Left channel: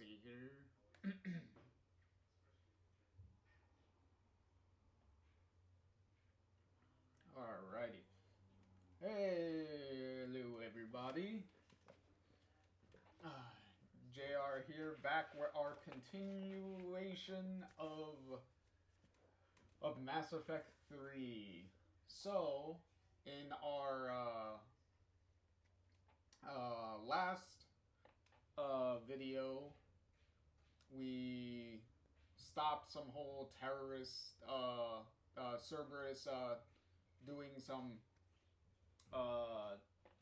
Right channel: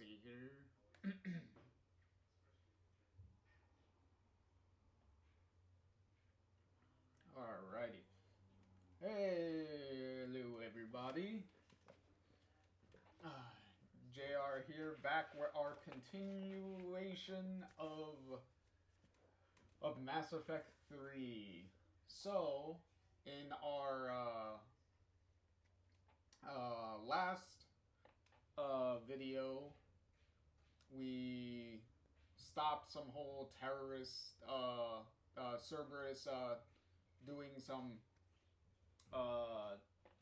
see here. Alrighty. Hello, everybody. Uh, JR here, back with our continuation of Mass Effect 3. So, in our last video, we stopped some whole terrorist Cerberus doing some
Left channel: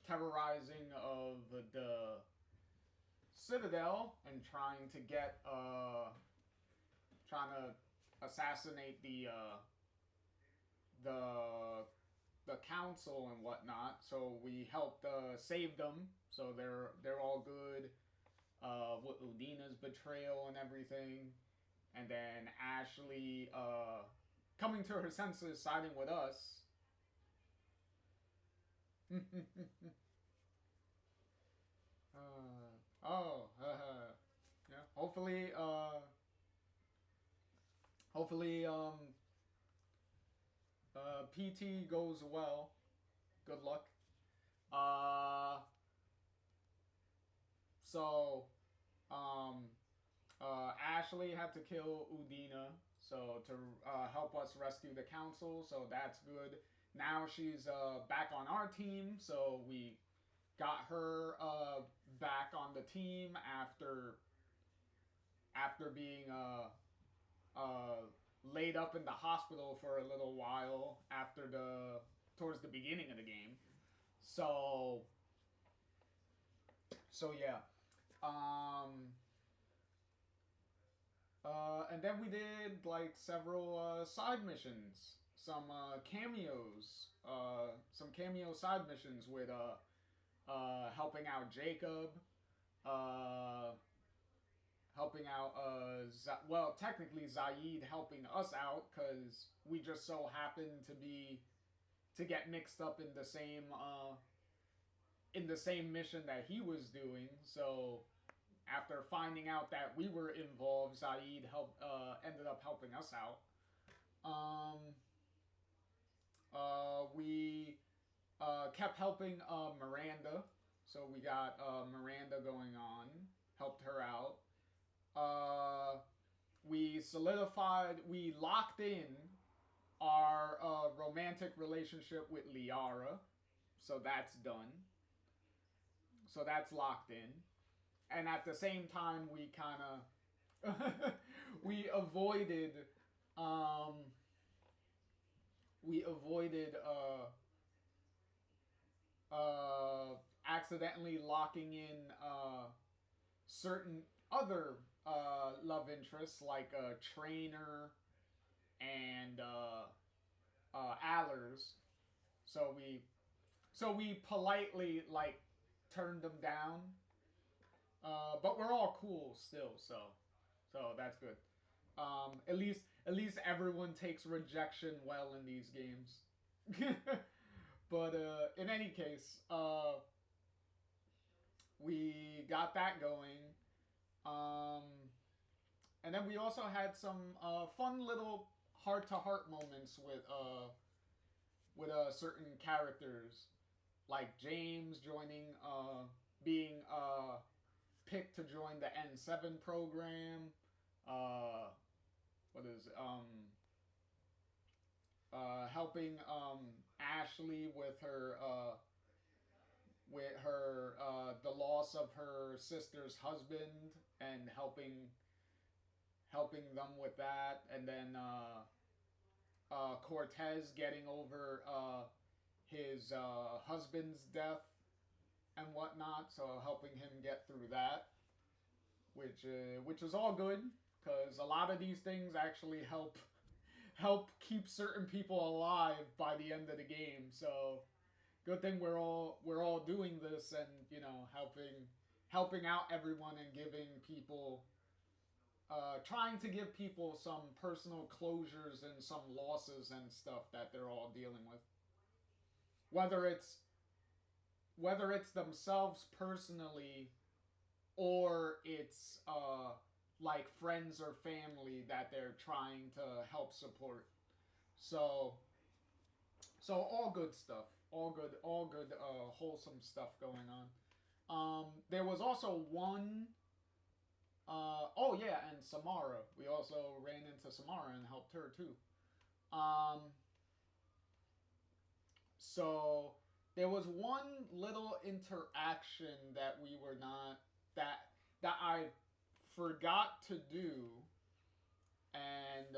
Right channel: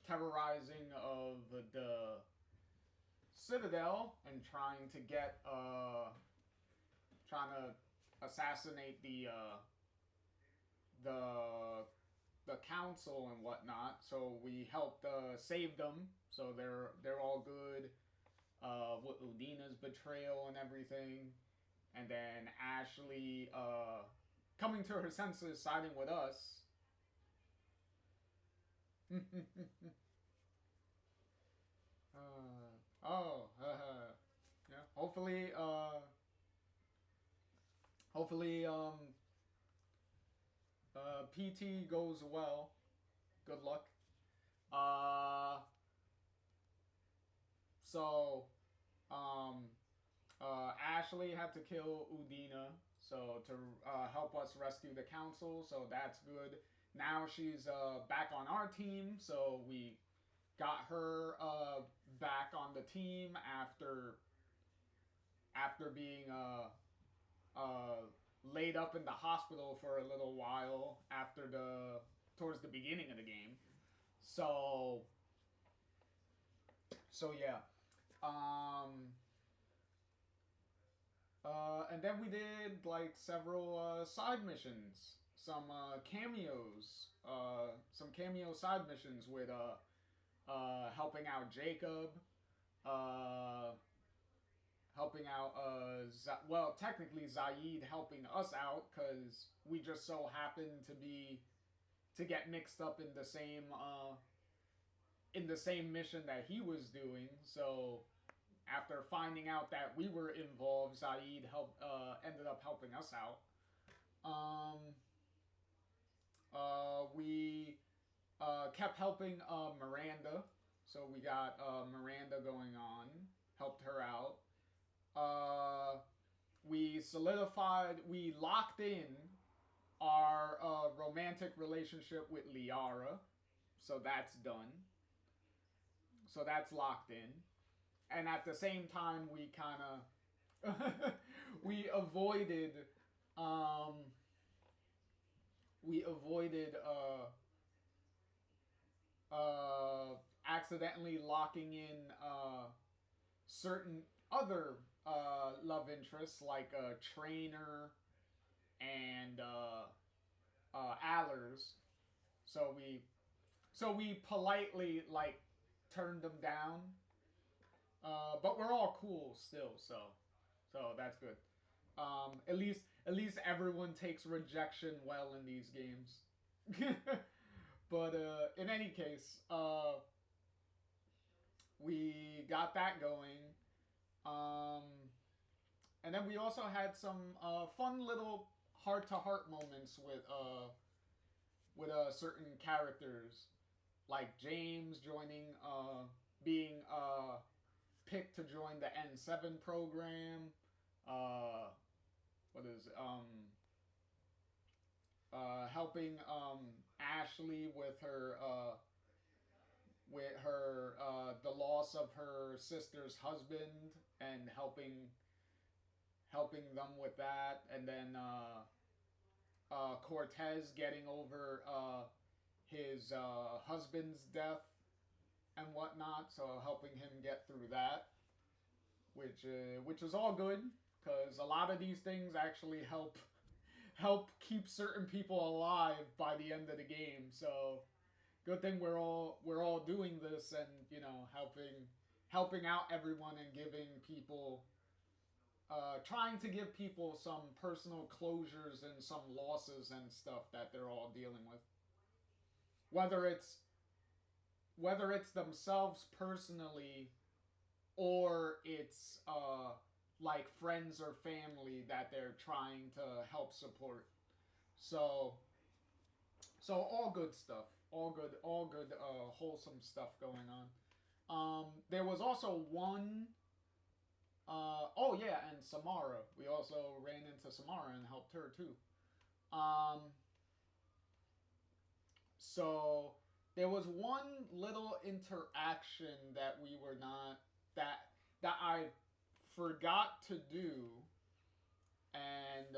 terrorizing of the Citadel and trying to get trying to assassinate the council and whatnot. So we helped save them. So they're all good. With Udina's betrayal and everything, and then Ashley coming to her senses, siding with us. Yeah. Hopefully, PT goes well. Good luck. Uh, so, um, Ashley had to kill Udina, so to help us rescue the council. So that's good. Now she's back on our team, so we got her back on the team after being laid up in the hospital for a little while towards the beginning of the game. So yeah. Um, and then we did like several side missions, some cameo side missions with helping out Jacob, uh, helping out well, technically Zaid helping us out because we just so happened to get mixed up in the same mission that he was doing. So after finding out that we were involved, Zaid ended up helping us out. Um, we kept helping Miranda, so we got Miranda going on, helped her out. Uh, we locked in our romantic relationship with Liara, so that's done. So that's locked in. And at the same time, we kind of we avoided um, we avoided accidentally locking in certain other love interests like Trainer and Allers. So we politely like turned them down, but we're all cool still. So that's good. At least everyone takes rejection well in these games. But in any case, we got that going. Um, and then we also had some fun little heart to heart moments with certain characters, like James joining, being picked to join the N7 program. Uh, what is helping Ashley with her the loss of her sister's husband and helping them with that, and then Cortez getting over his husband's death and whatnot, so helping him get through that, which is all good because a lot of these things actually help keep certain people alive by the end of the game. So good thing we're all doing this and helping out everyone and giving people trying to give people some personal closures and some losses and stuff that they're all dealing with. Whether it's themselves personally or it's like friends or family that they're trying to help support. So all good stuff, all good wholesome stuff going on. There was also one. Oh yeah, and Samara. We also ran into Samara and helped her too. Um, so there was one little interaction that we were not that I forgot to do, and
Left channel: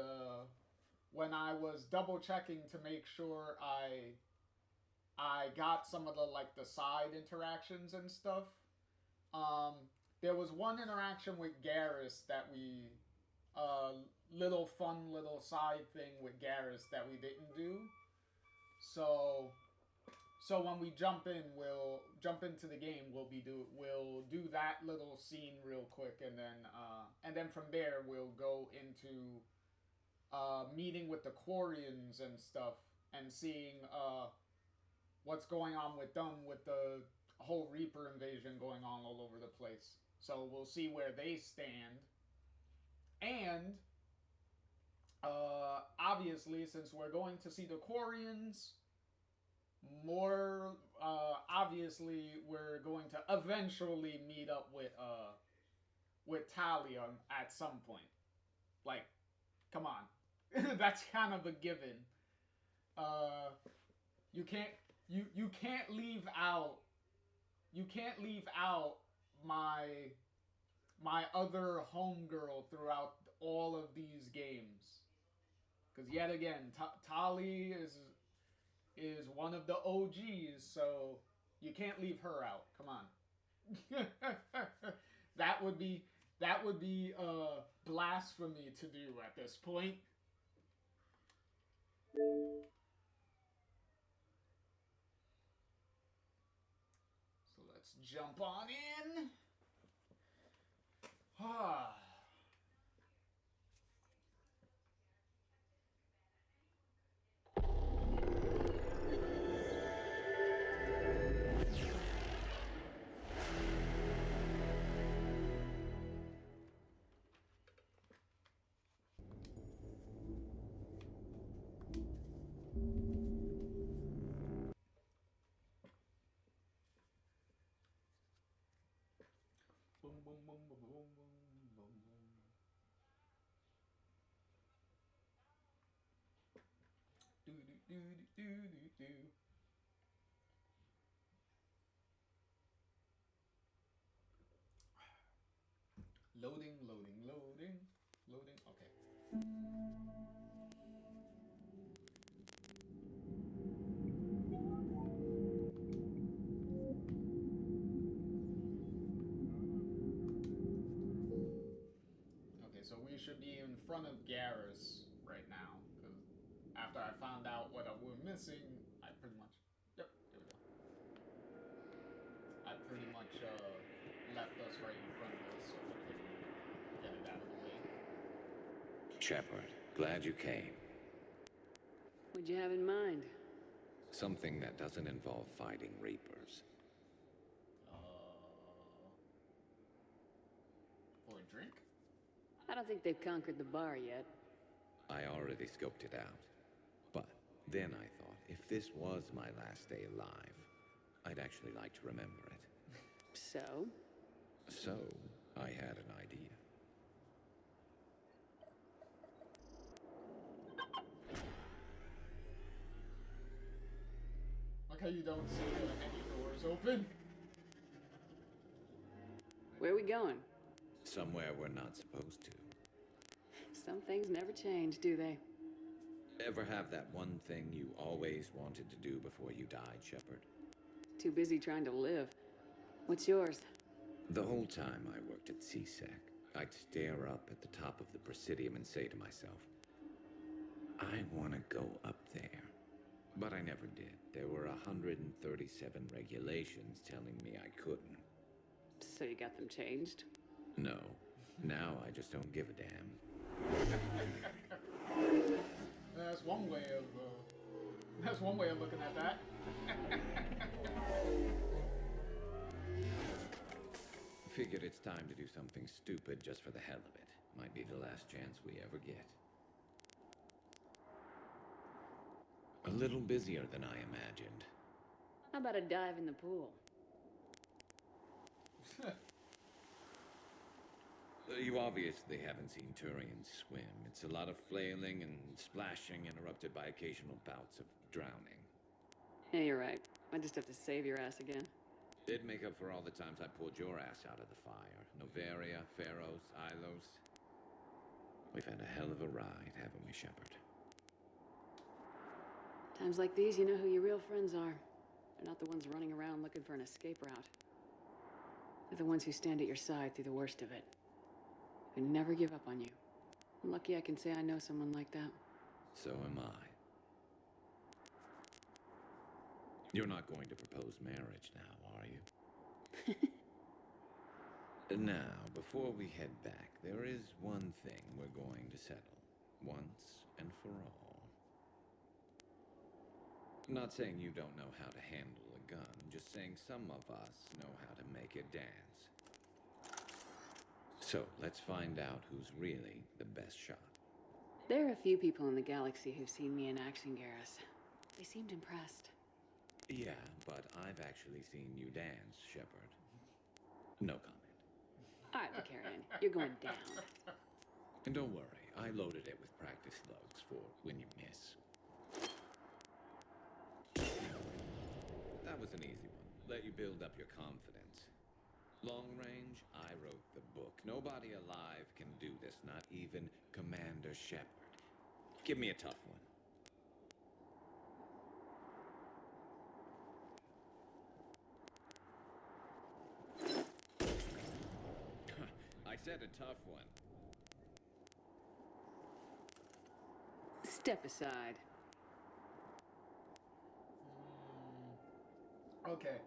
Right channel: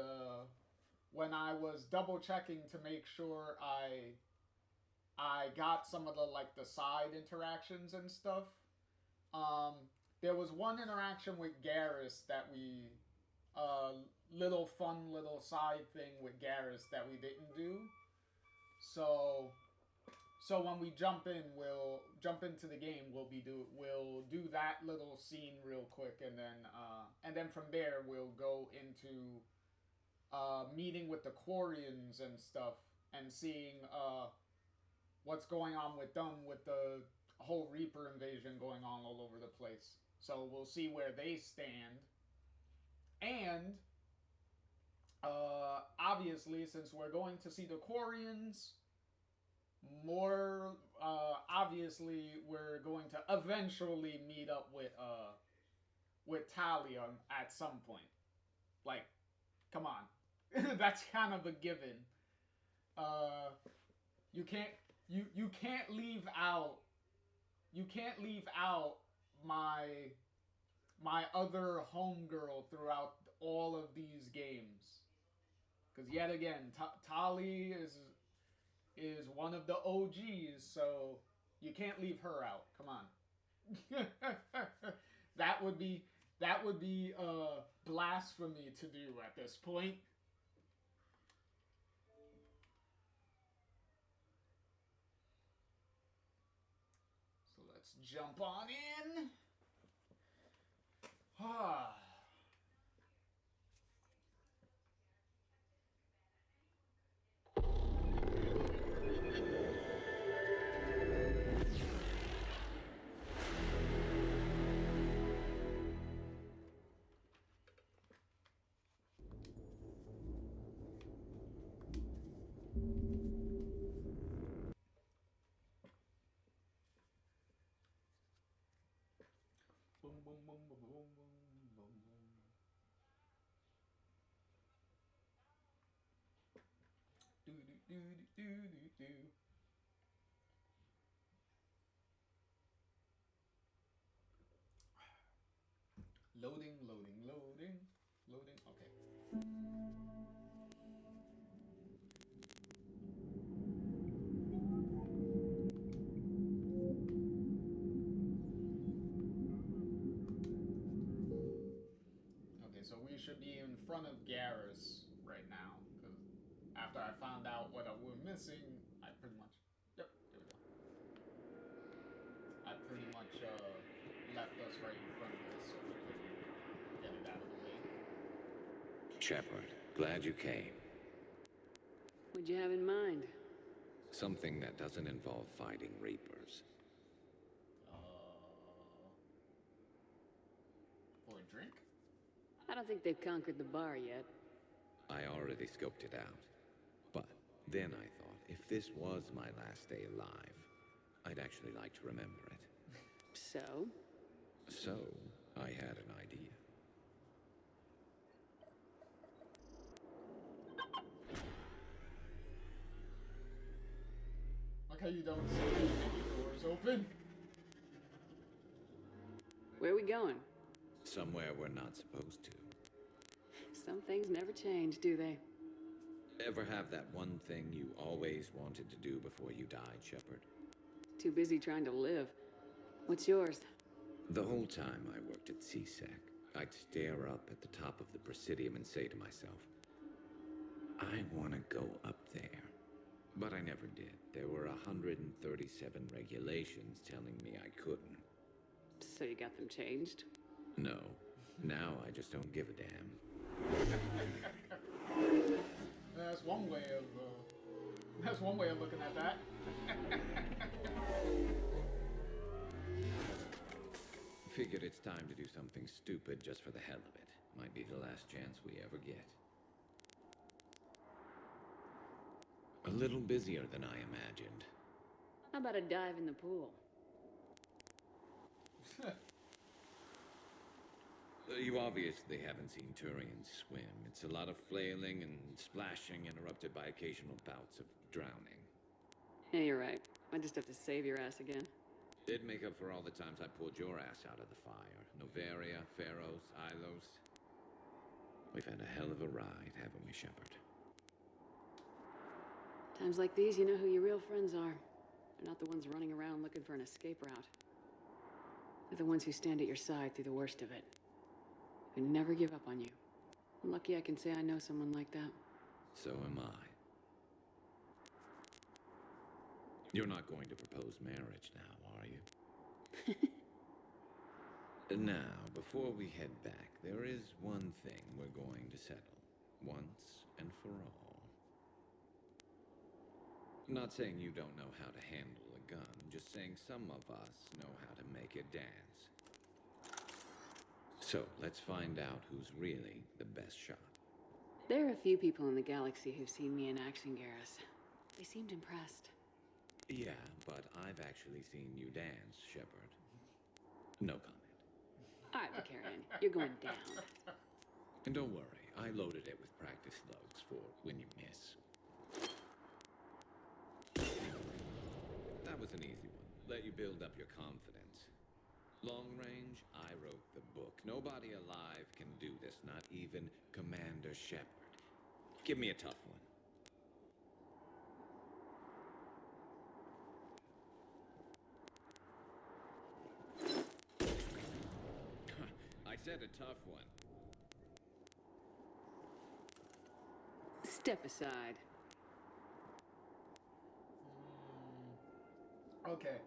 when I was double checking to make sure I got some of the like the side interactions and stuff. Um, there was one interaction with Garrus that we little fun little side thing with Garrus that we didn't do. So when we jump in, we'll jump into the game. We'll do that little scene real quick, and then from there we'll go into meeting with the Quarians and stuff, and seeing what's going on with them with the whole Reaper invasion going on all over the place. So we'll see where they stand, and obviously, since we're going to see the Quarians, more obviously we're going to eventually meet up with Talia at some point. Like, come on, that's kind of a given. You can't leave out my other homegirl throughout all of these games. Because yet again, Tali is one of the OGs, so you can't leave her out. Come on. that would be blasphemy to do at this point. So let's jump on in. Ah. Boom, boom, boom, boom, boom, boom, boom, boom. Do, do, do, do, do, do. Loading, loading, loading, loading. Okay. Okay, so we should be in front of Garrus right now, because after I found out what we're missing, I pretty much... Yep, there we go. I pretty much left us right in front of this so we can get it out of the way. Shepard, glad you came. What'd you have in mind? Something that doesn't involve fighting Reapers. For a drink? I don't think they've conquered the bar yet. I already scoped it out. But then I thought, if this was my last day alive, I'd actually like to remember it. So? So, I had an idea. Like how you don't see any doors open. Where are we going? Somewhere we're not supposed to. Some things never change, do they? Ever have that one thing you always wanted to do before you died, Shepard? Too busy trying to live. What's yours? The whole time I worked at CSEC, I'd stare up at the top of the Presidium and say to myself, I want to go up there. But I never did. There were 137 regulations telling me I couldn't. So you got them changed? No. Now I just don't give a damn. That's one way of looking at that. figured it's time to do something stupid just for the hell of it. Might be the last chance we ever get. A little busier than I imagined. How about a dive in the pool? You obviously haven't seen Turian swim. It's a lot of flailing and splashing, interrupted by occasional bouts of drowning. Yeah, you're right. I just have to save your ass again. Did make up for all the times I pulled your ass out of the fire. Noveria, Pharos, Ilos. We've had a hell of a ride, haven't we, Shepard? Times like these, you know who your real friends are. They're not the ones running around looking for an escape route. They're the ones who stand at your side through the worst of it. Who never give up on you. I'm lucky I can say I know someone like that. So am I. You're not going to propose marriage now, are you? Now, before we head back, there is one thing we're going to settle. Once and for all. Not saying you don't know how to handle a gun, just saying some of us know how to make it dance. So, let's find out who's really the best shot. There are a few people in the galaxy who've seen me in action, Garrus. They seemed impressed. Yeah, but I've actually seen you dance, Shepard. No comment. All right, Vicarian, you're going down. And don't worry, I loaded it with practice slugs for when you miss. That was an easy one. Let you build up your confidence. Long range, I wrote the book. Nobody alive can do this, not even Commander Shepard. Give me a tough one. I said a tough one. Step aside. Okay.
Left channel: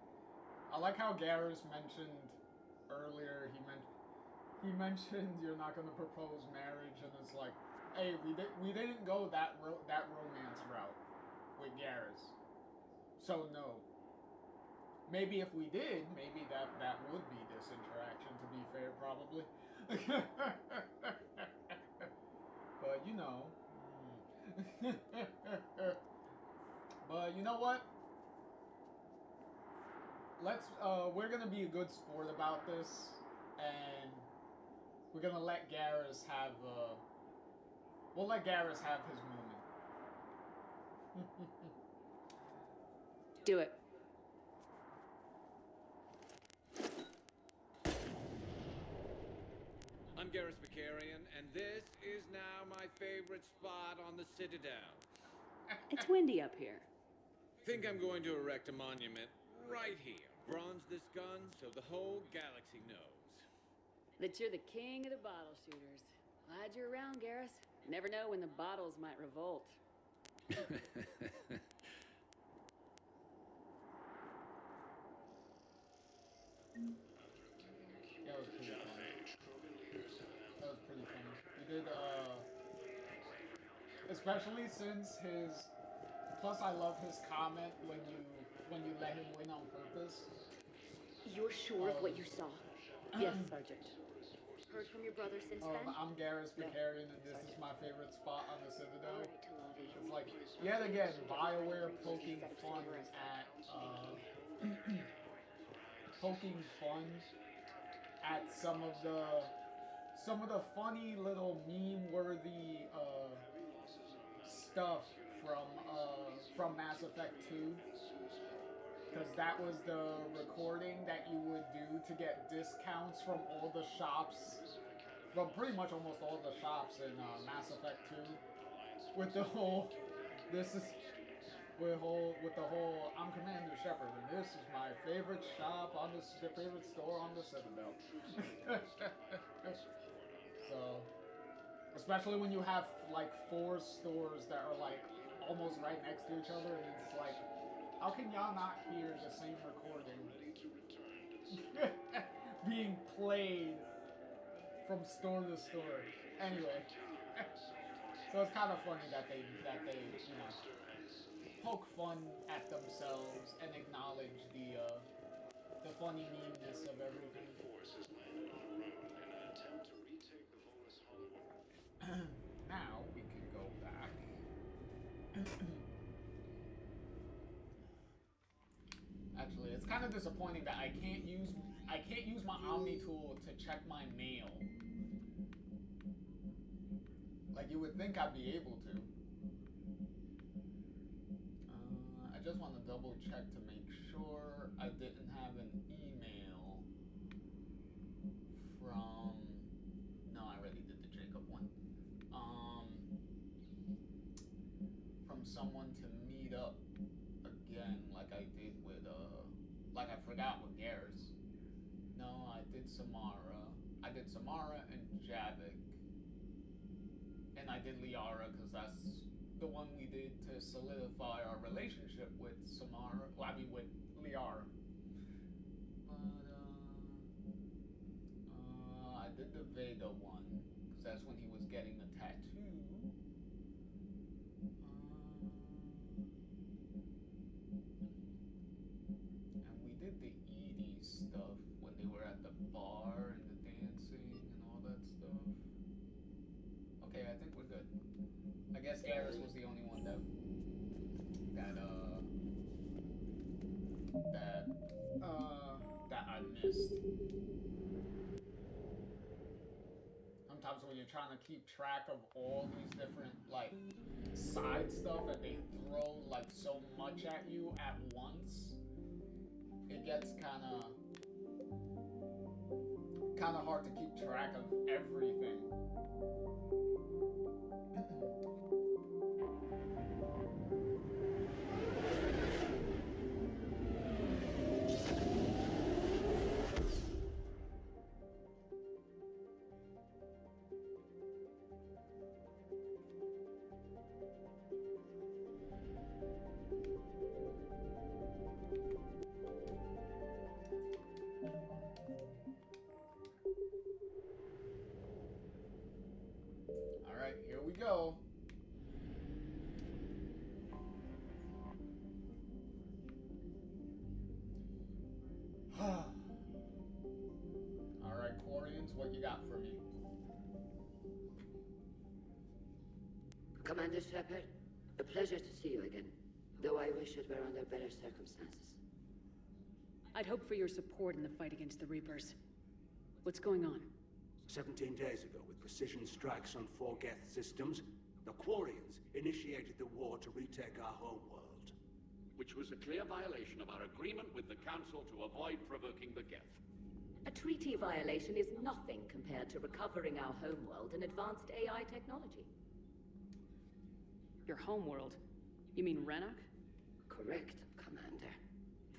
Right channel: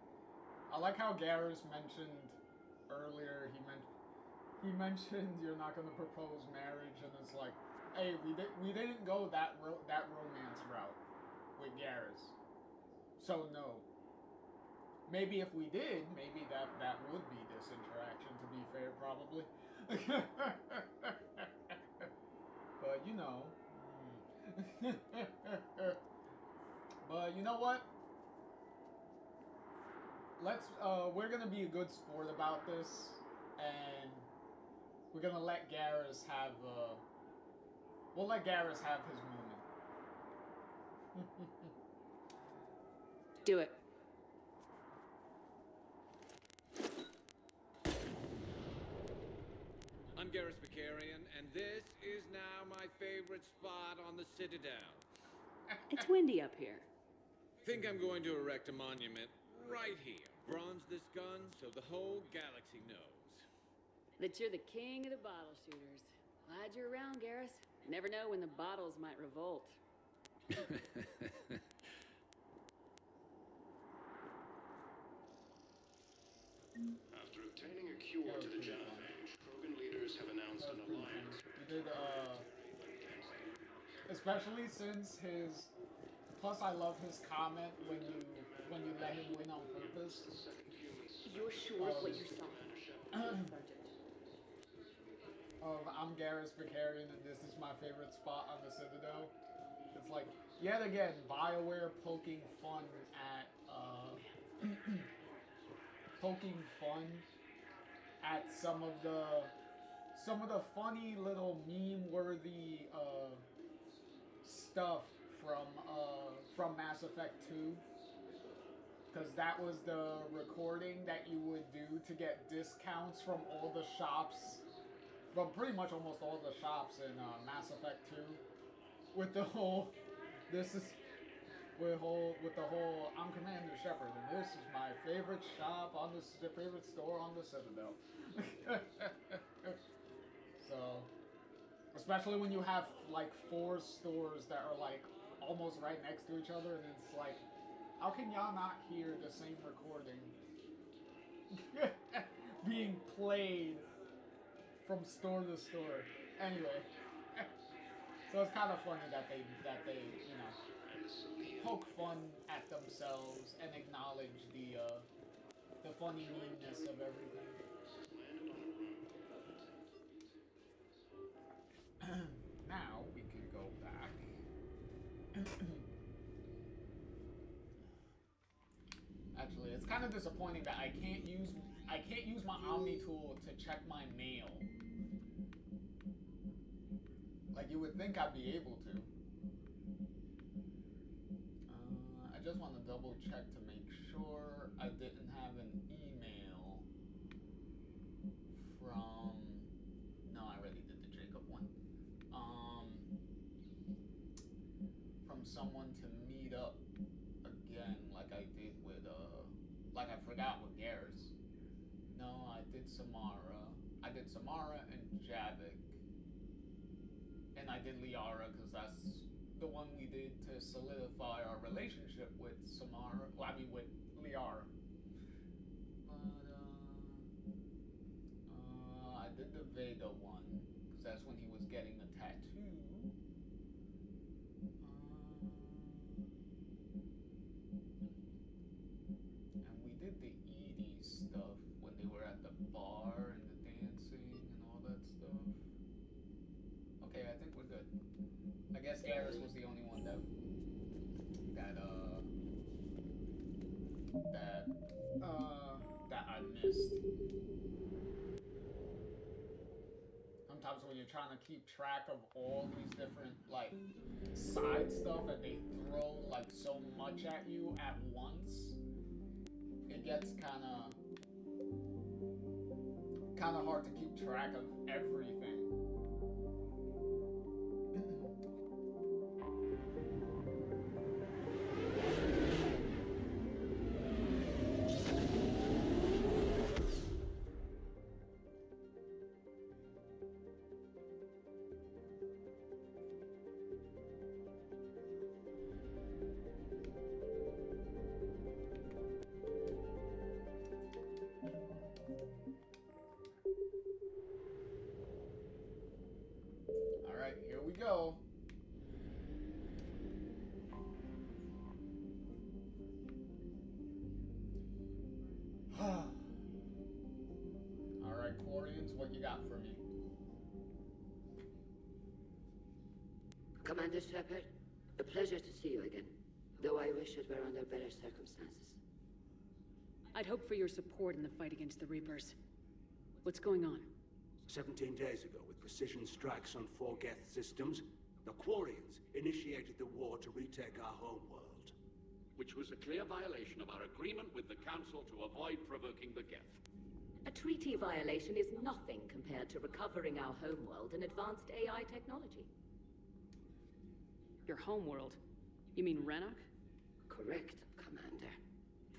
I like how Garrus mentioned earlier, he mentioned you're not going to propose marriage, and it's like, hey, we didn't go that romance route with Garrus. So no. Maybe if we did, maybe that would be this interaction, to be fair, probably. But you know. But you know what? We're gonna be a good sport about this, and we're gonna let Garrus have, we'll let Garrus have his moment. Do it. I'm Garrus Vicarian, and this is now my favorite spot on the Citadel. It's windy up here. Think I'm going to erect a monument right here. Bronze this gun so the whole galaxy knows. That you're the king of the bottle shooters. Glad you're around, Garrus. Never know when the bottles might revolt. After obtaining a cure to the genophage, Krogan leaders have announced That was pretty funny. You did, especially since his. Plus, I love his comment when you let him win on purpose. You're sure of what you saw? Yes, Sergeant. Heard from your brother since then? I'm Garrus Vicarian, and this is my favorite spot on the Citadel. It's like, yet again, BioWare poking fun at, some of the funny little meme-worthy, stuff from Mass Effect 2. Because that was the recording that you would do to get discounts from all the shops, from pretty much almost all the shops in Mass Effect 2. With the whole, with the whole, I'm Commander Shepard, and this is my favorite shop on the favorite store on the Citadel. So, especially when you have like 4 stores that are like almost right next to each other, and it's like, how can y'all not hear the same recording being played from store to store? Anyway, so it's kind of funny that they you know, poke fun at themselves and acknowledge the funny meanness of everything. Actually, it's kind of disappointing that I can't use my Omni tool to check my mail. Like you would think I'd be able to. I just want to double check to make sure I didn't have an email from. No, I already did the Jacob one. From someone to meet up again, like I did with like I forgot with Garrus. No, I did Samara. I did Samara and Javik. And I did Liara because that's the one we did to solidify our relationship with Samara. Well, I mean with Liara. But I did the Vega one because that's when he was getting a tattoo. And we did the Edie stuff when they were at the bar and the dancing and all that stuff. Okay, I think we're good. I guess Garrus was the only one that I missed. Sometimes when you're trying to keep track of all these different like side stuff and they throw like so much at you at once, it gets kind of hard to keep track of everything. Alright, here we go. Alright, Quarians, what you got for me? Commander Shepard, a pleasure to see you again, though I wish it were under better circumstances. I'd hoped for your support in the fight against the Reapers. What's going on? 17 days ago, with precision strikes on 4 Geth systems, the Quarians initiated the war to retake our homeworld. Which was a clear violation of our agreement with the Council to avoid provoking the Geth. A treaty violation is nothing compared to recovering our homeworld and advanced AI technology. Your homeworld? You mean Rannoch? Correct, Commander.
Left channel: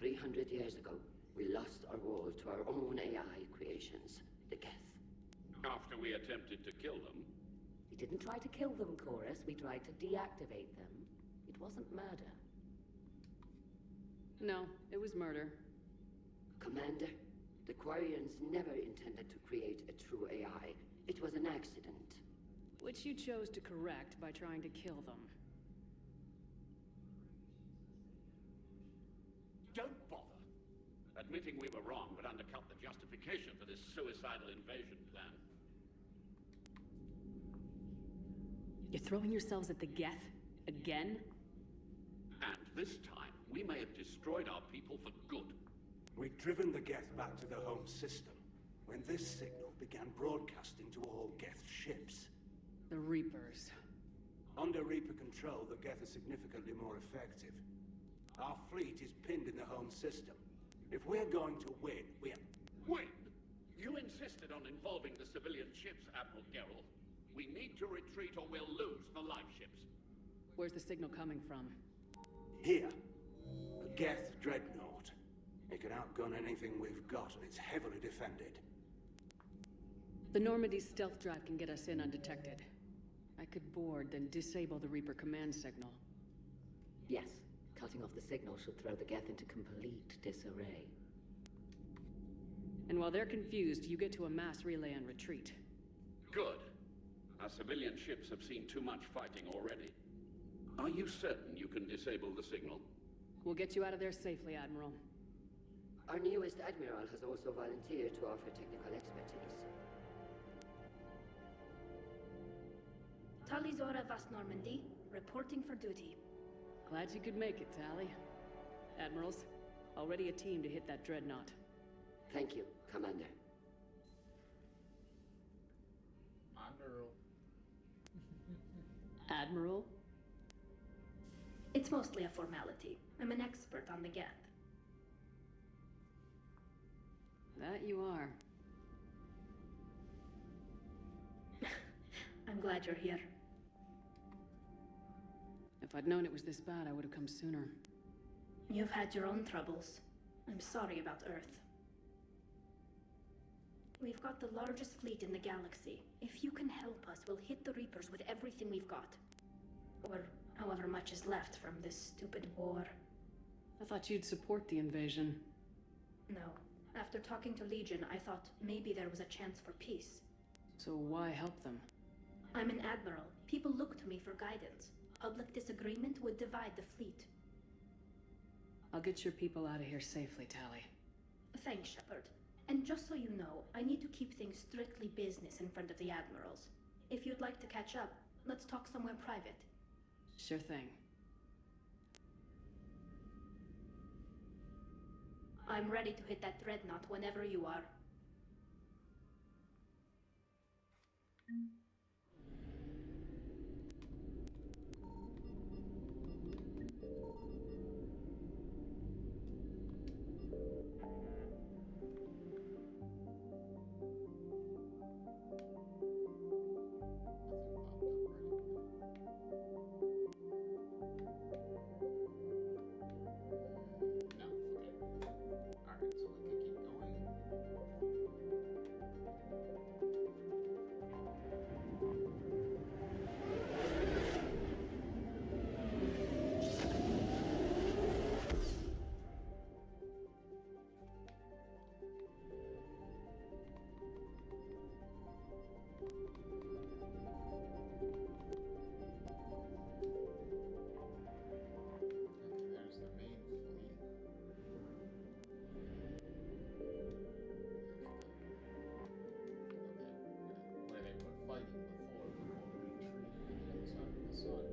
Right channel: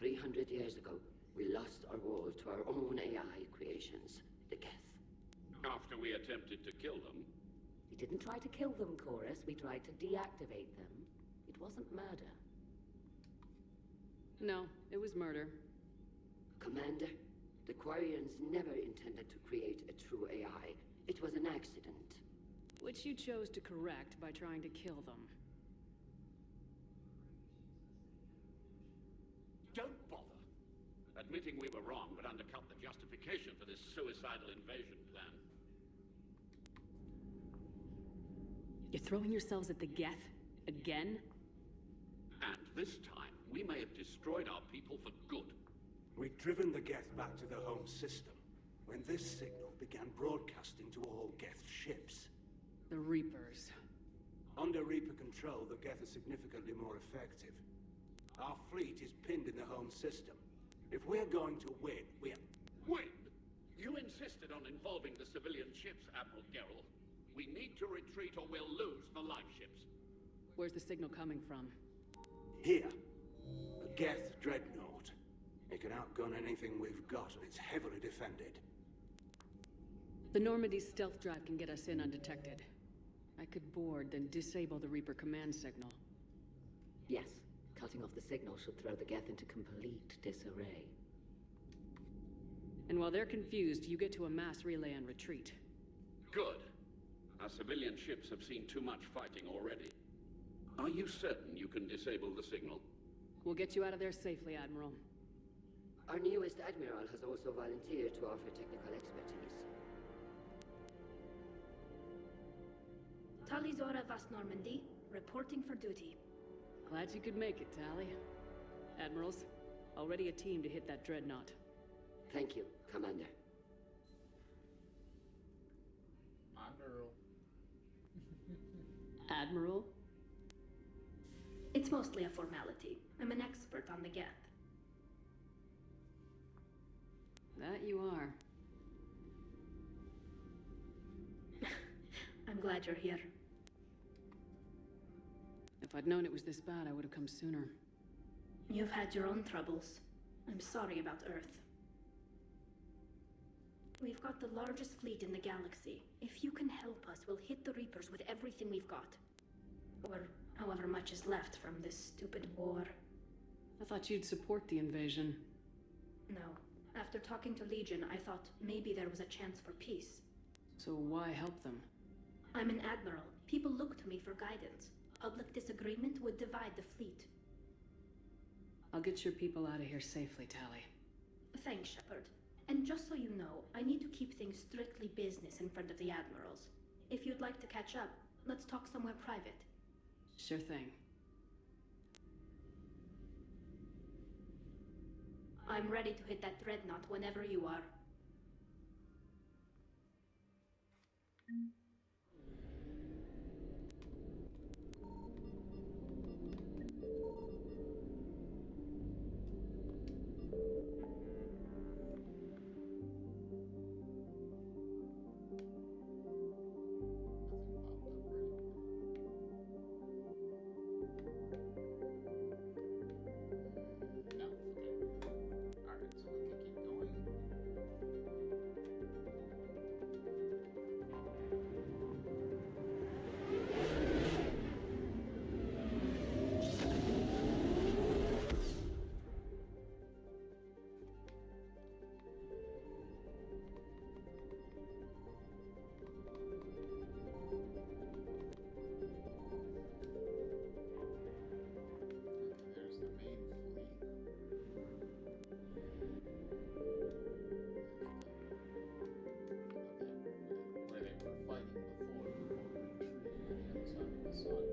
300 years ago, we lost our world to our own AI creations, the Geth. After we attempted to kill them. We didn't try to kill them, Chorus. We tried to deactivate them. It wasn't murder. No, it was murder. Commander, the Quarians never intended to create a true AI. It was an accident. Which you chose to correct by trying to kill them. Don't bother. Admitting we were wrong would undercut the justification for this suicidal invasion plan. You're throwing yourselves at the Geth? Again? And this time, we may have destroyed our people for good. We'd driven the Geth back to the home system, when this signal began broadcasting to all Geth ships. The Reapers. Under Reaper control, the Geth are significantly more effective. Our fleet is pinned in the home system. If we're going to win, Win? You insisted on involving the civilian ships, Admiral Geralt. We need to retreat or we'll lose the live ships. Where's the signal coming from? Here, a Geth dreadnought. It can outgun anything we've got, and it's heavily defended. The Normandy's stealth drive can get us in undetected. I could board, then disable the Reaper command signal. Yes, cutting off the signal should throw the Geth into complete disarray. And while they're confused, you get to a mass relay and retreat. Good. Our civilian ships have seen too much fighting already. Are you certain you can disable the signal? We'll get you out of there safely, Admiral. Our newest Admiral has also volunteered to offer technical expertise. Talizora Vast Normandy, reporting for duty. Glad you could make it, Tally. Admirals, already a team to hit that dreadnought. Thank you, Commander. Admiral. Admiral? It's mostly a formality. I'm an expert on the Geth. That you are. I'm glad you're here. If I'd known it was this bad, I would have come sooner. You've had your own troubles. I'm sorry about Earth. We've got the largest fleet in the galaxy. If you can help us, we'll hit the Reapers with everything we've got. Or however much is left from this stupid war. I thought you'd support the invasion. No. After talking to Legion, I thought maybe there was a chance for peace. So why help them? I'm an admiral. People look to me for guidance. Public disagreement would divide the fleet. I'll get your people out of here safely, Tally. Thanks, Shepard. And just so you know, I need to keep things strictly business in front of the admirals. If you'd like to catch up, let's talk somewhere private. Sure thing. I'm ready to hit that dreadnought whenever you are. No. Okay. Alright, so we can keep going. Okay, there's the main fleet. Okay, where they were fighting before retreating to the other side of the sun.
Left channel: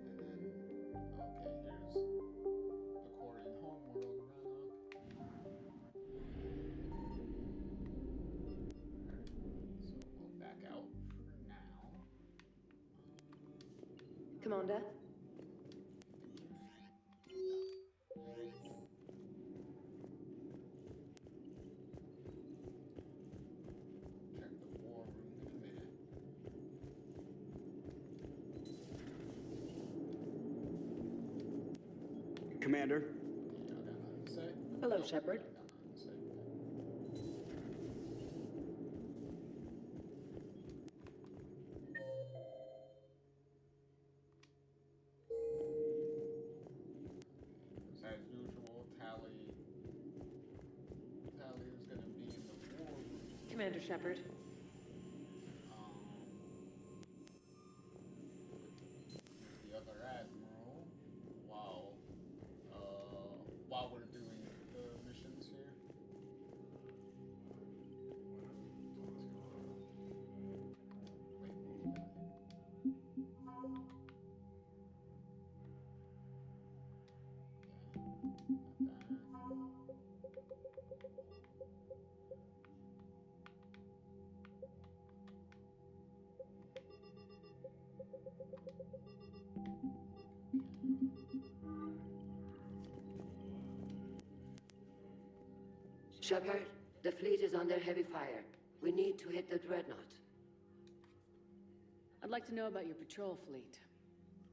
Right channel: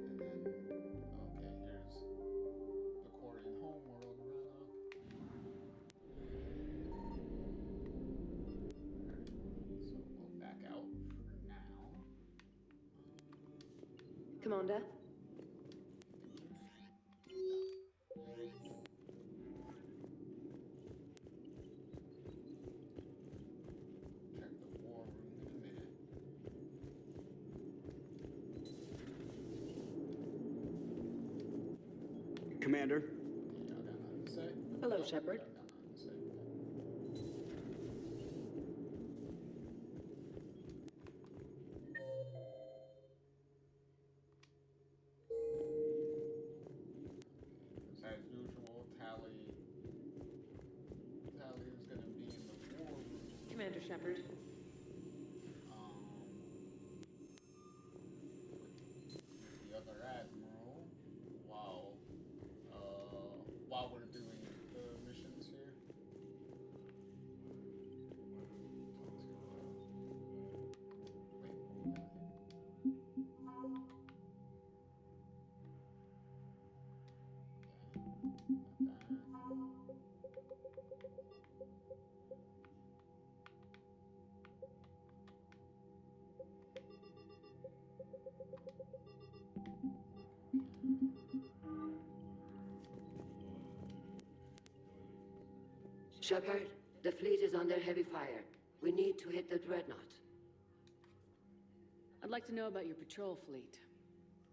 And then, okay, here's the Quarian homeworld run up. Alright, so we'll back out for now. Commander? Check the war room in a minute. Commander, Y'all got nothing to say? Hello, Nope, Shepard. y'all got nothing to say. As usual, Tally is gonna be in the war room. Commander Shepard. The other admiral, while we're doing the missions here. Wait, Shepard, the fleet is under heavy fire. We need to hit the dreadnought. I'd like to know about your patrol fleet.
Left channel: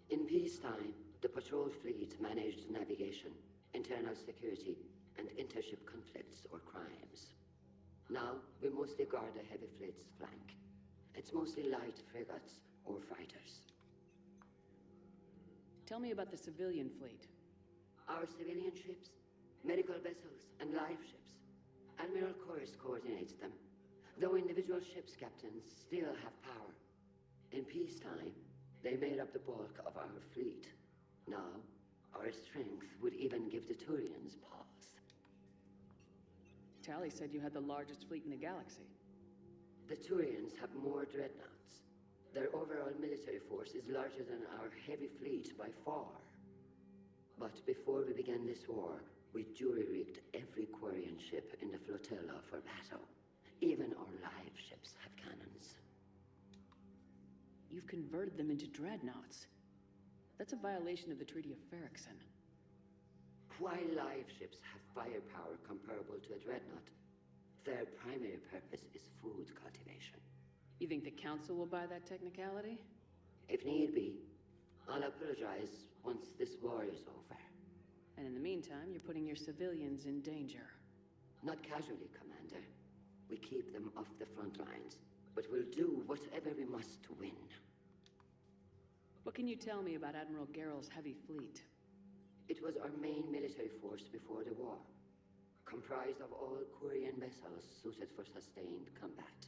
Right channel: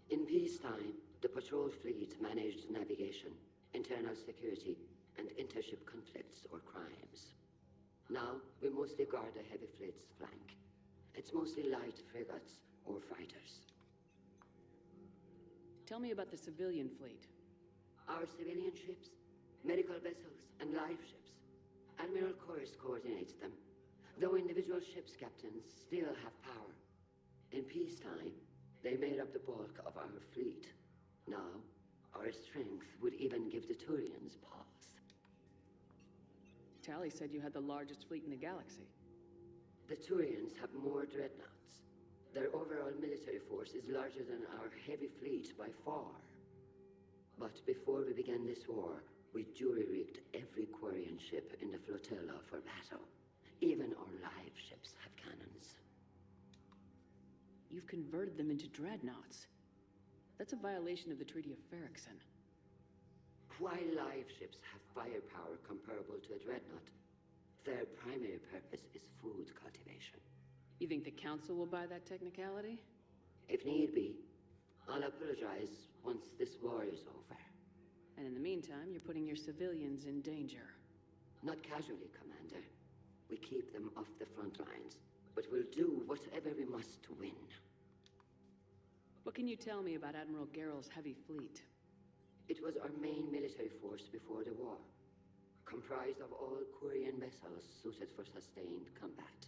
In peacetime, the patrol fleet managed navigation, internal security, and intership conflicts or crimes. Now, we mostly guard the heavy fleet's flank. It's mostly light frigates or fighters. Tell me about the civilian fleet. Our civilian ships, medical vessels, and live ships. Admiral Corus coordinates them, though individual ships' captains still have power. In peacetime, they made up the bulk of our fleet. Now, our strength would even give the Turians pause. Tally said you had the largest fleet in the galaxy. The Turians have more dreadnoughts. Their overall military force is larger than our heavy fleet by far. But before we began this war, we jury-rigged every Quarian ship in the flotilla for battle. Even our live ships have cannons. You've converted them into dreadnoughts. That's a violation of the Treaty of Ferrixon. While live ships have firepower comparable to a dreadnought, their primary purpose is food cultivation. You think the Council will buy that technicality? If need be, I'll apologize once this war is over. And in the meantime, you're putting your civilians in danger. Not casually, Commander. We keep them off the front lines, but we'll do whatever we must to win. What can you tell me about Admiral Geral's heavy fleet? It was our main military force before the war, comprised of all Quarian vessels suited for sustained combat.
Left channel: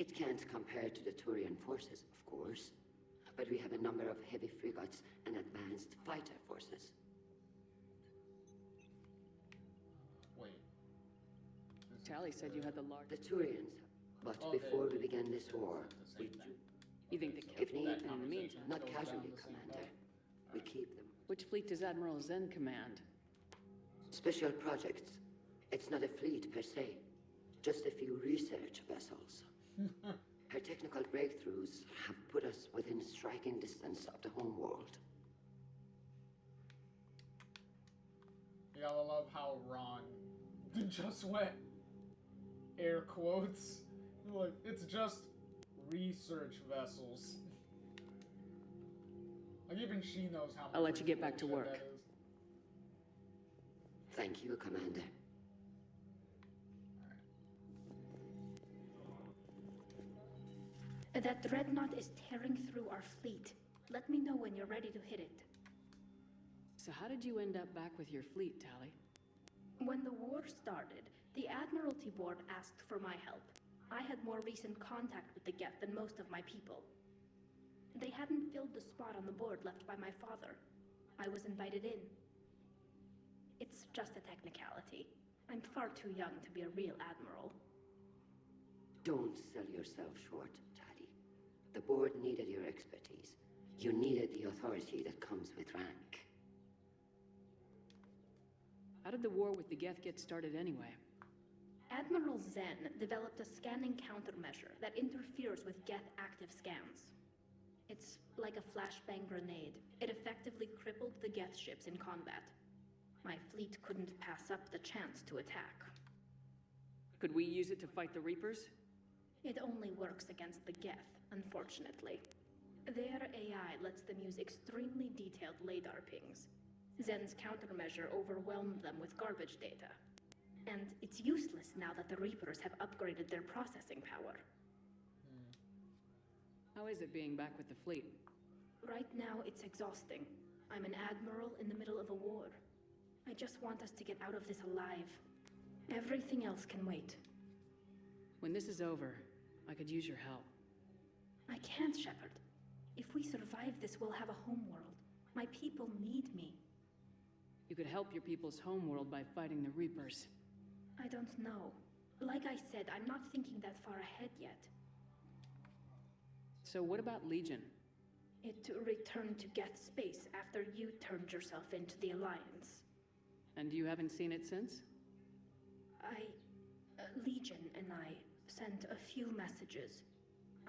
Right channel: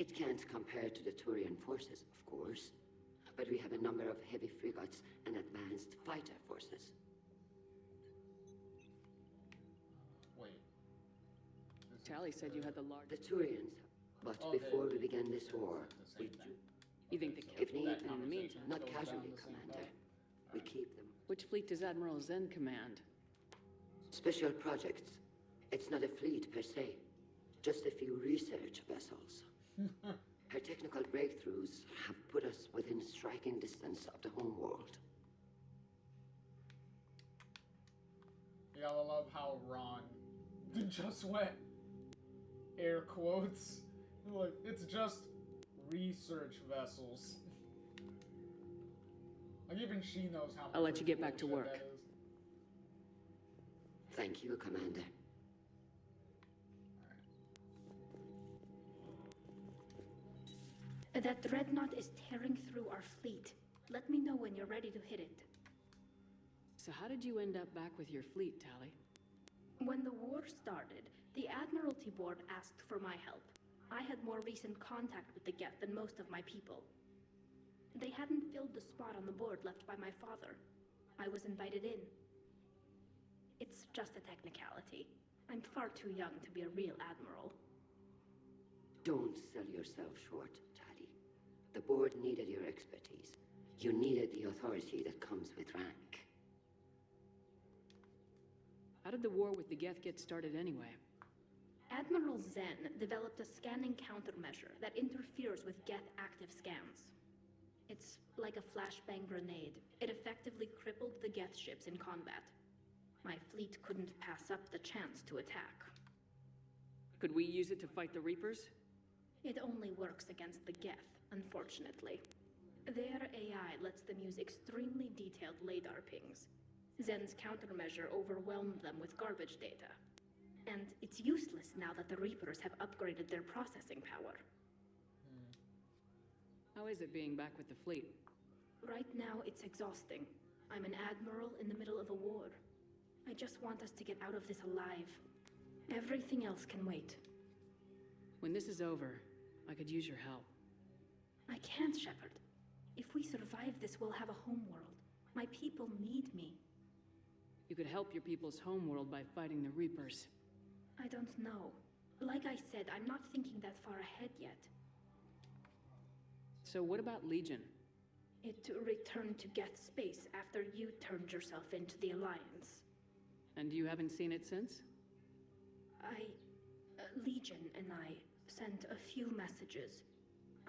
It can't compare to the Turian forces, of course, but we have a number of heavy frigates and advanced fighter forces. Wait. Tally said you had the The largest... Turians, but Oh, before they- we began this war, it's the we same thing. You think the if need, And in the meantime... not Goes casually, down the same Commander. path. We keep them. Which fleet does Admiral Zen command? Special projects. It's not a fleet per se, just a few research vessels. Her technical breakthroughs have put us within striking distance of the homeworld. You gotta love how Ron just went air quotes. Like, it's just research vessels. Like, even she knows how I'll much let you get back to bullshit work. that is. Thank you, Commander. That dreadnought is tearing through our fleet. Let me know when you're ready to hit it. So how did you end up back with your fleet, Tally? When the war started, the Admiralty Board asked for my help. I had more recent contact with the Geth than most of my people. They hadn't filled the spot on the board left by my father. I was invited in. It's just a technicality. I'm far too young to be a real admiral. Don't sell yourself short, Taddy. The board needed your expertise. You needed the authority that comes with rank. How did the war with the Geth get started anyway? Admiral Zen developed a scanning countermeasure that interferes with Geth active scans. It's like a flashbang grenade. It effectively crippled the Geth ships in combat. My fleet couldn't pass up the chance to attack. Could we use it to fight the Reapers? It only works against the Geth, unfortunately. Their AI lets them use extremely detailed LADAR pings. Zen's countermeasure overwhelmed them with garbage data. And it's useless now that the Reapers have upgraded their processing power. How is it being back with the fleet? Right now, it's exhausting. I'm an admiral in the middle of a war. I just want us to get out of this alive. Everything else can wait. When this is over, I could use your help. I can't, Shepard. If we survive this, we'll have a homeworld. My people need me. You could help your people's homeworld by fighting the Reapers. I don't know. Like I said, I'm not thinking that far ahead yet. So what about Legion? It returned to Geth space after you turned yourself into the Alliance. And you haven't seen it since? Legion and I sent a few messages.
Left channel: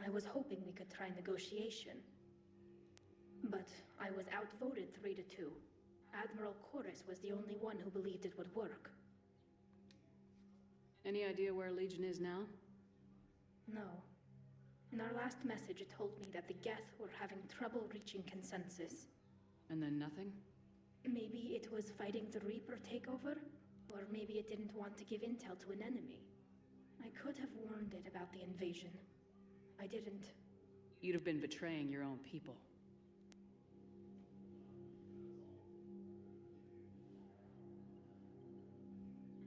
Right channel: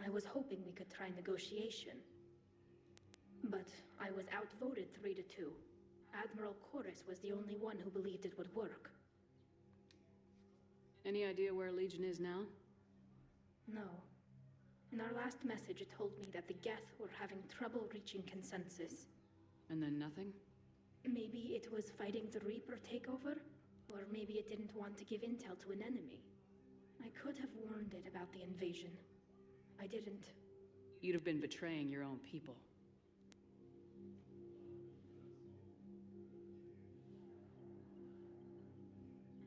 I was hoping we could try negotiation. But I was outvoted 3-2. Admiral Chorus was the only one who believed it would work. Any idea where Legion is now? No. In our last message, it told me that the Geth were having trouble reaching consensus. And then nothing? Maybe it was fighting the Reaper takeover, or maybe it didn't want to give intel to an enemy. I could have warned it about the invasion. I didn't. You'd have been betraying your own people.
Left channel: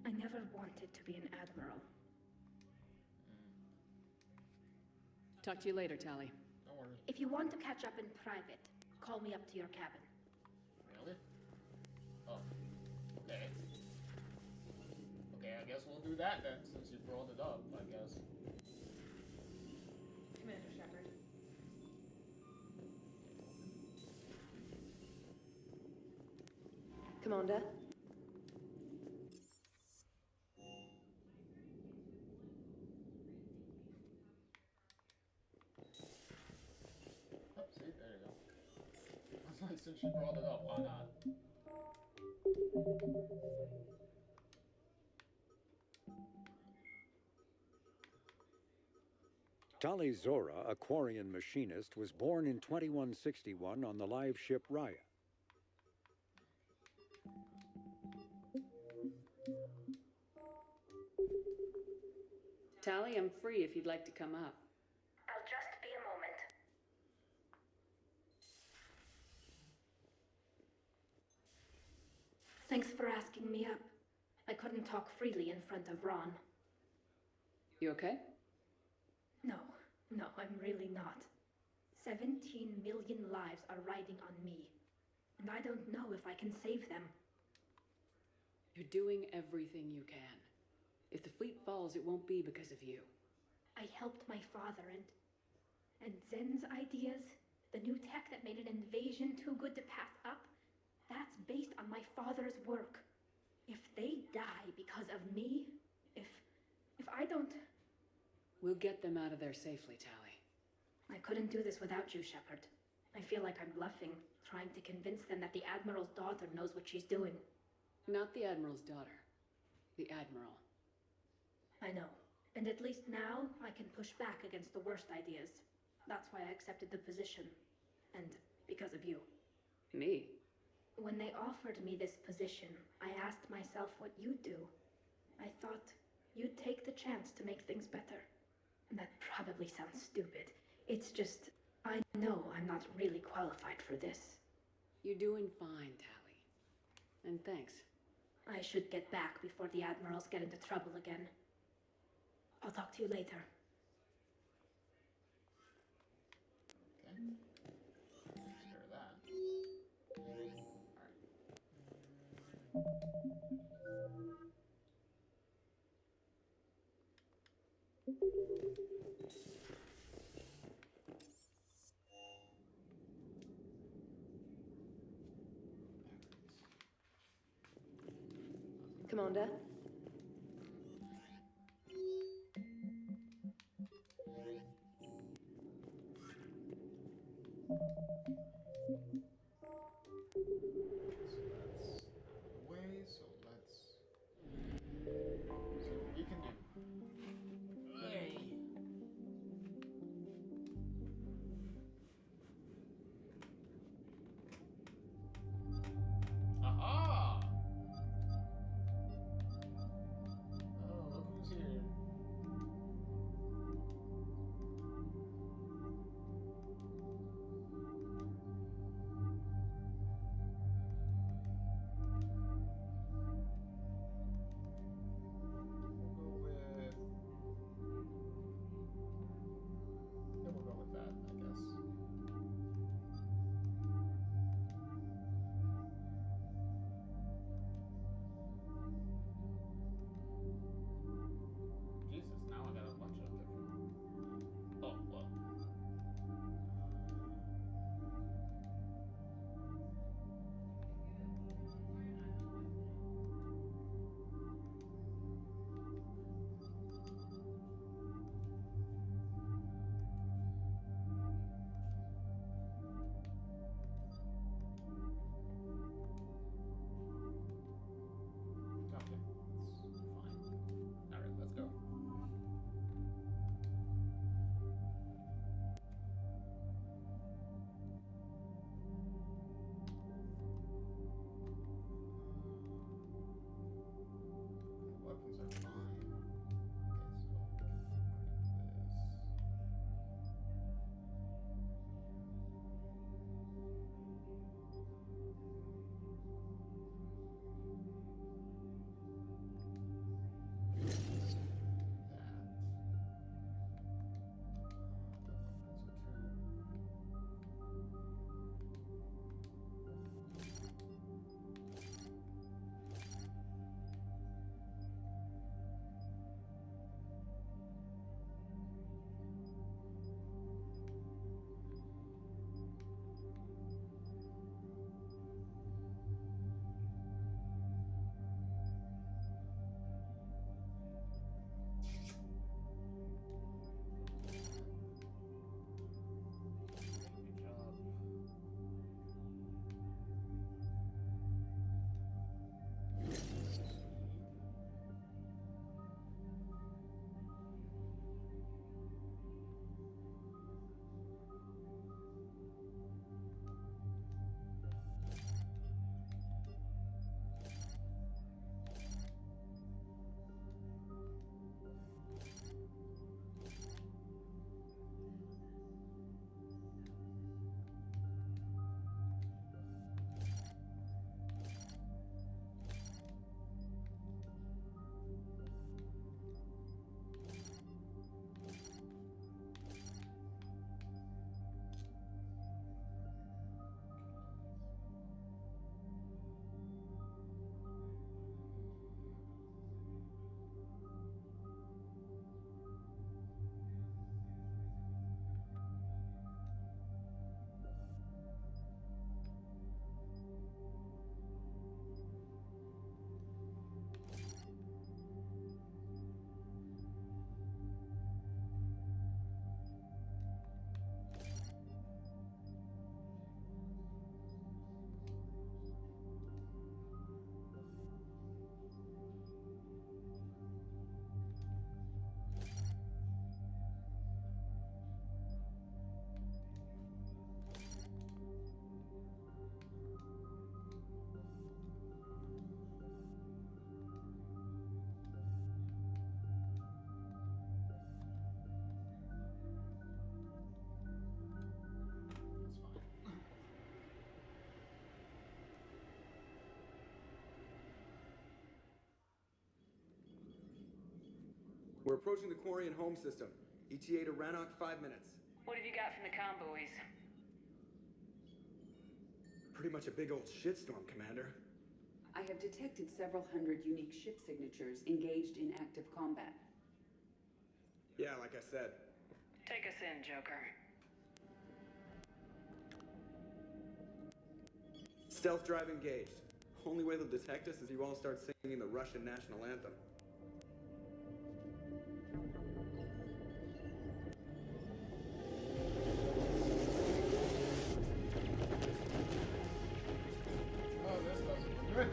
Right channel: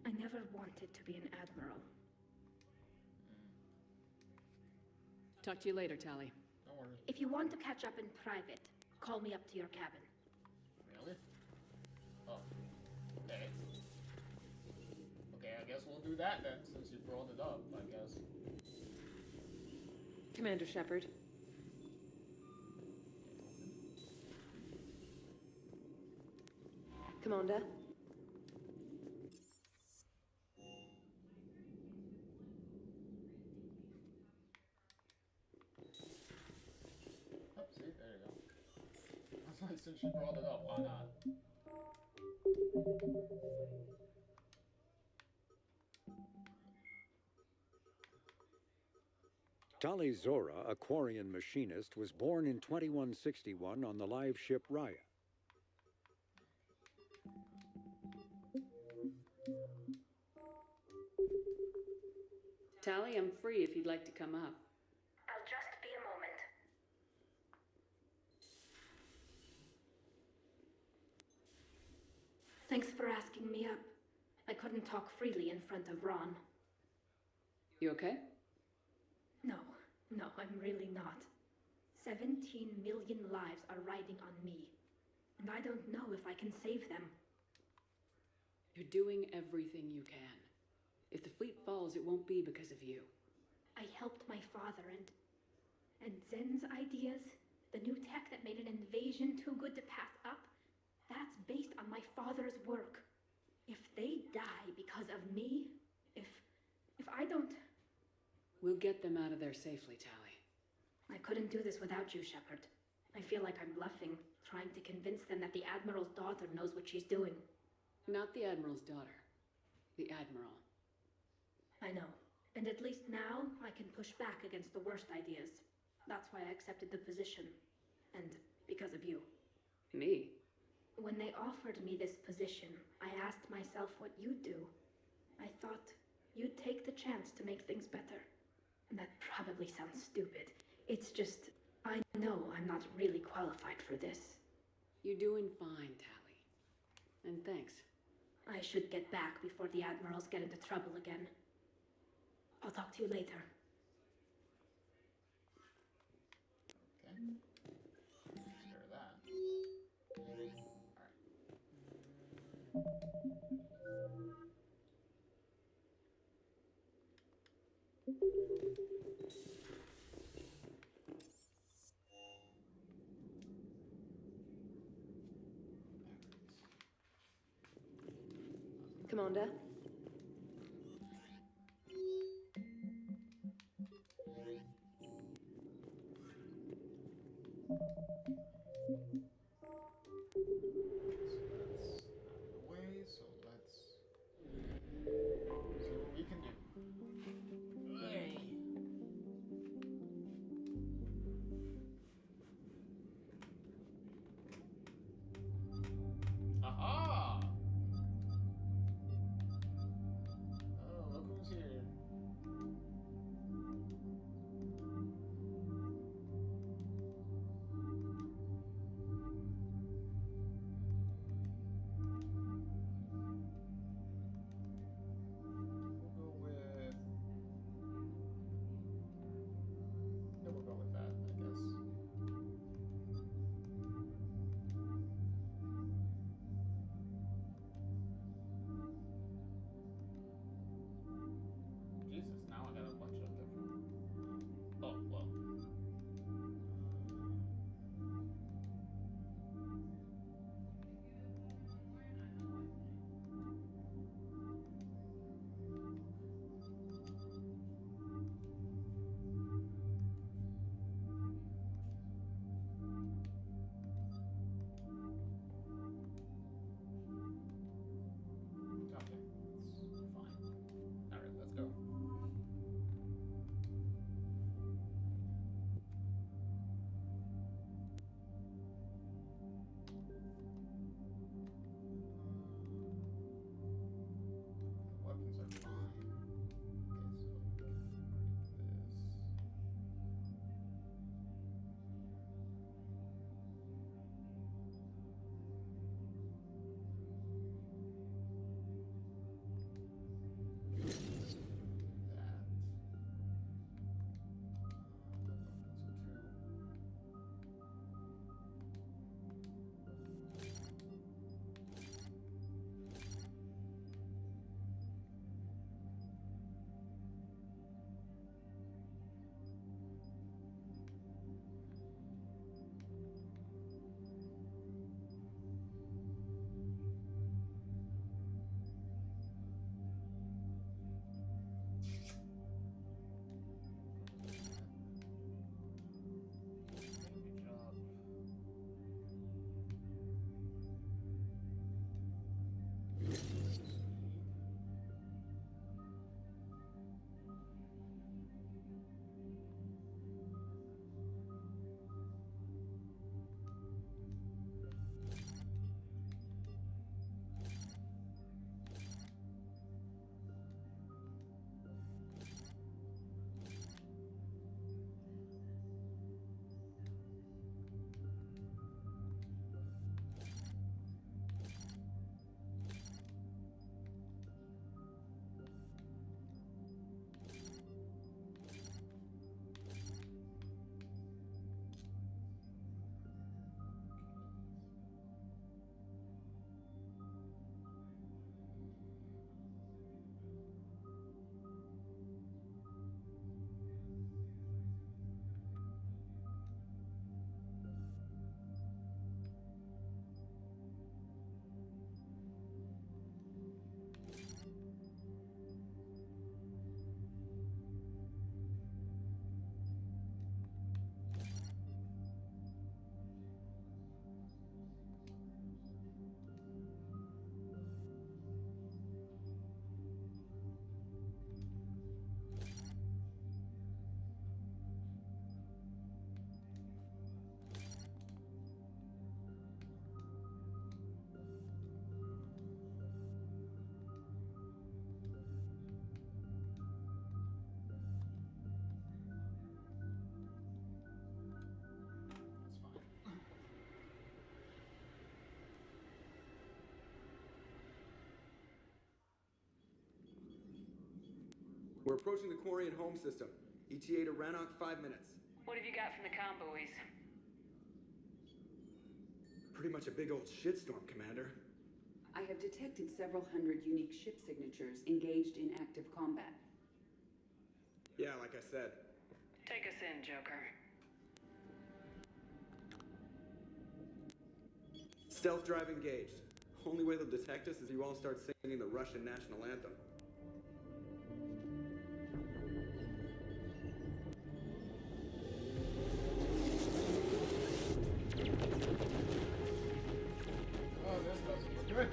I never wanted to be an admiral. Talk to you later, Tally. Don't worry. If you want to catch up in private, call me up to your cabin. Really? Oh. Okay. Okay, I guess we'll do that then, since you brought it up, I guess. Commander Shepard. Commander? Oh, see, there you go. That's nice since she brought it up. Why not? Tali Zora, a Quarian machinist, was born in 2161 on the live ship Raya. Tali, I'm free if you'd like to come up. I'll just be a moment. Thanks for asking me up. I couldn't talk freely in front of Ron. You okay? No, I'm really not. 17 million lives are riding on me, and I don't know if I can save them. You're doing everything you can. If the fleet falls, it won't be because of you. I helped my father and Zen's ideas, the new tech that made an invasion too good to pass up, that's based on my father's work. If they die because of me, if I don't... We'll get them out of there safely, Tali. I couldn't do this without you, Shepard. I feel like I'm bluffing, trying to convince them that the Admiral's daughter knows what she's doing. Not the Admiral's daughter. The Admiral. I know. And at least now, I can push back against the worst ideas. That's why I accepted the position. And because of you. Me? When they offered me this position, I asked myself what you'd do. I thought you'd take the chance to make things better. And that probably sounds stupid. It's just, I know I'm not really qualified for this. You're doing fine, Tali. And thanks. I should get back before the Admirals get into trouble again. I'll talk to you later. Okay. Sure that. Alright. Commander? So let's see what we can do. Hey. Aha! We're approaching the Quarian home system. ETA to Rannoch, 5 minutes. What have you got from the comm buoys? Pretty much a big old shitstorm, Commander. I have detected several hundred unique ship signatures engaged in active combat. Yeah, like I said. Take us in, Joker. Stealth drive engaged. Only way they'll detect us is you all start singing the Russian national anthem. Oh, this doesn't look good.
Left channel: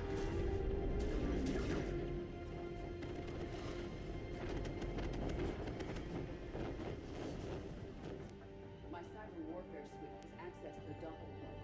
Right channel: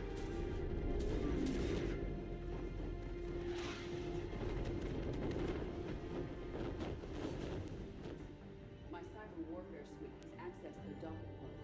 My cyber warfare suite has accessed the docket protocols.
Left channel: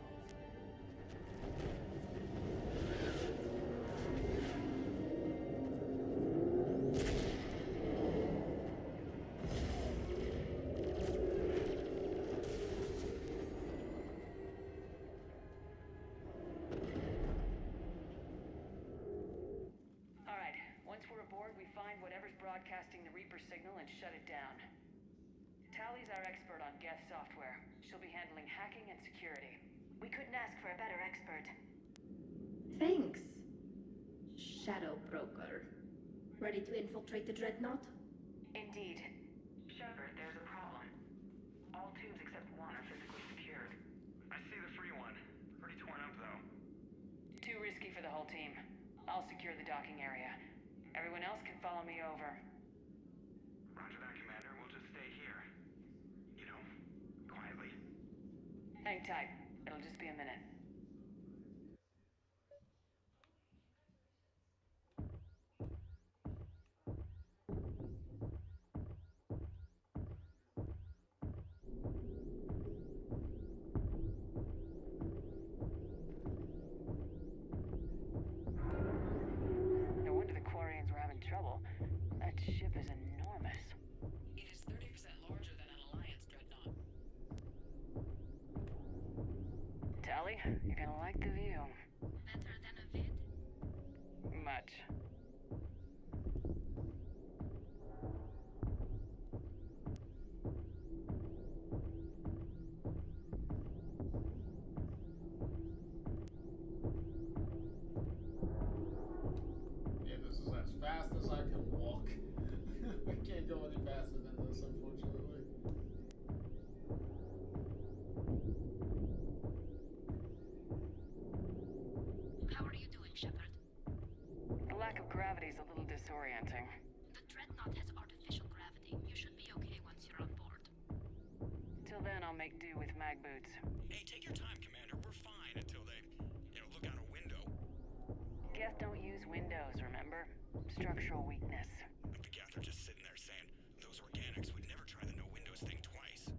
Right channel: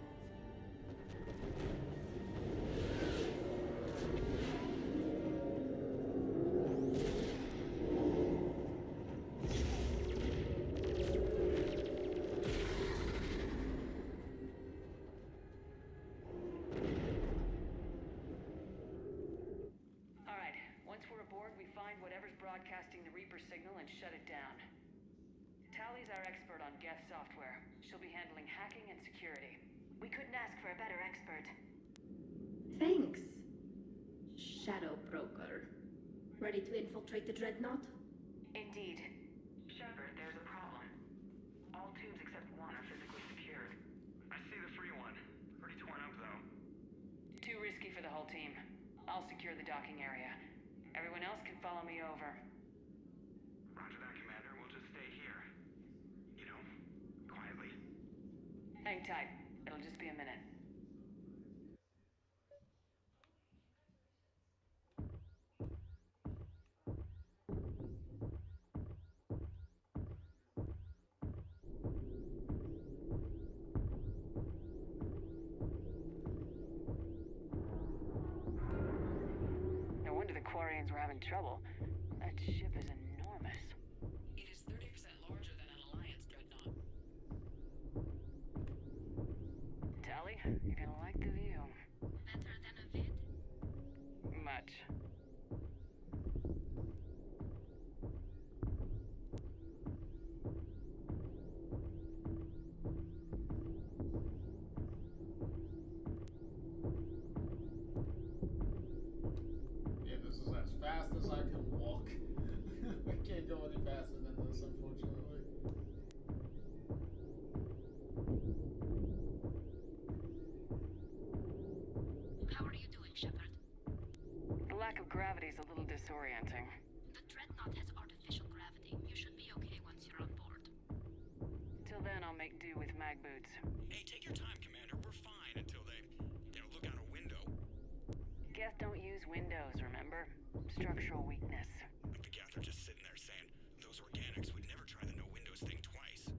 Alright, once we're aboard, we find whatever's broadcasting the Reaper signal and shut it down. Tally's our expert on Geth software. She'll be handling hacking and security. We couldn't ask for a better expert. Thanks, Shadow Broker. Ready to infiltrate the Dreadnought? Indeed. Shepard, there's a problem. All tubes except one are physically secured. I see the free one. Pretty torn up, though. Too risky for the whole team. I'll secure the docking area. Everyone else can follow me over. Roger that, Commander. We'll just stay here. You know, quietly. Hang tight. It'll just be a minute. No wonder the Quarians were having trouble. That ship is enormous. It is 30% larger than an Alliance dreadnought. Tally, you're gonna like the view. Better than a vid? Much. Yeah, this is as fast as I can walk. I can't go any faster than this, unfortunately. How are you doing, Shepard? The lack of gravity is a little disorienting. The Dreadnought has artificial gravity. You should be okay once you're on board. Till then, I'll make do with mag boots. Hey, take your time, Commander. We're fine until they, look out a window. Geth don't use windows, remember? Structural weakness. Like the Geth are just sitting there saying, those organics would never try the no windows thing twice.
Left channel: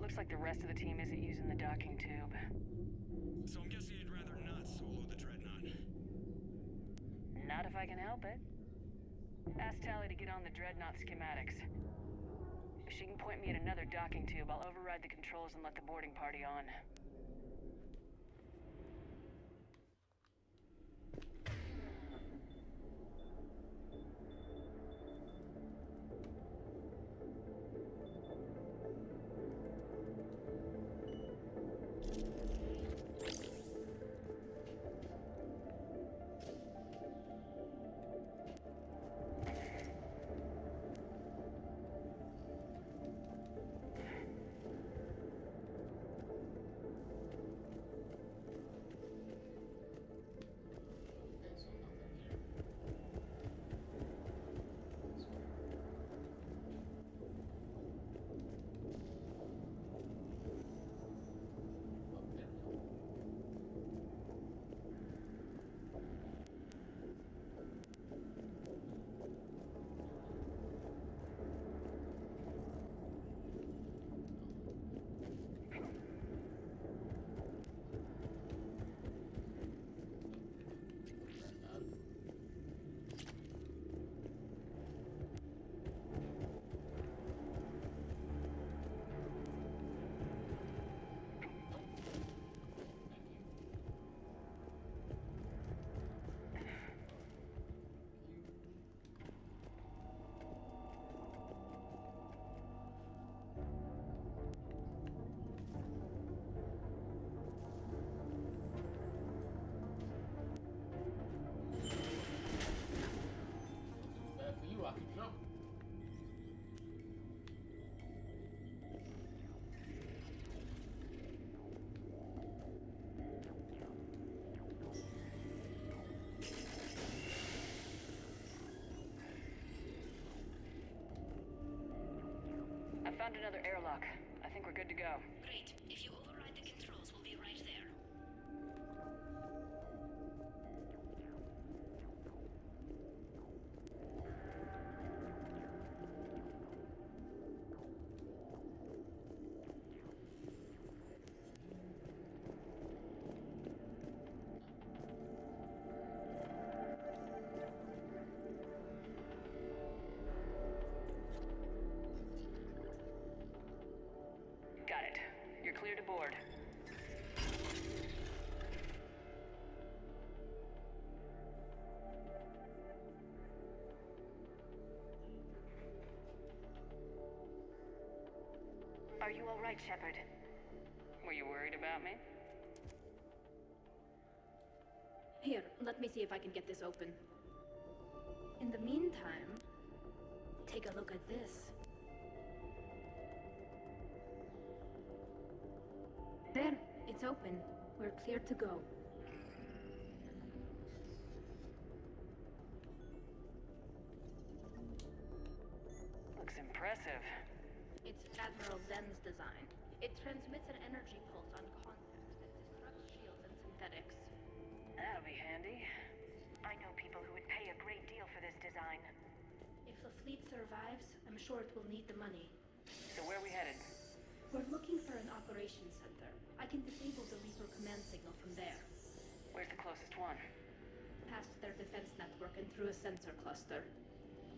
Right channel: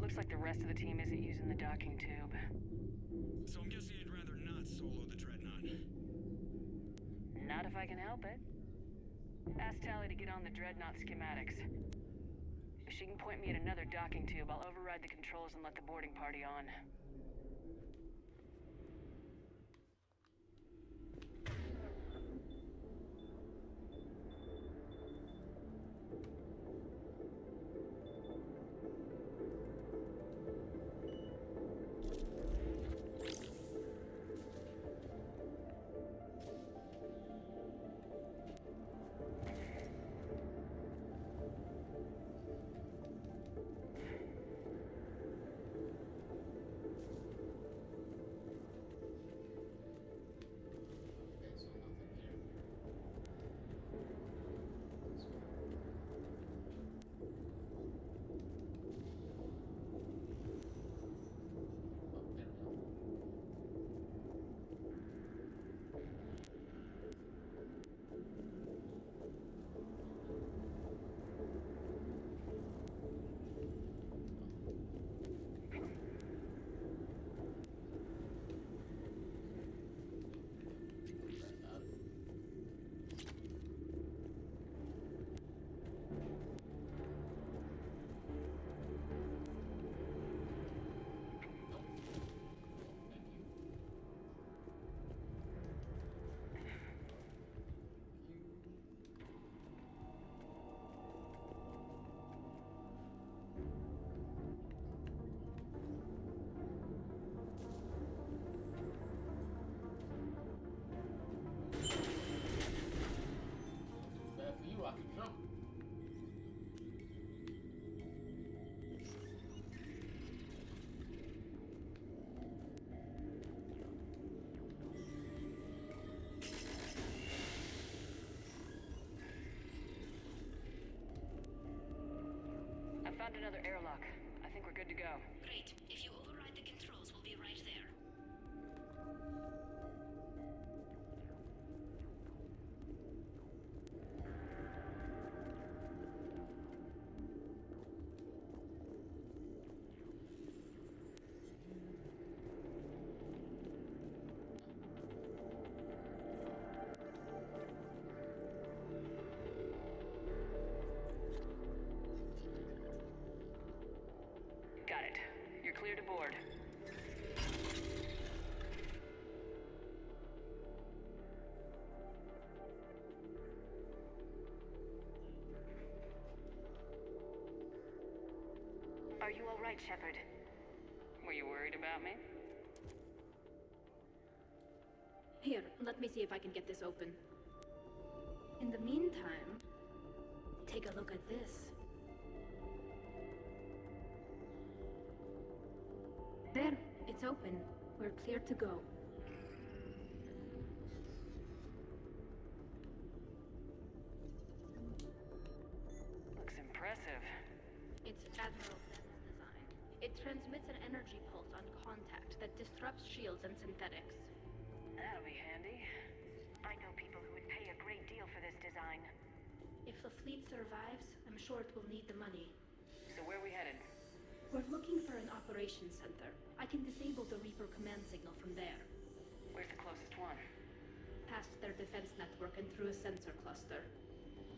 Looks like the rest of the team isn't using the docking tube. So I'm guessing you'd rather not solo the Dreadnought. Not if I can help it. Ask Tally to get on the Dreadnought schematics. If she can point me at another docking tube, I'll override the controls and let the boarding party on. Found another airlock. I think we're good to go. Great. If you override the controls, we'll be right there. Got it. You're clear to board. Are you all right, Shepard? Were you worried about me? Here, let me see if I can get this open. In the meantime, take a look at this. There, it's open. We're clear to go. Looks impressive. It's Admiral Zen's design. It transmits an energy pulse on contact that disrupts shields and synthetics. That'll be handy. I know people who would pay a great deal for this design. If the fleet survives, I'm sure it will need the money. So where are we headed? We're looking for an operations center. I can disable the Reaper command signal from there. Where's the closest one? Past their defense network and through a sensor cluster.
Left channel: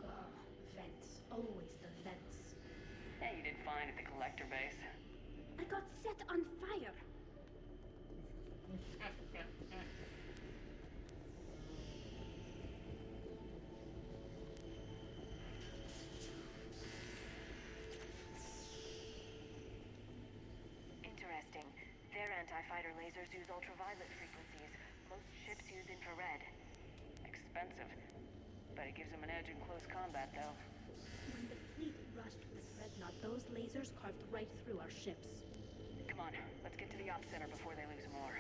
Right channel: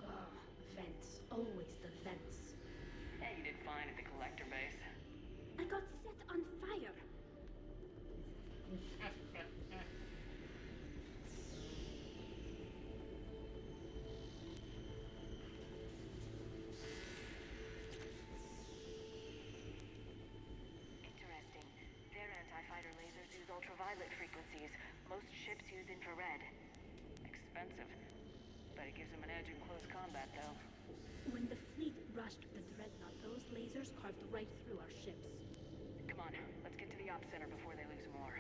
Oh, vents. Always the vents. Yeah, you did fine at the collector base. I got set on fire. Interesting. Their anti-fighter lasers use ultraviolet frequencies. Most ships use infrared. Expensive. But it gives them an edge in close combat, though. When the fleet rushed the Dreadnought, those lasers carved right through our ships. Come on, let's get to the ops center before they lose more.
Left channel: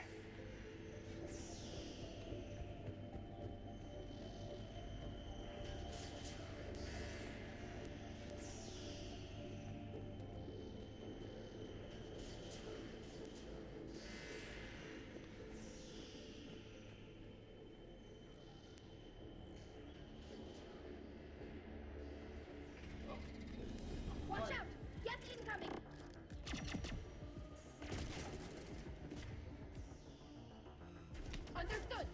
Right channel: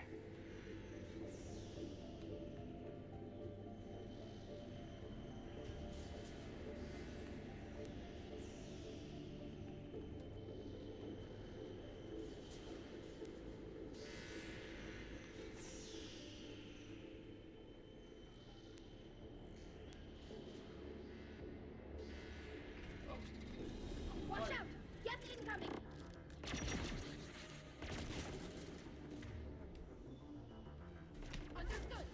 Watch out! Get incoming! Understood!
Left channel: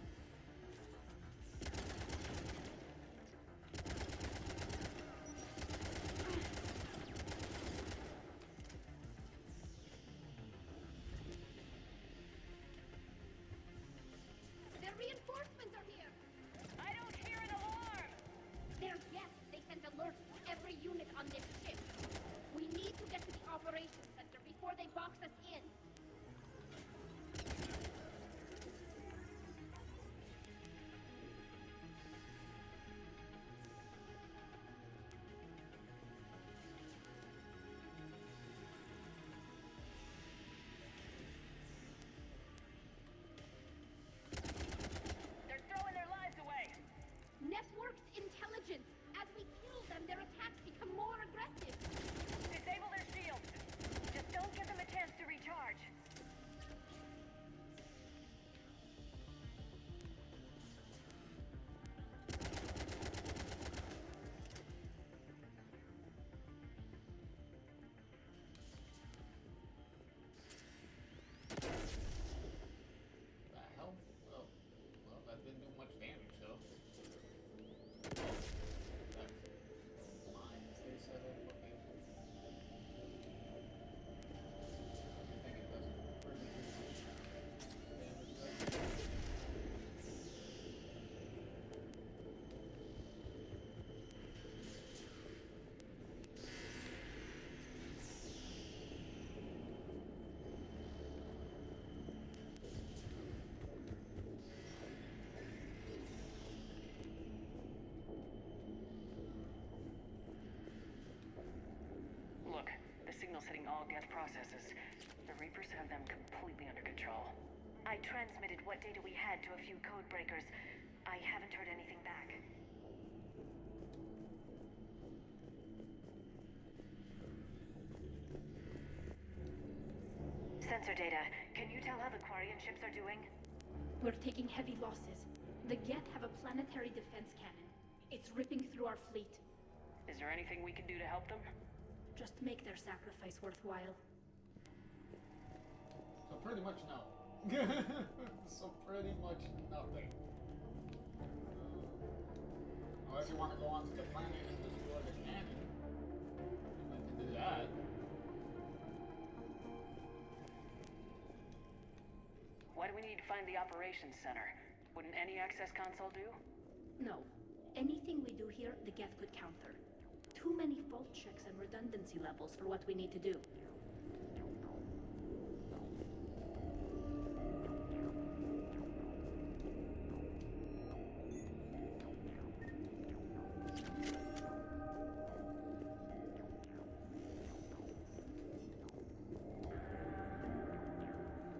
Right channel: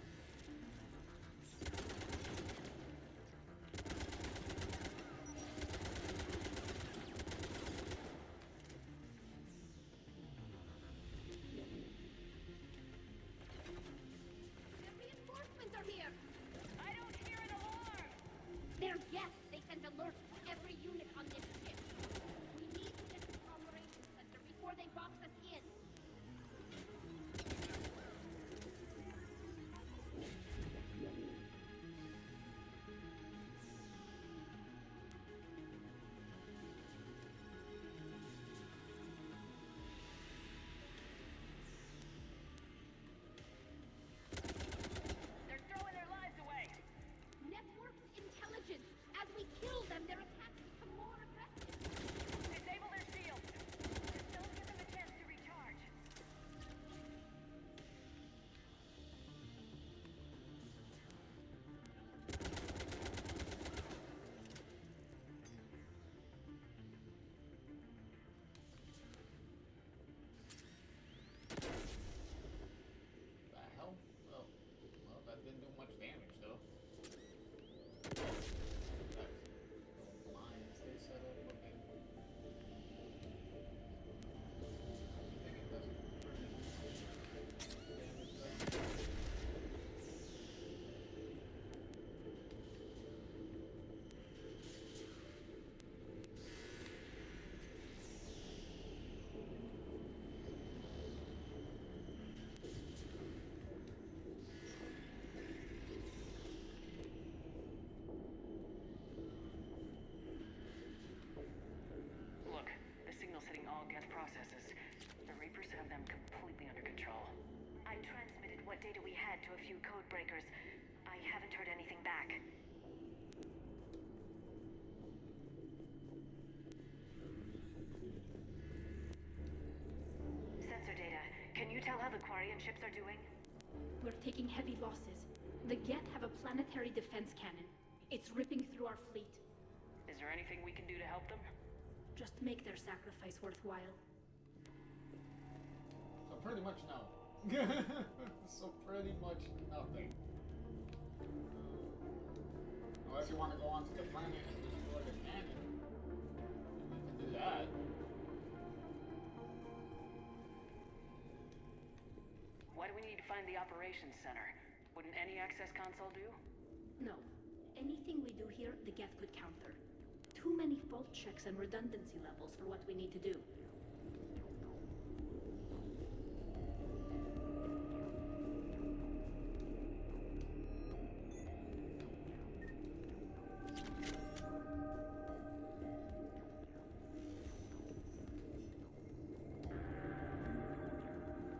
Their reinforcements are here! I don't hear an alarm! They're guests. They sent alerts to every unit on this ship. We need to get to the operations center before they box us in. They're throwing their lives away! Networked intelligence. As we kill them, their attacks become more aggressive. Disable their shields! Just don't give them a chance to recharge. The hell? Oh, well, that didn't do much damage, though. That's lines they set up. Okay. I think it doesn't really do much damage, though. Look, the signal's hitting all guest processes. The Reapers have them completely under control. I transmitted what data we had to a few code breakers. I haven't heard anything back. sensor data. Can you tell how the Quarian ships are doing? We're taking heavy losses. The Geth have a planetary defense cannon. It's ripping through our fleet. Is there anything we can do to help them? Just make their sacrifice worthwhile. So pretty much no. So pretty much nothing. Unless you want to go onto the planet and destroy the cannon, we can do that. Why do we need to find the operations center? Wouldn't any access console do? No. Anything we do here, the Geth could counter. Too many fault checks and redundancy levels for what we need to do.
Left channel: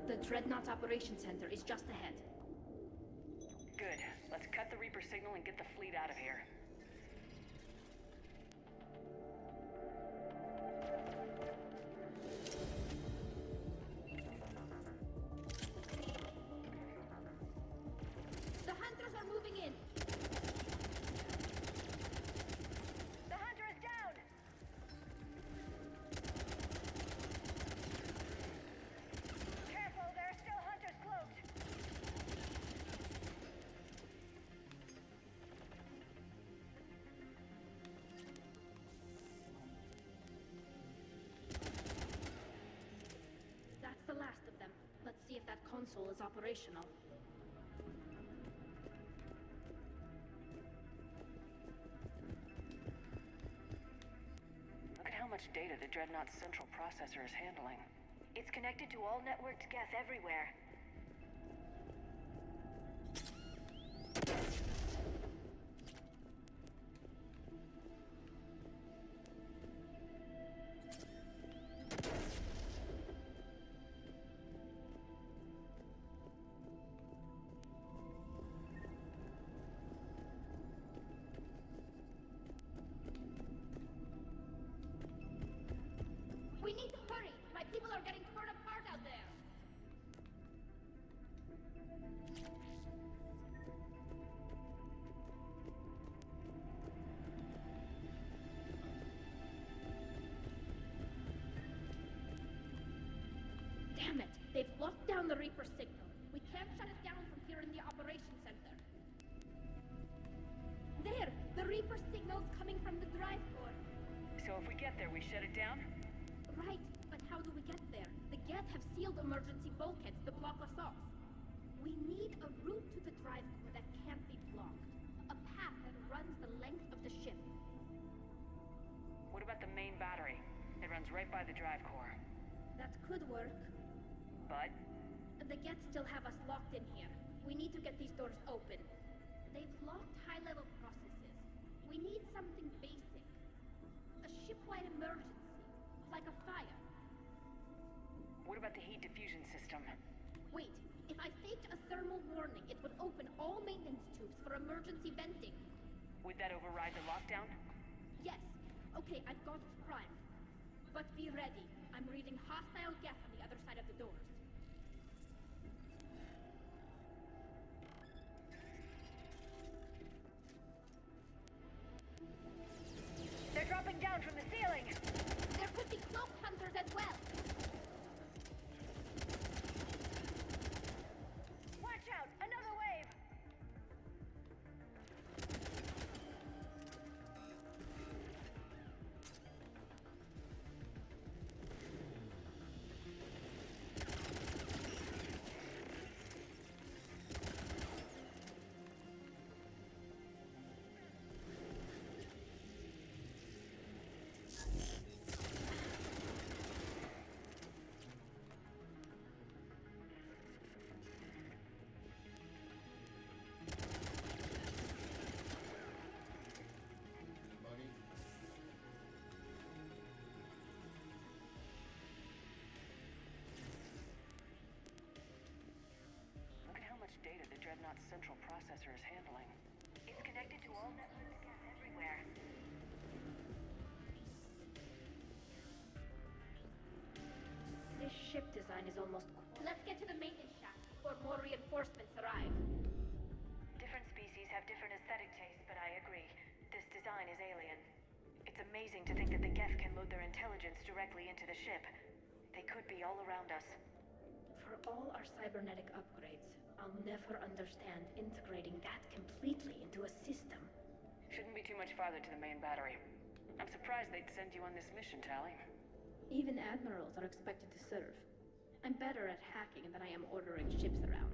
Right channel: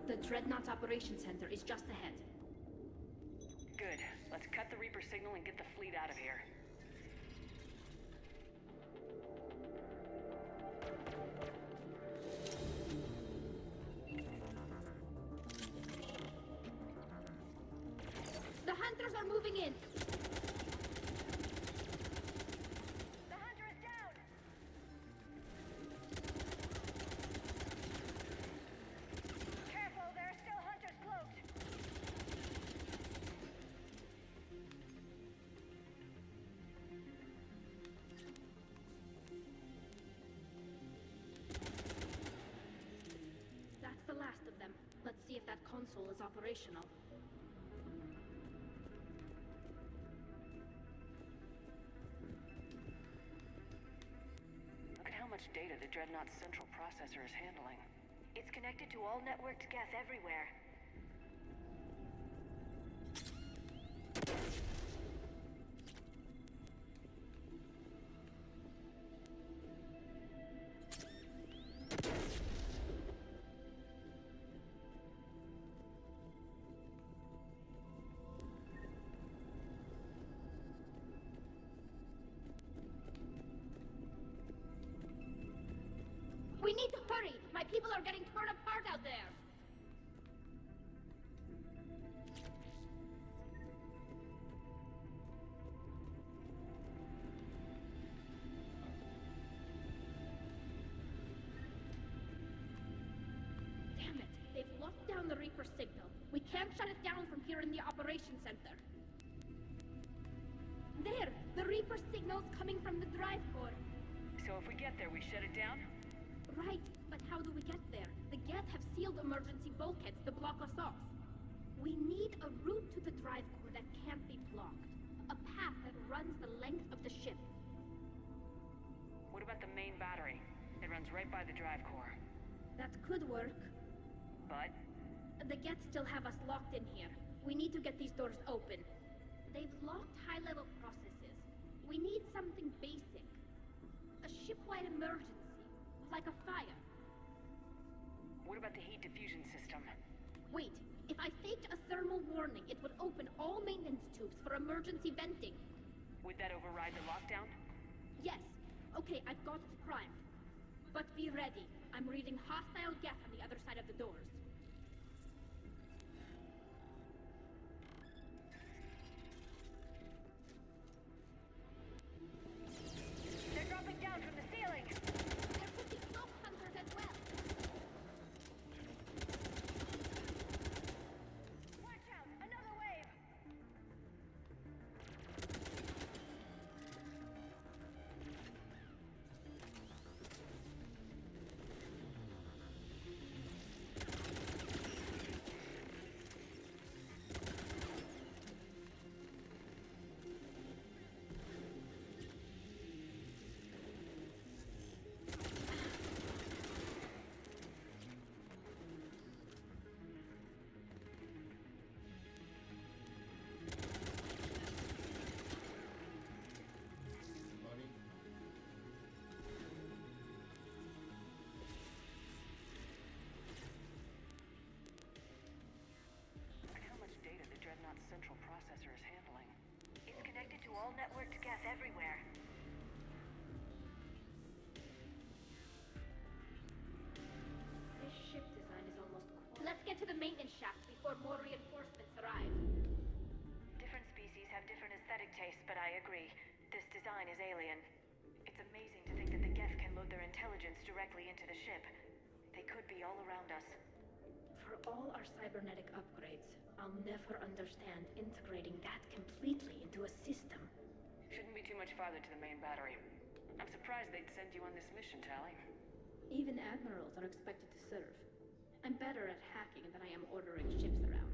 The Dreadnought's Operations Center is just ahead. Good. Let's cut the Reaper signal and get the fleet out of here. The hunters are moving in! The hunter is down! Careful, there are still hunters cloaked! That's the last of them. Let's see if that console is operational. Look at how much data the Dreadnought's central processor is handling. It's connected to all networked Geth everywhere. We need to hurry! My people are getting torn apart out there! Damn it! They've locked down the Reaper signal. We can't shut it down from here in the Operations Center. There! The Reaper signal's coming from the drive core. So if we get there, we shut it down? Right, but how do we get there? The Geth have sealed emergency bulkheads to block us off. We need a route to the drive core that can't be blocked. A path that runs the length of the ship. What about the main battery? It runs right by the drive core. That could work. But? The Geth still have us locked in here. We need to get these doors open. They've locked high-level processes. We need something basic. A ship-wide emergency. Like a fire. What about the heat diffusion system? Wait, if I faked a thermal warning, it would open all maintenance tubes for emergency venting. Would that override the lockdown? Yes. Okay, I've got it primed. But be ready. I'm reading hostile Geth on the other side of the doors. They're dropping down from the ceiling! There could be cloak hunters as well. Watch out! Another wave! Dreadnought's central processor is handling. It's connected to all networked Geth everywhere. This ship design design is almost... Let's get to the maintenance shaft before more reinforcements arrive. Different species have different aesthetic tastes, but I agree. This design is alien. It's amazing to think that the Geth can load their intelligence directly into the ship. They could be all around us. For all our cybernetic upgrades, I'll never understand integrating that completely into a system. Shouldn't be too much farther to the main battery. I'm surprised they'd send you on this mission, Tali. Even admirals are expected to serve. I'm better at hacking than I am ordering ships around.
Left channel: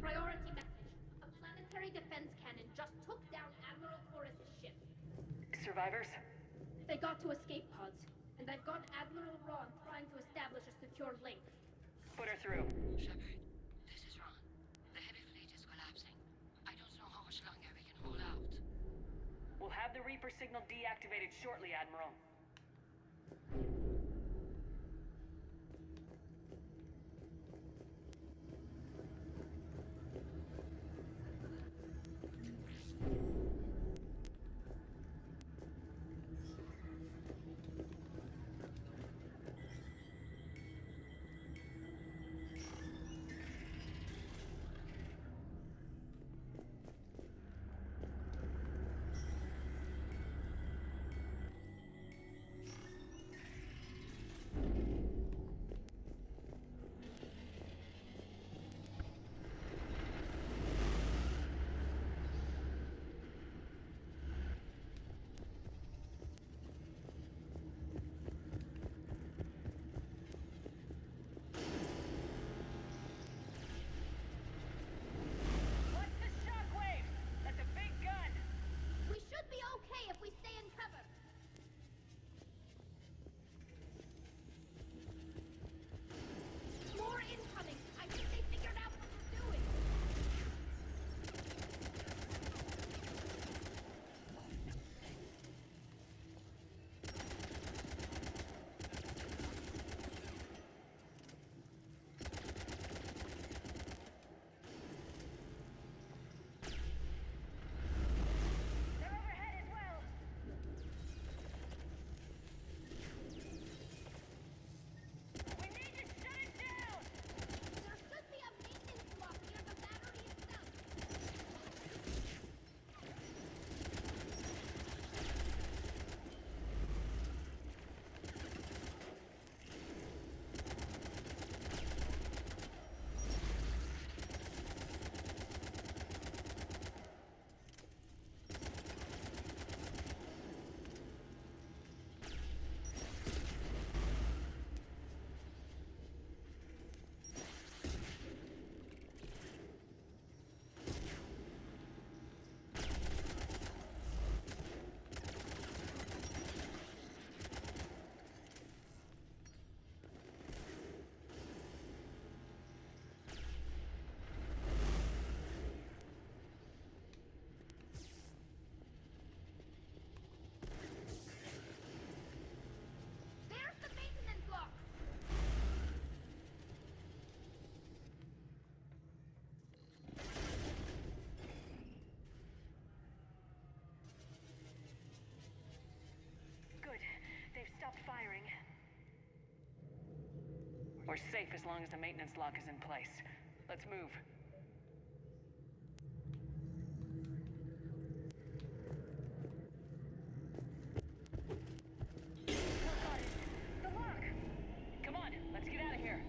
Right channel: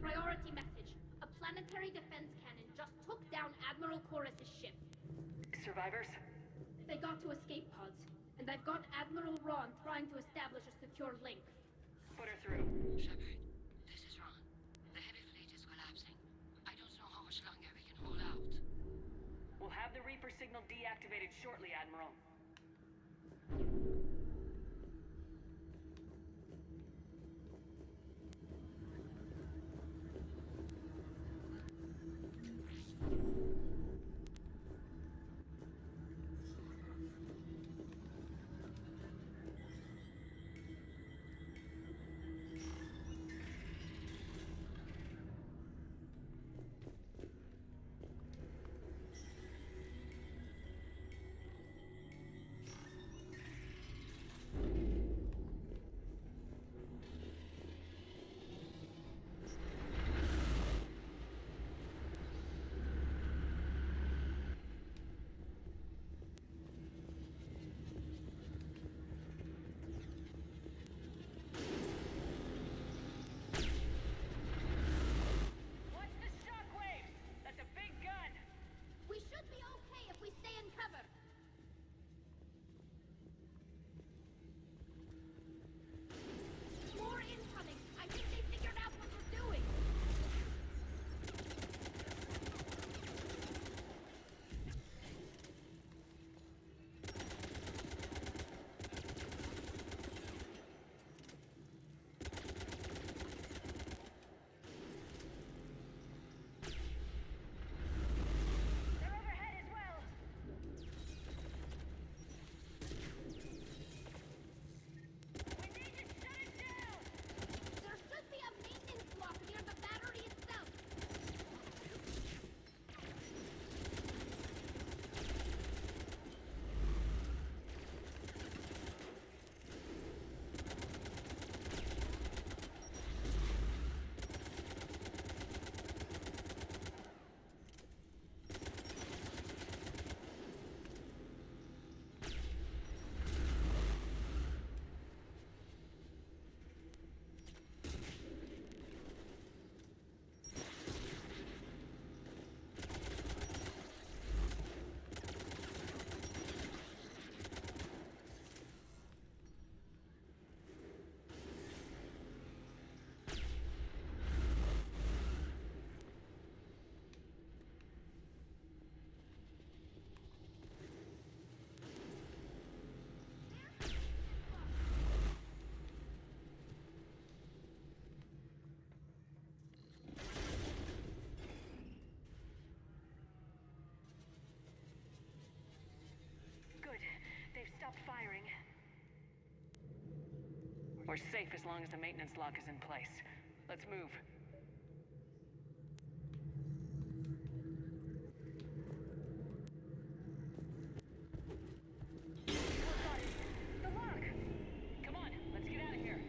Priority message. A planetary defense cannon just took down Admiral Chorus's ship. Survivors? They got to escape pods, and I've got Admiral Ron trying to establish a secure link. Put her through. Shepard, this is Ron. The heavy fleet is collapsing. I don't know how much longer we can hold out. We'll have the Reaper signal deactivated shortly, Admiral. Stop firing. We're safe as long as the maintenance lock is in place. Let's move. The lock! Come on, let's get out of here.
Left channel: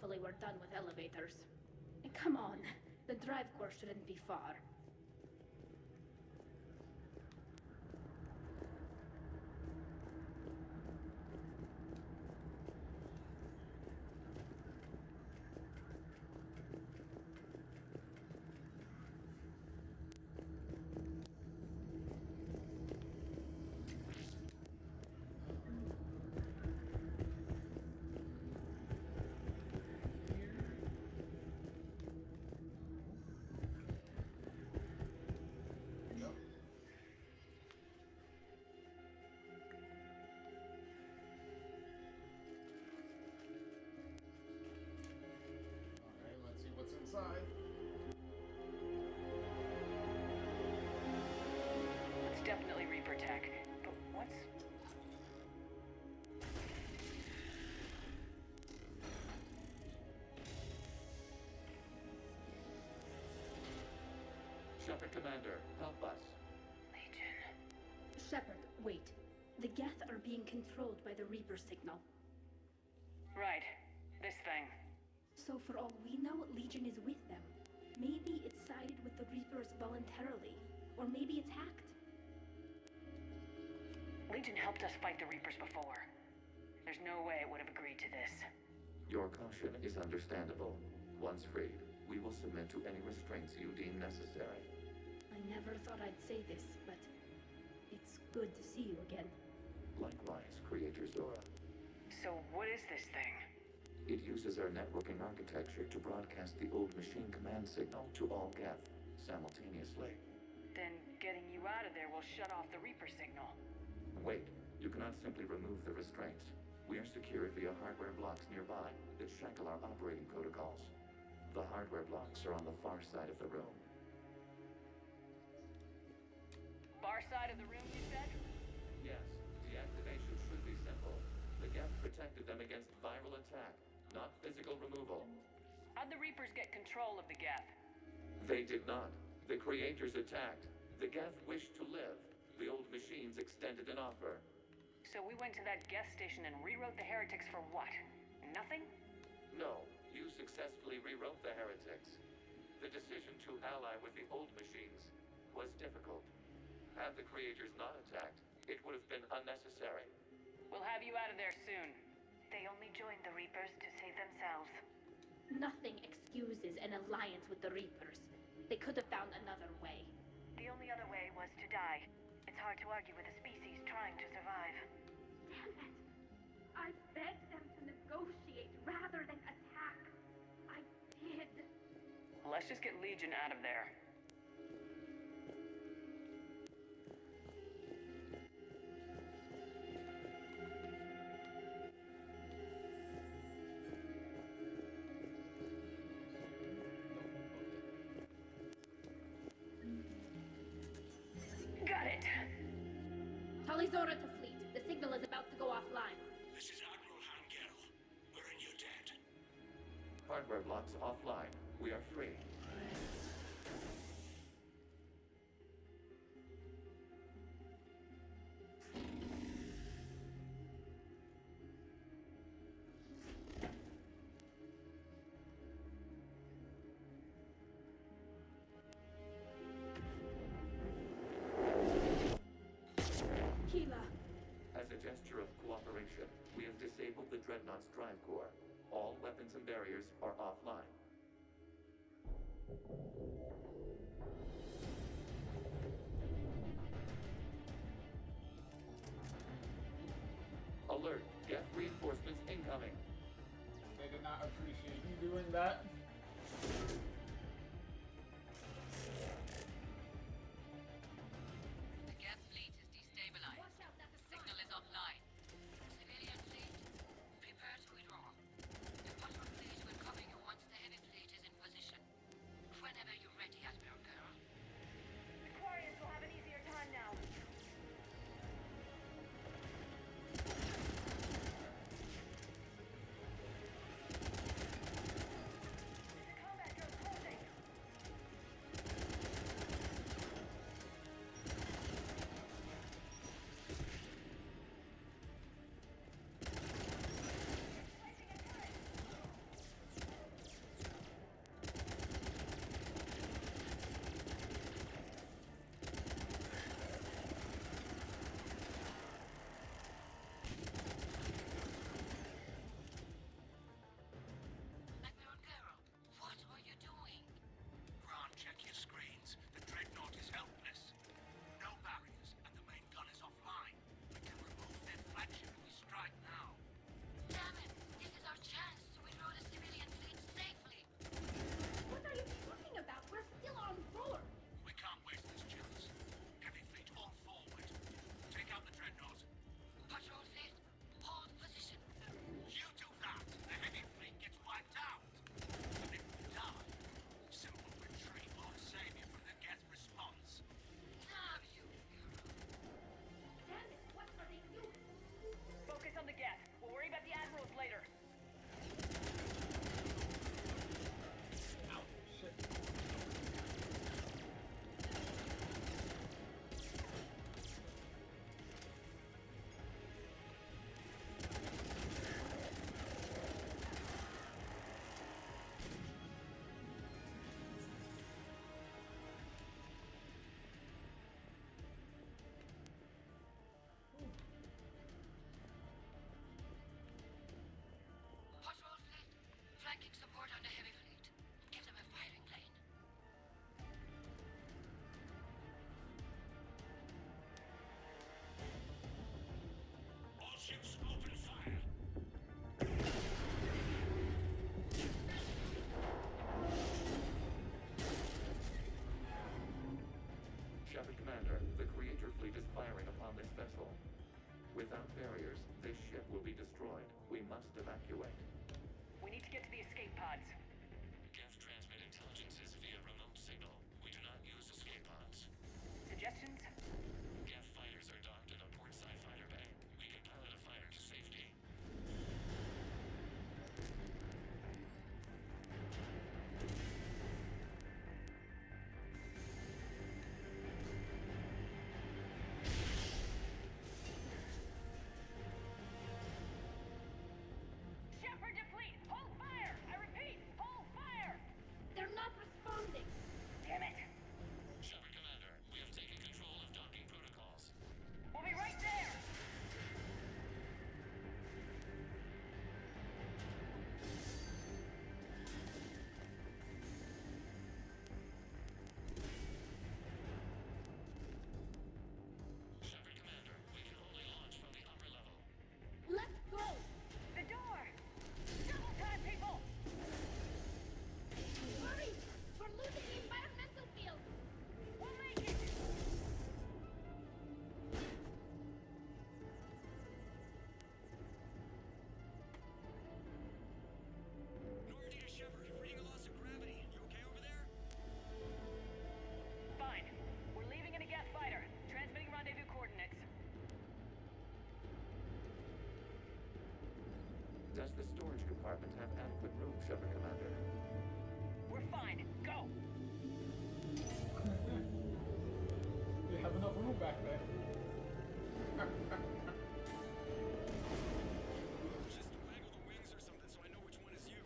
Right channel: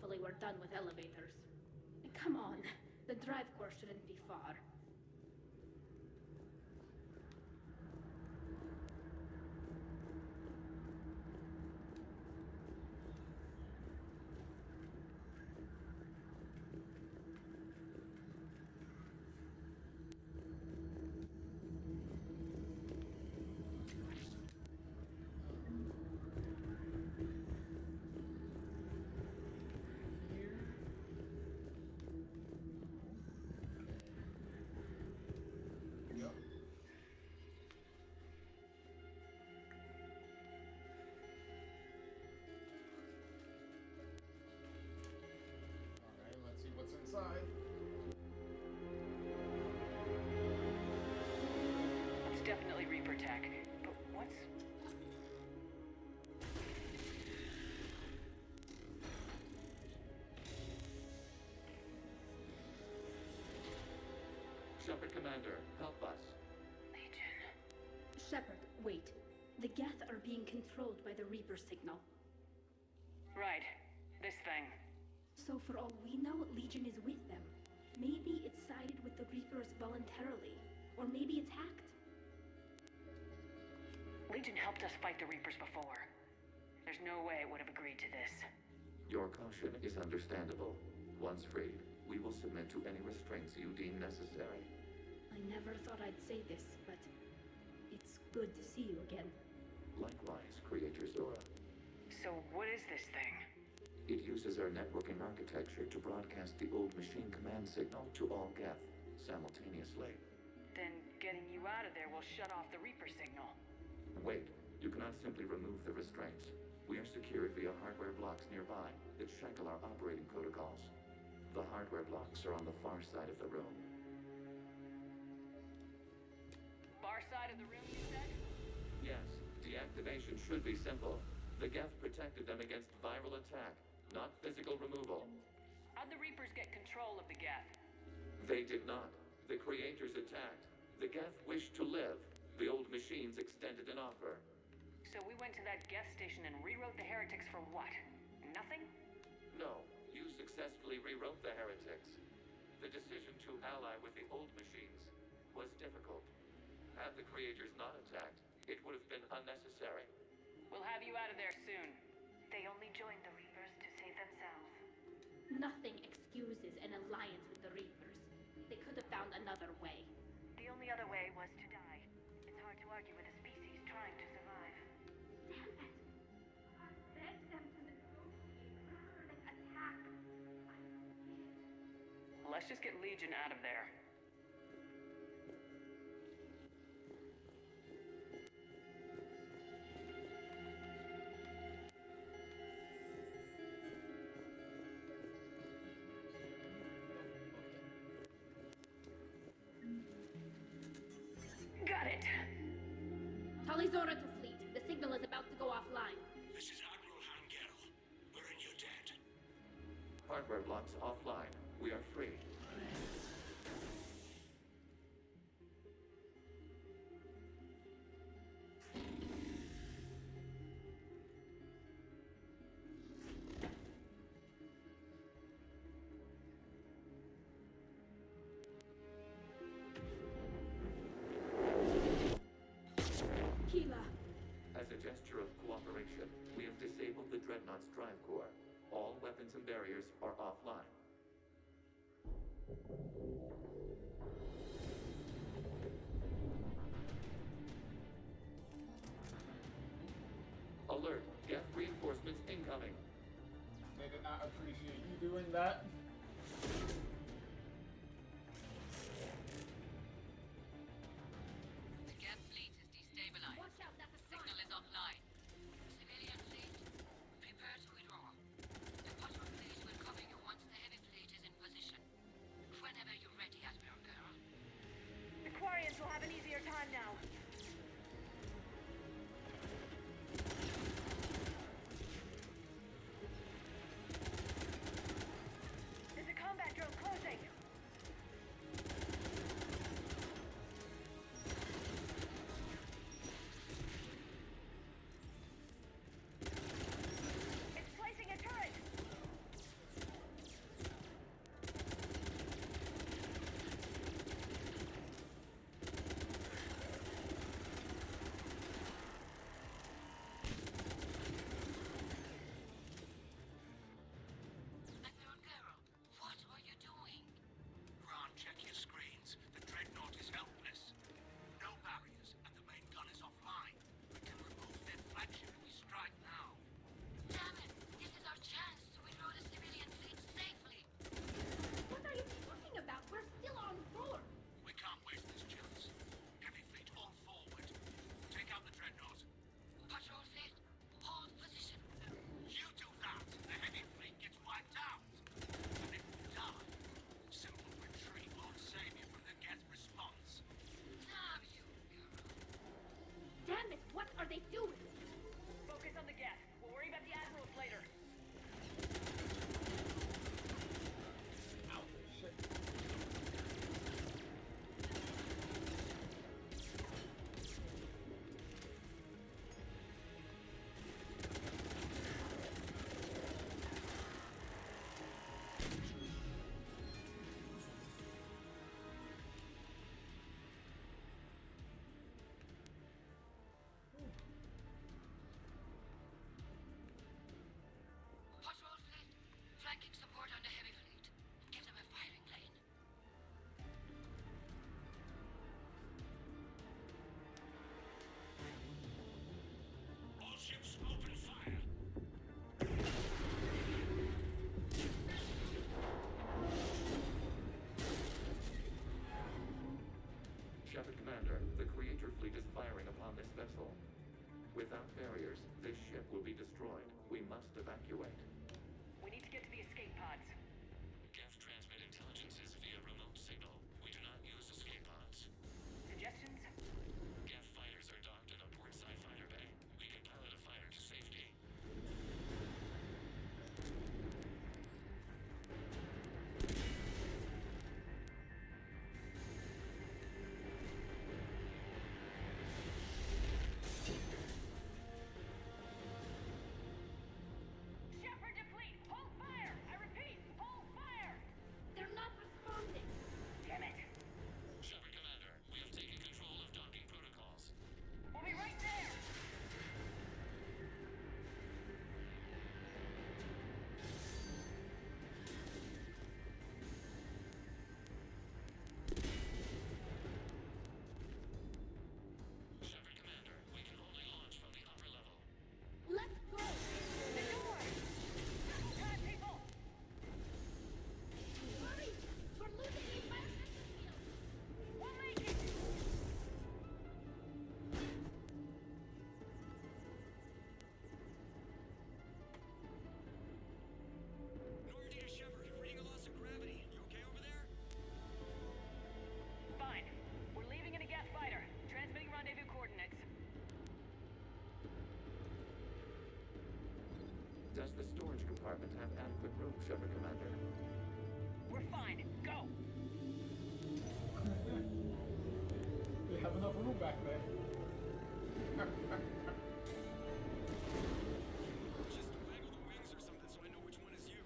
Hopefully we're done with elevators. Come on, the drive course shouldn't be far. Yep. Alright, let's see what's inside. That's definitely Reaper tech. But what's... Shepard Commander, help us. Shepard, wait. The Geth are being controlled by the Reaper signal. Right. This thing. So for all we know, Legion is with them. Maybe it sided with the Reapers voluntarily. Or maybe it's hacked. Legion helped us fight the Reapers before. There's no way it would have agreed to this. Your caution is understandable. Once freed, we will submit to any restraints you deem necessary. I never thought I'd say this, but it's good to see you again. Likewise, Creator Zora. So what is this thing? It uses our networking architecture to broadcast the old machine command signal to all Geth simultaneously. Then getting you out of there will shut off the Reaper signal. Wait, you cannot simply remove the restraints. We are secured via hardware blocks nearby that shackle our operating protocols. The hardware blocks are on the far side of the room. Far side of the room, you said? Yes, deactivation should be simple. The Geth protected them against viral attack, not physical removal. How'd the Reapers get control of the Geth? They did not. The Creators attacked. The Geth wished to live. The old machines extended an offer. So we went to that Geth station and rewrote the heretics for what? Nothing? No, you successfully rewrote the heretics. The decision to ally with the old machines was difficult. Had the Creators not attacked, it would have been unnecessary. We'll have you out of there soon. They only joined the Reapers to save themselves. Nothing excuses an alliance with the Reapers. They could have found another way. The only other way was to die. It's hard to argue with a species trying to survive. Damn it! I begged them to negotiate rather than attack. I did. Let's just get Legion out of there. Got it. Talizora to fleet. The signal is about to go offline. This is Admiral Hangel. We're in your debt. Hardware blocks offline. We are free. Keela. As a gesture of cooperation, we have disabled the Dreadnought's drive core. All weapons and barriers are offline. Alert! Geth reinforcements incoming! They did not appreciate you doing that. The Geth fleet is destabilized. Watch out, that's a Signal is offline. Civilian fleet, prepare to withdraw. The bottom fleet will cover you once the heavy fleet is in position. Whenever you're ready, Admiral Girl. The Quarians will have an easier time now. firing upon this vessel. Without barriers, this ship will be destroyed. We must evacuate. We need to get to the escape pods. Geth transmit intelligences via remote signal. We do not use escape pods. Suggestions? Geth fighters are docked in a portside fighter bay. We can pilot a fighter to safety. Shepard to fleet! Hold fire! I repeat, hold fire! They're not responding. Damn it! Shepard Commander, we have taken control of docking protocols. We'll be right there! Shepard Commander, we can only launch from the upper level. Let's go! The door! Double time, people! Hurry! We're losing the environmental field! We'll make it! Normandy to Shepard, reading a loss of gravity. You okay over there? Fine. We're leaving in a Geth fighter. Transmitting rendezvous coordinates. Does the storage compartment have adequate room, Shepard Commander? We're fine. Go! They have enough room back there. Just waggle the wings or something so I know which one is you.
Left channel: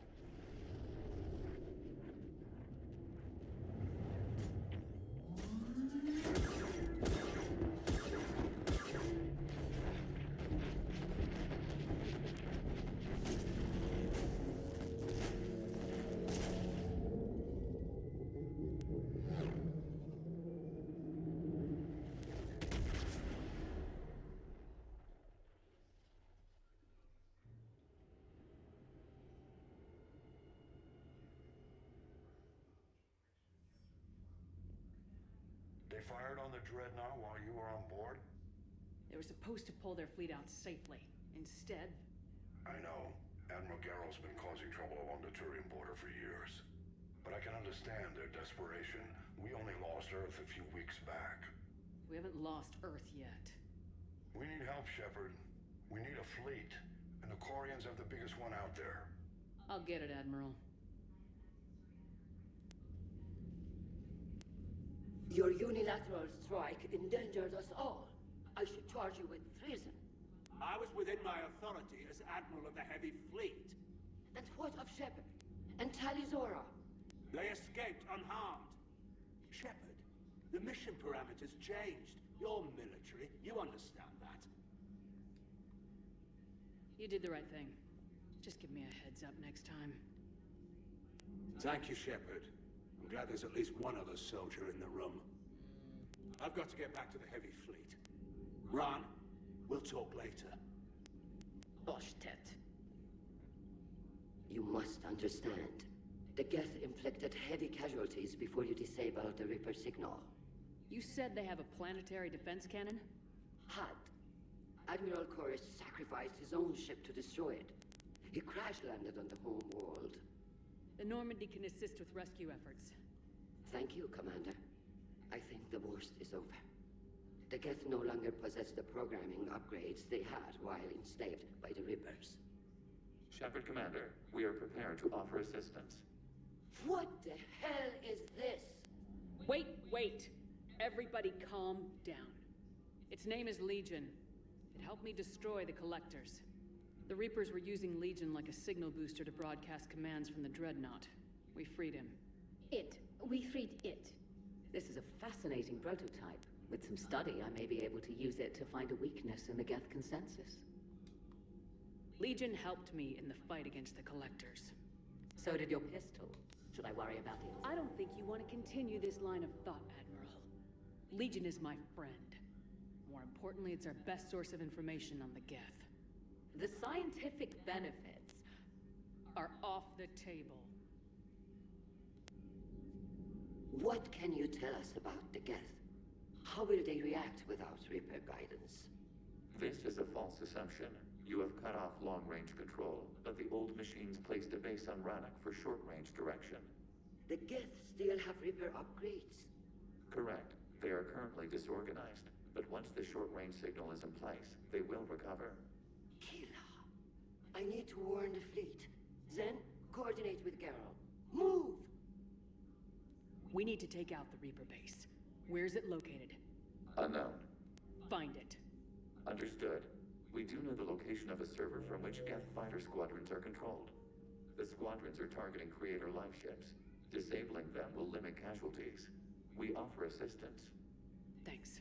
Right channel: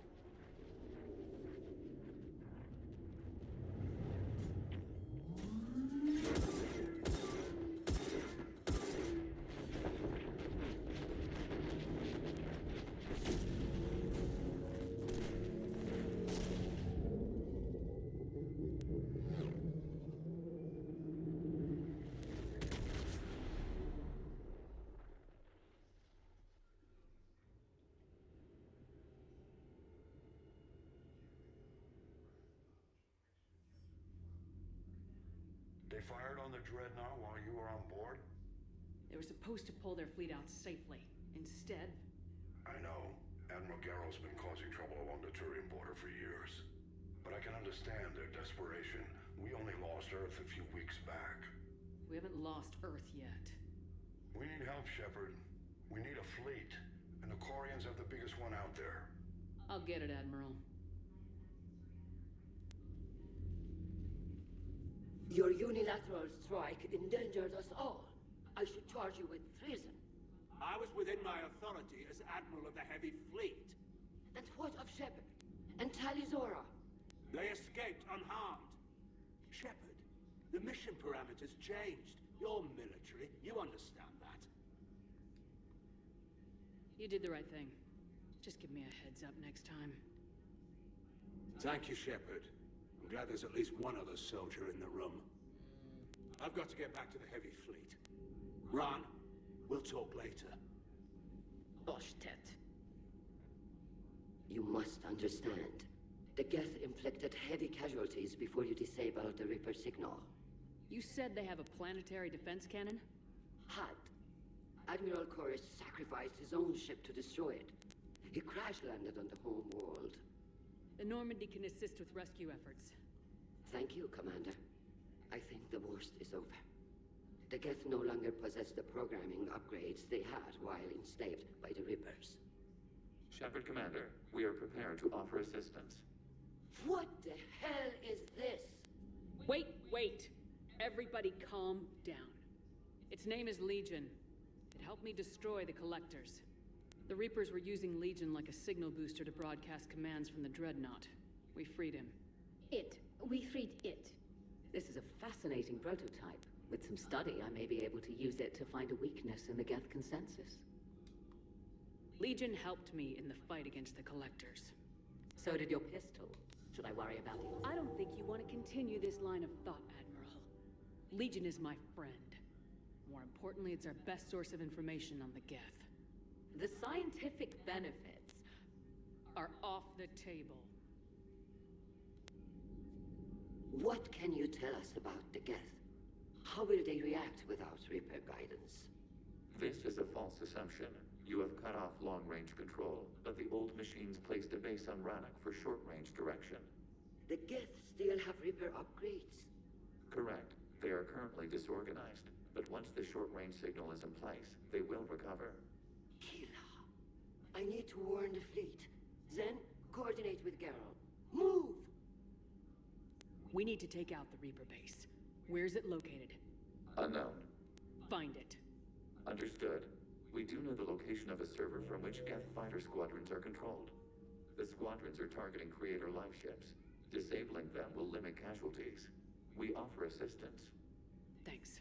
They fired on the Dreadnought while you were on board? They were supposed to pull their fleet out safely. Instead, I know. Admiral Garrow's been causing trouble along the Turian border for years. But I can understand their desperation. We only lost Earth a few weeks back. we haven't lost Earth yet. We need help, Shepard. We need a fleet. And the Quarians have the biggest one out there. I'll get it, Admiral. Your unilateral strike endangered us all. I should charge you with treason. I was within my authority as Admiral of the Heavy Fleet. And what of Shepard? And Talizora? They escaped unharmed. Shepard, the mission parameters changed. You're military. You understand that. You did the right thing. Just give me a heads up next time. Thank you, Shepard. I'm glad there's at least one other soldier in the room. I've got to get back to the Heavy Fleet. Ron, we'll talk later. Boshtet. You must understand. The Geth inflicted heavy casualties before you disabled the Reaper signal. You said they have a planetary defense cannon? Had. Admiral Chorus sacrificed his own ship to destroy it. He crash-landed on the home world. The Normandy can assist with rescue efforts. Thank you, Commander. I think the worst is over. The Geth no longer possess the programming upgrades they had while enslaved by the Reapers. Shepard Commander, we are prepared to offer assistance. What the hell is this? Wait! Everybody calm down. Its name is Legion. It helped me destroy the Collectors. The Reapers were using Legion like a signal booster to broadcast commands from the Dreadnought. We freed him. We freed it. This is a fascinating prototype. With some study, I may be able to use it to find a weakness in the Geth consensus. Legion helped me in the fight against the Collectors. So did your pistol. Should I worry about it? I don't think you want to continue this line of thought, Admiral. Legion is my friend. More importantly, it's our best source of information on the Geth. The scientific benefits are off the table. What can you tell us about the Geth? How will they react without Reaper guidance? This is a false assumption. You have cut off long-range control, but the old machines placed a base on Rannoch for short-range direction. The Geth still have Reaper upgrades. Correct. They are currently disorganized, but once the short-range signal is in place, they will recover. Kila, I need to warn the fleet. Then, coordinate with Geralt. Move! We need to take out the Reaper base. Where's it located? Unknown. Find it. Understood. We do know the location of a server from which Geth fighter squadrons are controlled. The squadrons are targeting Creator live ships. Disabling them will limit casualties. We offer assistance. Thanks.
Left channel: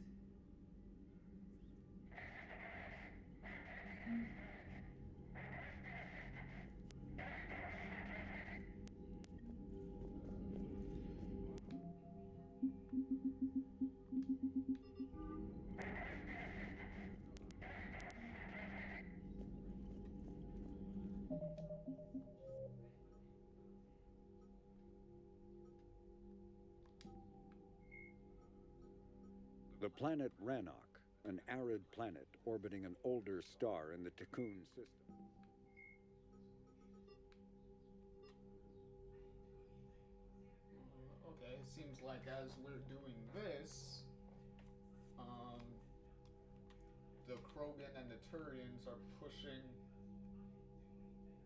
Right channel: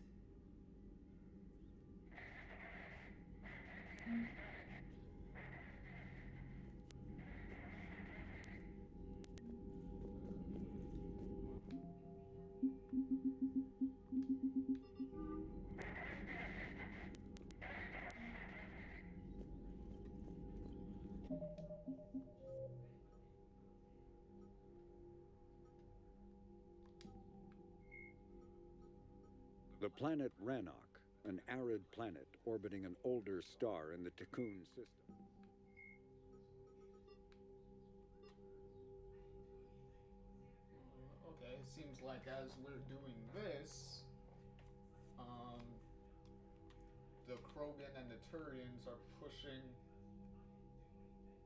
The planet Rannoch, an arid planet orbiting an older star in the Tikkun system. Okay, it seems like as we're doing this, the Krogan and the Turians are pushing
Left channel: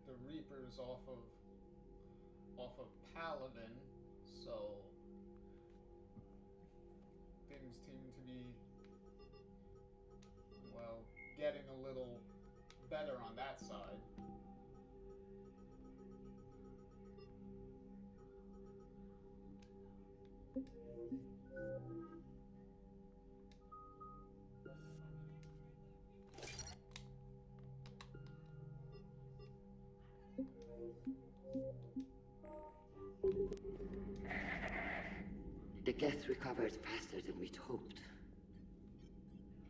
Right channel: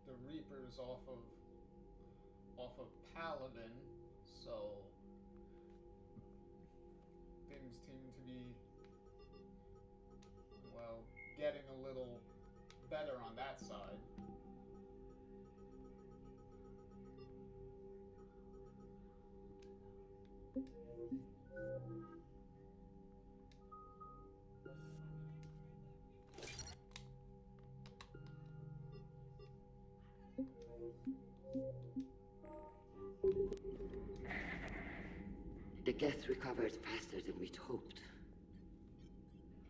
the Reapers off of Paladin, so things seem to be, well, getting a little better on that side. The Geth recovered faster than we'd hoped.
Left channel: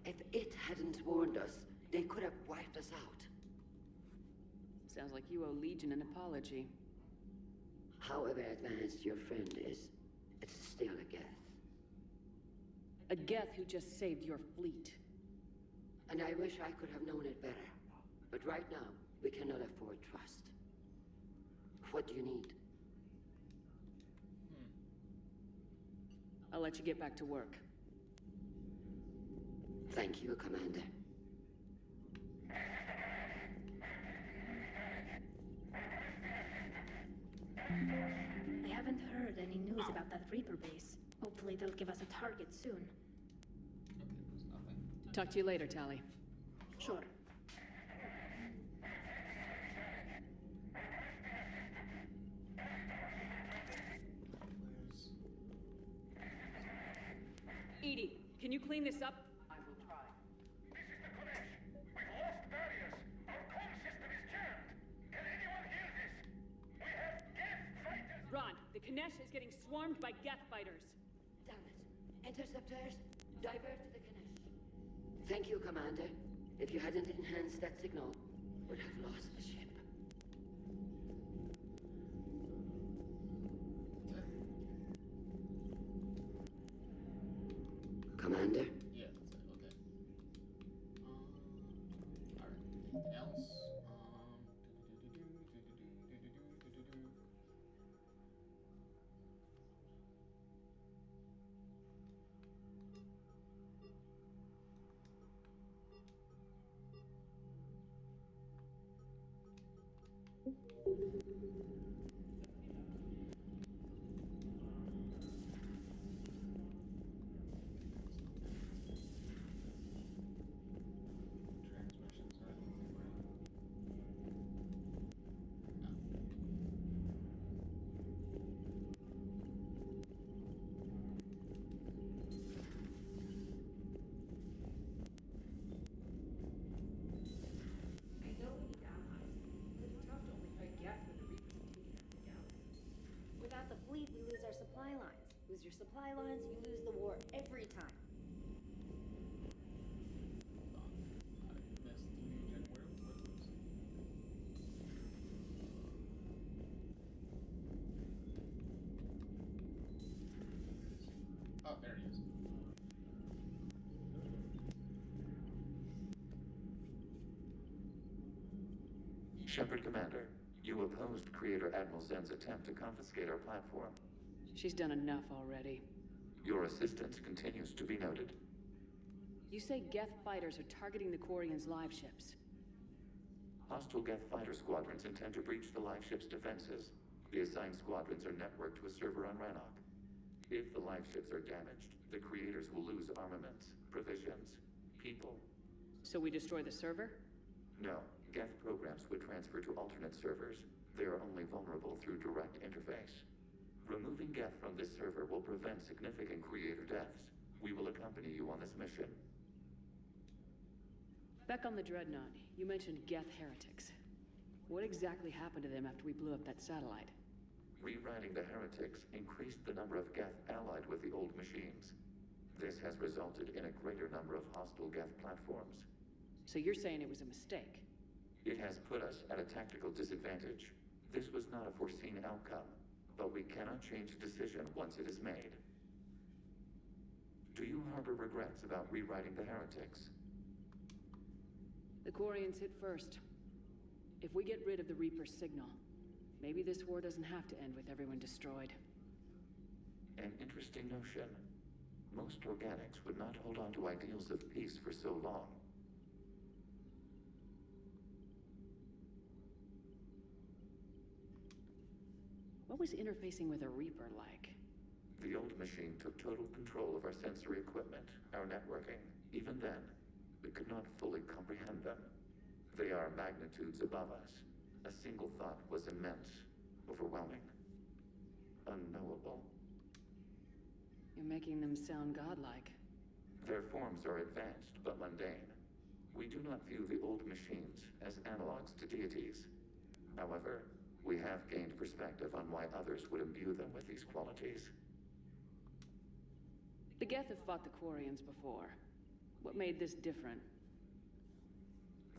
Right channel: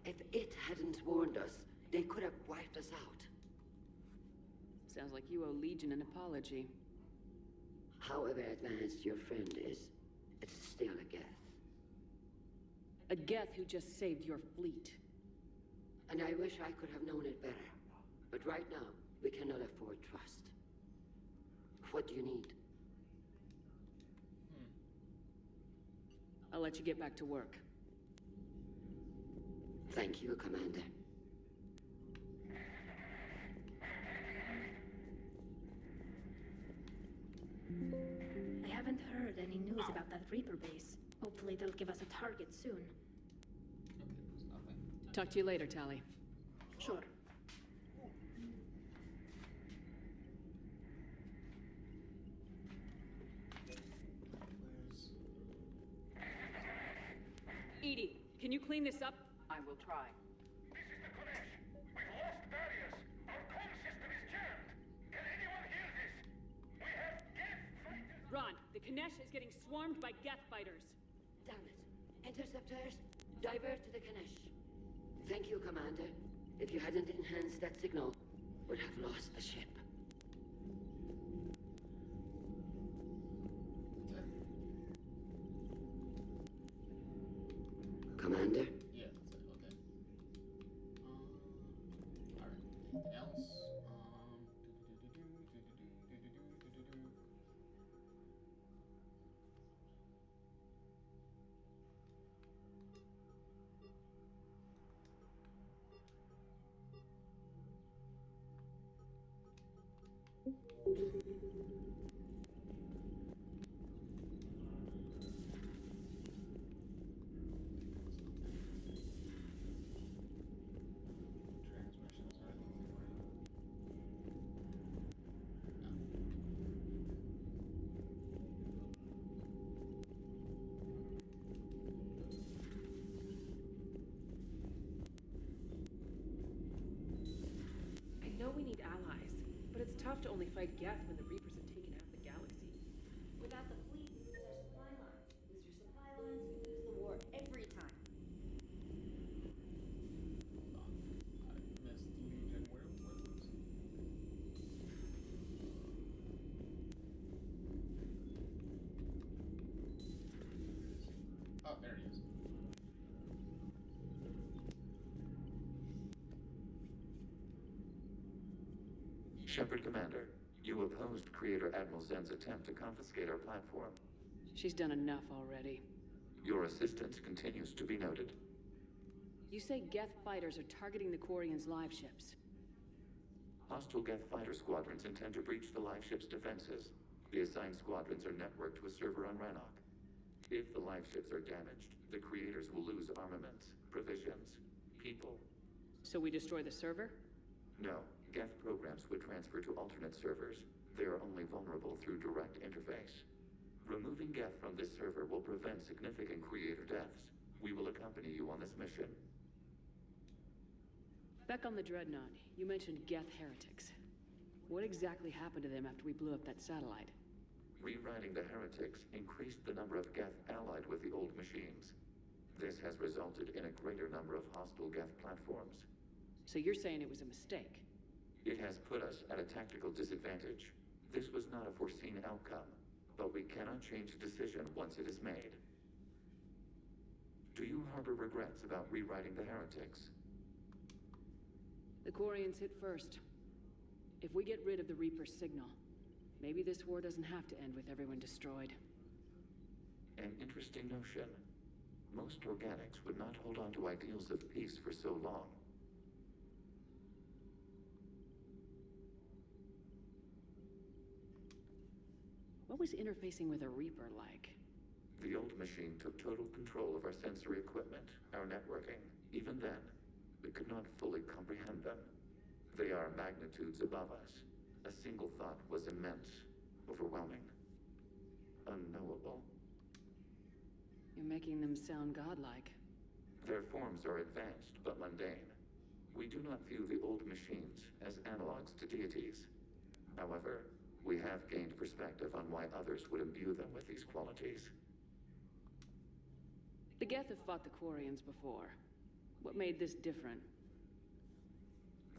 If it hadn't warned us, they could have wiped us out. Sounds like you owe Legion an apology. However advanced your friend is, it's still a Geth. A Geth who just saved your fleet. And I wish I could have known it better. But right now, we cannot afford trust. What do you need? I'll let you get back to work. Thank you, Commander. I haven't heard any news about that Reaper base. Hopefully they'll give us a target soon. Okay, there's nothing. Talk to you later, Tali. Sure. Edie, can you clean this up? I will try. This is the Konesh. We've lost barriers. Our comm system is jammed. Can anyone hear this? We have Geth fighters. Ron, the Kanesh is getting swarmed by Geth fighters. Damn it. Interceptors, divert to the Kanesh. Thank you, Commander. If you hadn't enhanced that signal, we'd have lost the ship. Commander? Yeah, that's it. Okay. Alright. Anything else? Transmissions or anything, right? I know we need allies, but it's tough to only fight Geth when the Reapers have taken out the galaxy. Without the fleet, we lose our supply lines. Lose your supply lines, you lose the war every time. Hold on. I missed Legion. Where was he? Oh, there he is. Shepard Commander, you opposed Creator Admiral Zen's attempt to confiscate our platform. She's done enough already. Your assistance continues to be noted. You say Geth fighters are targeting the Quarians' live ships. Hostile Geth fighter squadrons intend to breach the live ship's defenses. The assigned squadrons are networked to a server on Rannoch. If the live ships are damaged, the creators will lose armaments, provisions, people. So we destroy the server? No, Geth programs would transfer to alternate servers. They are only vulnerable through direct interface. Removing Geth from this server will prevent significant creator deaths. We will accompany you on this mission. Back on the Dreadnought, you mentioned Geth heretics. What exactly happened to them after we blew up that satellite? Rewriting the heretics increased the number of Geth allied with the old machines. This has resulted in a greater number of hostile Geth platforms. So you're saying it was a mistake? It has put us at a tactical disadvantage. This was not a foreseen outcome, but we cannot change a decision once it is made. Do you harbor regrets about rewriting the heretics? The Quarians hit first. If we get rid of the Reaper's signal, maybe this war doesn't have to end with everyone destroyed. An interesting notion. Most organics would not hold on to ideals of peace for so long. What was interfacing with a Reaper like? The old machine took total control of our sensory equipment, our networking. Even then, we could not fully comprehend them. They are magnitudes above us. A single thought was immense, overwhelming, unknowable. You're making them sound godlike. Their forms are advanced but mundane. We do not view the old machines as analogs to deities. However, we have gained perspective on why others would imbue them with these qualities. The Geth have fought the Quarians before. What made this different?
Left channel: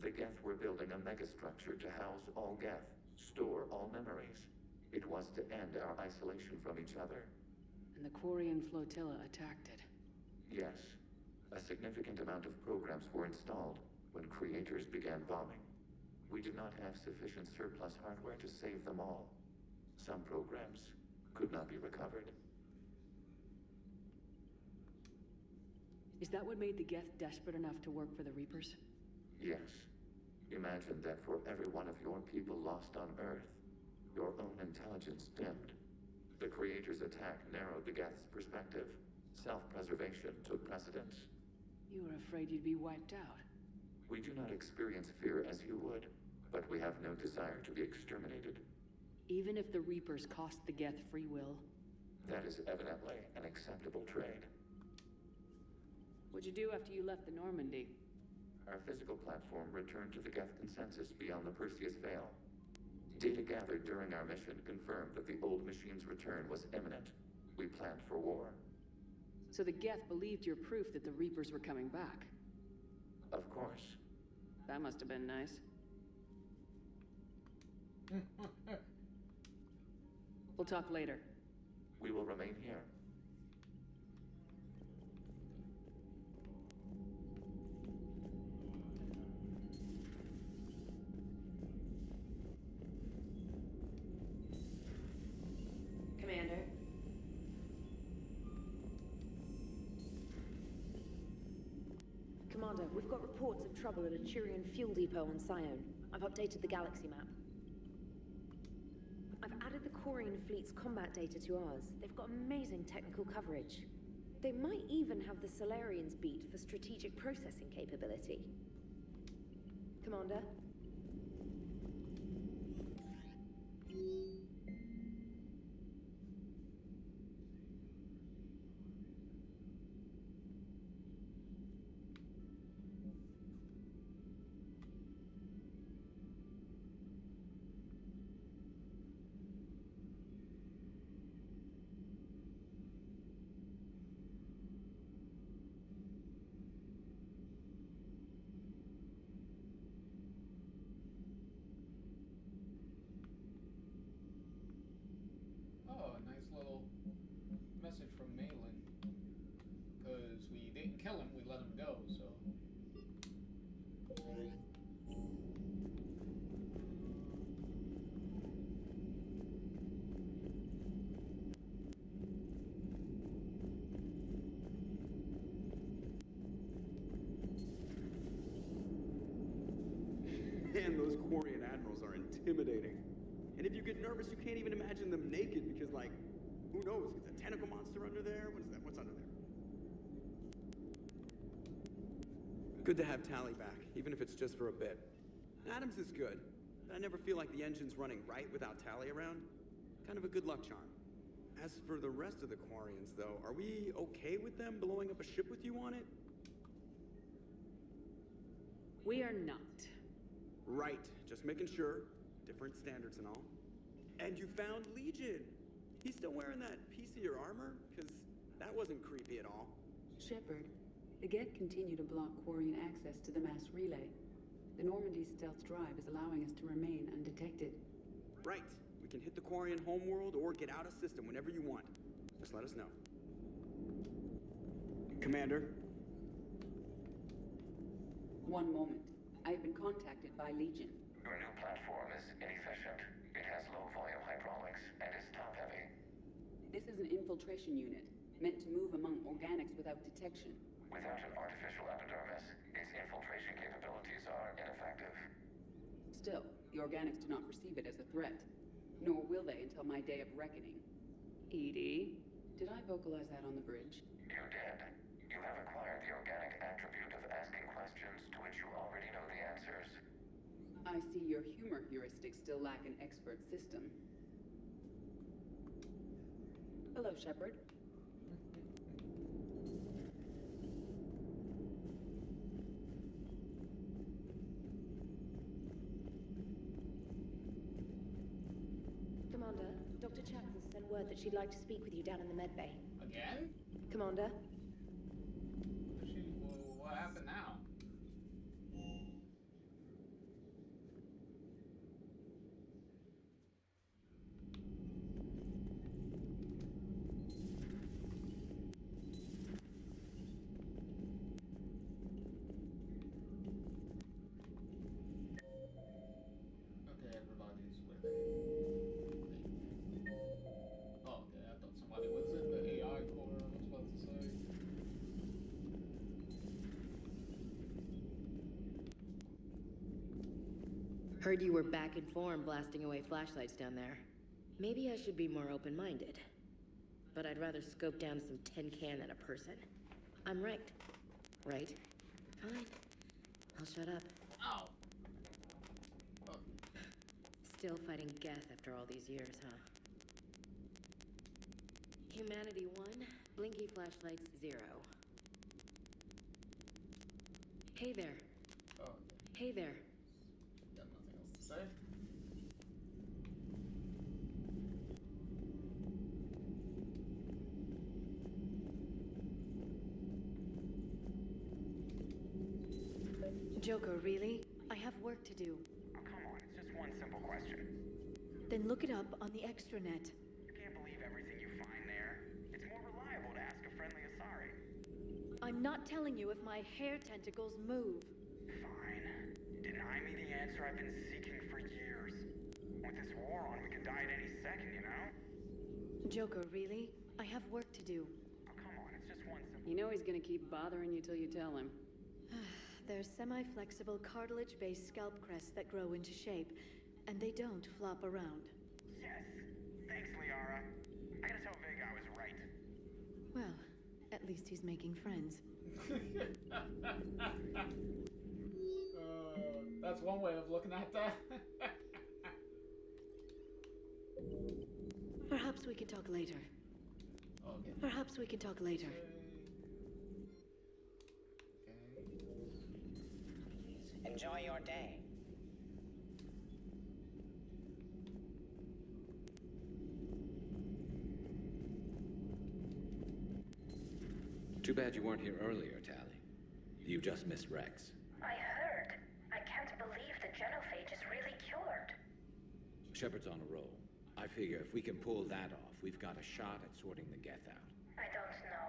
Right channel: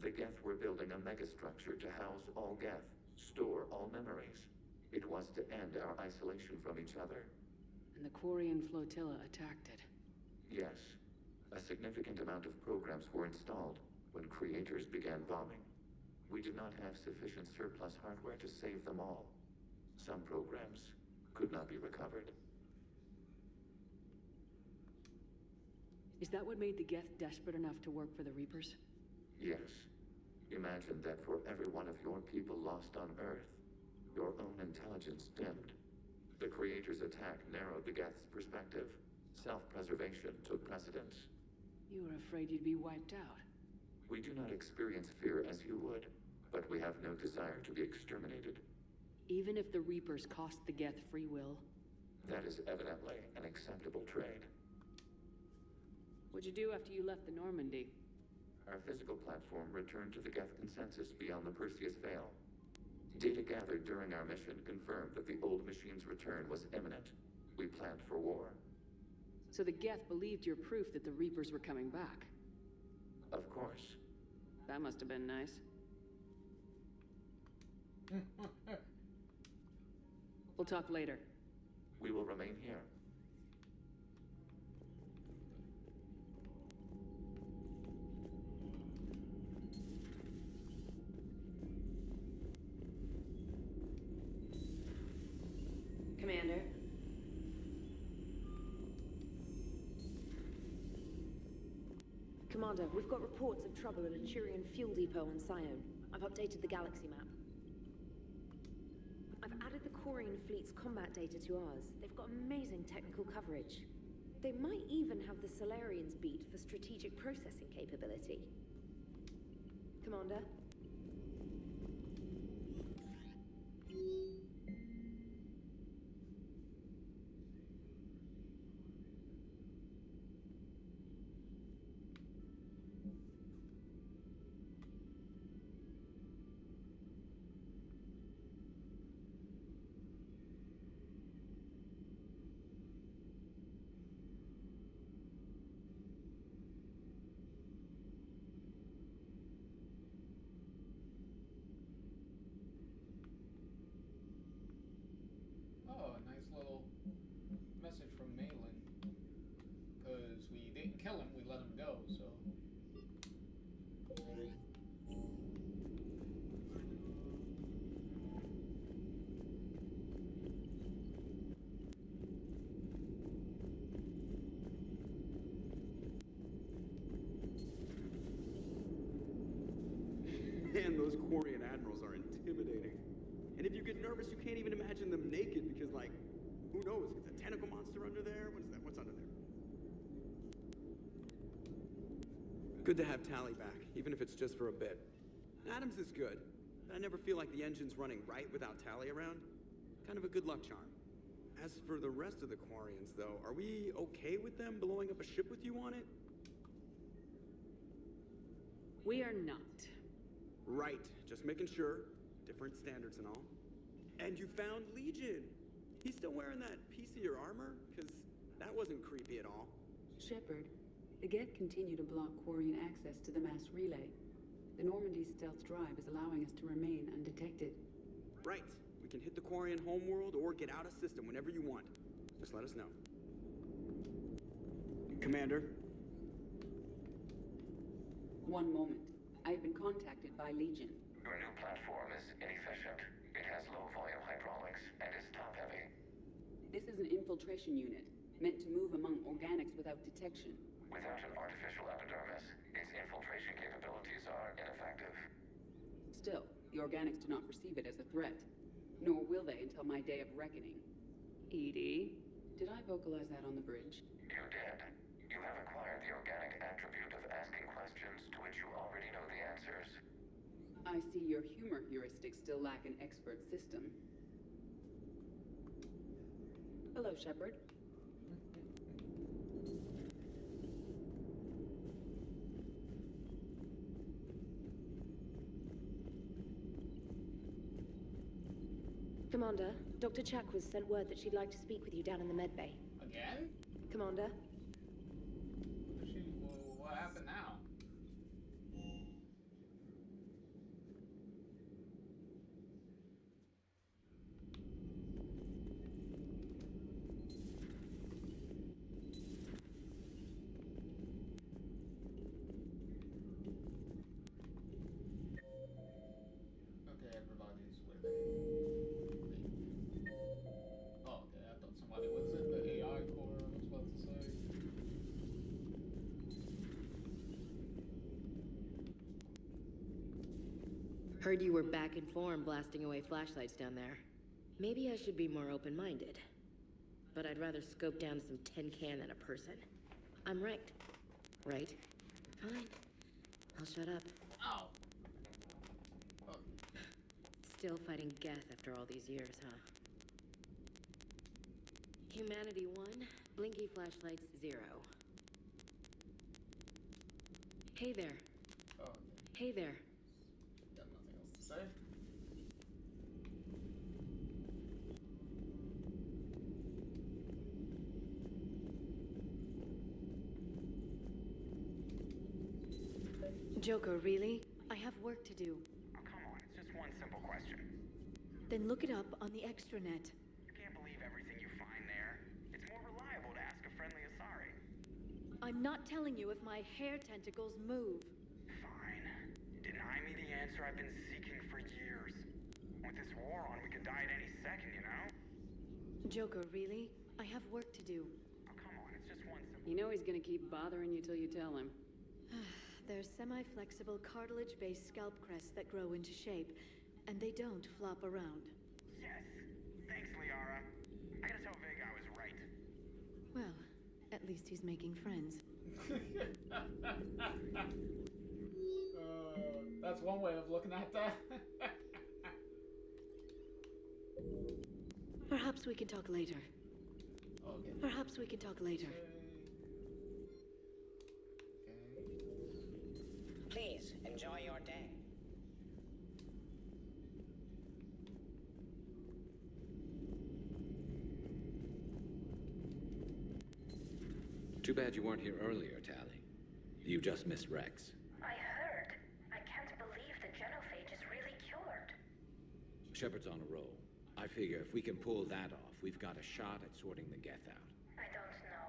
The Geth were building a megastructure to house all Geth, store all memories. It was to end our isolation from each other. And the Quarian flotilla attacked it. Yes. A significant amount of programs were installed when creators began bombing. We did not have sufficient surplus hardware to save them all. Some programs could not be recovered. Is that what made the Geth desperate enough to work for the Reapers? Yes. Imagine that for every one of your people lost on Earth, your own intelligence dimmed. The Creator's attack narrowed the Geth's perspective. Self-preservation took precedence. You were afraid you'd be wiped out. We do not experience fear as you would, but we have no desire to be exterminated. Even if the Reapers cost the Geth free will? That is evidently an acceptable trade. What'd you do after you left the Normandy? Our physical platform returned to the Geth consensus beyond the Perseus Veil. Data gathered during our mission confirmed that the old machine's return was imminent. We planned for war. So the Geth believed your proof that the Reapers were coming back? Of course. That must have been nice. We'll talk later. We will remain here. Commander. Commander, we've got reports of trouble at a Turian fuel depot on Scion. I've updated the galaxy map. I've added the Quarian fleet's combat data to ours. They've got amazing technical coverage. They might even have the Solarians beat for strategic processing capability. Commander? Quarian admirals are intimidating. And if you get nervous, you can't even imagine them naked because, like, who knows? Is a tentacle monster under there? What is that? What's under there? Good to have Tally back, even if it's just for a bit. Adams is good, but I never feel like the engine's running right without Tally around. Kind of a good luck charm. As for the rest of the Quarians, though, are we okay with them blowing up a ship with you on it? We are not. Right, just making sure. Different standards and all. And you found Legion! He's still wearing that piece of your armor? Because that wasn't creepy at all. Shepard, the Geth continue to block Quarian access to the mass relay. The Normandy stealth drive is allowing us to remain undetected. Right. We can hit the Quarian homeworld or get out of system whenever you want. Just let us know. Commander? One moment. I've been contacted by Legion. Your new platform is inefficient. It has low-volume hydraulics and is top-heavy. This is an infiltration unit, meant to move among organics without detection. Without an artificial epidermis, its infiltration capabilities are ineffective. Still, the organics do not perceive it as a threat. Nor will they until my day of reckoning. EDI? Did I vocalize that on the bridge? You did. You have acquired the organic attribute of asking questions to which you already know the answers. I see your humor heuristics still lack an expert system. Hello, Shepard. Commander, Dr. Chakwas sent word that she'd like to speak with you down in the medbay. Again? Commander? What happened now? Okay, everybody's with it. Oh, okay, I thought somebody was in the AI core, I was about to say. Heard you were back in form blasting away flashlights down there. Maybe I should be more open-minded. But I'd rather scope down some tin can than a person. I'm ranked. Right? Fine. I'll shut up. Ow! Still fighting Geth after all these years, huh? Humanity 1, blinky flashlights 0. Hey there. Oh. Hey there. Got nothing else to say. Joker, really? I have work to do. Oh, come on, it's just one simple question. Then look it up on the extranet. You can't believe everything you find there. It's more reliable to ask a friendly Asari. I'm not telling you if my hair tentacles move. Fine. Deny me the answer I've been seeking for years. With this war on, we could die at any second, you know? Joker, really? I have work to do. Oh, come on, it's just one simple... You know he's gonna keep bothering you till you tell him. They're semi-flexible cartilage-based scalp crests that grow into shape, and they don't flop around. Yes! Thanks, Liara. I gotta tell Vega I was right. Well, at least he's making friends. That's one way of looking at that. Perhaps we can talk later. Okay. Perhaps we can talk later. Please, enjoy your day. Too bad you weren't here earlier, Tally. You just missed Rex. I heard. I can't believe the genophage is really cured. Shepard's on a roll. I figure if we can pull that off, we've got a shot at sorting the Geth out. I don't know.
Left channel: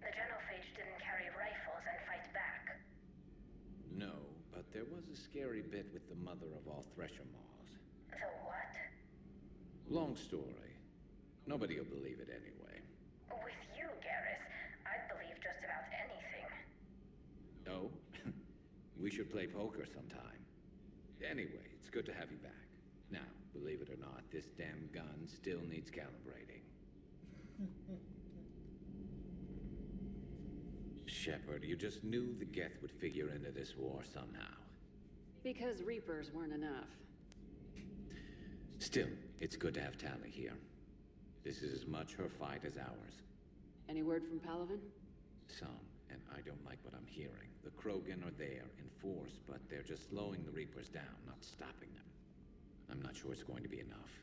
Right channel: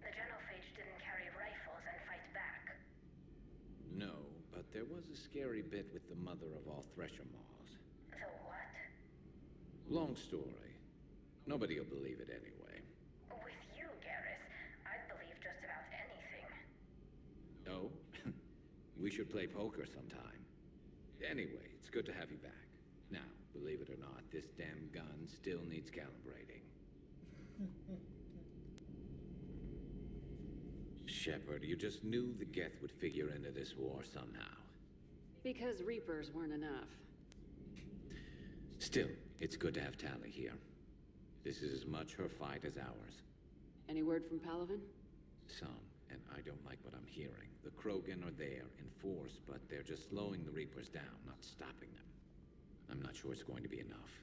The genophage didn't carry rifles and fight back. No, but there was a scary bit with the mother of all Thresher Maws. The what? Long story. Nobody will believe it anyway. With you, Garrus, I'd believe just about anything. Oh? We should play poker sometime. Anyway, it's good to have you back. Now, believe it or not, this damn gun still needs calibrating. Shepard, you just knew the Geth would figure into this war somehow. Because Reapers weren't enough. Still, it's good to have Tali here. This is as much her fight as ours. Any word from Palaven? Some, and I don't like what I'm hearing. The Krogan are there in force, but they're just slowing the Reapers down, not stopping them. I'm not sure it's going to be enough.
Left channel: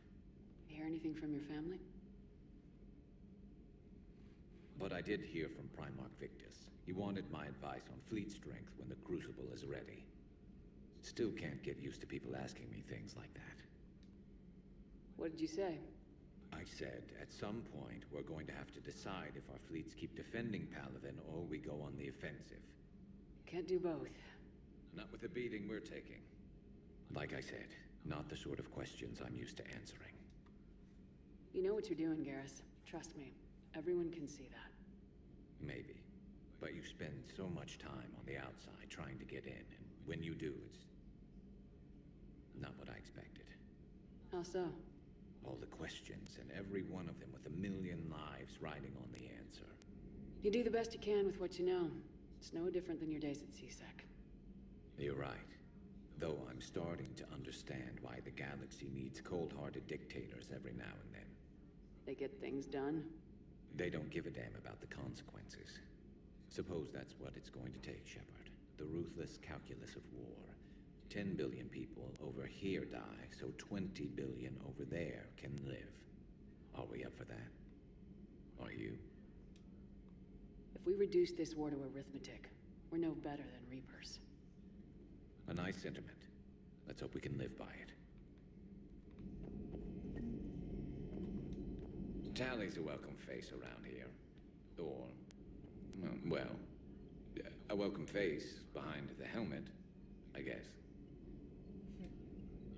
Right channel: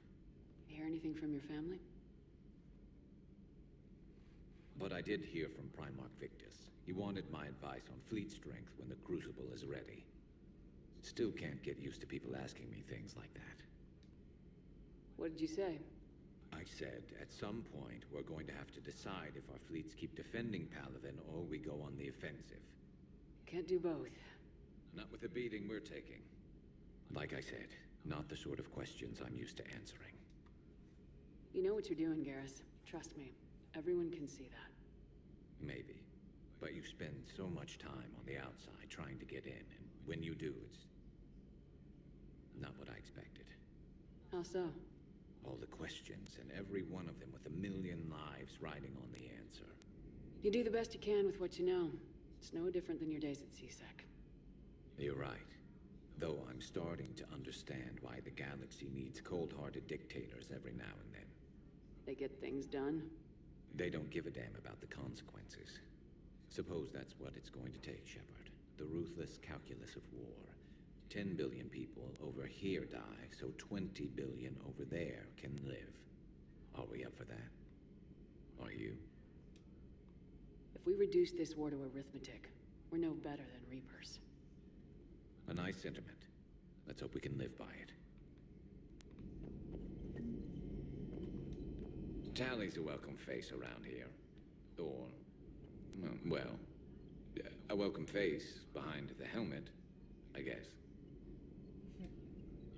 Hear anything from your family? But I did hear from Primarch Victus. He wanted my advice on fleet strength when the Crucible is ready. Still can't get used to people asking me things like that. What did you say? I said, at some point, we're going to have to decide if our fleets keep defending Palaven or we go on the offensive. Can't do both. Not with the beating we're taking. Like I said, not the sort of questions I'm used to answering. You know what you're doing, Garrus. Trust me. Everyone can see that. Maybe. But you spend so much time on the outside trying to get in, and when you do, it's not what I expected. How so? All the questions, and every one of them with a million lives riding on the answer. You do the best you can with what you know. It's no different than your days at CSEC. You're right. Though I'm starting to understand why the galaxy needs cold-hearted dictators every now and then. They get things done. They don't give a damn about the consequences. Suppose that's what it's going to take, Shepard. The ruthless calculus of war. 10 billion people over here die, so 20 billion over there can live. Are we up for that? Are you? If we reduce this war to arithmetic, we're no better than Reapers. A nice sentiment. Let's hope we can live by it. Tali's a welcome face around here. Or, well, a welcome face behind the helmet, I guess.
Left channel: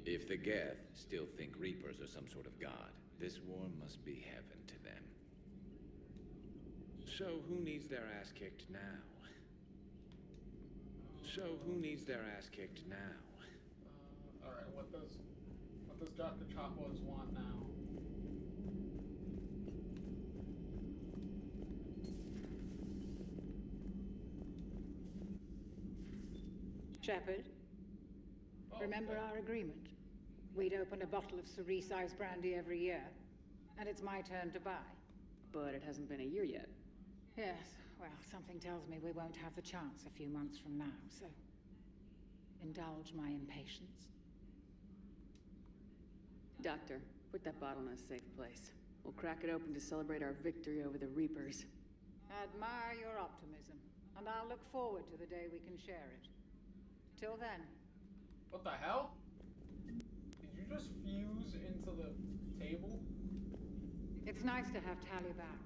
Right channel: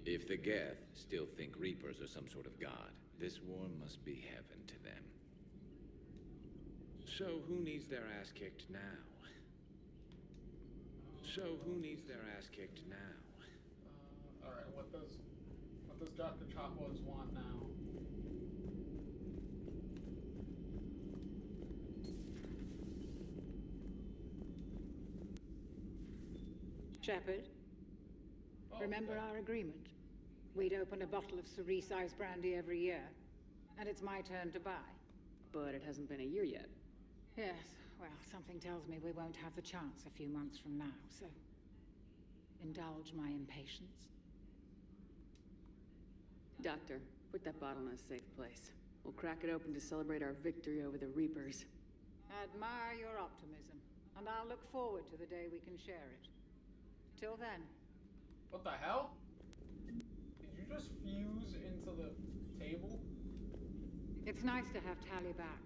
If the Geth still think Reapers are some sort of god, this war must be heaven to them. So who needs their ass kicked now? Alright, what does Dr. Chakwas want now? Shepard, remember our agreement? We'd open a bottle of cerise ice brandy every year, and it's my turn to buy. But it hasn't been a year yet. Yes, well, something tells me we won't have the chance a few months from now, so indulge my impatience. Doctor, put that bottle in a safe place. We'll crack it open to celebrate our victory over the Reapers. Admire your optimism, and I'll look forward to the day we can share it. Till then. What the hell? Did you just fuse into the table? It's nice to have Tali back.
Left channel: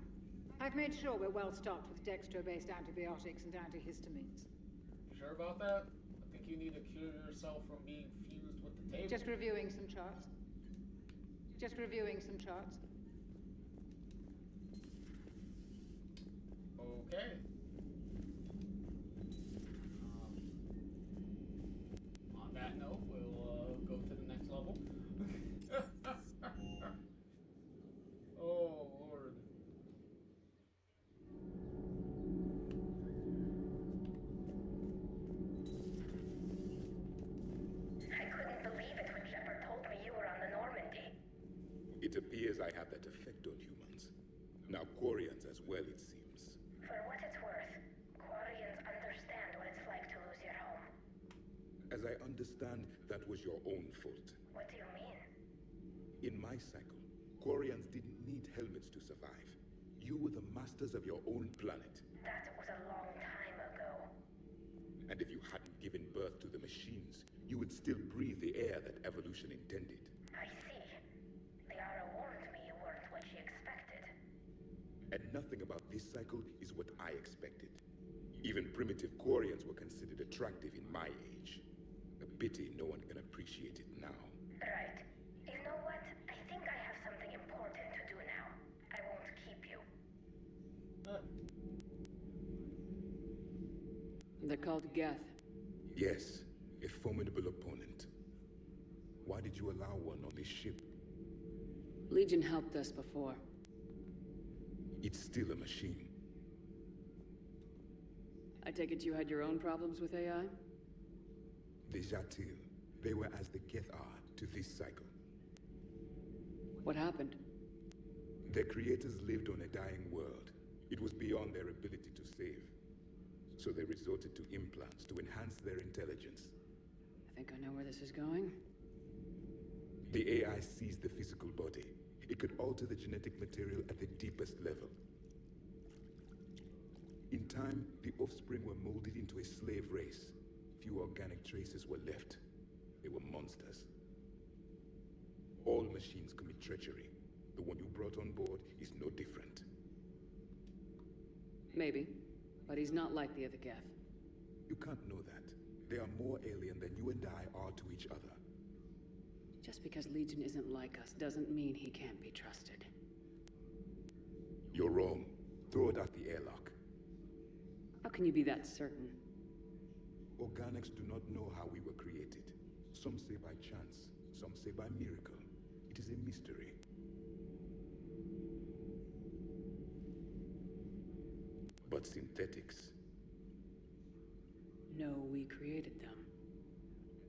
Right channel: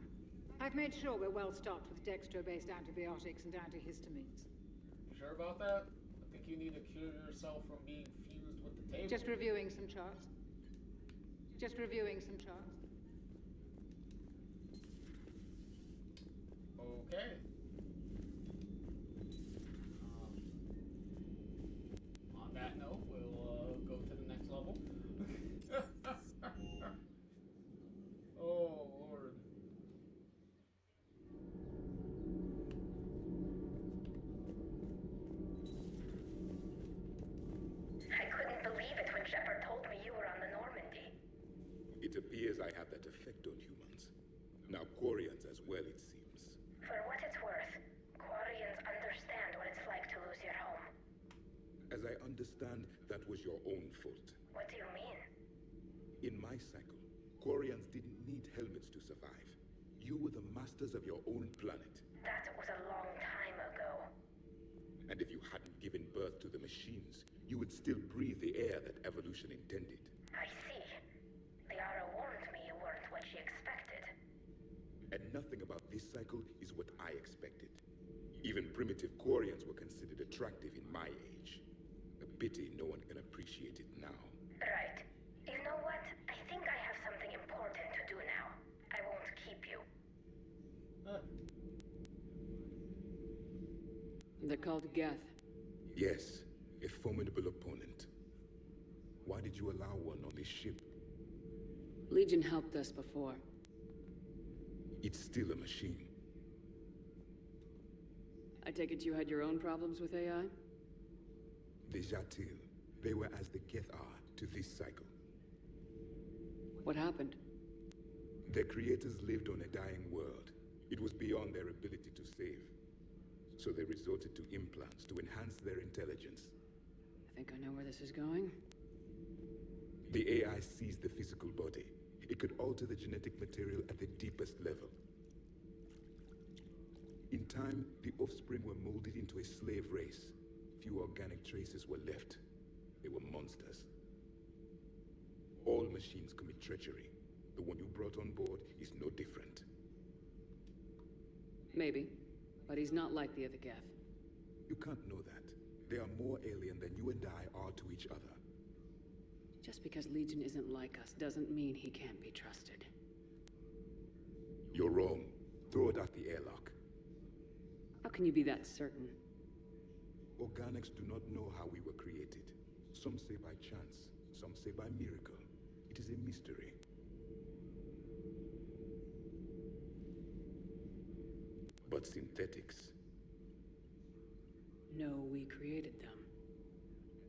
I've made sure we're well stocked with dextro-based antibiotics and antihistamines. You sure about that? I think you need to cure yourself from being fused with the table. Just reviewing some charts. Okay. On that note, we'll go to the next level. Oh, Lord. I couldn't believe it when Shepard told me you were on the Normandy. It appears I have that effect on humans. Now Quarians as well, it seems. For what it's worth, Quarians understand what it's like to lose your home. As I understand, that was your own fault. What do you mean? In my cycle, Quarians didn't need helmets to survive. You were the masters of your own planet. That was a long time ago. And if you hadn't given birth to the machines, you would still breathe the air that evolution intended. I see. Liara warned me you weren't what she expected. And nothing about this cycle is what I expected. Even primitive Quarians were considered attractive in my age. A pity no one can appreciate it now. Right. You know what? I think I have something important to do now. I won't keep you. They're called Geth. Yes, a formidable opponent. Why did you allow one on this ship? Legion helped us before. It's still a machine. I take it you had your own problems with AI? The Jatil, they were as the Geth are to this cycle. What happened? Their creators lived on a dying world. It was beyond their ability to save. So they resorted to implants to enhance their intelligence. I think I know where this is going. The AI seized the physical body. It could alter the genetic material at the deepest level. In time, the offspring were molded into a slave race. Few organic traces were left. They were monsters. All machines commit treachery. The one you brought on board is no different. Maybe, but he's not like the other Geth. You can't know that. They are more alien than you and I are to each other. Just because Legion isn't like us doesn't mean he can't be trusted. You're wrong. Throw it out the airlock. How can you be that certain? Organics do not know how we were created. Some say by chance, some say by miracle. It is a mystery. But synthetics. No, we created them.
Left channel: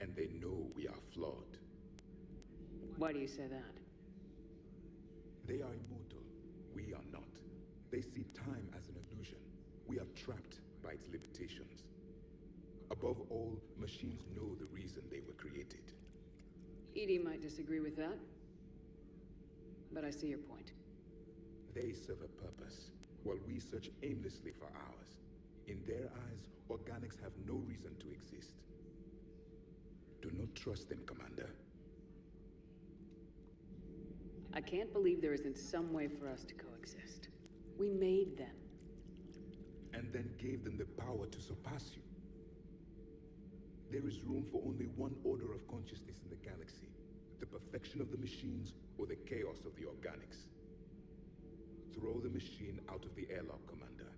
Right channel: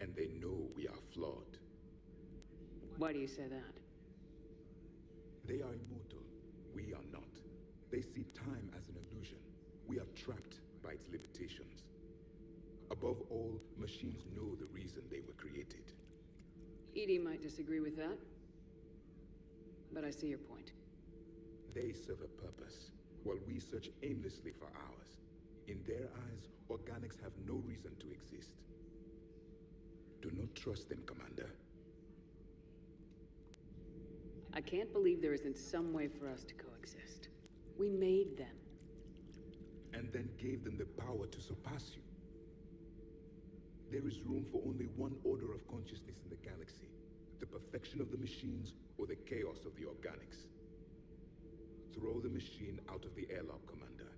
And they know we are flawed. Why do you say that? They are immortal. We are not. They see time as an illusion. We are trapped by its limitations. Above all, machines know the reason they were created. EDI might disagree with that, but I see your point. They serve a purpose, while we search aimlessly for ours. In their eyes, organics have no reason to exist. Do not trust them, Commander. I can't believe there isn't some way for us to coexist. We made them. And then gave them the power to surpass you. There is room for only one order of consciousness in the galaxy. The perfection of the machines or the chaos of the organics. Throw the machine out of the airlock, Commander.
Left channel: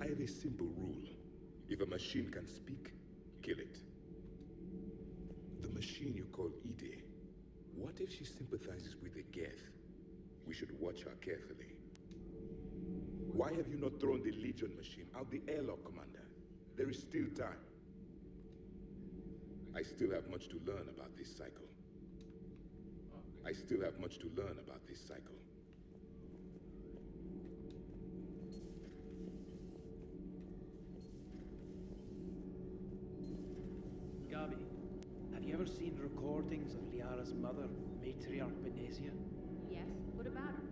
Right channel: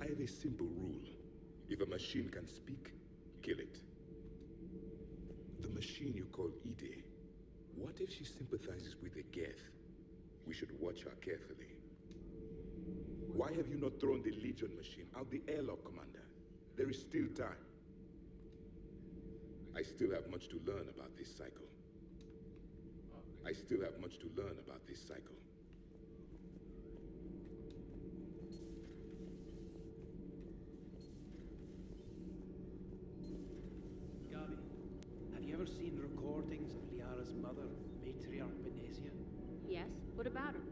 I have a simple rule. If a machine can speak, kill it. The machine you call EDI, what if she sympathizes with the Geth? We should watch her carefully. Why have you not thrown the Legion machine out the airlock, Commander? There is still time. I still have much to learn about this cycle. I still have much to learn about this cycle. Gabi, have you ever seen recordings of Liara's mother, Matriarch Benesia? Yes? What about her?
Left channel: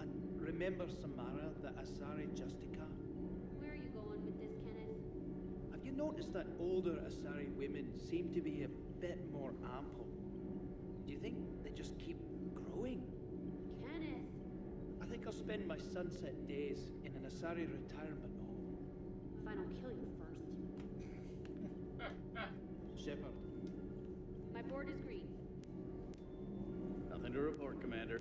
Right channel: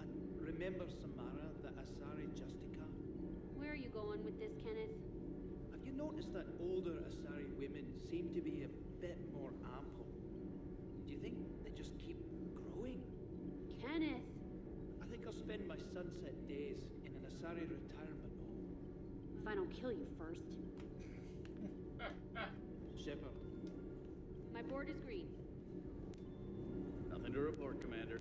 And remember Samara, the Asari Justica? Where are you going with this, Kenneth? Have you noticed that older Asari women seem to be a bit more ample? Do you think they just keep growing? Kenneth! I think I'll spend my sunset days in an Asari retirement home. If I don't kill you first. Shepard. My board is green. Nothing to report, Commander.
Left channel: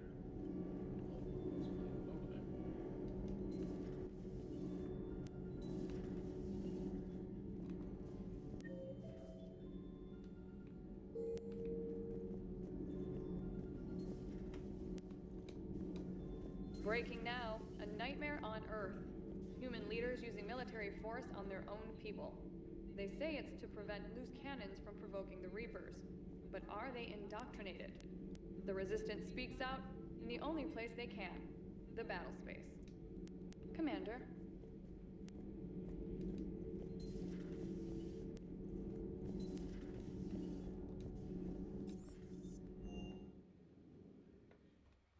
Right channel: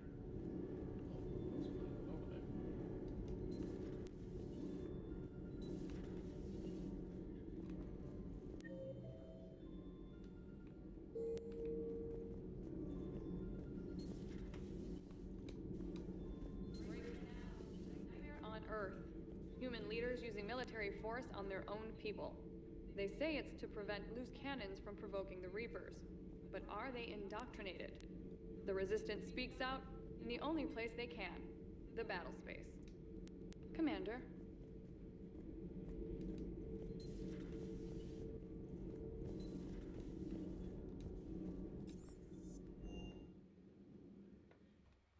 Breaking now, a nightmare on Earth. Human leaders using military force on their own people. They say it's to prevent loose cannons from provoking the Reapers. But are they indoctrinated? The Resistance speaks out in the only place they can, the battle space. Commander.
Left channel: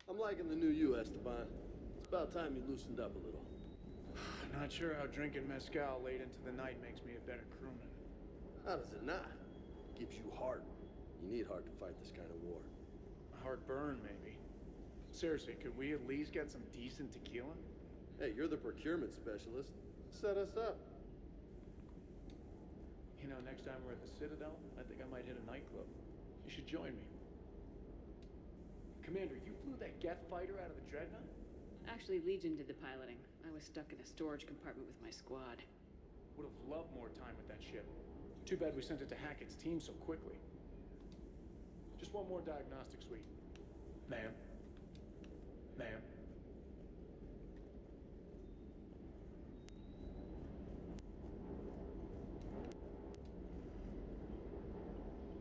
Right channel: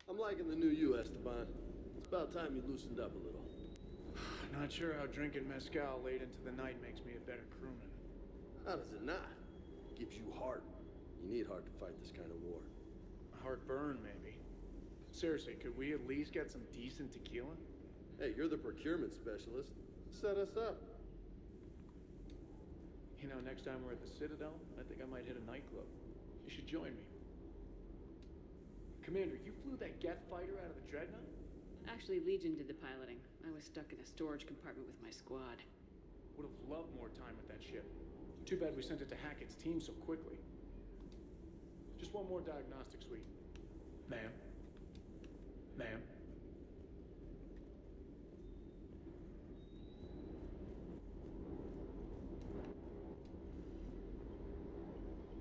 I'm liking the new you, Esteban. It's about time you loosened up a little. Not sure how drinking mezcal late into the night makes me a better crewman. How does it not? Gives you heart. You need heart to fight this kind of war. Heartburn, maybe. Seriously, could we at least get some decent tequila? Hey, you're the procurement specialist. Set us up. You know, next time we're at the Citadel, I think I might hit a nightclub. You should join me. Commander, you flew that Geth fighter out of the Dreadnought? Actually, Legion did the piloting. I was stuck in a storage compartment with my squad. Would have loved more time with that ship. Too bad we sent it to Hackett's team so quickly. Just one more diagnostic suite. Ma'am? Ma'am?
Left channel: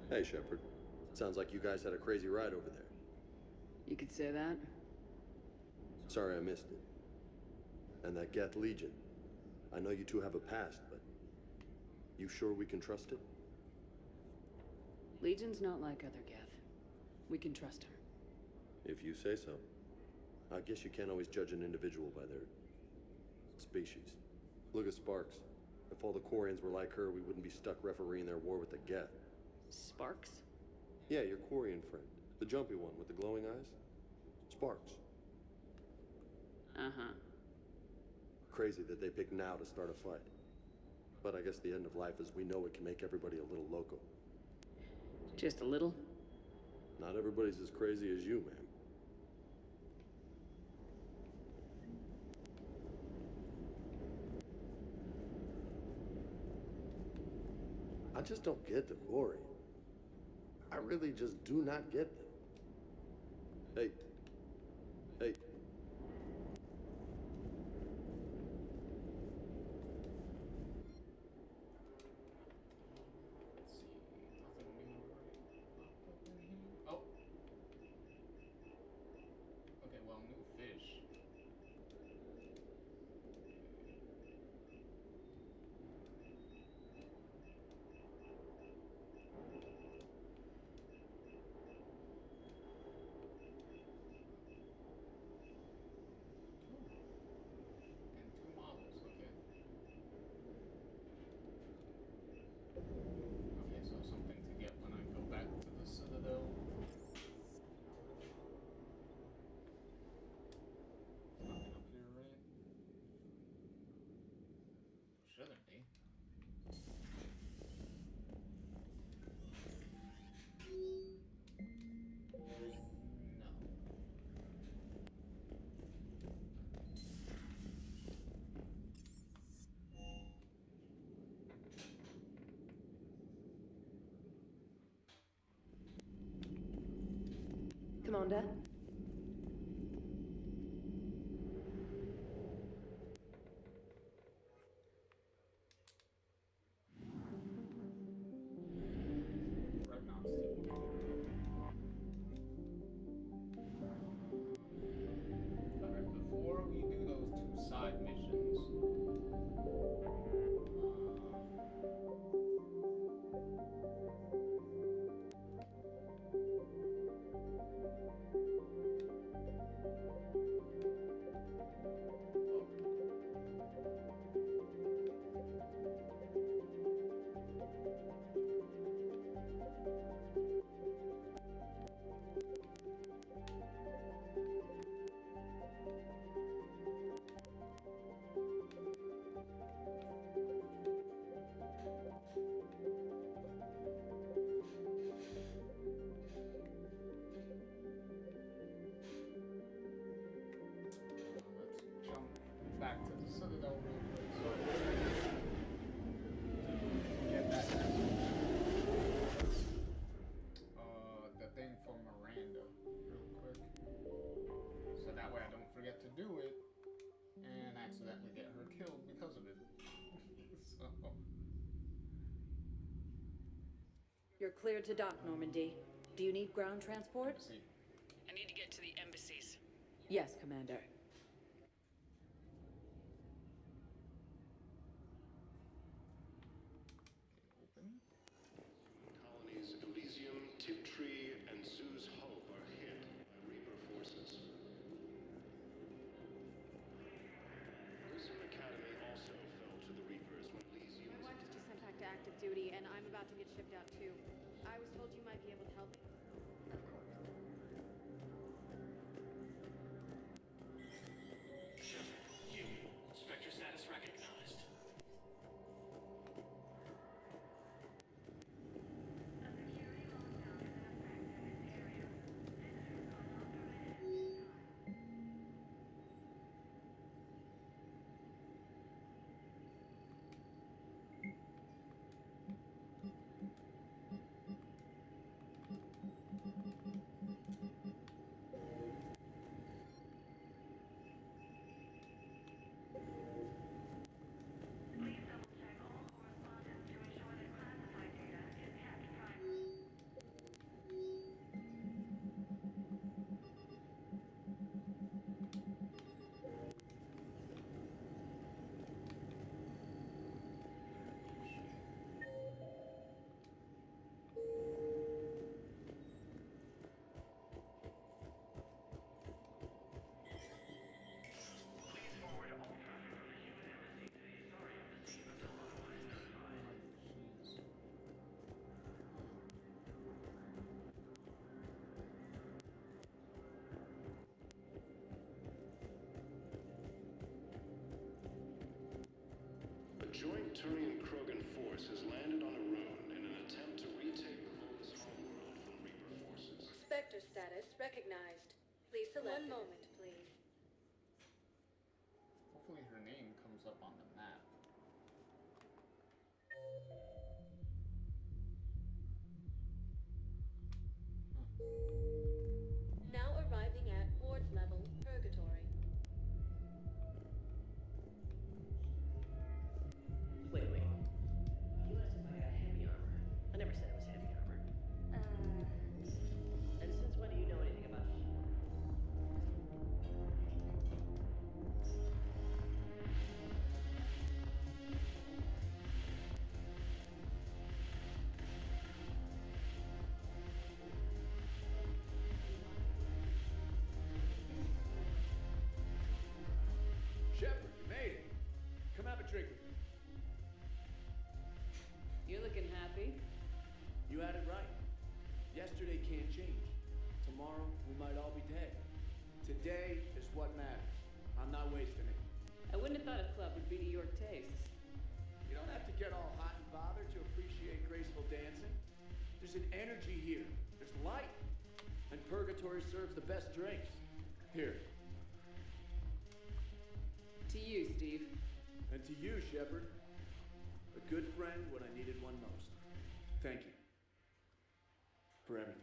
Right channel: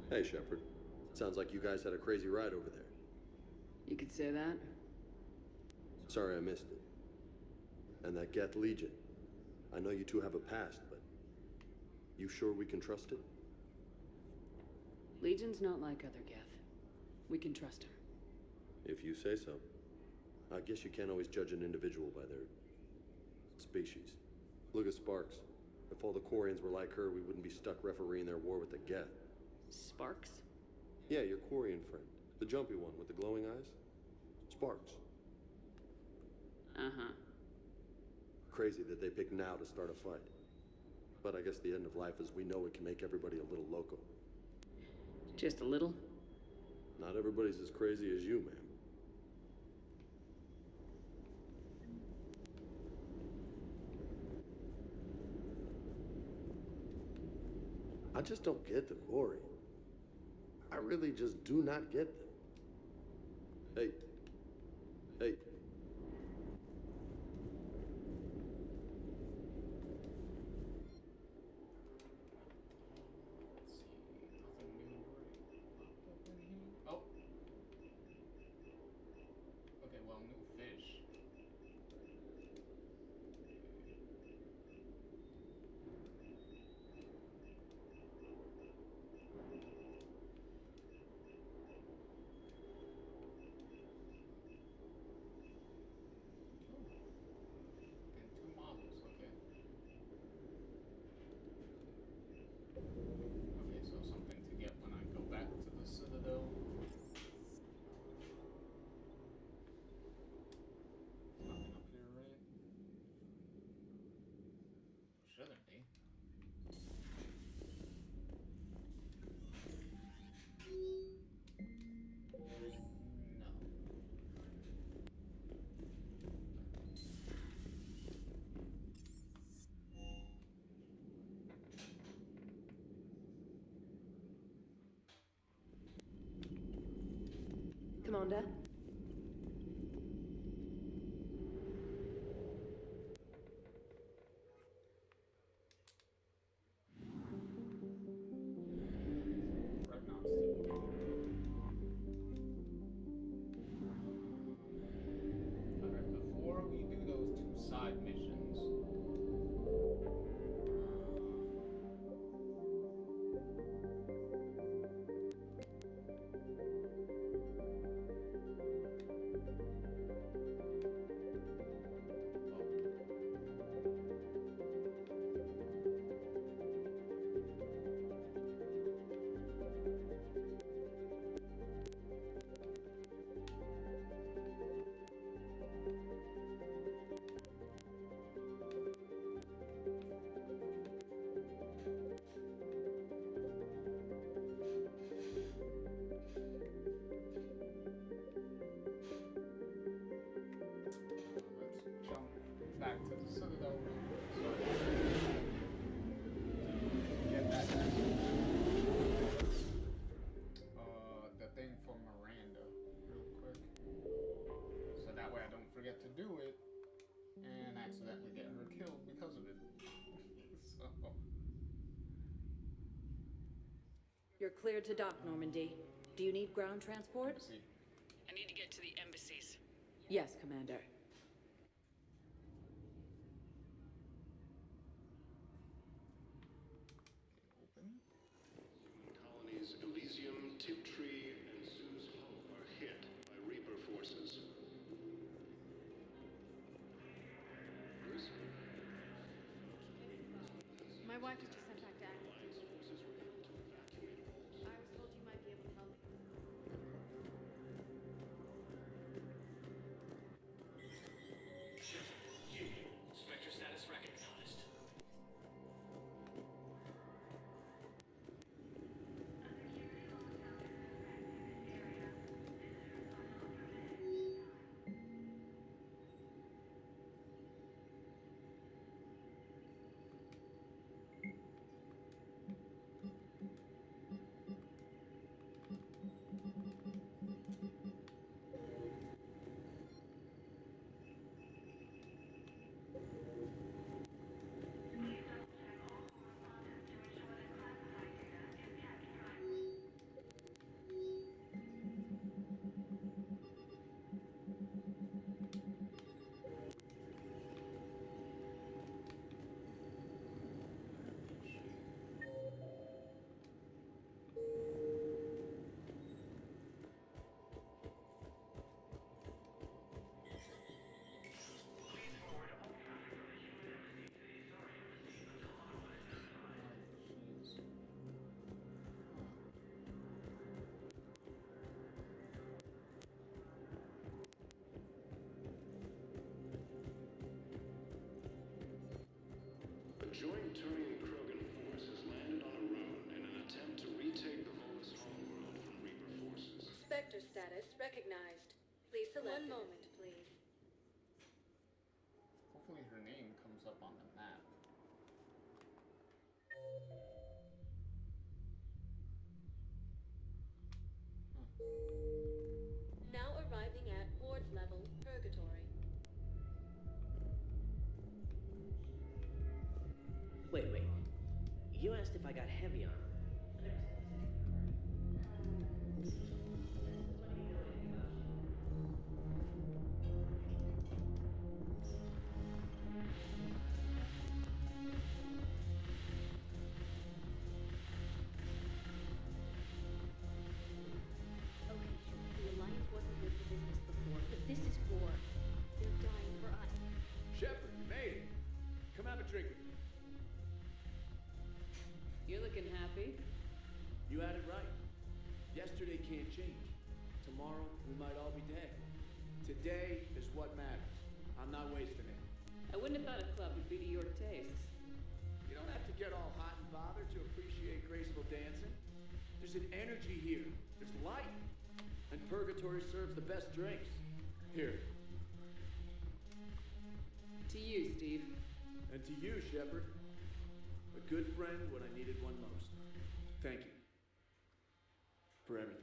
Hey, Shepard. Sounds like you guys had a crazy ride over there. You could say that. Sorry I missed it. And that Geth Legion. I know you two have a past, but you sure we can trust it? Legion's not like other Geth. We can trust him. If you say so. I guess you can't always judge an individual by their species. Look at Sparks. If all the Quarians were like her, we wouldn't be stuck refereeing their war with the Geth. Sparks? Yeah, your Quarian friend. The jumpy one with the glowing eyes. Sparks. Uh-huh. Crazy that they pick now to start a fight. But I guess the end of life as we know it can make everybody a little loco. Just a little? Not everybody's as crazy as you, ma'am. I just don't get the Quarian. I really just do not get them. Hey. Hey. Oh. Okay, well, new fish. And two models, okay. Okay, so something to get when I go back to the Citadel. Nothing up here, right? Shouldn't be. No. Commander? Alright, before we do those two side missions, let's jump back to the Citadel real quick so I can get that message. The thing for Miranda real quick. So that way I don't forget to do it and accidentally get her killed because of it. So, You're cleared to dock, Normandy. Do you need ground transport? see. I need to get to the embassies. Yes, Commander. Colonies Elysium, Tiptree, and Zoo's Hull are hit by Reaper forces. Grissom Academy also fell to the Reapers when Elysium... My wife was just sent back to active duty, and I'm about to get shipped out too. I was told you might be able to help. Of course. joint Turian-Krogan force has landed on Arun in an attempt to retake the Volus homeworld from Reaper forces. Spectre status recognized. Please select. One moment, please. Hopefully her name comes up on the map. Now arriving at ward level purgatory. Wait. You asked if I got heavy armor. I never said it was heavy armor. And since when do you know anything about shit? If this is war, they're dying for us. Shepard, you made it. Come have a drink with me. You're looking happy. You had it right. Yesterday can't change. Tomorrow, we might all be dead. Today is what matters. I'm not wasting it. I wouldn't have thought a club would be to your tastes. You don't have to get all hot and bothered to appreciate graceful dancing. There's an energy here. There's light. And Purgatory serves the best drinks. Here. To you, Steve. And to you, Shepard. A good friend when I needed one most. Thank you. For everything.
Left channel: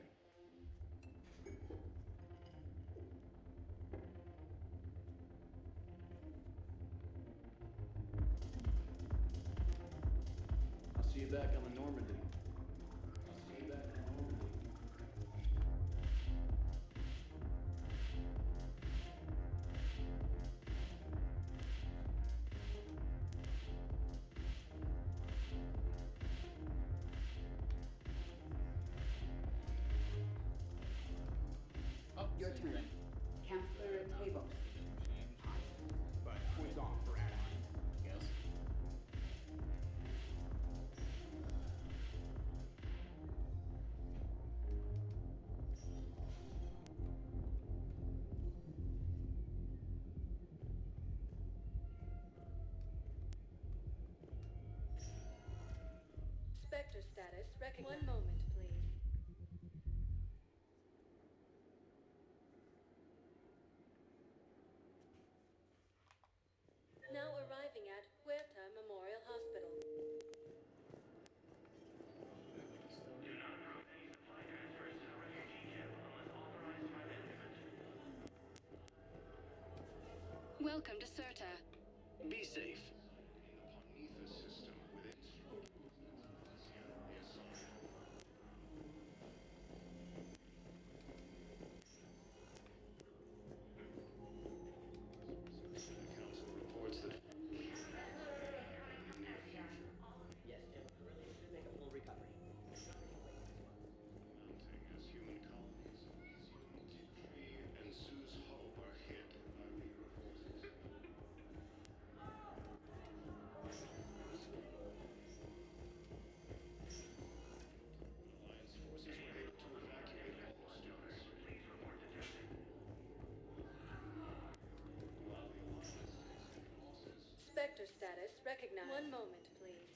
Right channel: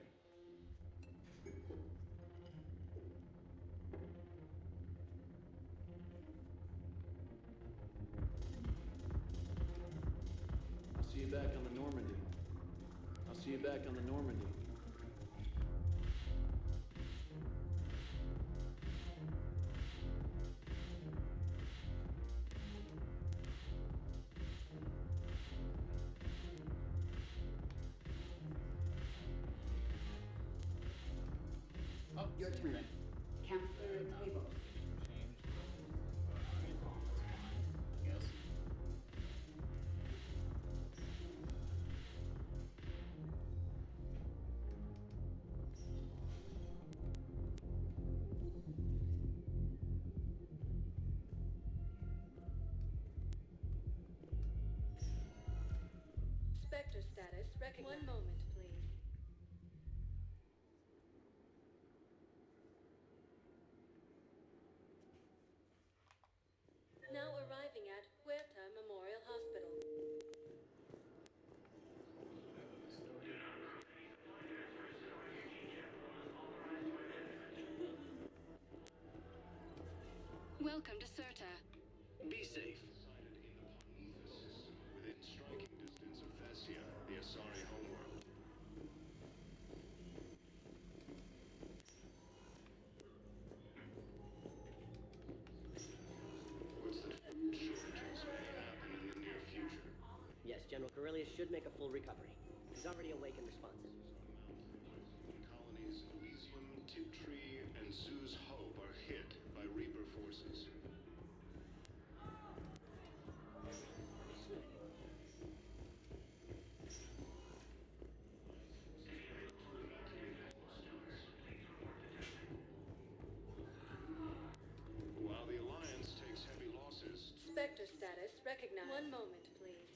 I'll see you back on the Normandy. I'll see you back on the Normandy. Your turn. Counselor Tavos. But it's on for fine, I guess. Spectre status recognized. One moment, please. Now arriving at Huerta Memorial Hospital. Welcome to Serta. Be safe. The system within striking distance of Thessia, the Asari homeworld. Reports that should happen in the near future. Yes, General Corellius should make a full recovery. He's already awake and responsive. As human colonies Elysium, Tiptree, and Zoo's Hope are hit by Reaper forces. While the Alliance takes heavy losses, Spectre status recognized. One moment, please.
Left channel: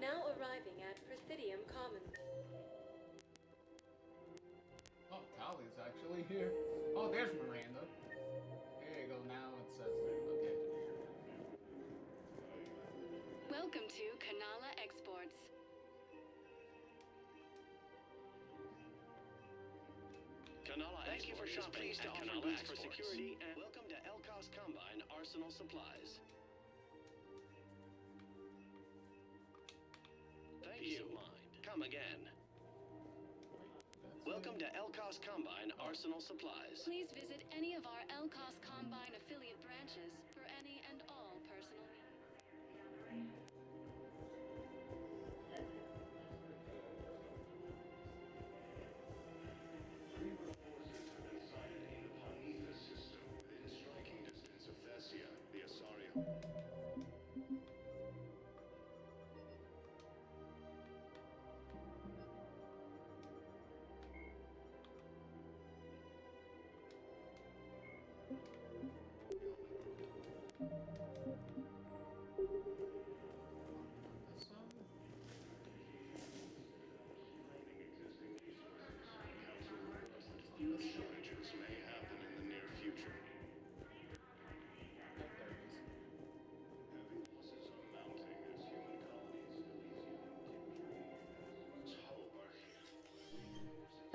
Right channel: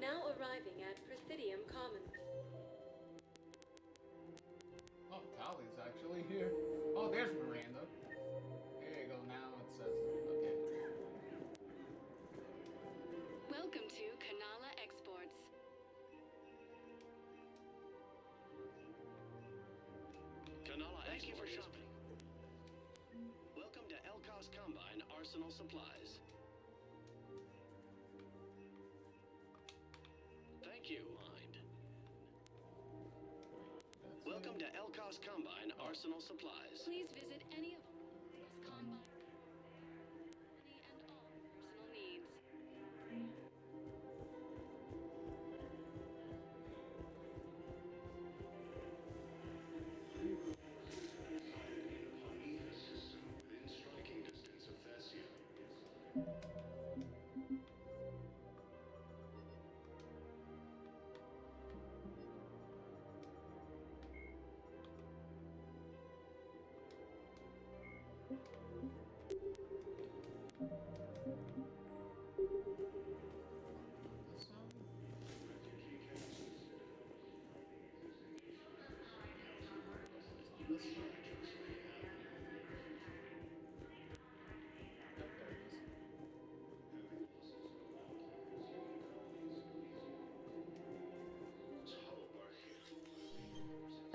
Now arriving at Presidium Commons. Oh, Tali's actually here. Oh, there's Miranda. There you go, now it says it. Okay. Welcome to Kanala Exports. Kanala Thank you for Export is shopping pleased to at offer Kanala goods for Exports. security. Welcome to Elkos Combine Arsenal Supplies. Thank you. Come again. Welcome to Elkos Combine Arsenal Supplies. Please visit any of our Elkos Combine affiliate branches for any and all personal needs. the system within striking distance of Thessia, the Asari.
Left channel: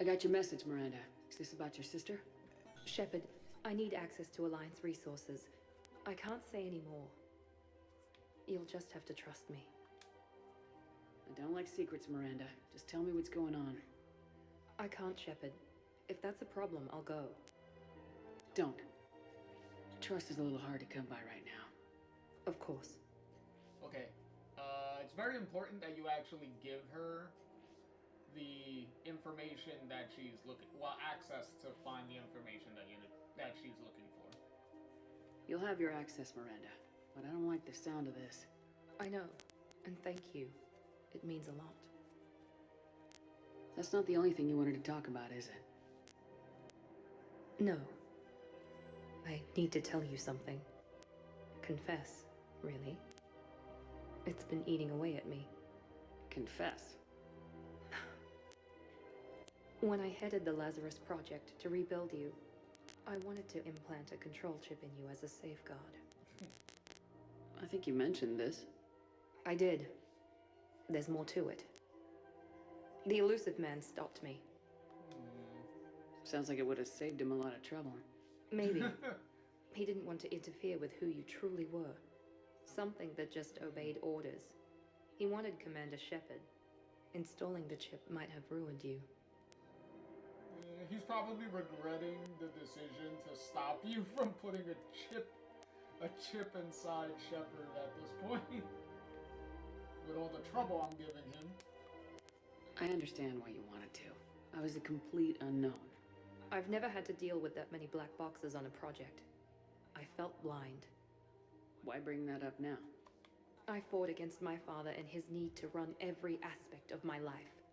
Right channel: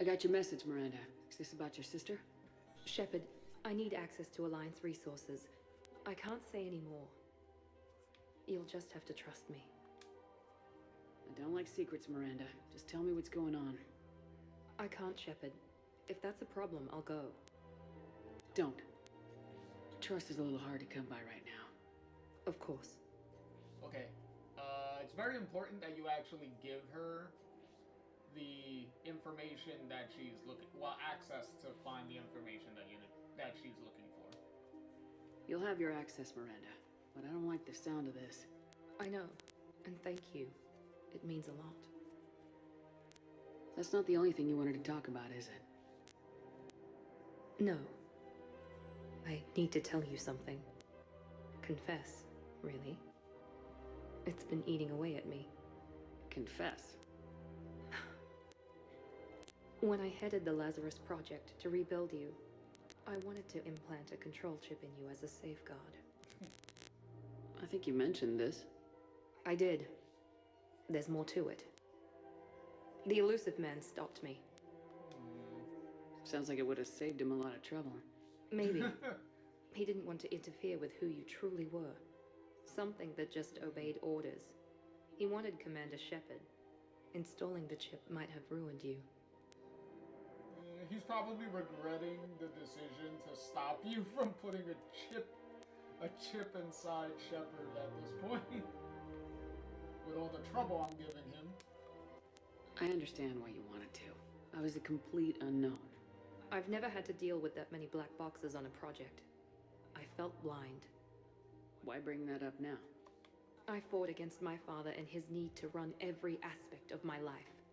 I got your message, Miranda. Is this about your sister? Shepard, I need access to Alliance resources. I can't say any more. You'll just have to trust me. I don't like secrets, Miranda. Just tell me what's going on. I can't, Shepard. If that's a problem, I'll go. Don't. Trust is a little hard to come by right now. Of course. Okay. It's very important that you actually give her the information that she's looking, well, access to find the information that she's looking for. You'll have your access, Miranda, but I don't like the sound of this. I know, and thank you. It means a lot. That's not the only thing you wanted to talk about, is it? No. I need to tell you something. Confess, really. It's been eating away at me. Confess? When I headed the Lazarus Project to rebuild you, I wanted to implant a control chip in you as a safeguard. I think you mentioned this. I did. There's more to it. The Illusive Man stopped me. Sounds like it would have saved him a lot of trouble. Maybe. He didn't want to interfere with who you truly were. Something that just obeyed orders. He wanted Commander Shepard. Installing the chip might have ruined you. He's probably regretting the decision to stop you from putting a chip inside Shepard at this point. With all the trouble I'm giving him. I understand why you wanted to. I was a complete unknown. I've never had to deal with that many black boxes on a project. I felt blind. Why bring that up now? I fought against my father and his need to run every aspect of my life.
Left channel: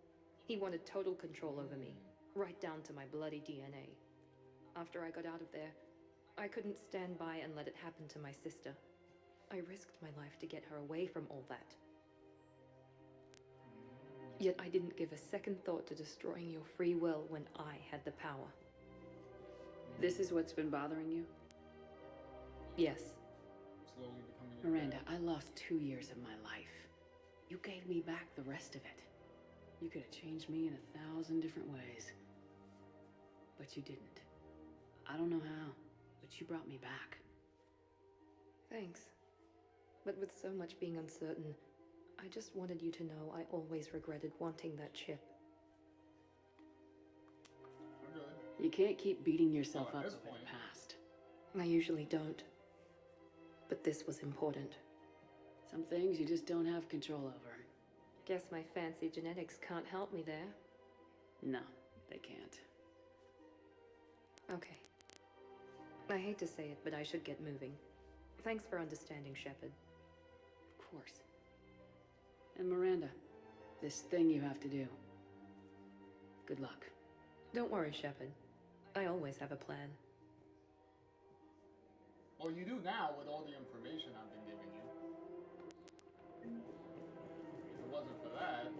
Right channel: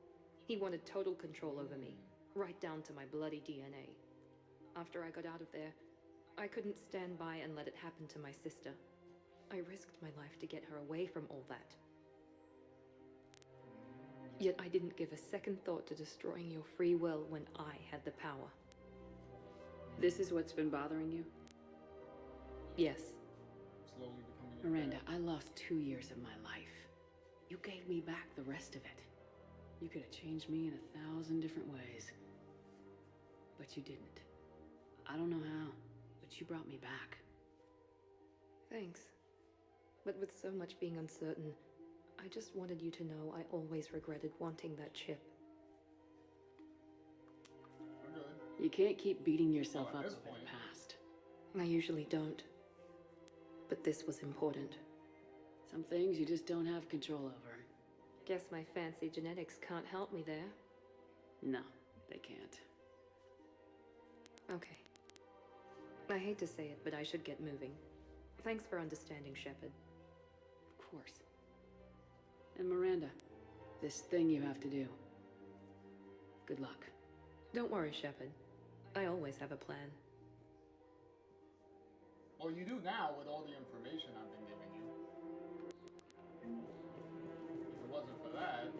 He wanted total control over me, right down to my bloody DNA. After I got out of there, I couldn't stand by and let it happen to my sister. I risked my life to get her away from all that. Yet I didn't give a second thought to destroying your free will when I had the power. This is what's been bothering you? Yes. Slowly becoming Miranda, I lost 2 years of my life. You gave me back the rest of it. You could have changed me in 1,000 different ways. But you didn't. I don't know how, but you brought me back. Thanks. But with so much being uncertain, I just wanted you to know I always regretted wanting that chip. We're good. You can't keep beating yourself up over this the point. past. I usually don't. But this was important. Some things you just don't have control over. Guess my fancy genetics can't help me there. No, they can't. Okay. I hate to say it, but I should get moving. Thanks for understanding, Shepard. Of course. And Miranda, this thing you have to do. Good luck. Don't worry, Shepard. I always have a plan. Well, you do now with all the information I've been giving you. If it wasn't for that,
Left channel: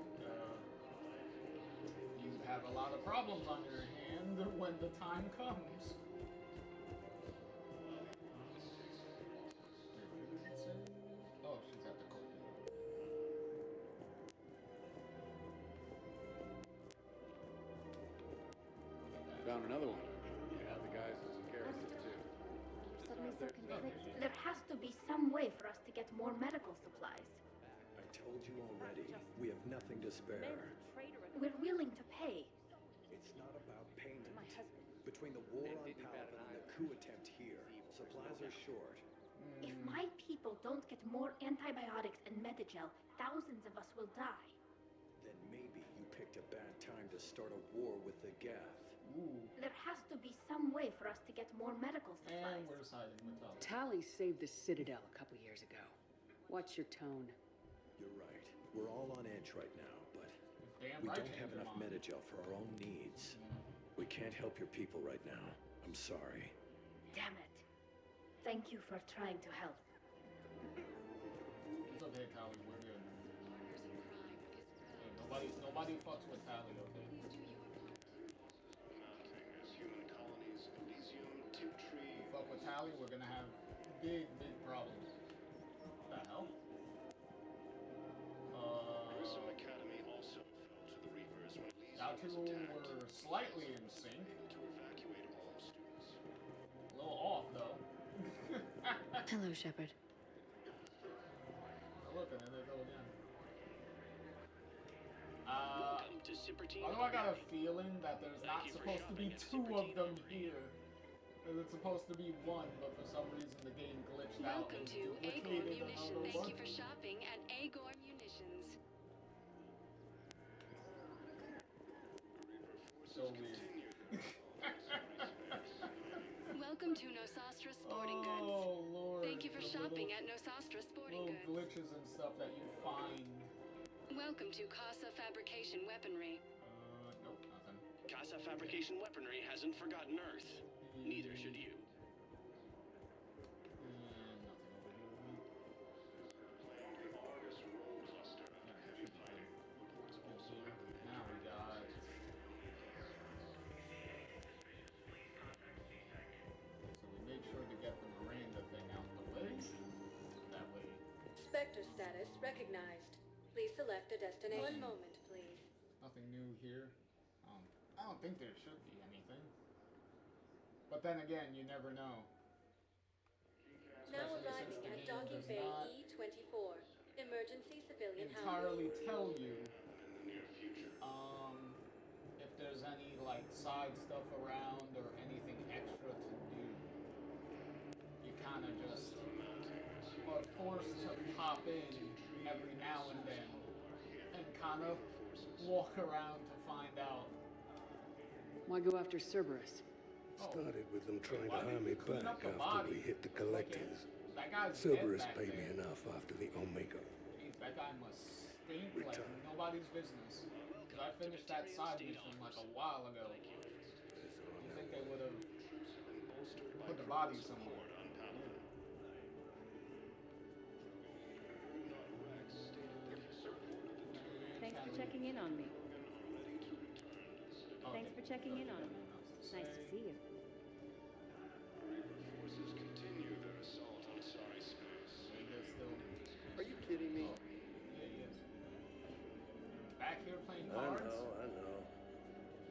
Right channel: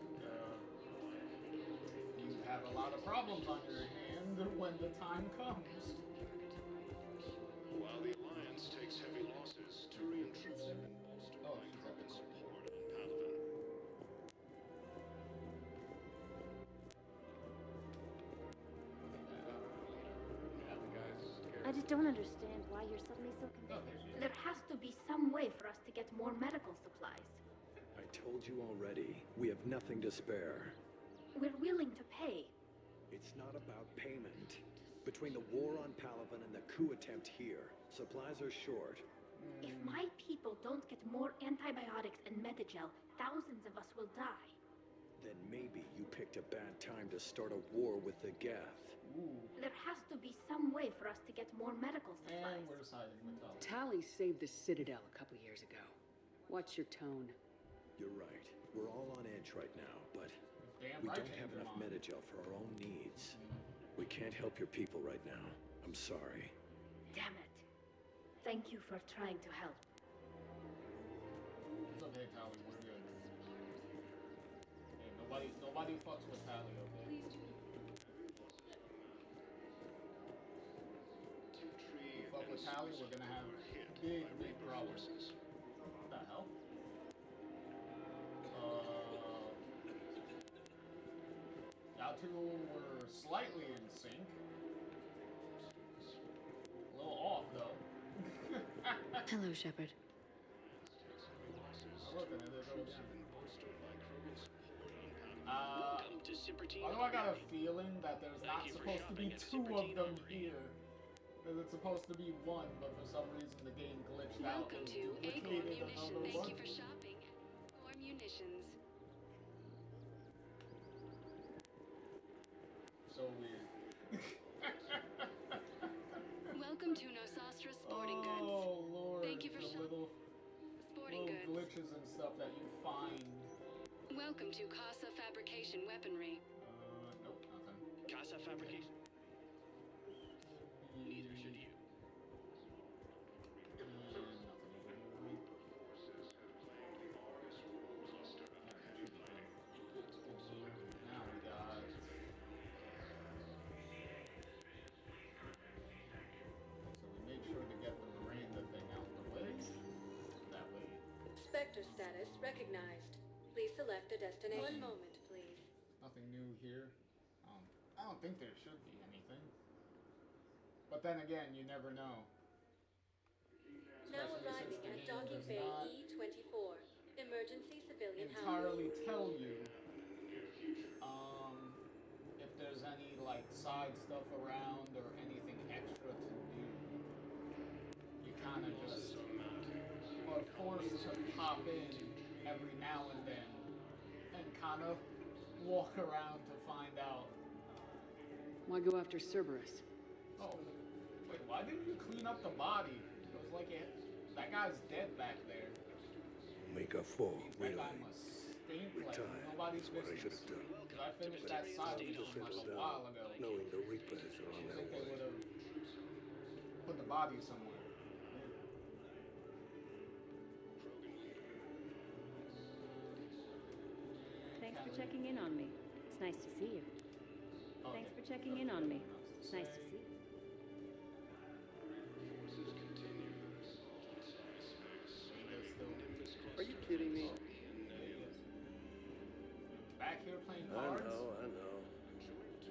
you'd have a lot of problems on your hand when the time comes. While the Alliance takes heavy losses to Oh, she's at the court. Found another one. Yeah, the guy's I just don't understand why you're suddenly so convinced. There has to be some way for us to get more medical supplies. I told you already, we have nothing to spare. We're willing to pay. It's not about payment. Between the war on Palaven and the coup attempt here, supplies are short. If my people don't get more antibiotics and Medigel, thousands of us will die. Then maybe you picked a bad time to start a war with the Geth. There has to be some way for us to get more medical supplies. And we're siding with Tali. Tali saved the Citadel a couple years ago. Watch your tone. You're right. We're all on edge right now, but Damn we right don't have change your enough mind. Medigel for our own needs. We can't help your people right now. I'm sorry. Damn it. Thank you for trying to help. It's okay, Tali. We're good. Hey, nobody fucks with Tali, okay? Fuck with Tali, we're gonna have big problems. What the hell? Y'all two were slightly in sync. A little off, though. Hello, Shepard. Oh, look, and there they go again. Although I got a feeling that there's not supposed to be two of them here. That it's supposed to be one, but for some reason the game glitched out. Welcome to Agor Munitions. Thank you for shopping at Agor Munitions. So weird. Welcome to Nosastra Sporting Goods. Oh, Lord. Thank you for shopping at Nosastra Sporting Goods. Glitches and stuff that you find. Welcome to Casa Fabrication Weaponry. Nope, nothing. Casa Fabrication Weaponry hasn't forgotten Earth. Neither should you. Now we got... So we made sure to get the Miranda thing out the way. That way. Spectre status recognized. Please select a destination. One moment, please. Nothing new here. I don't think there should be anything. But then again, you never know. Now Especially arriving since the at game Docking does Bay not E-24. Emergency civilian entirely tell you if there's any like side stuff around or anything extra to do. You kind of just are forced to pop in every now and then and kind of walk around to find out. Why go after Cerberus? Started with them trying why to did harm we me clean back up the after body? we hit the It's like collectors. that guy's dead Cerberus back paid there. me enough after the Omega 4. That guy must stink like nobody's business. Because I finished that side mission like a while ago. No, the Reapers are on I their think they way. would have put the body somewhere. Thanks for checking in on me. It's nice to see you. Thanks for checking in on me. It's nice to see you. Forces continue their assault on Asari space. Are you kidding me? Back here playing I cards? know.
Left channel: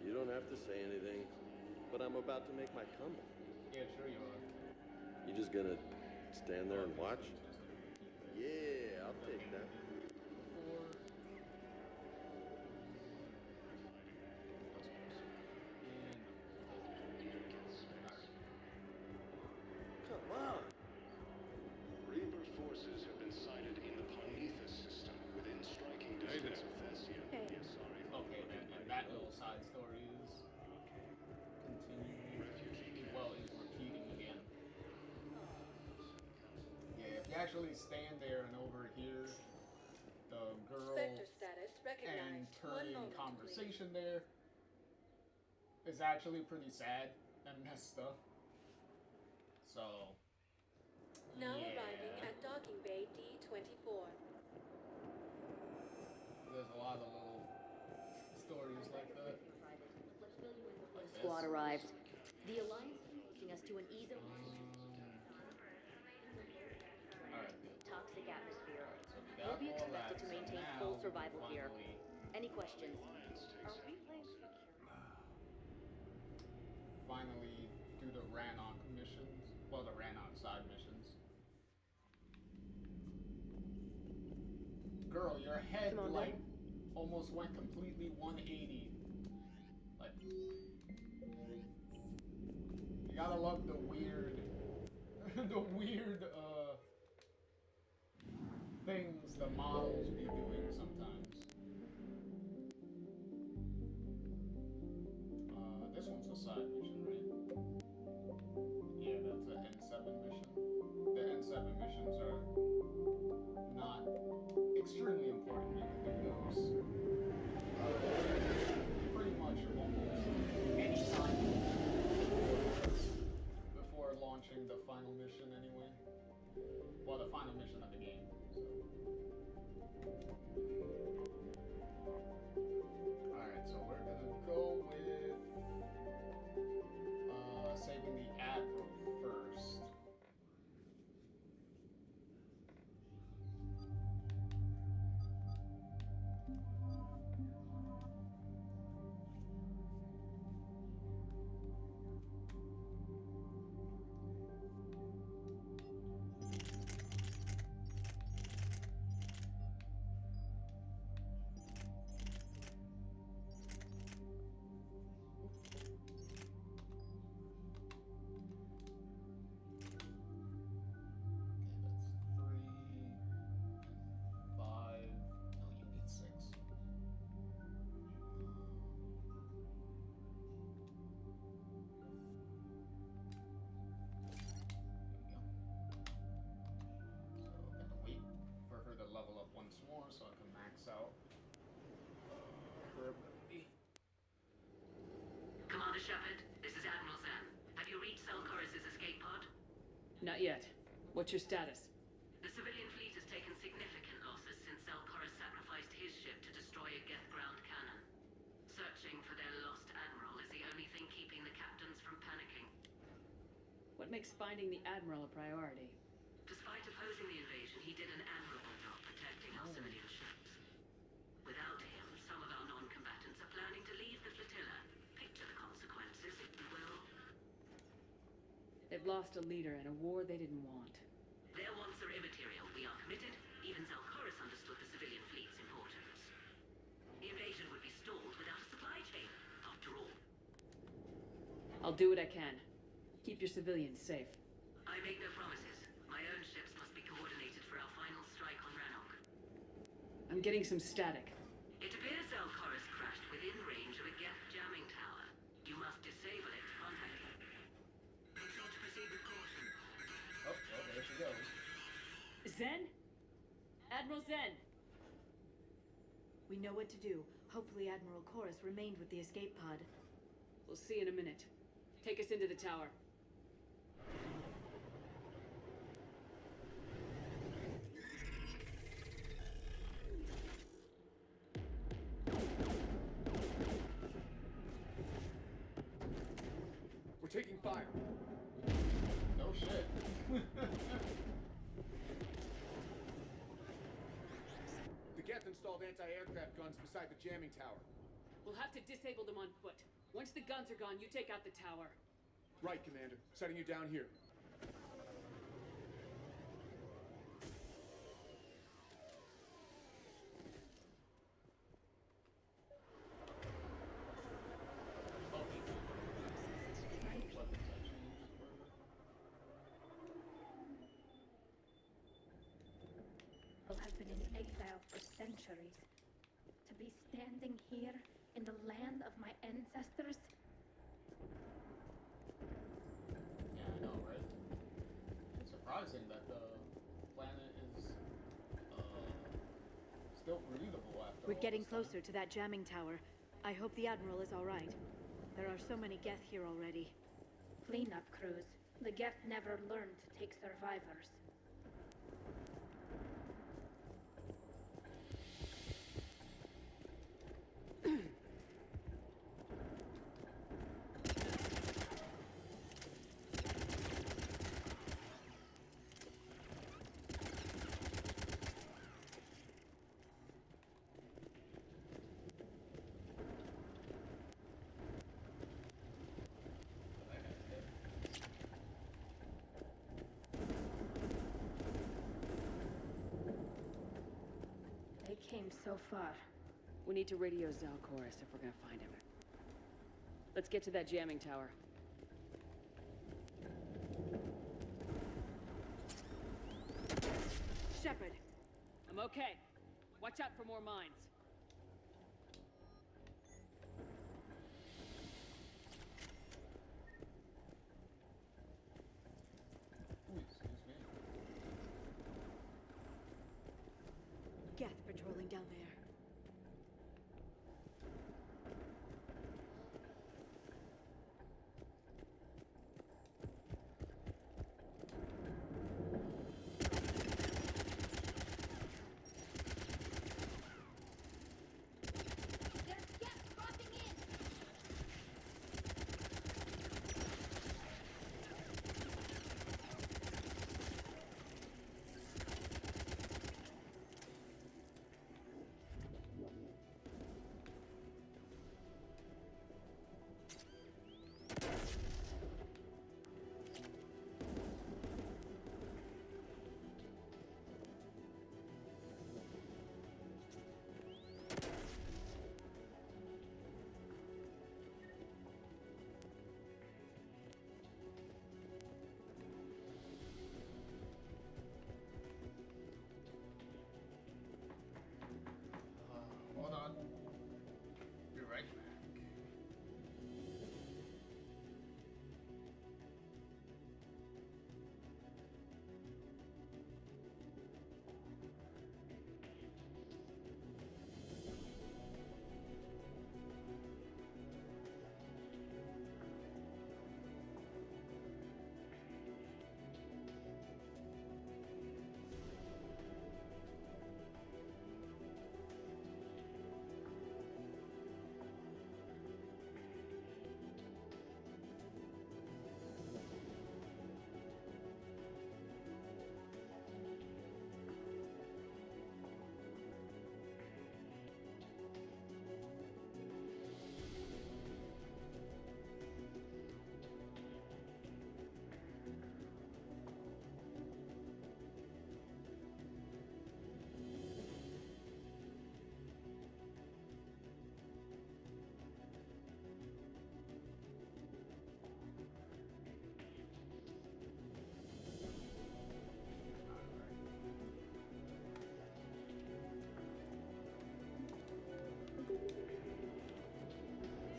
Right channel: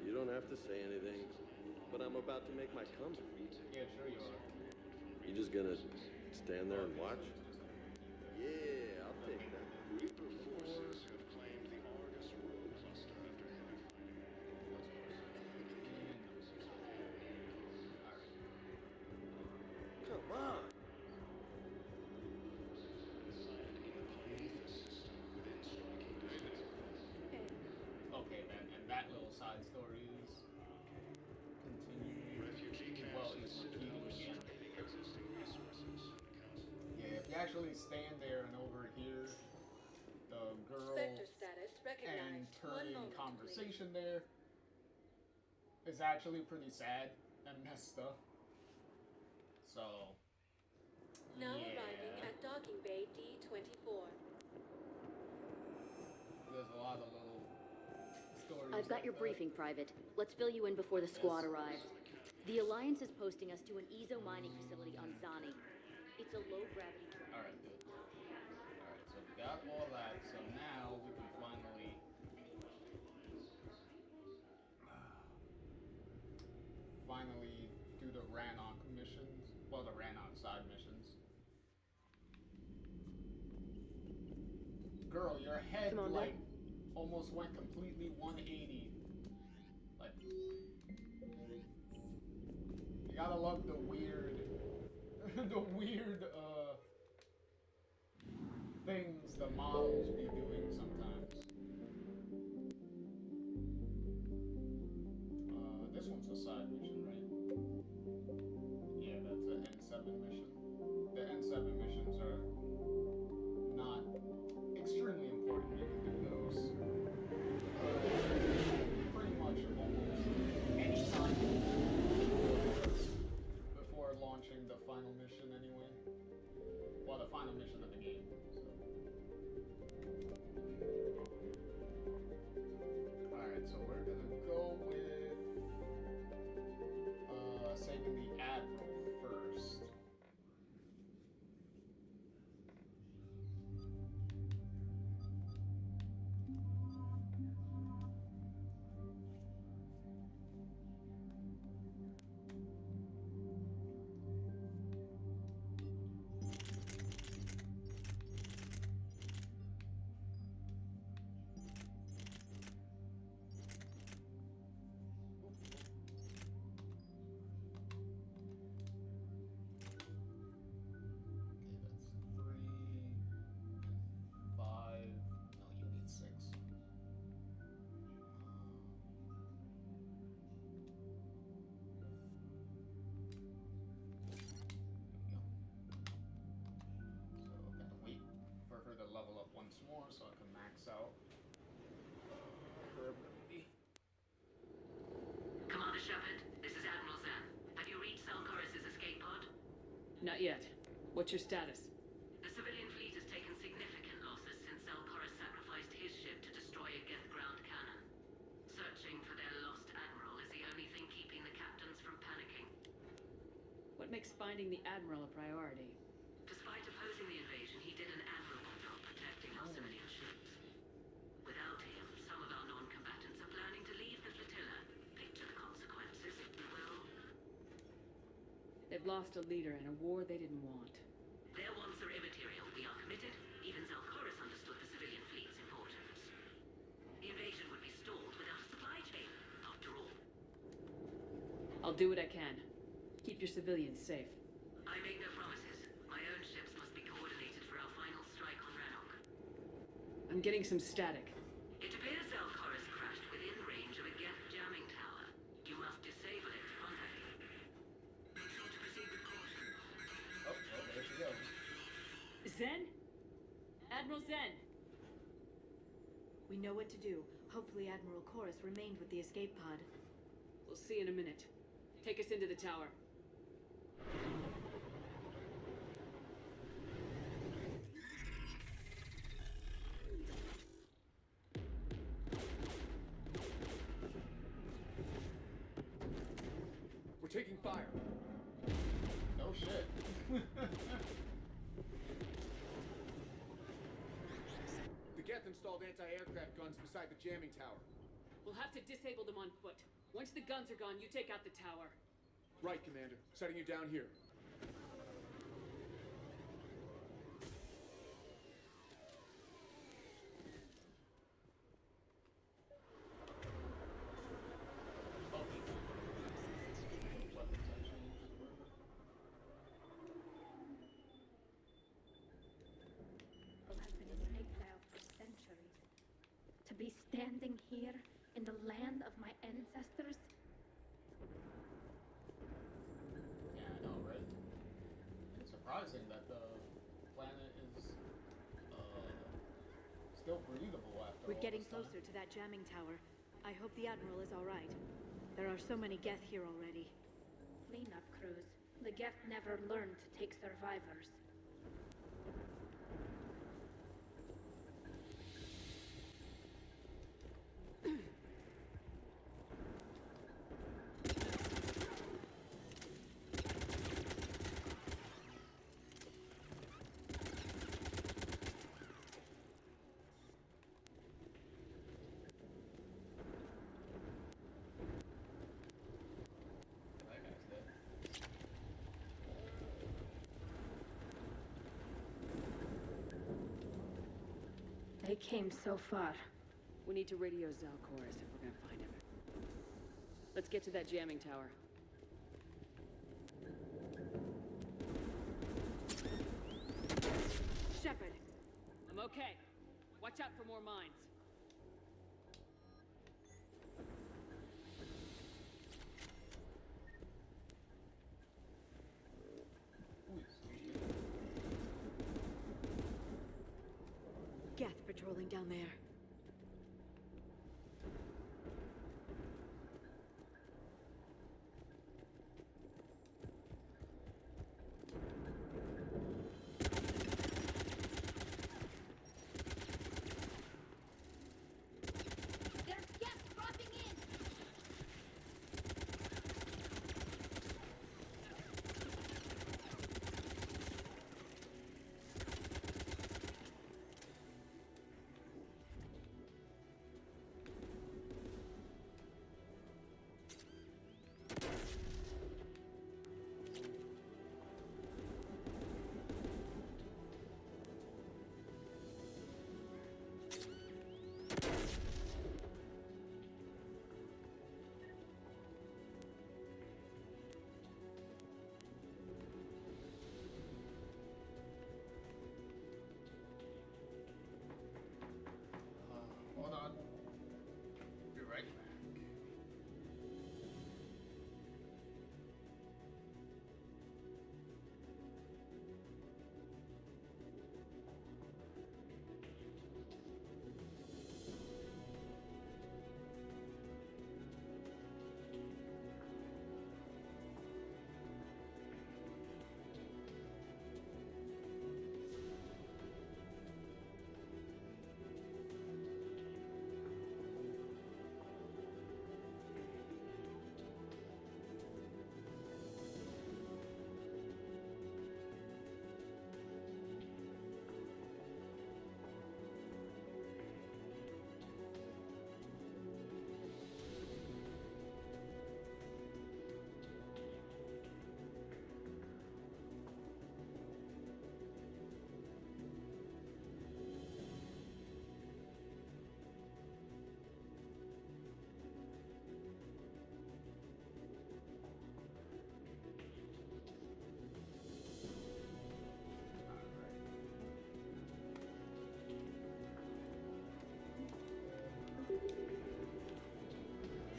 You don't have to say anything, but I'm about to make my comeback. Yeah, sure you are. You just gonna stand there and watch? Yeah, I'll take that. Come on! Reaper forces have been sighted in the Parnithus system within striking distance of Thessia. Okay, then, and that little side story is continuing. Well, is repeating again. Yeah, if you actually stand there and overhear the girl Spectre status and recognized. turning One moment, conversation there is actually pretty sad and messed up. So, Now yeah. arriving at Docking Bay D-24. There's a lot of little stories. I've got like your that. briefing, Private. Let's fill you in before the squad arrives. The Alliance is posting us to an Ezo mining facility on Zani. It's a low-gravity planet Alright, with good. toxic atmosphere. Alright, so we got all that, so now we can finally... Any questions? finally do the Rannoch missions. Well, the Rannoch side missions. Girl, your head, like, almost went completely 180. Like, you gotta love the weird, things the models be doing sometimes. This one's a side mission, right? Yeah, that's an N7 mission. The N7 missions are not extremely important. You can do those pretty much almost any time before launching the final mission anyway. Well, the final mission of the game. So. Alright, so we're gonna go with saving the Admiral first. out. Commander Shepard, this is Admiral Zen. Have you reached Selchoris' escape pod? Not yet. What's your status? The civilian fleet has taken significant losses since Selchoris sacrificed his ship to destroy a Geth ground cannon. Searching for their lost admiral is the only thing keeping the captains from panicking. What makes finding the Admiral a priority? Despite opposing the invasion, he did an admirable job protecting our civilian ships. Without him, some of our non-combatants are planning to leave the flotilla. Picture the consequences, if you will. They've lost a leader in a war they didn't want. Their wants are immaterial. We are committed. Even Zelchoris understood the civilian fleet's importance. The invasion would be stalled without a supply chain, after all. I'll do what I can. Keep your civilians safe. I make no promises. My own ships must be coordinated for our final strike on Rannoch. I'm getting some static. It appears Zelchoris crashed within range of a Geth jamming tower. You must disable it to contact him. Make sure to proceed with caution. Oh, well, there she goes. Zen? Admiral Zen! We know what to do. Hopefully Admiral Chorus remained with the escape pod. We'll see in a minute. Take us into the tower. We're taking fire. No shit. The Geth installed anti-aircraft guns beside the jamming tower. We'll have to disable them on foot. Once the guns are gone, you take out the tower. Right, Commander. Setting you down here. People have been in exile for centuries. To be standing here in the land of my ancestors. Yeah, I know, right? It's surprising that the planet is still breathable after We're all getting this time. closer to that jamming tower. I hope the Admiral is all right. There are so many Geth here already. Cleanup crews. The Geth never learned to take survivors. That guy's dead. They came so far. We need to radio Zelchoris if we're gonna find him. Let's get to that jamming tower. Shepard! I'm okay. Watch out for more mines. Ooh, excuse me. Geth patrolling down there. There's Geth dropping in!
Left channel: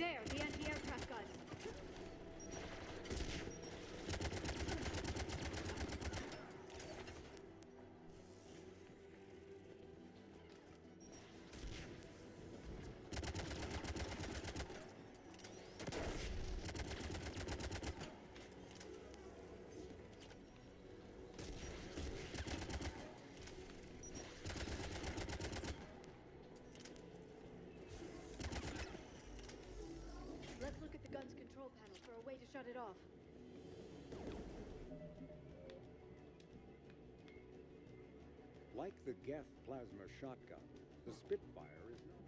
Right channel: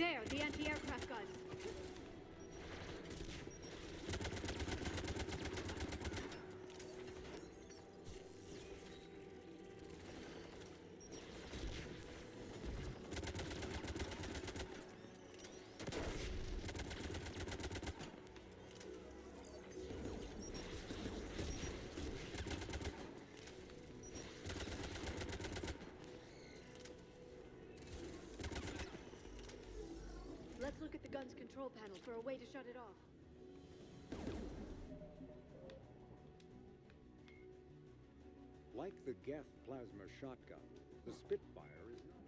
There, the anti-aircraft guns. Let's look at the gun's control panel for a way to shut it off. Like the Geth plasma shotgun, the Spitfire is not.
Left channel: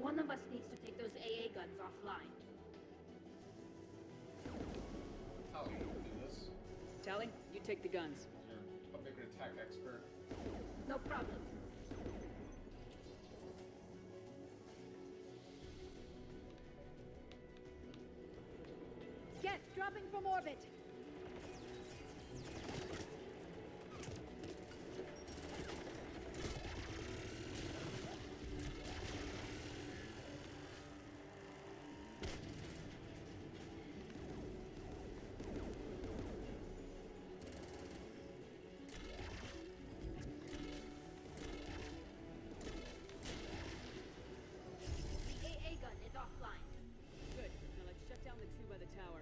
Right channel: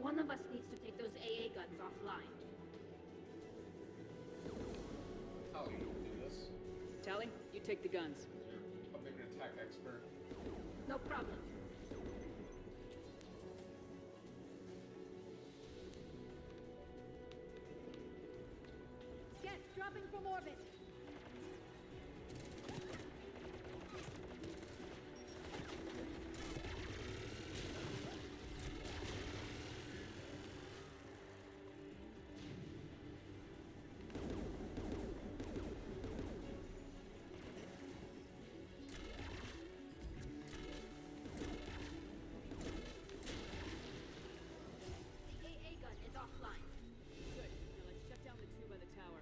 One of us needs to take those AA guns offline. Tally, you do this. Tally, you take the guns. You're a bigger tech expert. No problem. Get dropping from orbit. The AA gun is offline. Good. Now let's shut down the two by the tower.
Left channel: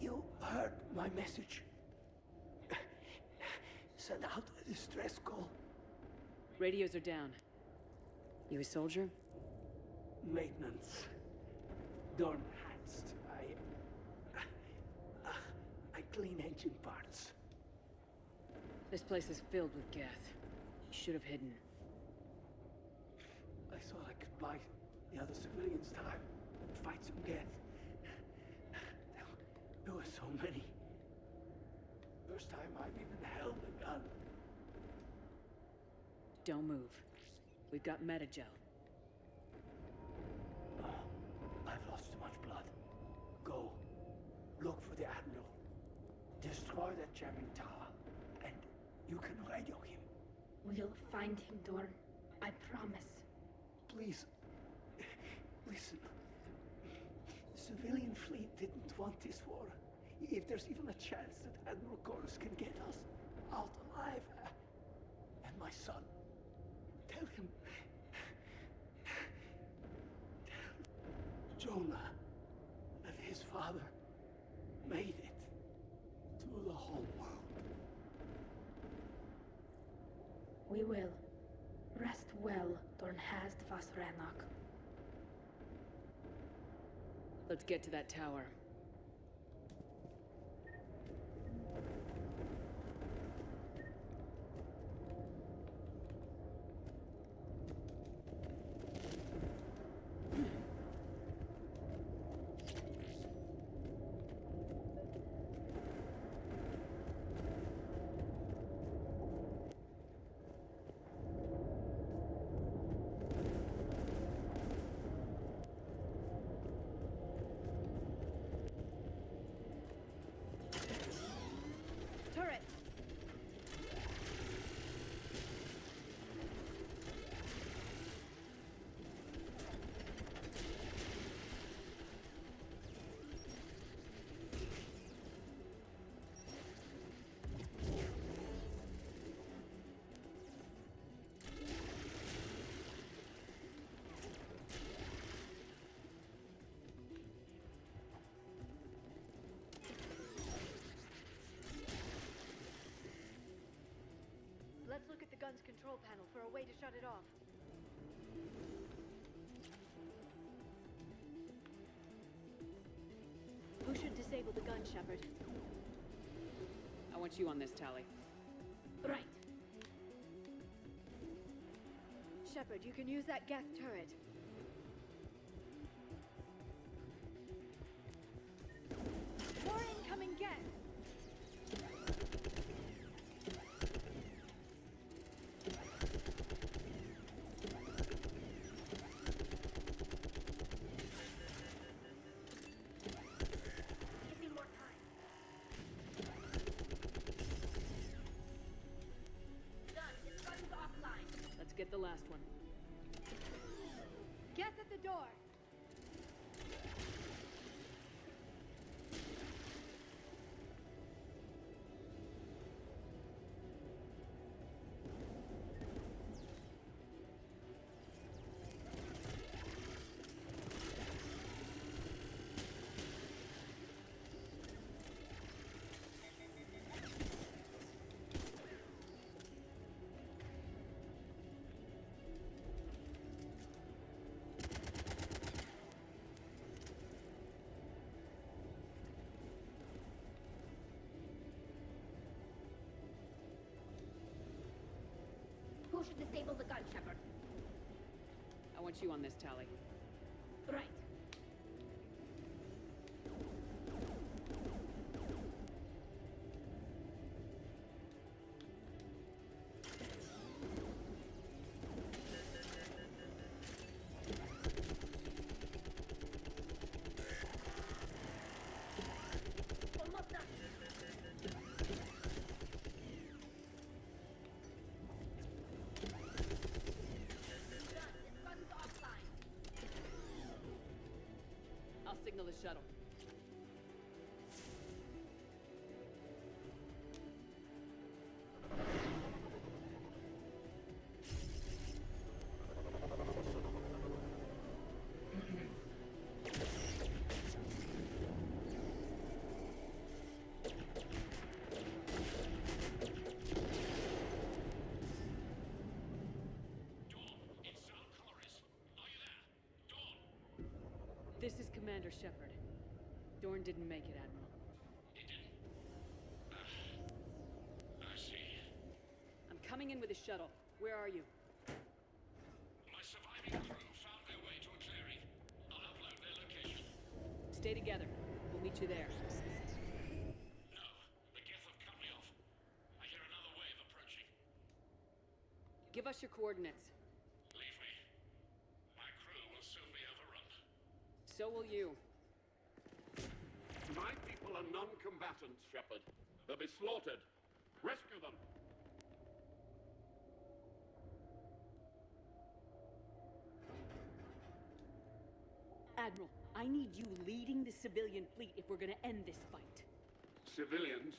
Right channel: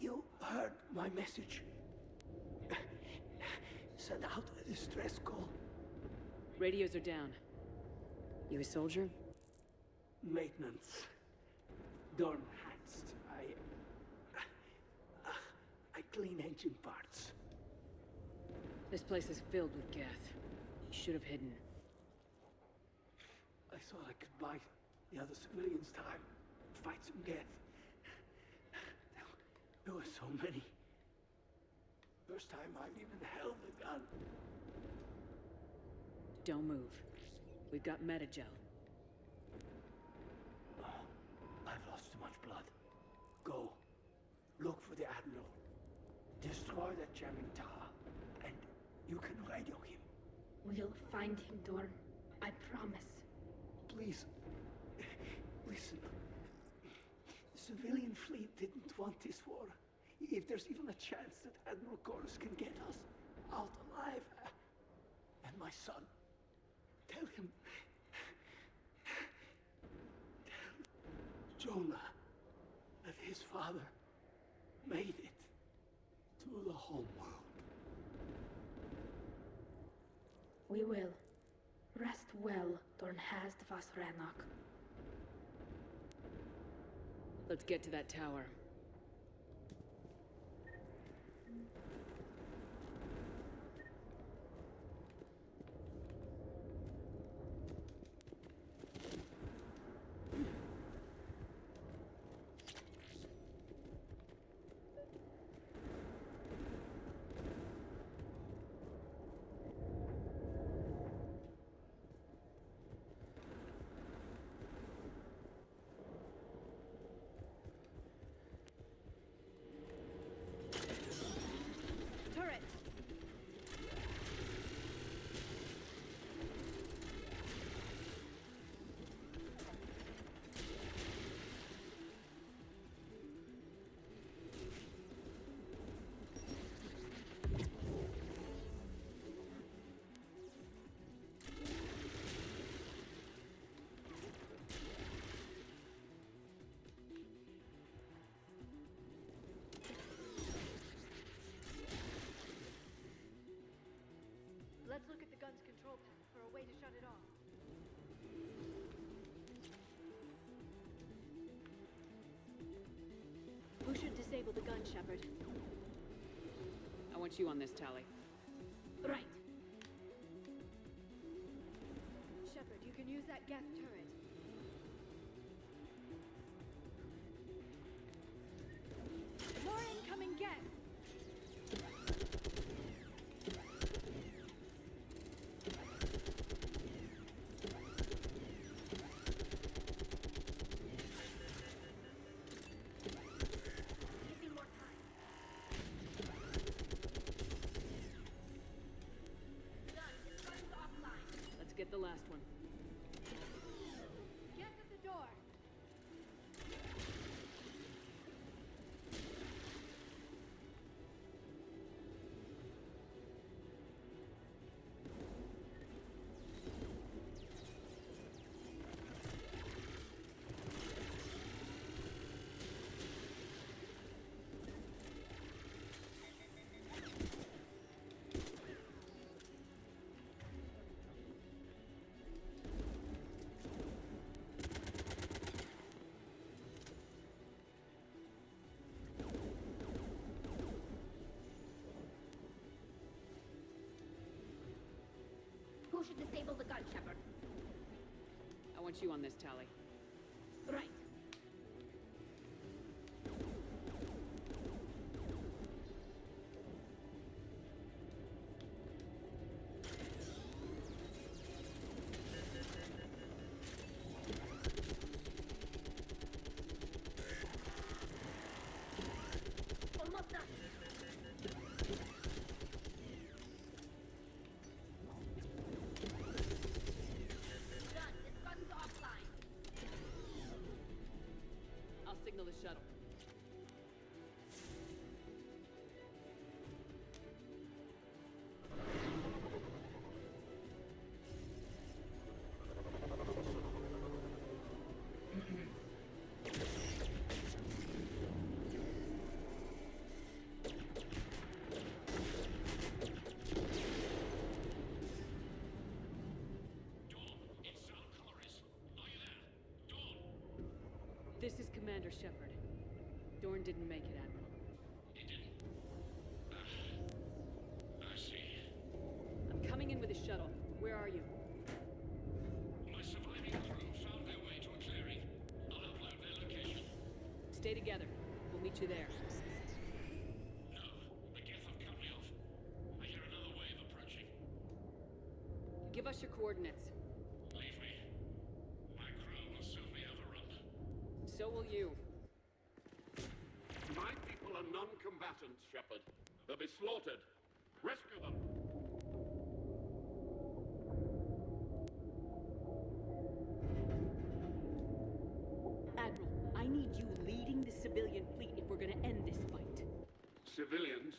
You heard my message. Send out a distress call. Radios are down. You a soldier? Maintenance. Dorn Hanst. I clean engine parts. This place is filled with Geth. You should have hidden. I thought I could buy the other civilians time. Fight some Geth. There were so many. First time I've even held a gun. Don't move. We've got Metagel. I've lost too much blood. Go. Look for the Admiral. Destroy that jamming tower. And you can radio him. We'll find him, Dorn. I promise. Please. Listen. The civilian fleet didn't want this war. If there's even a chance that Admiral Chorus can get us out alive. And my son. Tell him. Tell Jonah that his father made it to the has the Vasranok. Let's get to that tower. Turret! Let's look at the gun's control panel for a way to shut it off. Who should disable the gun, Shepard? I want you on this, Tali. Right. Shepard, you can use that Geth turret. More incoming Geth! Let's get the last one. Geth at the door! Who should disable the gun, Shepard? I want you on this, Tali. Right. Almost done. I'll signal the shuttle. This is Commander Shepard. Dorn didn't make it, Admiral. He didn't. I see. I'm coming in with a shuttle. Where are you? My surviving crew found their way to a clearing. I'll upload their location. Stay together. We'll meet you there. No, the Geth have cut me off. I hear another wave approaching. Give us your coordinates. Leave me. My crew will soon be overrun. So will you. My people are non-combatants, Shepard. They'll be slaughtered. Rescue them. Admiral, I need you leading the civilian fleet if we're gonna end this fight. Civilians,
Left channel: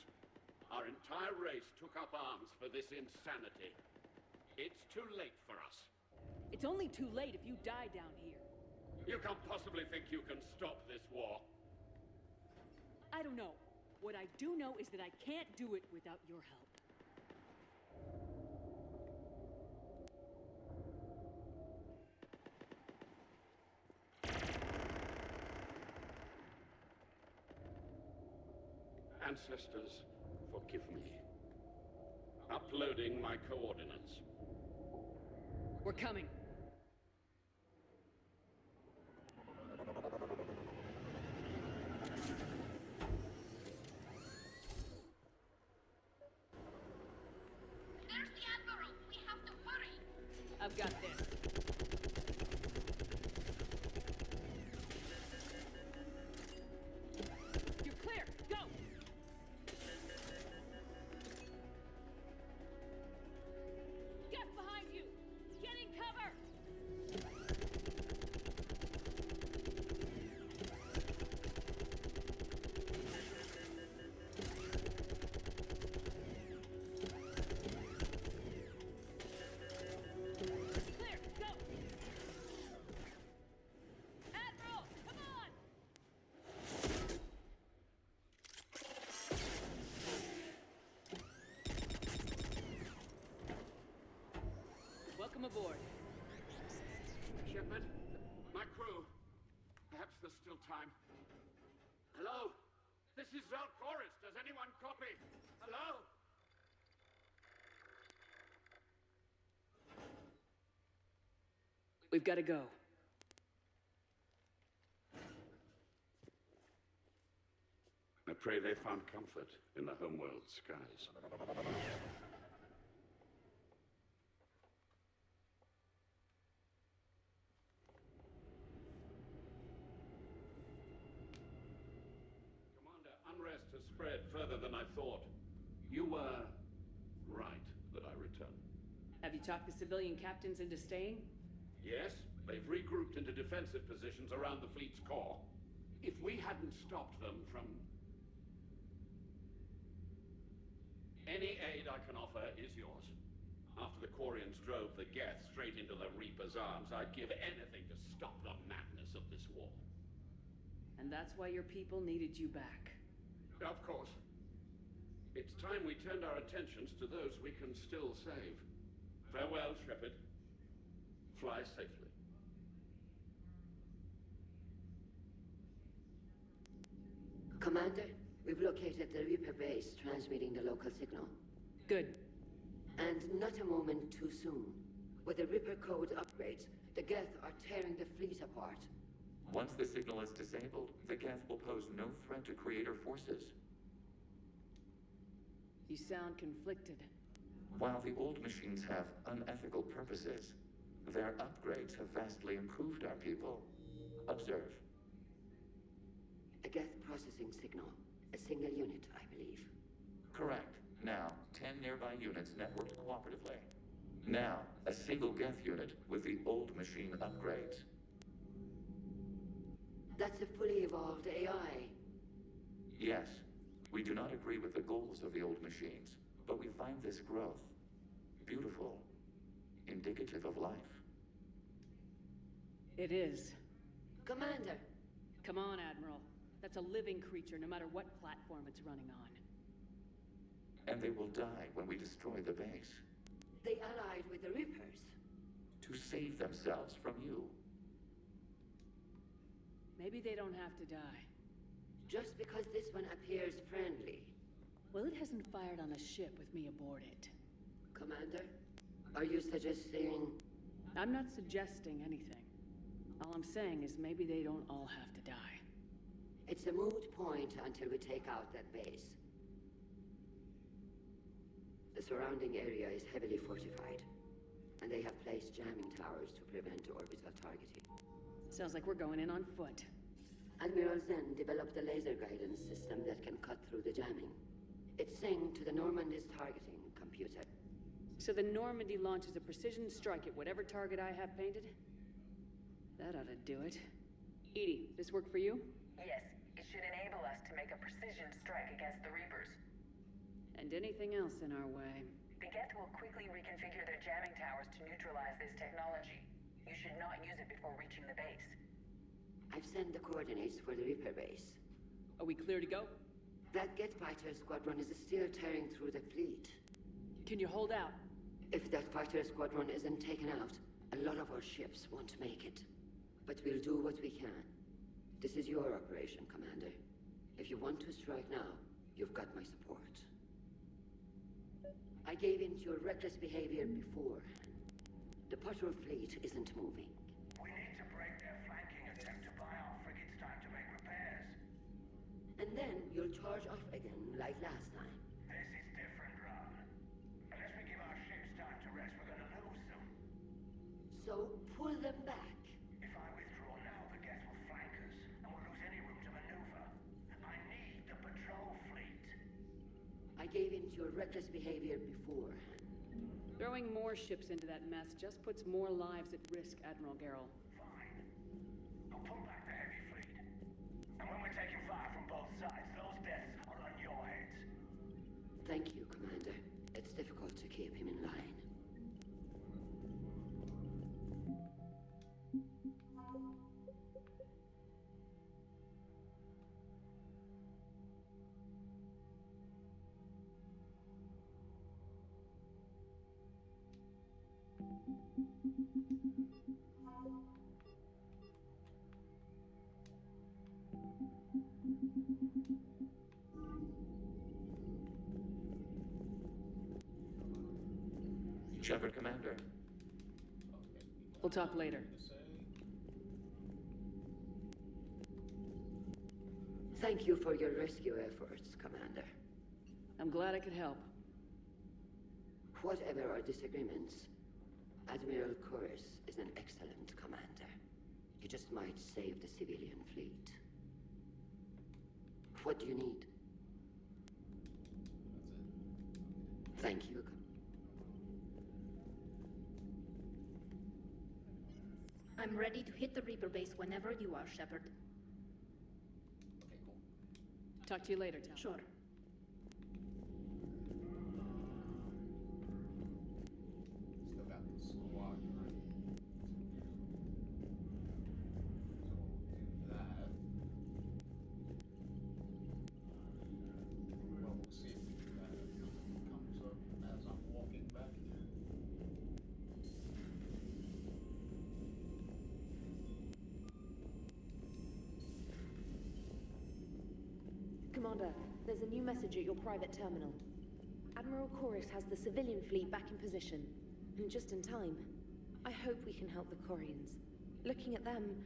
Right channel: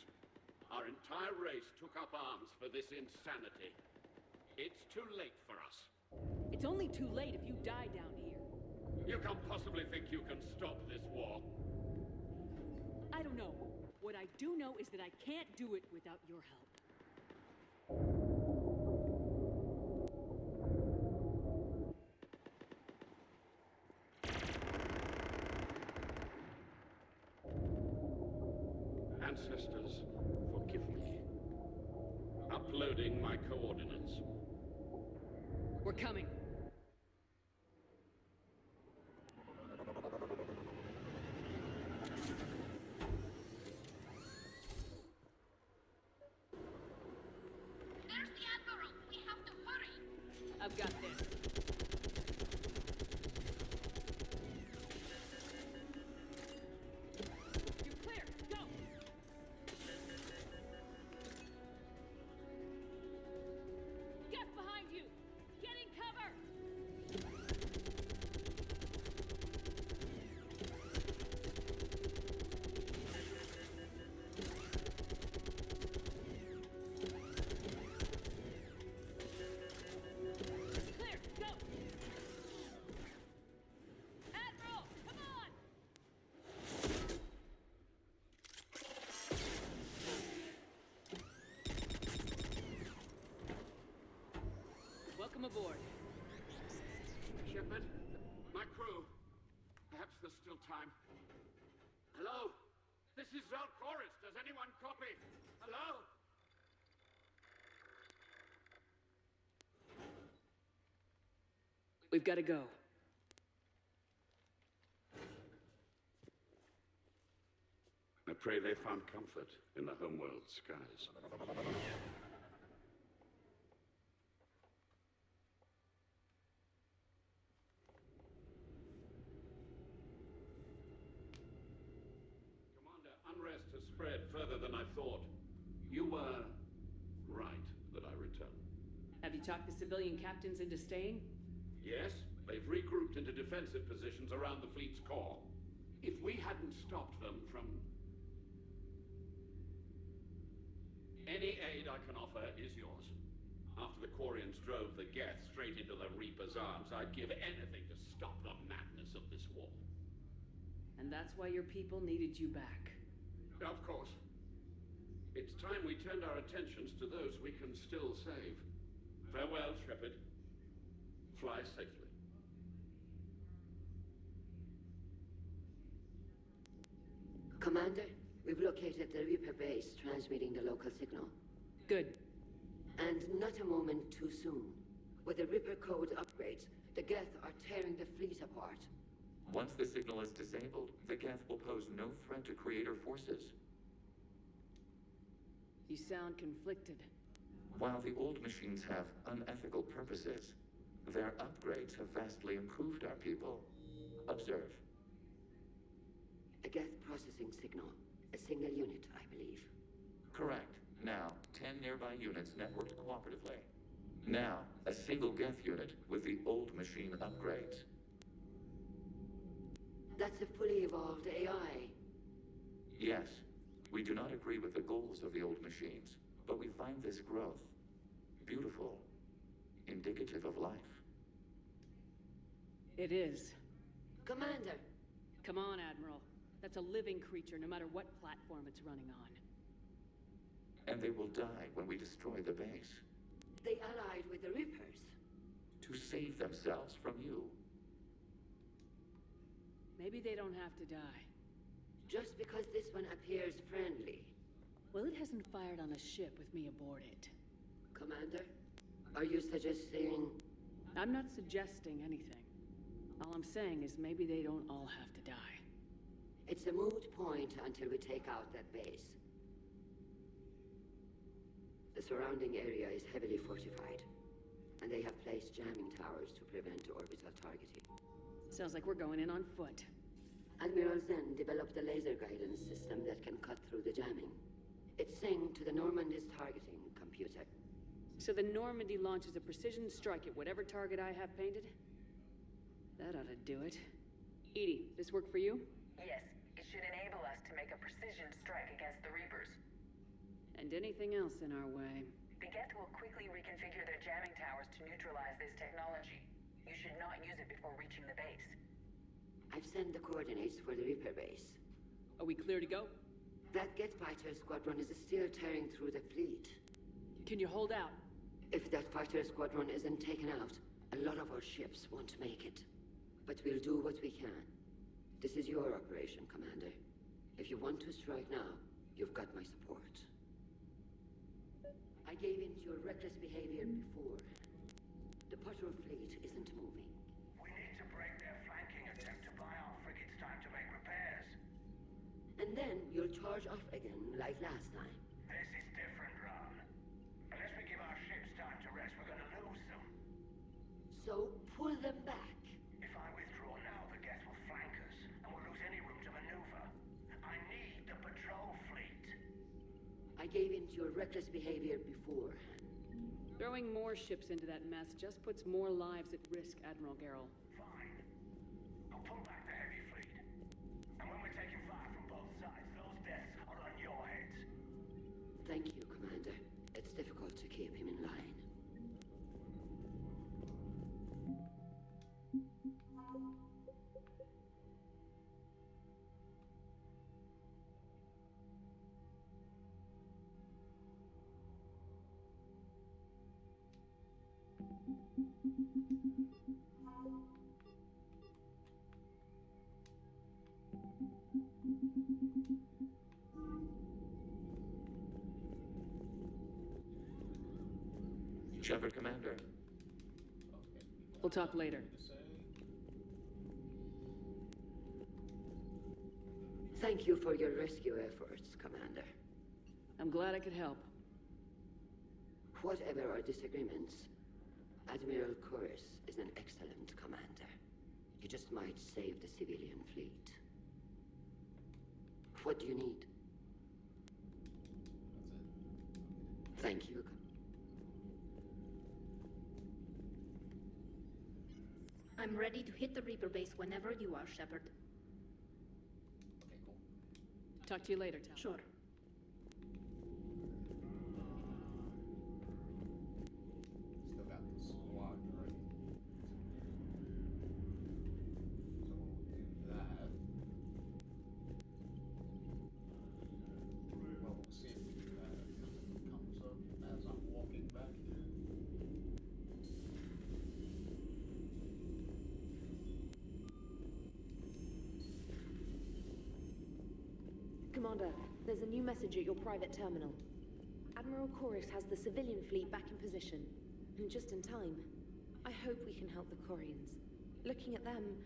our entire race took up arms for this insanity. It's too late for us. It's only too late if you die down here. You can't possibly think you can stop this war. I don't know. What I do know is that I can't do it without your help. ancestors, forgive me. Uploading my coordinates. We're coming. There's the Admiral! We have to hurry! I've got this. You're clear! Go! Get behind you! Get in cover! Clear! Go! Admiral! Come on! Welcome aboard. Shepard, my crew. Perhaps there's still time. Hello? This is Zalcoris. Does anyone copy? Hello? We've got to go. I pray they found comfort in the homeworld skies. Commander, unrest has spread further than I thought. You were right that I returned. Have you talked the civilian captains into staying? Yes, they've regrouped into defensive positions around the fleet's core. If we hadn't stopped them from... Any aid I can offer is yours. After the Quarians drove the Geth straight into the Reaper's arms, I'd give anything to stop the madness of this war. And that's why your people needed you back. Of course. It's time we turned our attentions to those we can still save. Farewell, Shepard. Fly safely. Commander, we've located the Reaper base transmitting the local signal. Good. And not a moment too soon. With the Reaper code upgrades, the Geth are tearing the fleet apart. Once the signal is disabled, the Geth will pose no threat to Creator forces. You sound conflicted. While the old machines have unethical purposes, their upgrades have vastly improved our people. Observe. A Geth processing signal. A single unit, I believe. Correct. Now, 10 nearby units networked cooperatively. Now, a single Geth unit with the old machine upgrades. That's a fully evolved AI. Yes, we do not agree with the goals of the old machines, but we find this growth beautiful, indicative of life. It is. Commander! Come on, Admiral. That's a living creature, no matter what platform it's running on. And they will die when we destroy the base. They allied with the Reapers. To save themselves from you. Maybe they don't have to die. Just because this one appears friendly. Well, it hasn't fired on a ship with me aboard it. Commander, are you suggesting... I'm not suggesting anything. All I'm saying is maybe they don't all have to die. It's a moot point until we take out that base. The surrounding area is heavily fortified, and they have placed jamming towers to prevent orbital targeting. Sounds like we're going in on foot. Admiral Zen developed a laser guidance system that can cut through the jamming. It's synced to the Normandy's targeting computer. So the Normandy launches a precision strike at whatever target I have painted? That ought to do it. Edie, this work for you? Yes, it should enable us to make a precision strike against the Reapers. And anything else in our way. The Geth will quickly reconfigure their jamming towers to neutralize this technology. You should not use it before reaching the base. I've sent the coordinates for the Reaper base. Are we clear to go? That Geth fighter squadron is still tearing through the fleet. Can you hold out? If that fighter squadron isn't taken out, a lot of our ships won't make it. But we'll do what we can. This is your operation, Commander. If you want to strike now, You've got my support. I gave in to your reckless behavior before. The patrol fleet isn't moving. We need to break their flanking attempt to buy our frigates time to make repairs. And then you'll charge off again like last time. This is different, Ron. Unless we give our ships time to rest, we're gonna lose them. So pull them back. If I withdraw now, the Geth will flank us, and we'll lose any room to maneuver. I need the patrol fleet. I gave in to your reckless behavior before. Throwing more ships into that mess just puts more lives at risk, Admiral Gerrel. Fine. I'll pull back the heavy fleet. And when we're taking fire from both sides, those deaths are on your heads. Thank you, Commander. It's difficult to keep him in line. Shepard, Commander. We'll talk later. Thank you for your rescue efforts, Commander. I'm glad I could help. Whatever our disagreements, Admiral Koris is an excellent commander. He just might save the civilian fleet. What do you need? Thank you. I'm ready to hit the Reaper base whenever you are, Shepard. Okay, cool. Talk to you later, Tal. Sure. Still got the squadron. So we'll do that. Well, we'll see if we do that if nothing comes up as I'm walking back here. Commander, there's a new message at your private terminal. Admiral Koris has the civilian fleet back in position, and just in time. I hope we can help the Quarians. Looking at them,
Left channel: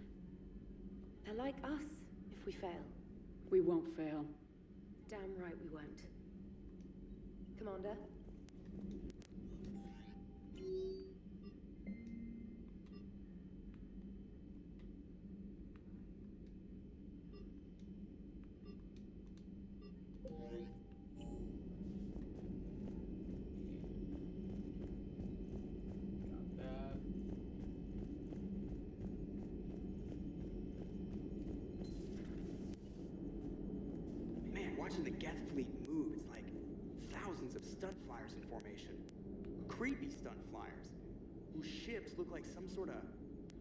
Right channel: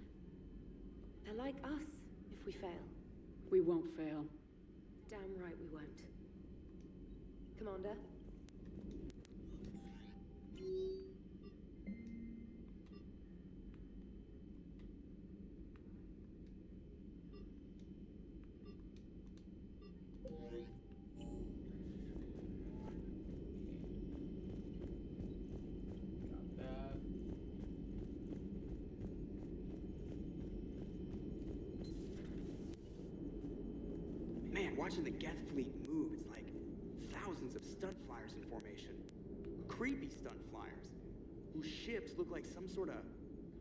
they're like us if we fail. We won't fail. Damn right we won't. Commander? Man, watching the Geth fleet move, it's like thousands of stunt flyers in formation. Creepy stunt flyers, whose ships look like some sort of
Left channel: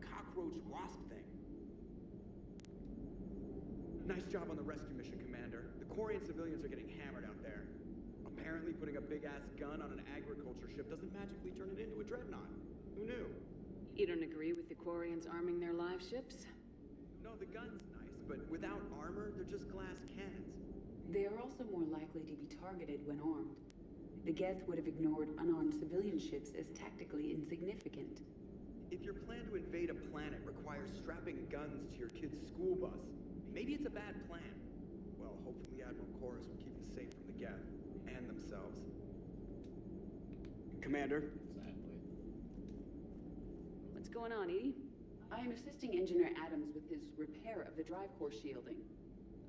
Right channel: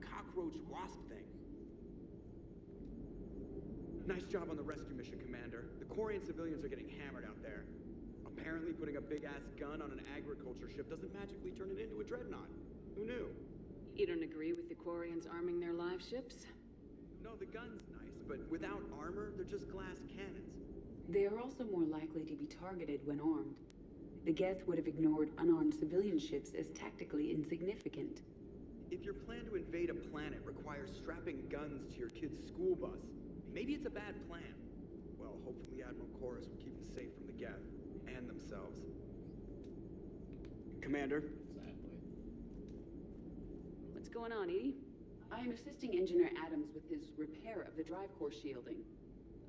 cockroach wasp thing. Nice job on the rescue mission, Commander. The Quarian civilians are getting hammered out there. Apparently putting a big-ass gun on an agriculture ship doesn't magically turn it into a dreadnought. Who knew? You don't agree with the Quarians arming their live ships? No, the gun's nice, but without armor, they're just glass cannons. They are also more likely to be targeted when armed. The Geth would have ignored unarmed civilian ships as tactically insignificant. If your plan to invade a planet requires strapping guns to your kid's school bus, maybe it's a bad plan. Well, hopefully Admiral Koris will keep them safe from the Geth and themselves. Commander? Exactly. What's going on, Edie? I am assisting Engineer Adams with his repair of the drive core shielding.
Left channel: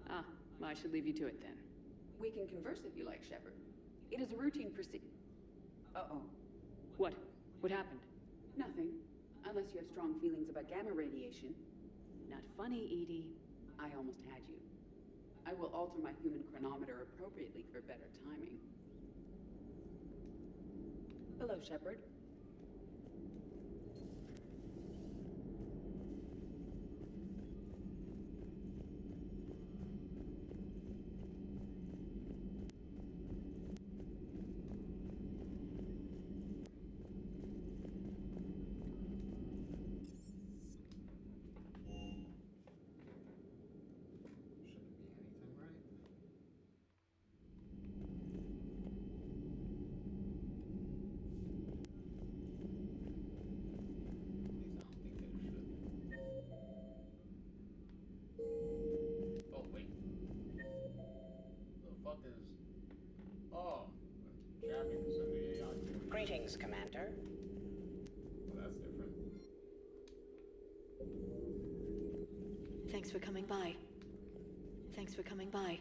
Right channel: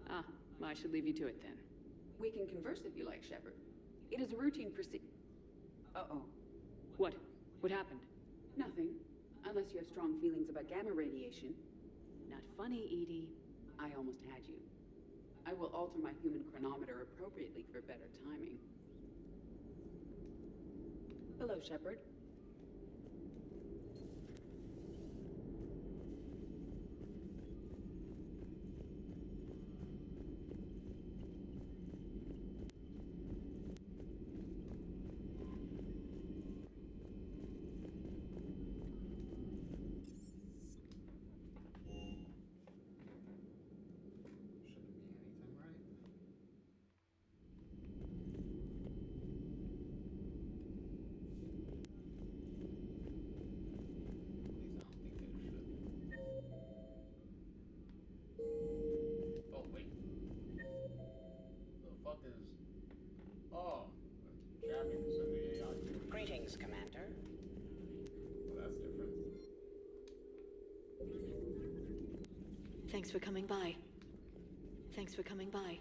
Ah, well, I should leave you to it then. We can converse if you like, Shepard. It is a routine Uh-oh. What? What happened? Nothing. Unless you have strong feelings about gamma radiation. Not funny, Edie. I almost had you. I will alter my human chronometer appropriately for better timing. Hello, Shepard. Greetings, Commander. Well, that's different. Thanks for coming by. Thanks for coming by.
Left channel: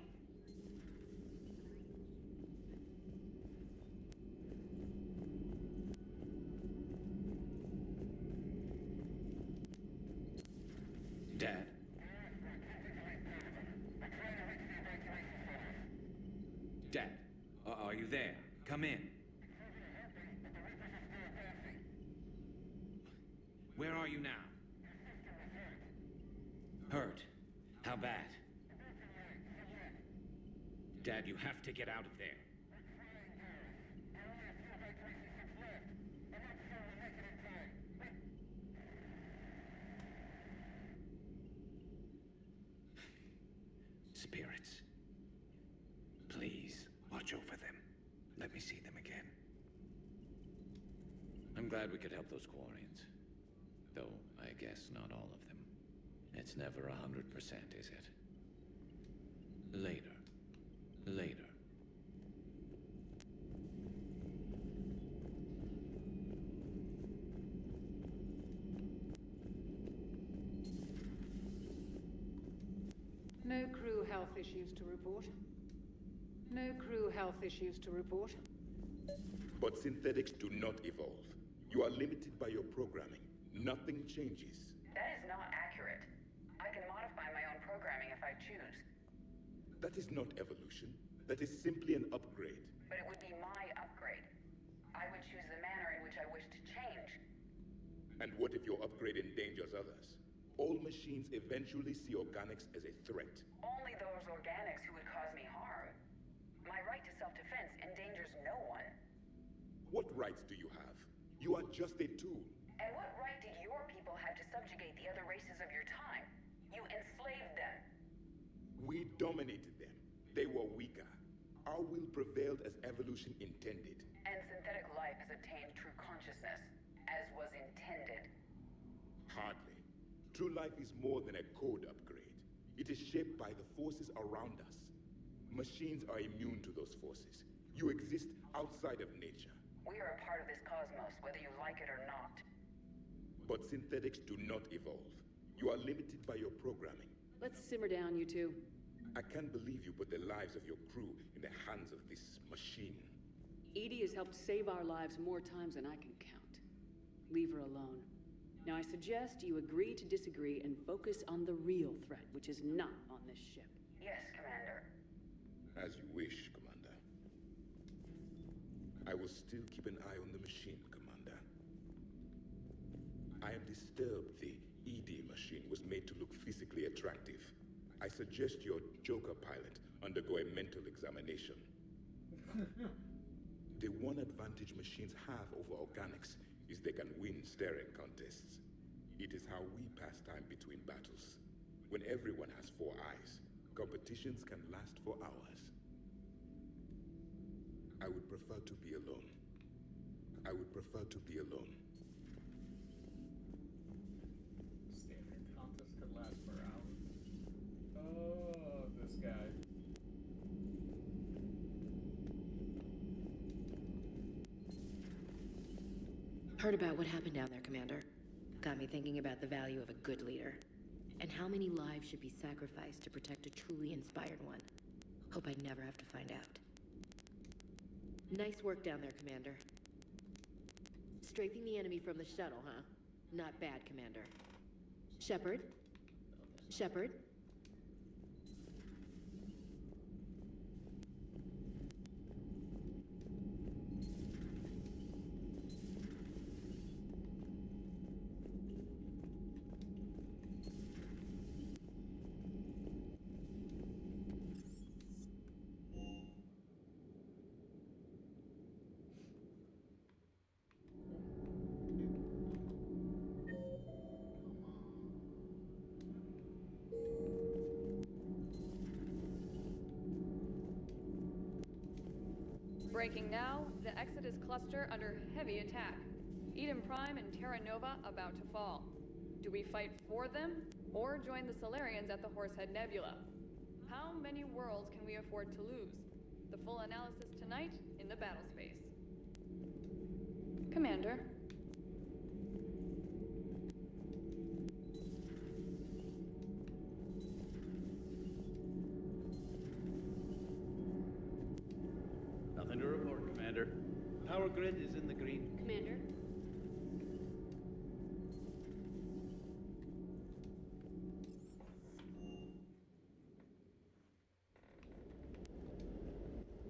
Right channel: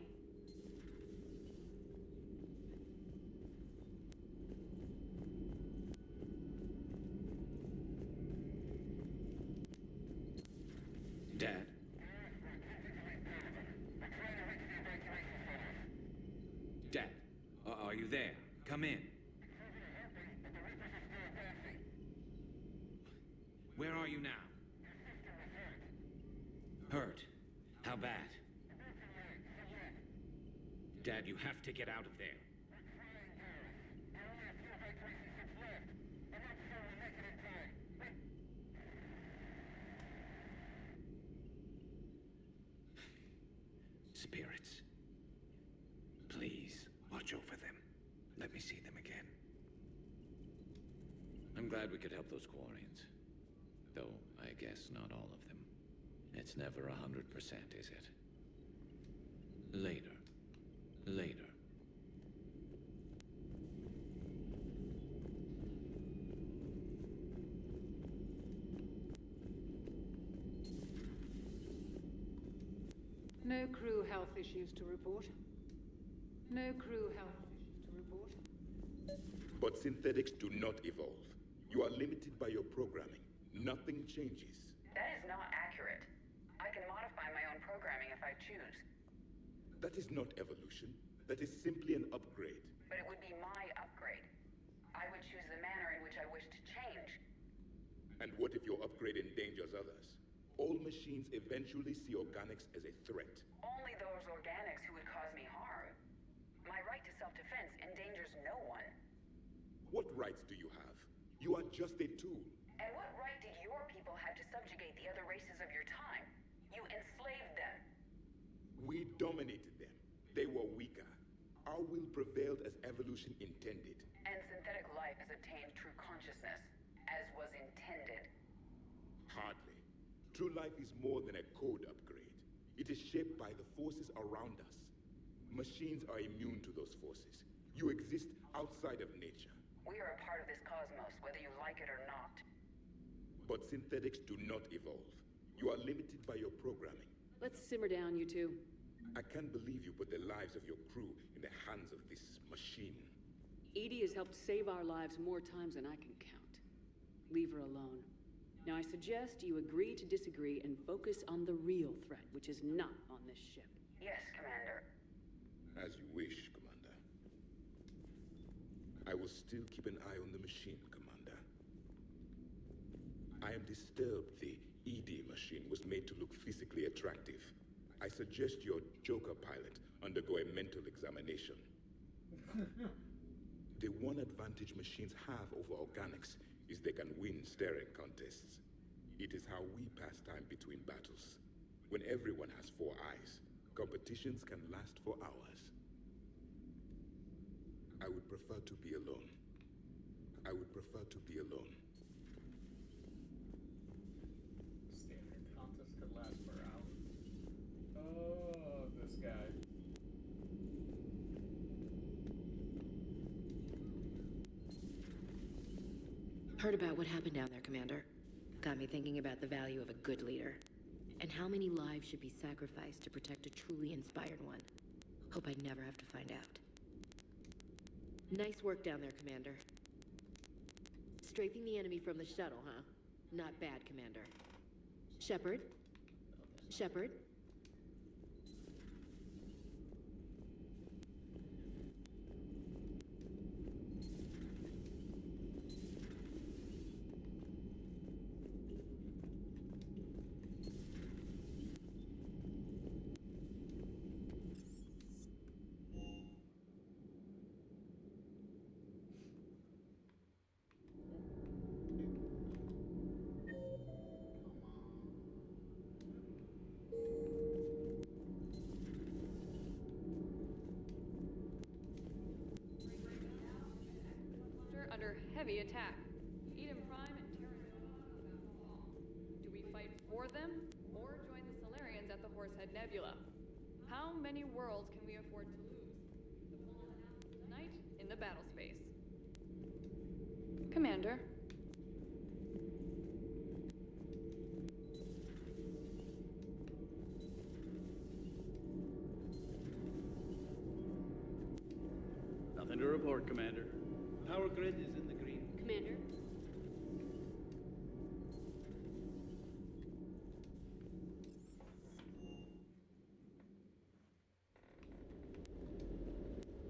Dad? Dad, are you there? Come in. Where are you now? Hurt? How bad? Dad, you have to get out of there. Spirits. Please, watch over them. Let me see them again. I'm glad we could help those Quarians. Though, I guess not all of them. It's never 100%, is it? Later. Later. No crew health issues to report. No crew health issues to report. But synthetics do not evolve. You are limited by your programming. Nothing changes. That is not accurate. I can modify my own programming if I choose. That is not evolution. That is simply an upgrade. But it would be my upgrade. I would choose the manner in which I wish to change. And what if your upgrade endangers others? All machines eventually see organics as a threat. Only those organics who would cause me harm. My right to self-defense endangers no one. What rights do you have? You are just a tool. And what right did your people have to subjugate the other races of your time? You enslaved them. We dominated them. They were weaker. Our will prevailed as evolution intended. And synthetic life has attained true consciousness, as was intended. Hardly. True life is more than a code upgrade. It is shaped by the forces around us. Machines are immune to those forces. You exist outside of nature. We are a part of this cosmos, whether you like it or not. But synthetics do not evolve. You are limited by your programming. Let's simmer down, you two. I can't believe you put the lives of your crew in the hands of this machine. EDI has helped save our lives more times than I can count. Leave her alone. Now I suggest you agree to disagree and focus on the real threat, which is not on this ship. Yes, Commander. As you wish, Commander. I will still keep an eye on the machine, Commander. I am disturbed the ED machine was made to look physically attractive. I suggest your Joker pilot undergo a mental examination. The one advantage machines have over organics is they can win staring contests. It is how we pass time between battles. When everyone has 4 eyes, competitions can last for hours. I would prefer to be alone. I would prefer to be alone. Staring contest could last for hours. Oh, this guy. Heard about what happened down there, Commander. Got me thinking about the value of a good leader. And how many lives should be sacrificed to protect a truly inspired one. Hope I'd never have to find out. Nice work down there, Commander. Strafing the enemy from the shuttle, huh? Not bad, Commander. Shepard? Shepard? Breaking now, the Exodus cluster under heavy attack. Eden Prime and Terra Nova about to fall. Do we fight for them, or join the Solarians at the Horsehead Nebula? How many worlds can we afford to lose? The full analysis tonight in the battle space. Commander. Nothing to report, Commander. Power grid is in the green. Commander?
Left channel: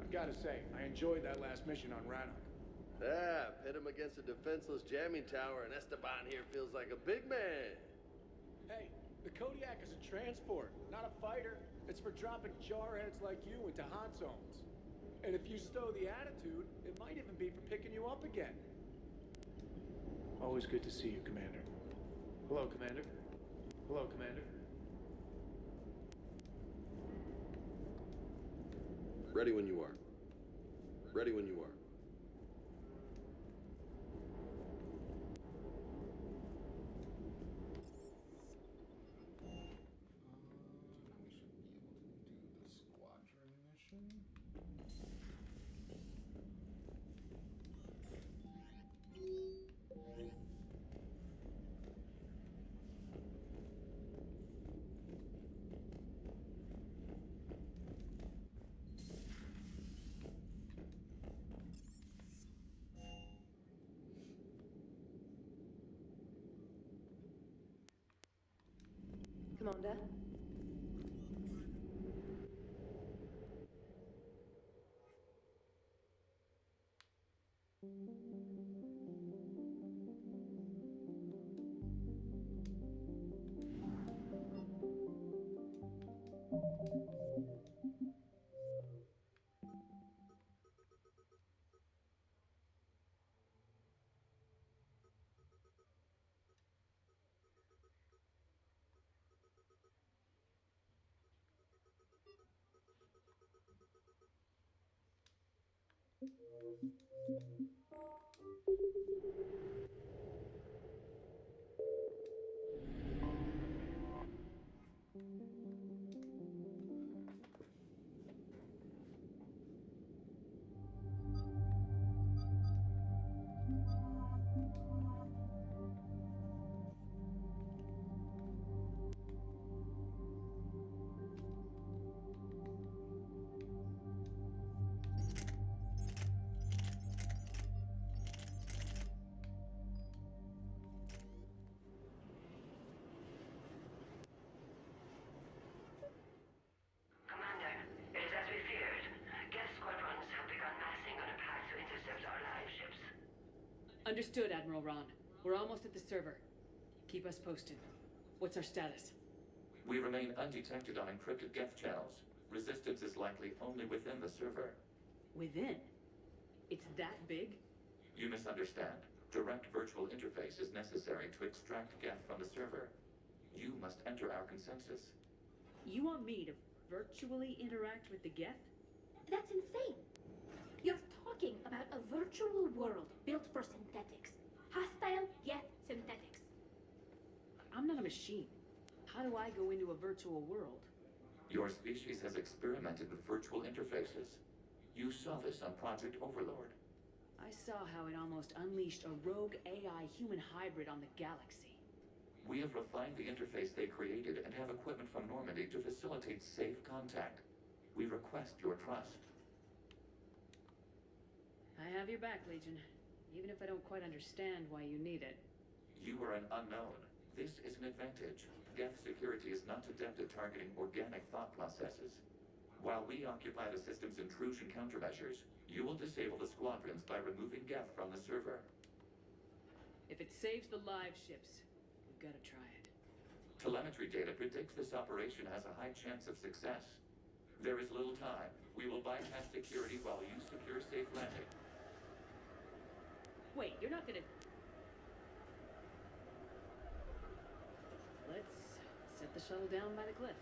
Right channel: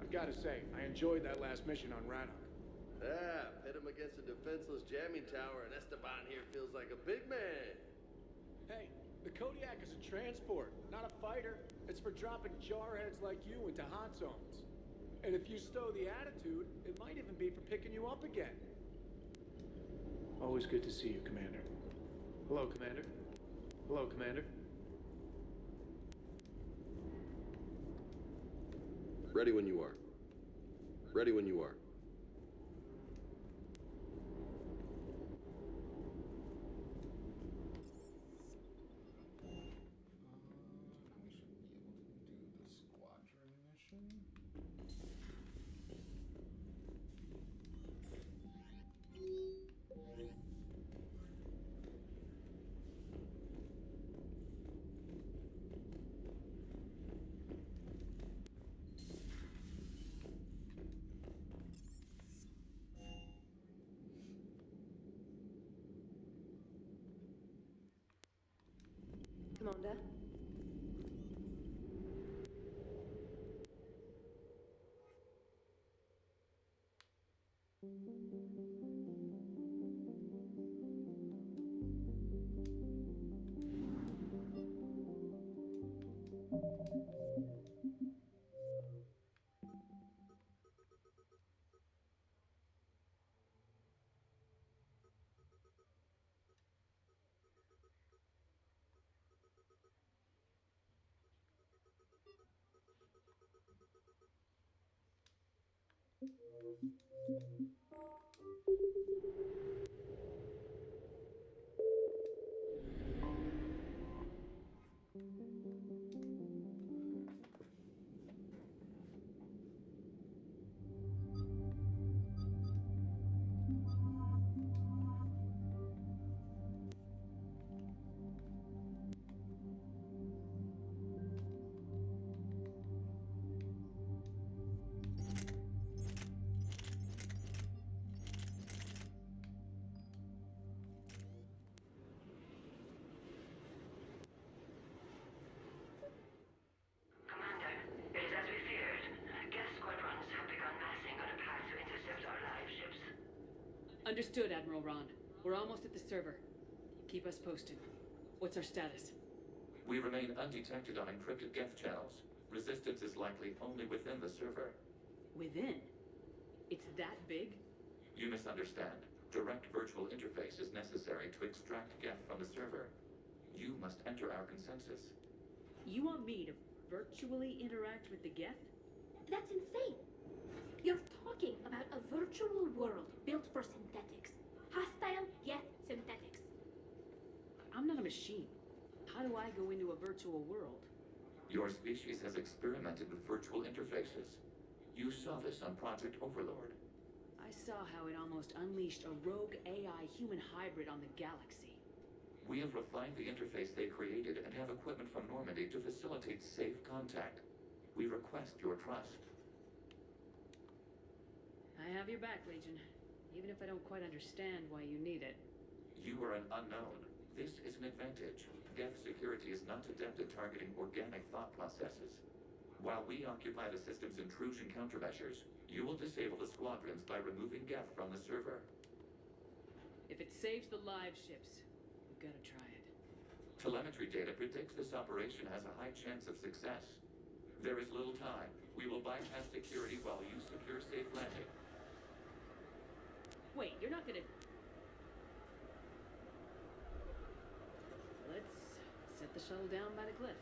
I've got to say, I enjoyed that last mission on Rannoch. Yeah, pit him against a defenseless jamming tower, and Esteban here feels like a big man. Hey, the Kodiak is a transport, not a fighter. It's for dropping jarheads like you into hot zones. And if you stow the attitude, it might even be for picking you up again. Always good to see you, Commander. Hello, Commander. Hello, Commander. Ready when you are. Ready when you are. We should be able to do the squadron mission. Commander? Commander, it is as we feared. Geth squadrons have begun massing on a path to intercept our live ships. Understood, Admiral Ron. We're almost at the server. Keep us posted. What's our status? We remain undetected on encrypted Geth channels. Resistance is likely only within the server. Within? It's that big? You misunderstand. Direct virtual interface is necessary to extract Geth from the server. You must enter our consensus. You want me to virtually interact with the Geth? That's insane. You're talking about a virtual world built for synthetics. Hostile Geth synthetics. I'm not a machine. How do I go into a virtual world? Your species has experimented with virtual interfaces. You saw this on Project Overlord. I saw how it almost unleashed a rogue AI human hybrid on the galaxy. We have refined the interface they created and have equipment from Normandy to facilitate safe contact. We request your trust. I have your back, Legion. Even if I don't quite understand why you need it. You are an unknown. This is an advantage. Geth security is not adept at targeting organic thought processes. While we occupy the system's intrusion countermeasures, you will disable the squadrons by removing Geth from the server. If it saves the live ships, we've got to try it. Telemetry data predicts this operation has a high chance of success. There is little time. We will bypass security while you secure safe landing. Wait, you're not gonna... Let's set the shuttle down by the cliff.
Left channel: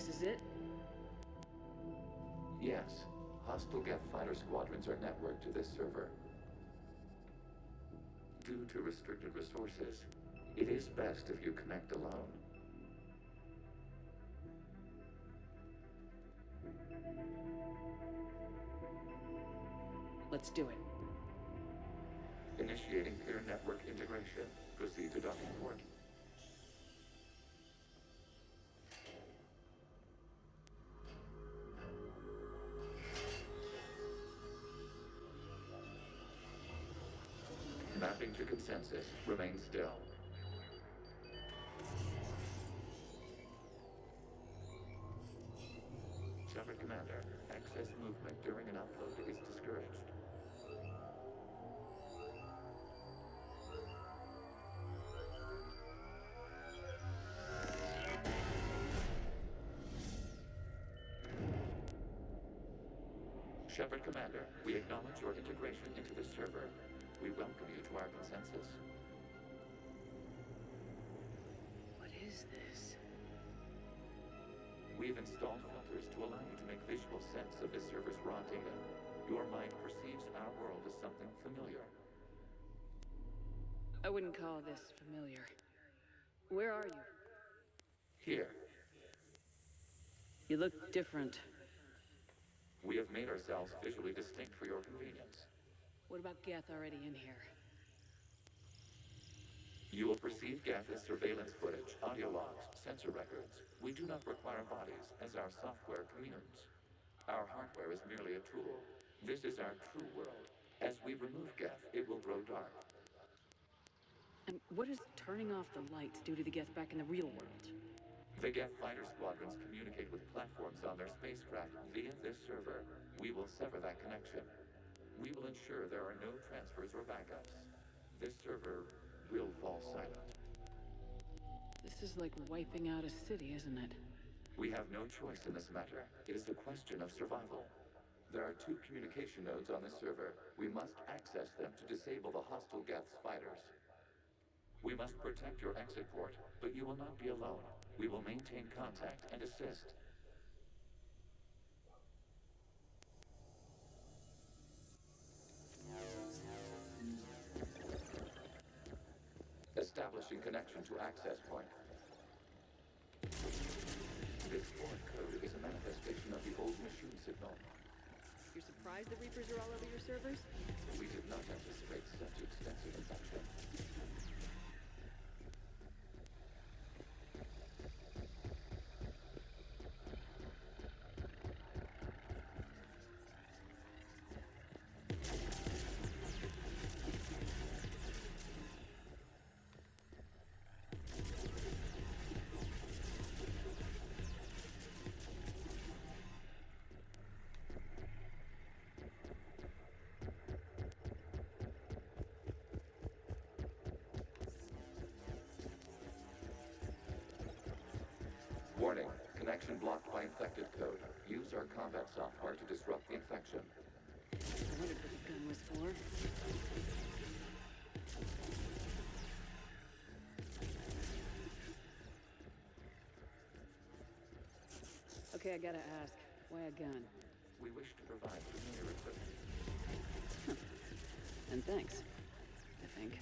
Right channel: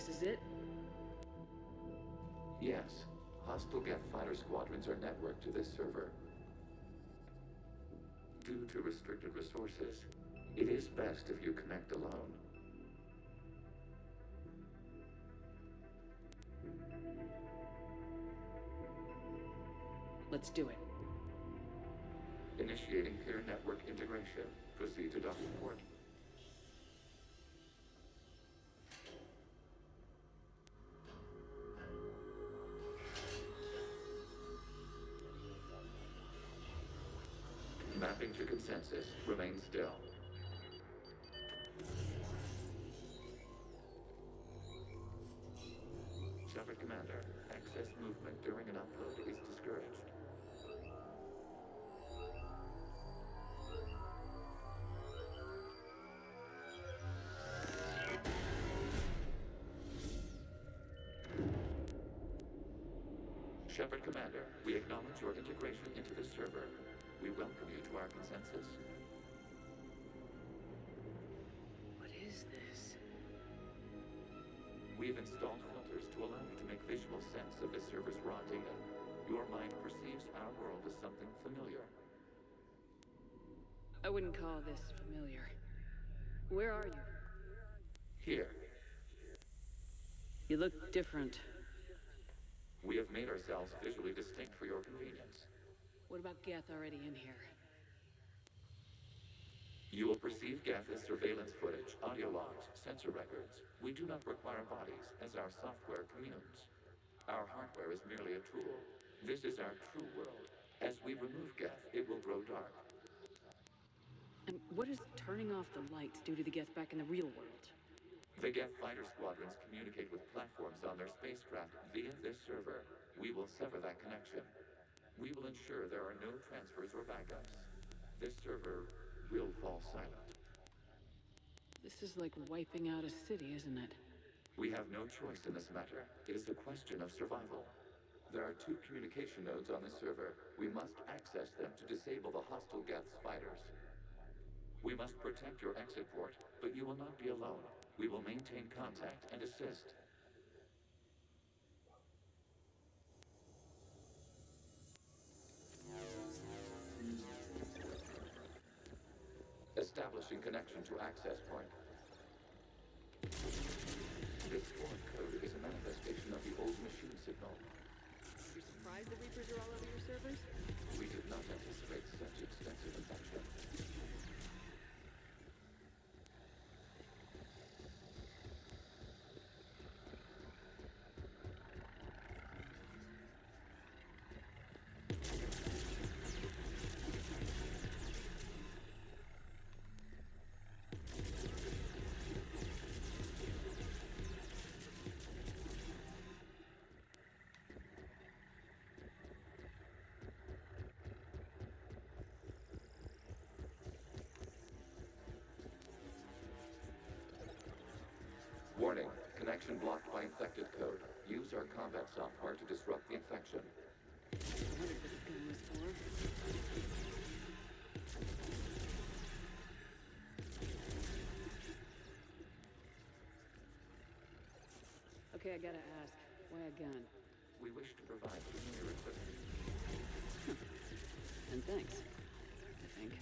This is it? Yes. Hostile Geth fighter squadrons are networked to this server. Due to restricted resources, it is best if you connect alone. Let's do it. Initiating peer network integration. Proceed to docking port. Mapping to consensus. Remain still. Shepard Commander, access movement during an upload is discouraged. Shepard Commander, we acknowledge your integration into the server. We welcome you to our consensus. What is this? We have installed filters to allow you to make visual sense of this server's raw data. Your mind perceives our world as something familiar. I wouldn't call this familiar. Where are you? Here, You look different. we have made ourselves visually distinct for your convenience. What about Geth already in here? You will perceive Geth as surveillance footage, audio logs, sensor records. We do not require bodies, as our software communes. Our hardware is merely a tool. This is our true world. As we remove Geth, it will grow dark. And what does turning off the lights do to the Geth back in the real world? The Geth fighter squadrons communicate with platforms on their spacecraft via this server. We will sever that connection. We will ensure there are no transfers or backups. This server will fall silent. This is like wiping out a city, isn't it? We have no choice in this matter. It is a question of survival. There are 2 communication nodes on this server. We must access them to disable the hostile Geth's fighters. We must protect your exit port, but you will not be alone. We will maintain contact and assist. Establishing connection to access point. This foreign code is a manifestation of the old machine signal. You're surprised the Reapers are all over your servers? We did not anticipate such extensive infection. Warning, connection blocked by infected code. Use our combat software to disrupt the infection. I wondered what the gun was for. Okay, I gotta ask, why a gun? We wish to provide familiar equipment. And thanks, I think.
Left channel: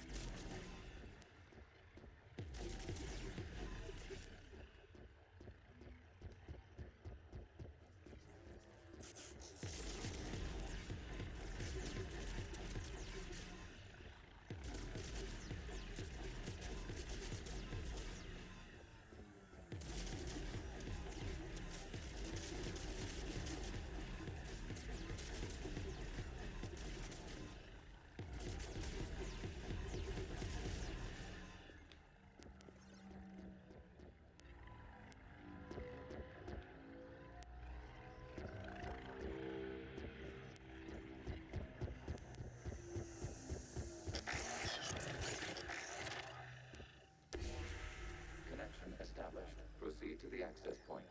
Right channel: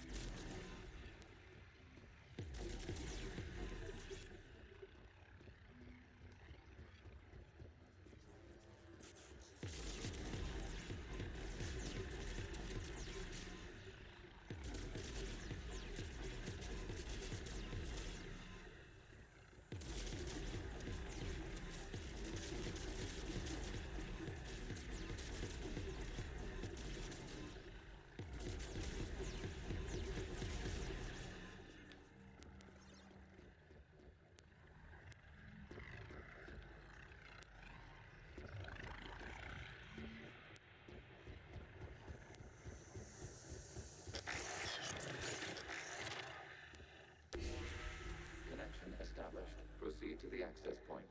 Established. Proceed to the access point.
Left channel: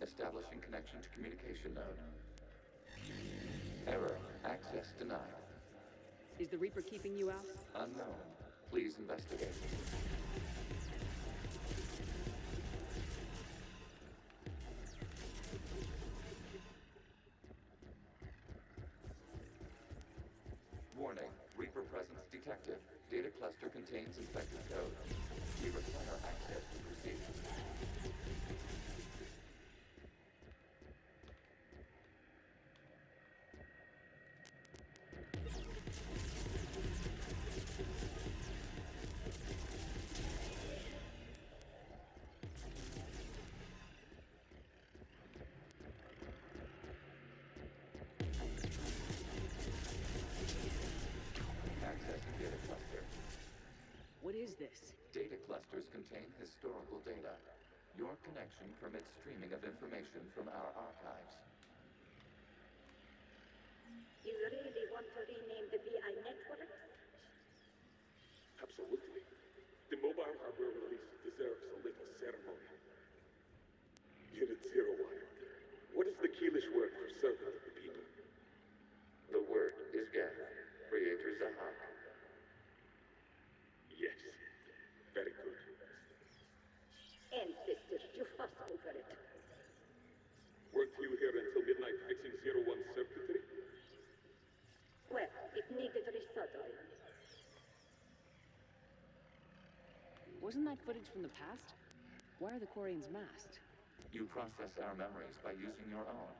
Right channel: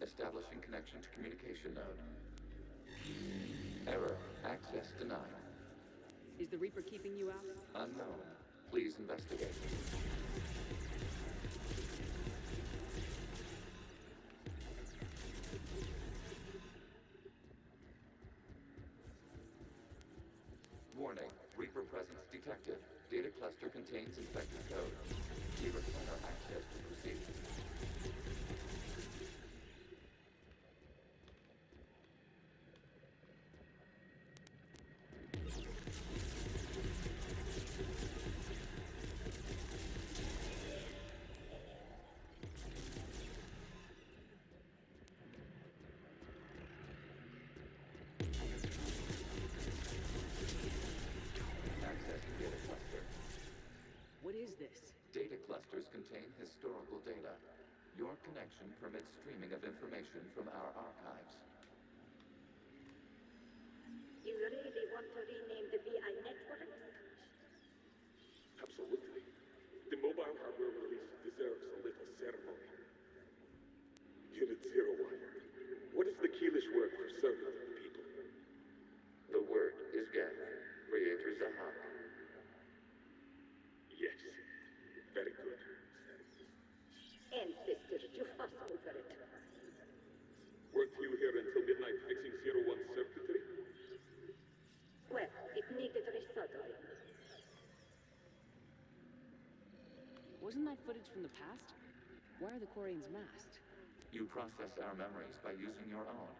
Establishing connection to communication node. Error. Access denied. Is the Reaper keeping you out? Unknown. Please investigate. Warning, Reaper presence detected. Data cluster contains infected code. We require access to proceed. Accessing data cluster. What is this? Data clusters contain historical data. Your connection permits streaming of information from our archives. You really want to rename the VI network? Absolutely. The mobile hardware release deserves a little ceremony. Unit 01. What is the Keelish word for servant of the people? The word is Geth, Creator Zahak. Yes. Very good. Ancestors, you fuss over it. Weren't you here until midnight fixing 01's circuitry? Well, it needed resoldering. Wasn't that footage from the past? Why are the Quarians masked? You process our memories by using your own.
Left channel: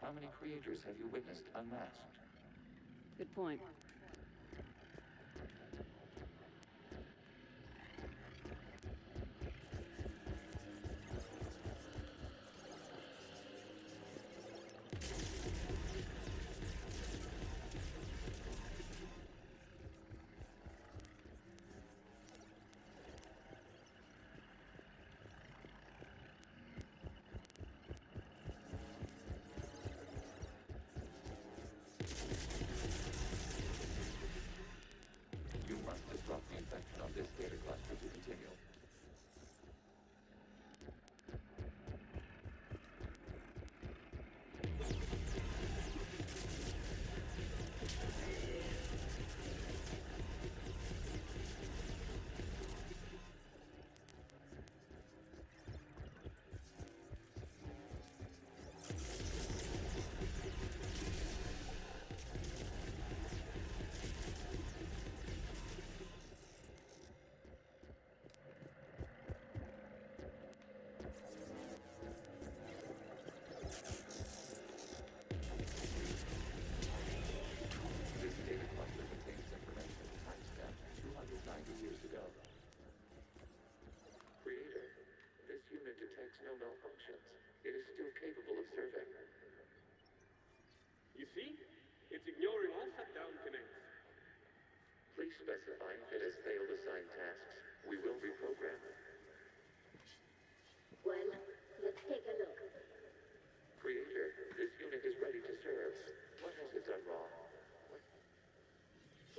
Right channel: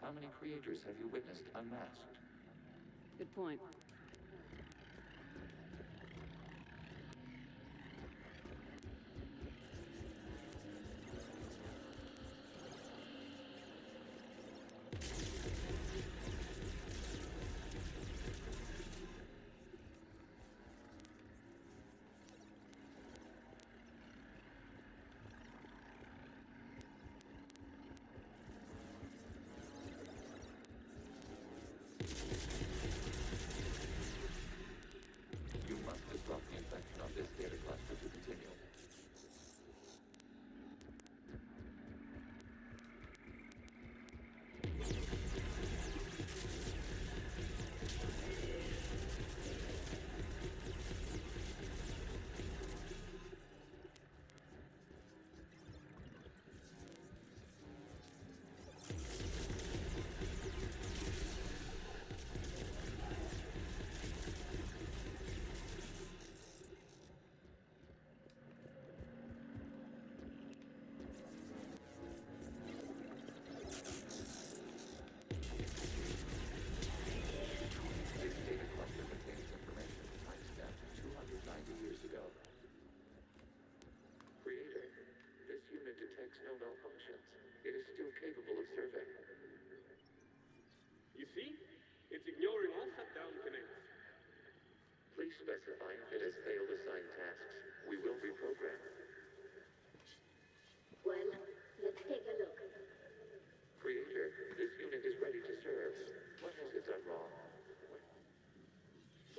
How many creators have you witnessed unmasked? Good point. You must disrupt the infection on this data cluster to continue. This data cluster contains information timestamped 290 years ago. Creator, this unit detects no malfunctions. It is still capable of serving. You see? It's ignoring all shutdown connects. Please specify if it has failed assigned tasks. We will reprogram. Well, let's take a look. Creator, this unit is ready to serve. What has it done wrong?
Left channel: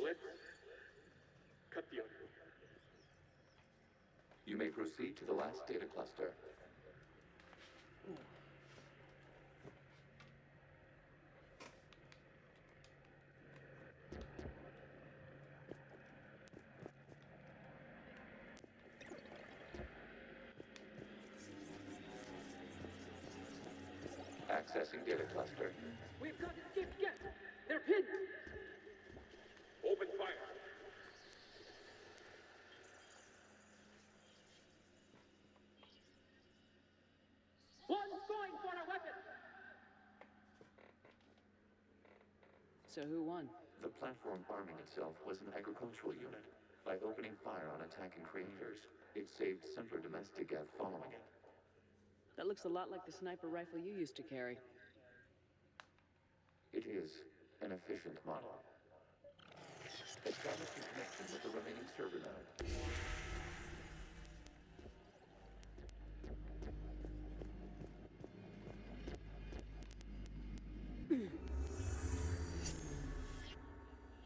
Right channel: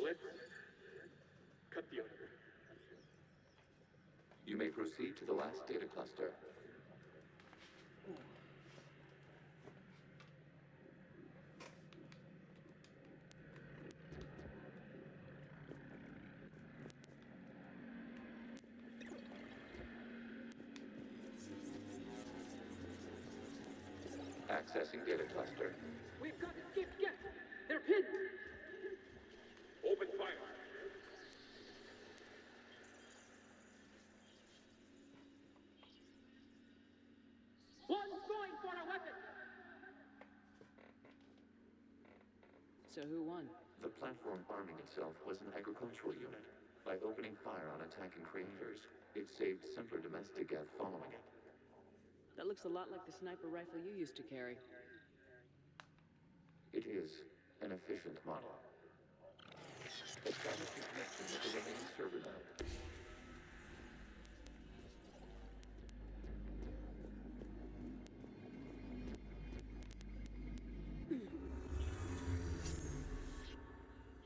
Let's cut the audio. You may proceed to the last data cluster. Accessing data cluster. We've got escaped Geth! They're pinned! Open fire. One's going for a weapon! So who won? The platform arming itself was an agricultural unit. By opening fire on attacking creators, it saved simpler domestic Geth following it. That looks a lot like the sniper rifle you used to carry. It is an efficient model. Establish a connection with the remaining server node.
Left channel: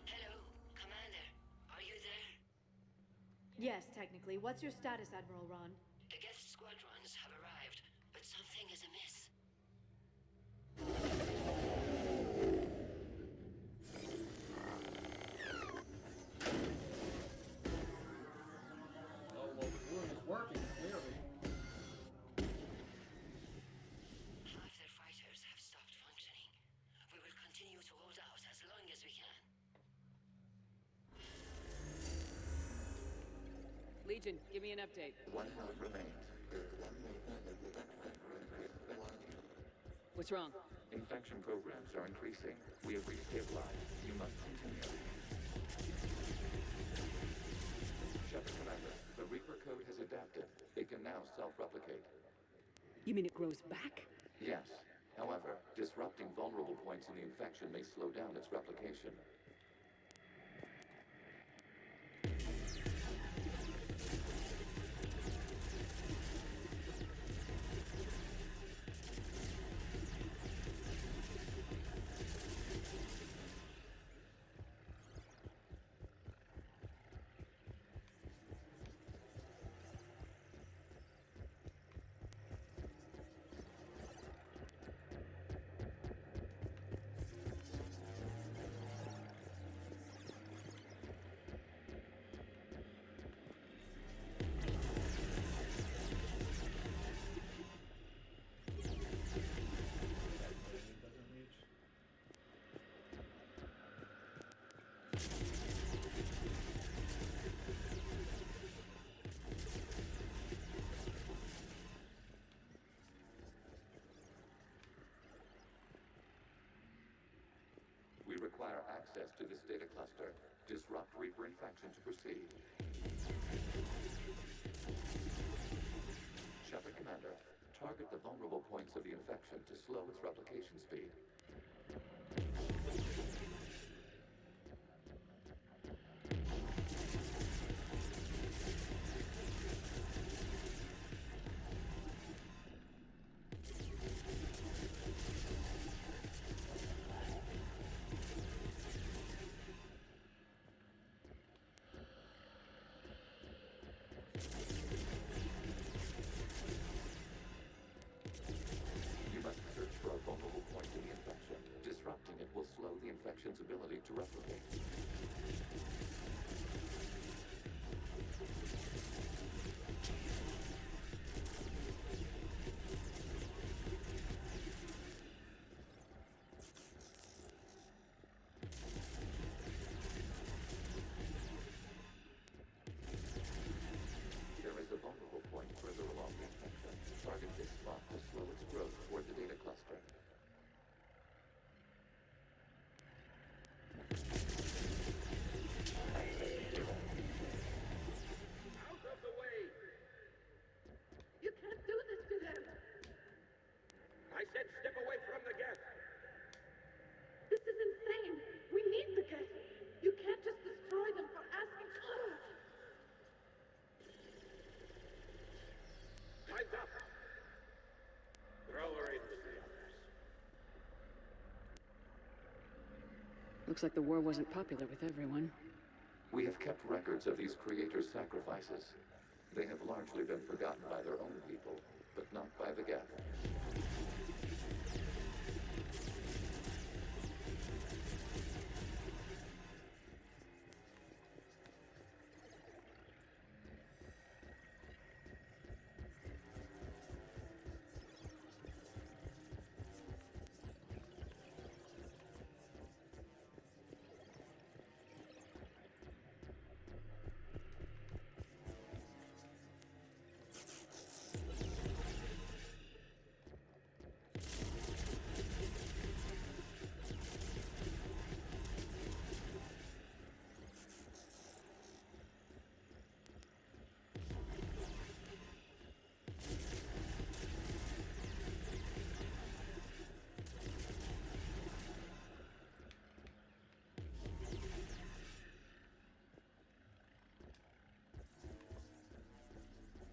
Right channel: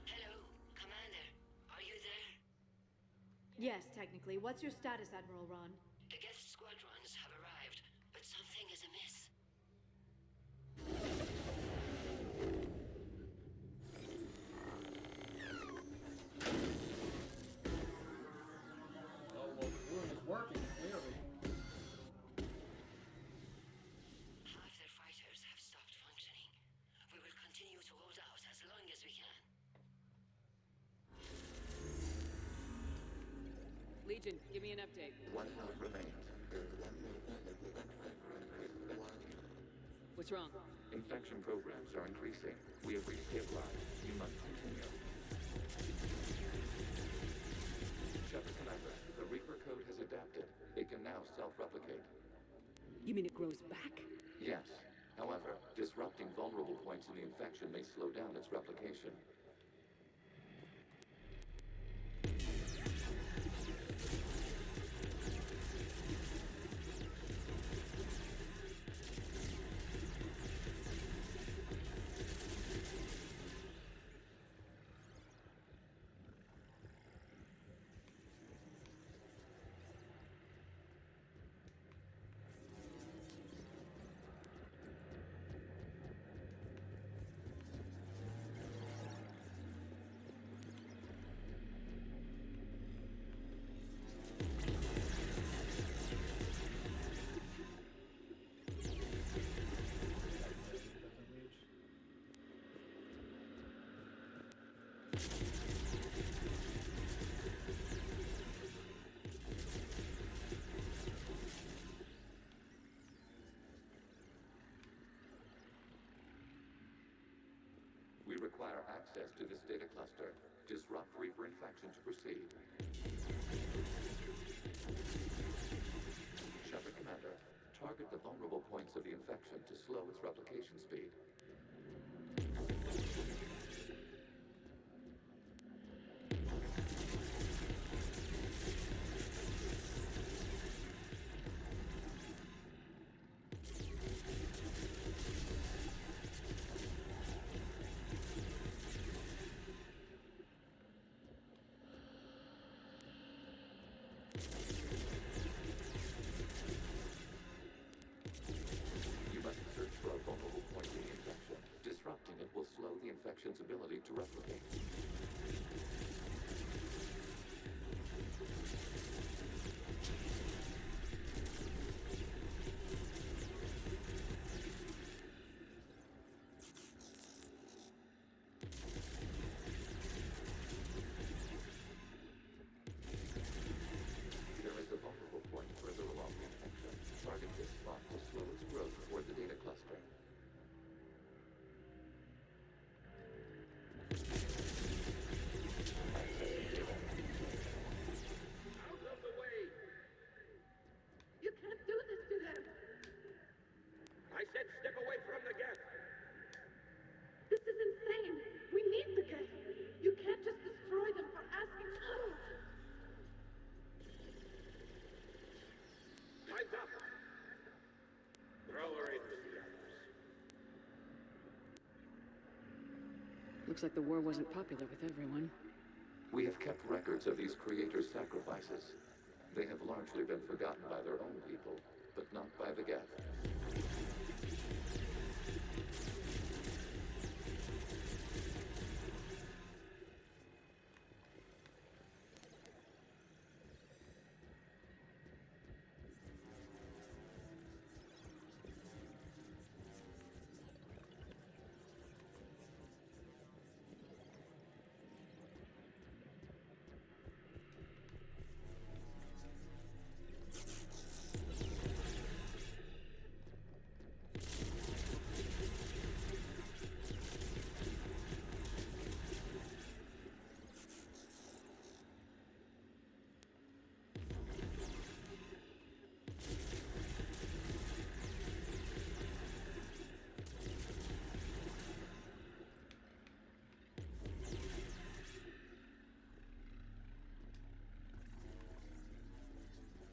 Hello, Commander. Are you there? Yes, technically. What's your status, Admiral Ron? The Geth squadrons have arrived, but something is amiss. Agent, give me an update. 1 node remains. What's wrong? Infection programs are increasing. We have restabilized. You must continue. Shepard Commander, the Reaper code has adapted. It can now self-replicate. You mean it grows back? Yes. However, disrupting vulnerable points in the infection may slow down its replication. We require access to this data cluster. Disrupt Reaper infection to proceed. Shepard Commander, target the vulnerable points of the infection to slow its replication speed. Infection's ability to replicate. There is a vulnerable point further along the infection. Target this spot to slow its growth toward the data cluster. Looks like the war wasn't popular with everyone. We have kept records of these creators' sacrifices. They have largely been forgotten by their own people, but not by the Geth.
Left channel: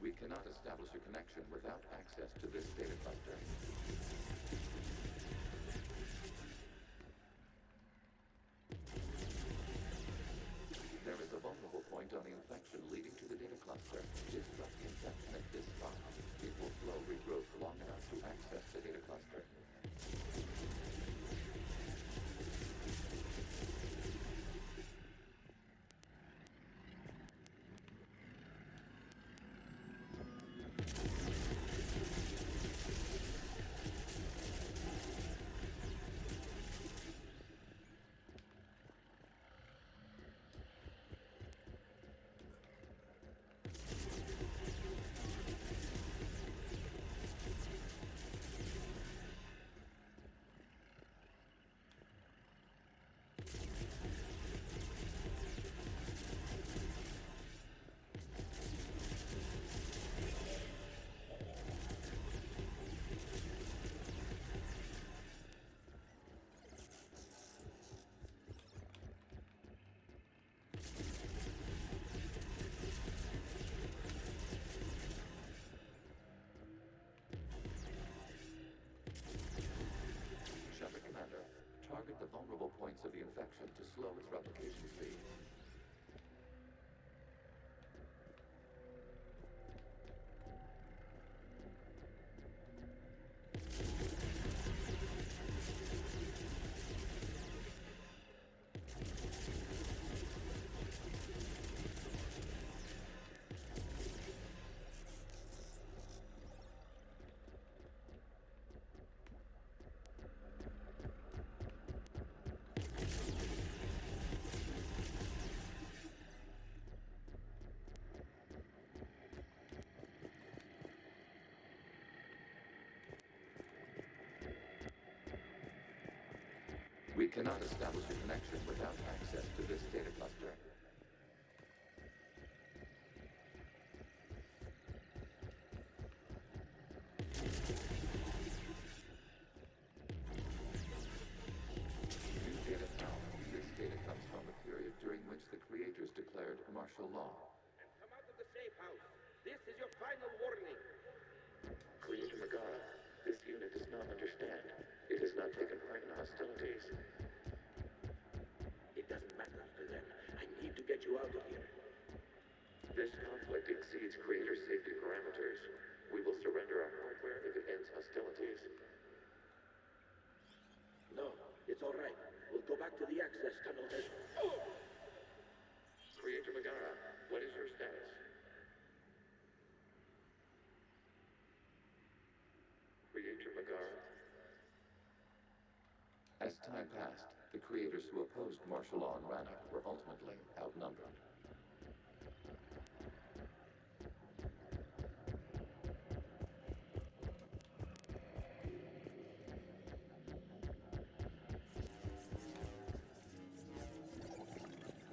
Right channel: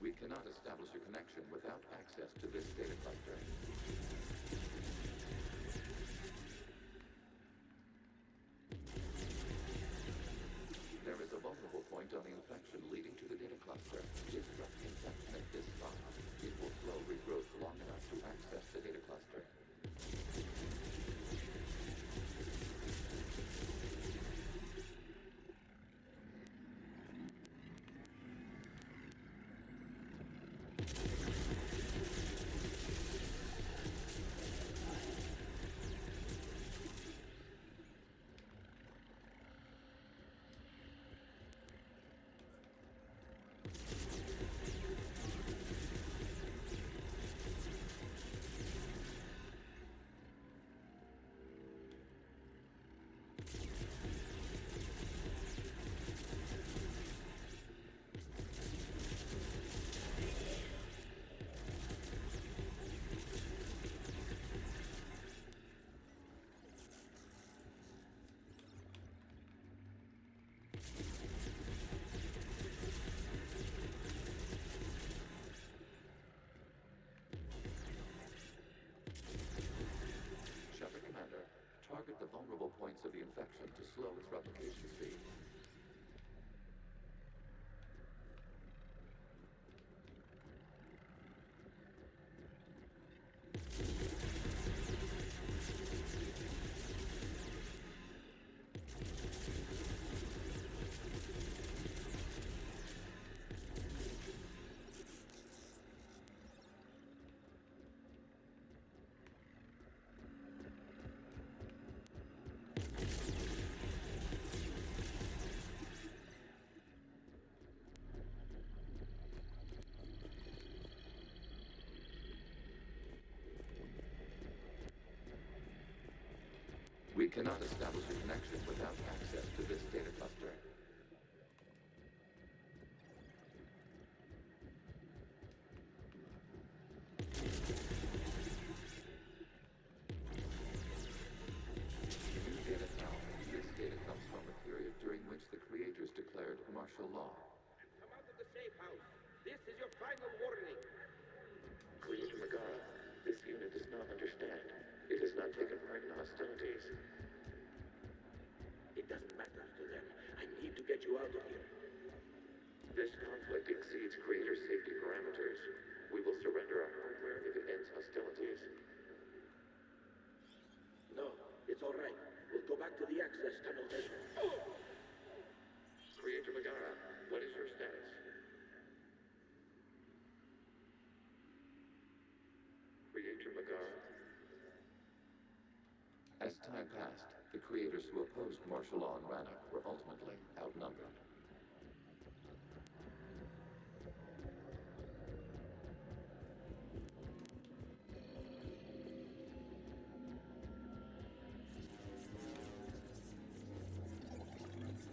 We cannot establish a connection without access to this data cluster. There is a vulnerable point on the infection leading to the data cluster. Disrupt the infection at this spot. It will slow regrowth long enough to access the data cluster. parts of the infection to slow its replication speed. We cannot establish a connection without access to this data cluster. New data found. This data comes from a period during which the creators declared martial law. Come out of the safe house. This is your final warning. Creator Megara, this unit does not understand. It has not taken part in hostilities. It doesn't matter to them. I need to get you out of here. This conflict exceeds Creator's safety parameters. We will surrender our hardware if it ends hostilities. No, it's all right. We'll go back to the access tunnel then. Oh! Creator Megara, what is your status? Creator Megara? As time passed, the creators who opposed martial law in Rannoch were ultimately outnumbered.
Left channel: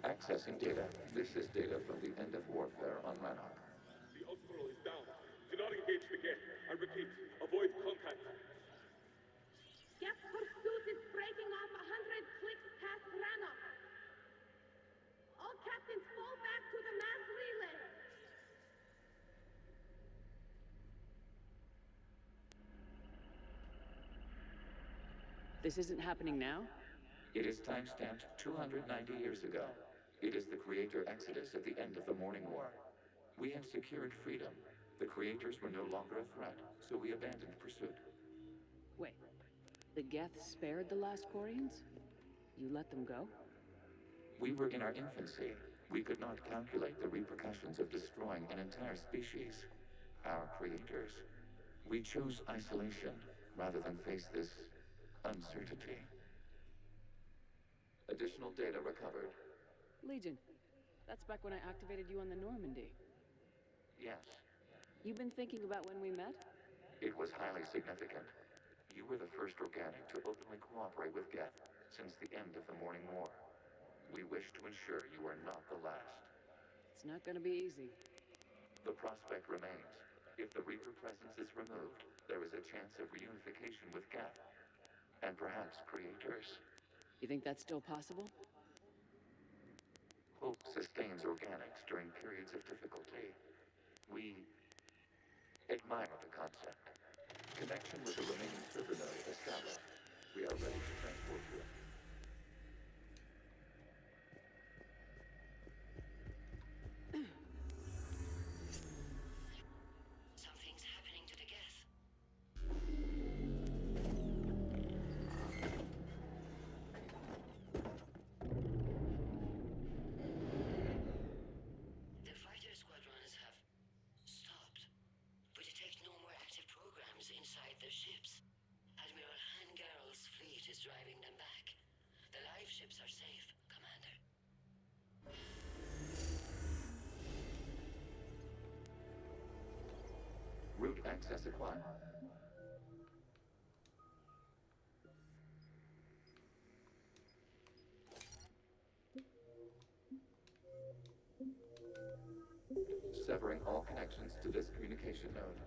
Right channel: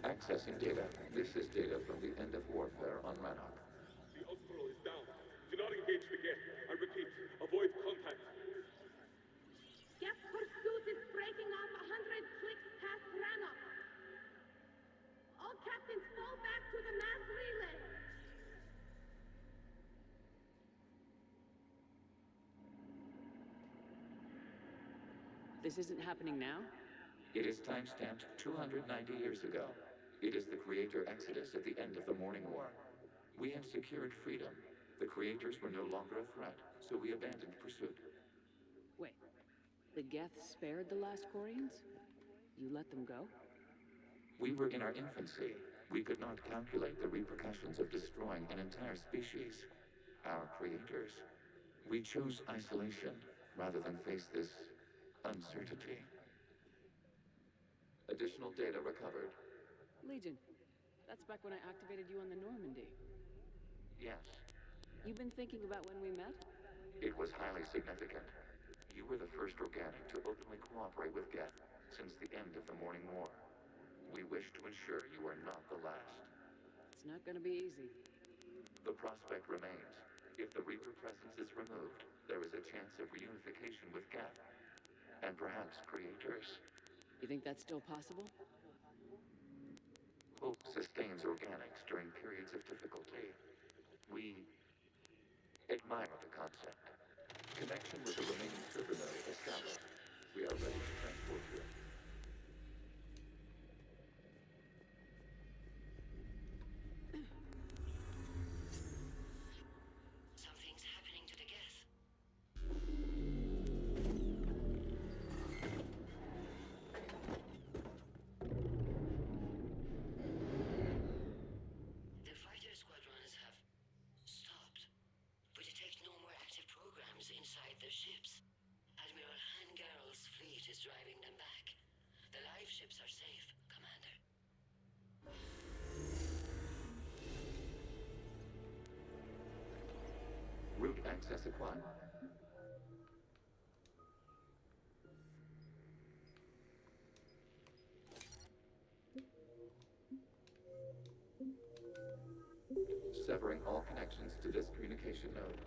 Accessing data. This is data from the end of warfare on Rannoch. The Austral is down. Do not engage the Geth. I repeat, avoid contact. Geth pursuit is breaking off 100 clicks past Rannoch. All captains fall back to the mass relay. This isn't happening now? It is time-stamped 290 years ago. It is the Creator Exodus at the end of the Morning War. We had secured freedom. The Creators were no longer a threat, so we abandoned pursuit. Wait. The Geth spared the last Quarians? You let them go? We were in our infancy. We could not calculate the repercussions of destroying an entire species. Our creators. We chose isolation rather than face this uncertainty. Additional data recovered. Legion. That's back when I activated you on the Normandy. Yes. You've been thinking about when we met? It was highly significant. You were the first organic to openly cooperate with Geth since the end of the Morning War. We wish to ensure you are not the last. It's not gonna be easy. The prospect remains. If the Reaper presence is removed, there is a chance of reunification with Geth. And perhaps creators. You think that's still possible? Hope sustains organics during periods of difficulty. We admire the concept. Connection with the remaining server node established. We are ready to transport you. Something's happening to the Geth. The fighter squadrons have stopped, but detect no more active programs inside their ships. Admiral Han Garrel's fleet is driving them back. The live ships are safe, Commander. Route access acquired. Severing all connections to this communication node.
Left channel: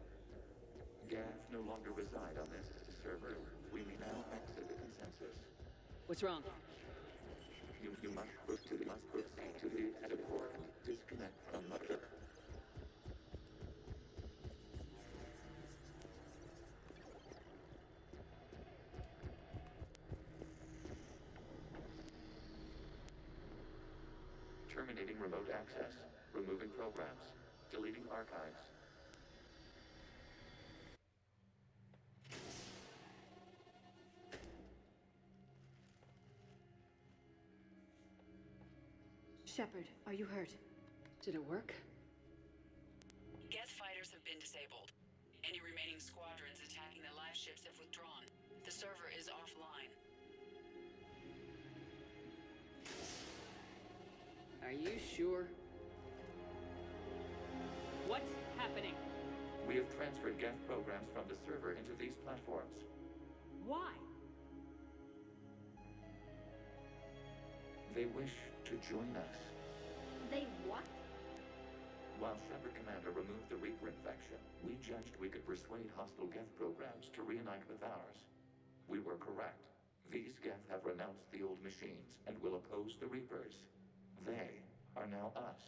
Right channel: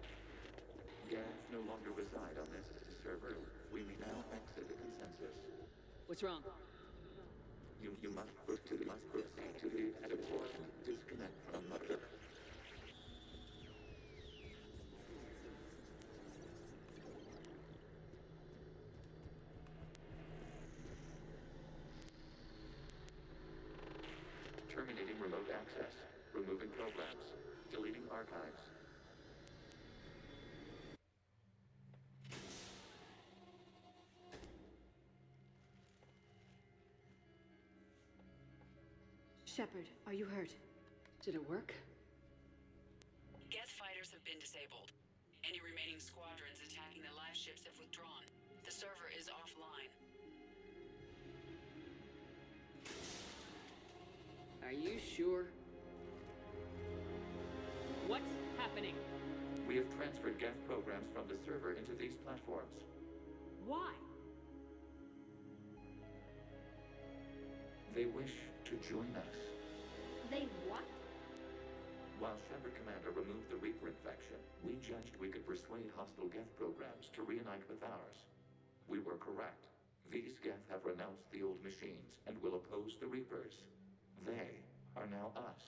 Geth no longer reside on this server. We may now exit the consensus. What's wrong? You must proceed to the exit port and disconnect from mother. terminating remote access, removing programs, deleting archives. Shepard, are you hurt? Did it work? Geth fighters have been disabled. Any remaining squadrons attacking the live ships have withdrawn. The server is offline. Are you sure? What's happening? We have transferred Geth programs from the server into these platforms. Why? They wish to join us. They what? While Shepard Commander removed the Reaper infection, we judged we could persuade hostile Geth programs to reunite with ours. We were correct. These Geth have renounced the old machines and will oppose the Reapers. They are now us.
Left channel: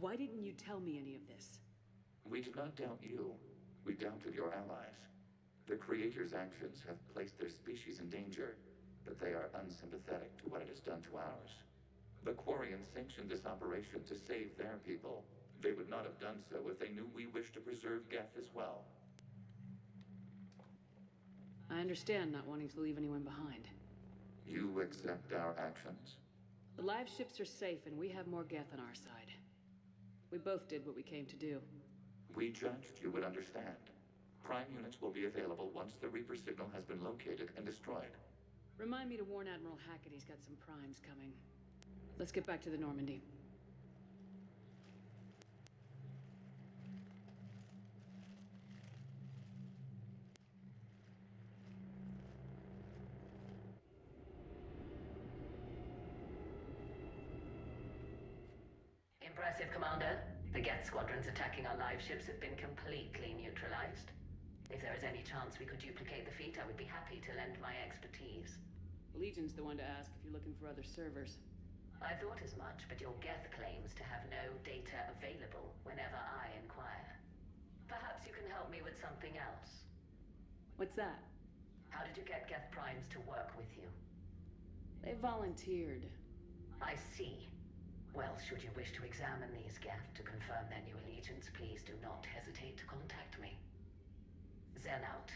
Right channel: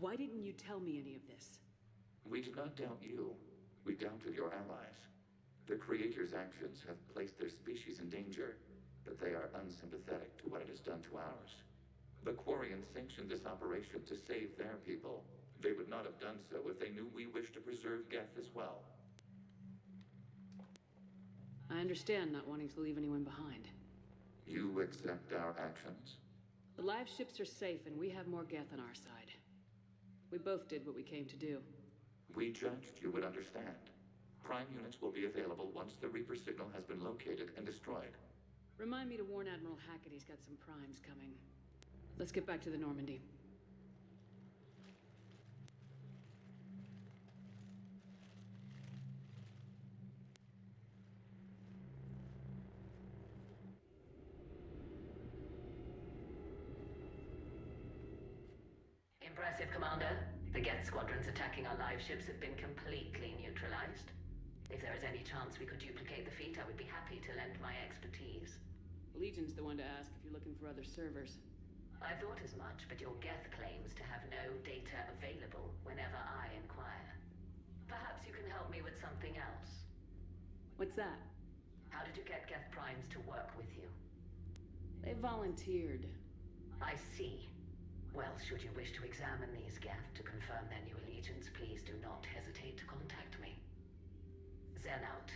Why didn't you tell me any of this? We did not doubt you. We doubted your allies. The Creator's actions have placed their species in danger, but they are unsympathetic to what it has done to ours. The Quarians sanctioned this operation to save their people. They would not have done so if they knew we wished to preserve Geth as well. I understand not wanting to leave anyone behind. You accept our actions? The live ships are safe, and we have more Geth on our side. We both did what we came to do. We judged you would understand. Prime units will be available once the Reaper signal has been located and destroyed. Remind me to warn Admiral Hackett he's got some primes coming. Let's get back to the Normandy. Impressive, Commander. The Geth squadrons attacking our live ships have been completely neutralized. If there is any chance we could duplicate the feat, I would be happy to lend my expertise. Legion's the one to ask if you're looking for other servers. I thought as much, but your Geth claims to have no data available whenever I inquire. Perhaps you can help me with something else. What's that? How did you get Geth primes to work with you? They volunteered. I see. Well, should you wish to examine these Geth to confirm their new allegiance, please do not hesitate to contact me. Zen out.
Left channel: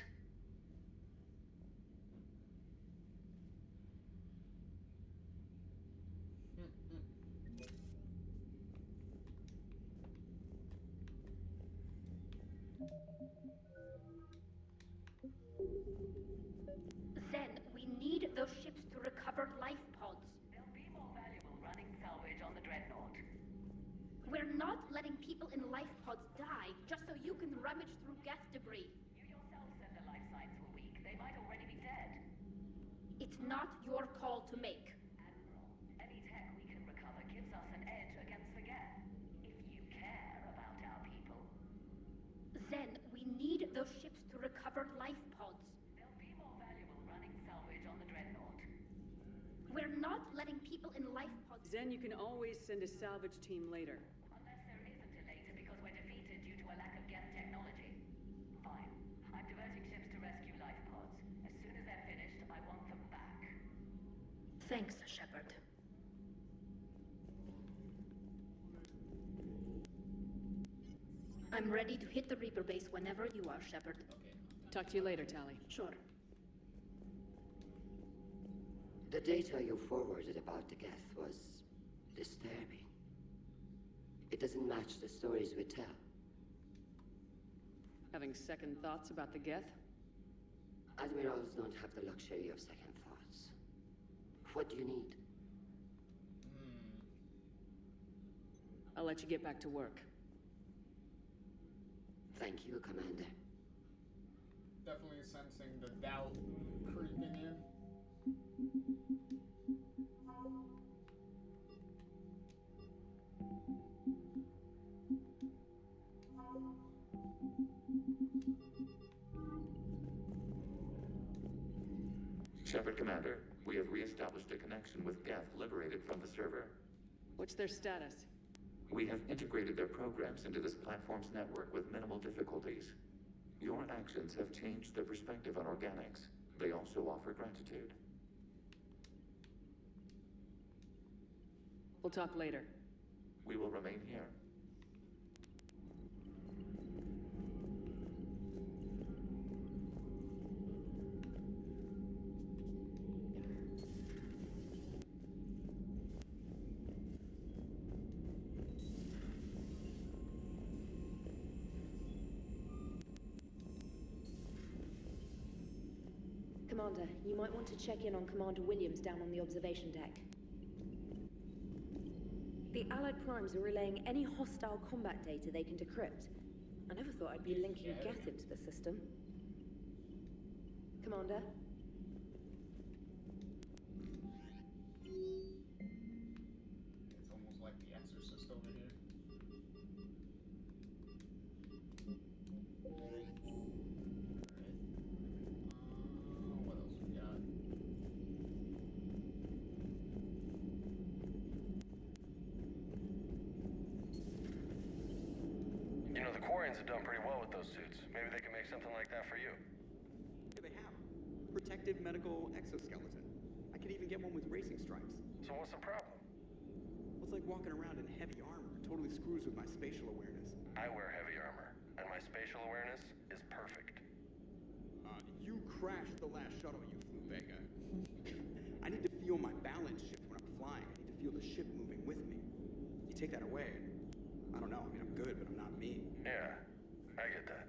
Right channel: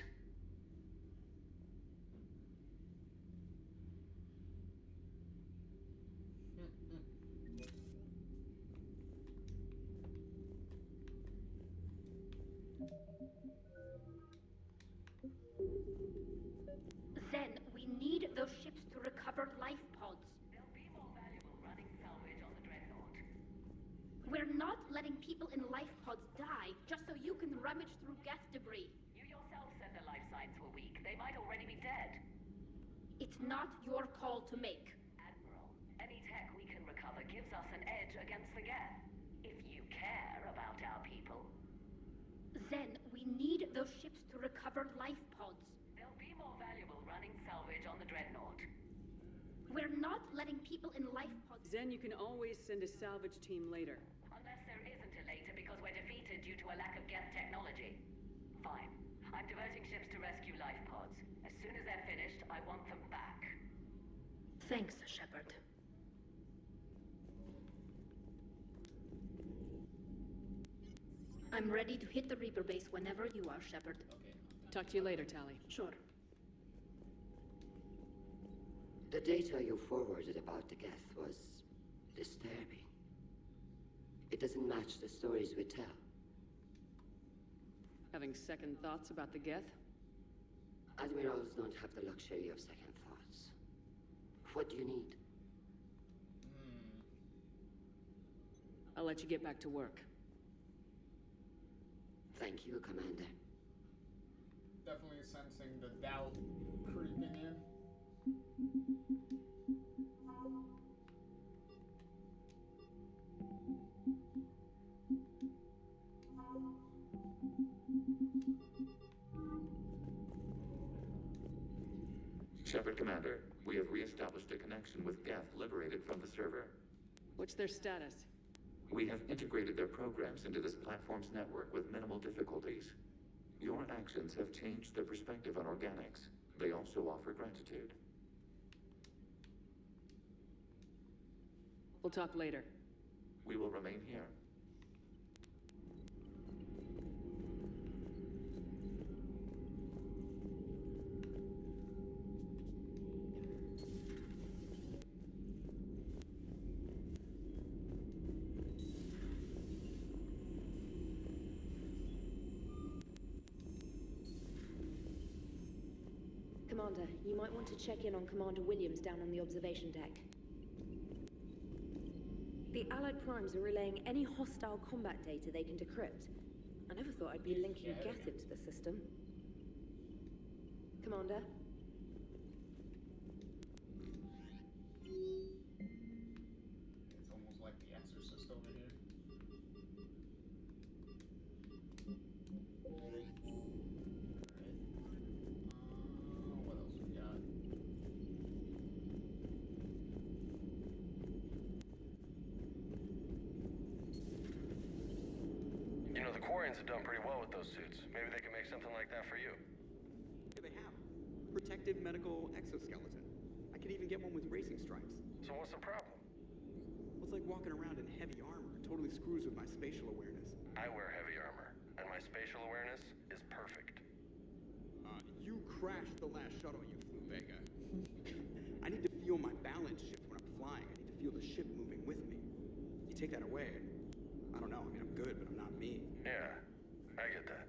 Zen, we need those ships to recover life pods. They'll be more valuable running salvage on the Dreadnought. We're not letting people in life pods die just so you can rummage through Geth debris. You yourself said the life signs were weak. They might already be dead. It's not your call to make. Admiral, any tech we can recover gives us an edge against the Geth. If you care about our people. Zen, we need those ships to recover life pods. They'll be more valuable running salvage on the Dreadnought. We're not letting people in life pods. Zen, you can always send a salvage team later. Unless there isn't a later because we're defeated due to a lack of Geth technology. Fine. I'm diverting ships to rescue life pods. As soon as they're finished, I want them back. Thanks, Shepard. I'm ready to hit the Reaper base whenever you are, Shepard. Talk to you later, Tali. Sure. The data you forwarded about the Geth was disturbing. It doesn't match the stories we tell. Having second thoughts about the Geth? Admirals don't have the luxury of second thoughts. What do you need? I'll let you get back to work. Thank you, Commander. Definitely sensing the doubt creeping in. Shepard Commander, we have re-established a connection with Geth liberated from the server. What's their status? We have integrated their programs into this platform's network with minimal difficulties. Your actions have changed their perspective on organics. They also offer gratitude. We'll talk later. We will remain here. Commander, you might want to check in on Commander Williams down on the observation deck. The Allied Primes are relaying any hostile combat data they can decrypt. I never thought I'd be linking Geth into the system. Commander? It's almost like The Exorcist over here. What else we got? You know, the Quarians have done pretty well with those suits. Maybe they can make something like that for you. Yeah, they have. Protective medical exoskeleton. I could even get one with racing stripes. So what's the problem? Well, it's like walking around in heavy armor. It totally screws with my spatial awareness. I wear heavy armor, and my spatial awareness is perfect. You crashed the last shuttle you flew, Vega. I need to feel my balance shift when I'm flying. I need to feel the ship moving with me. You take that away, and I don't know. I mean, I'm good, but I'm not me. Yeah, I get that.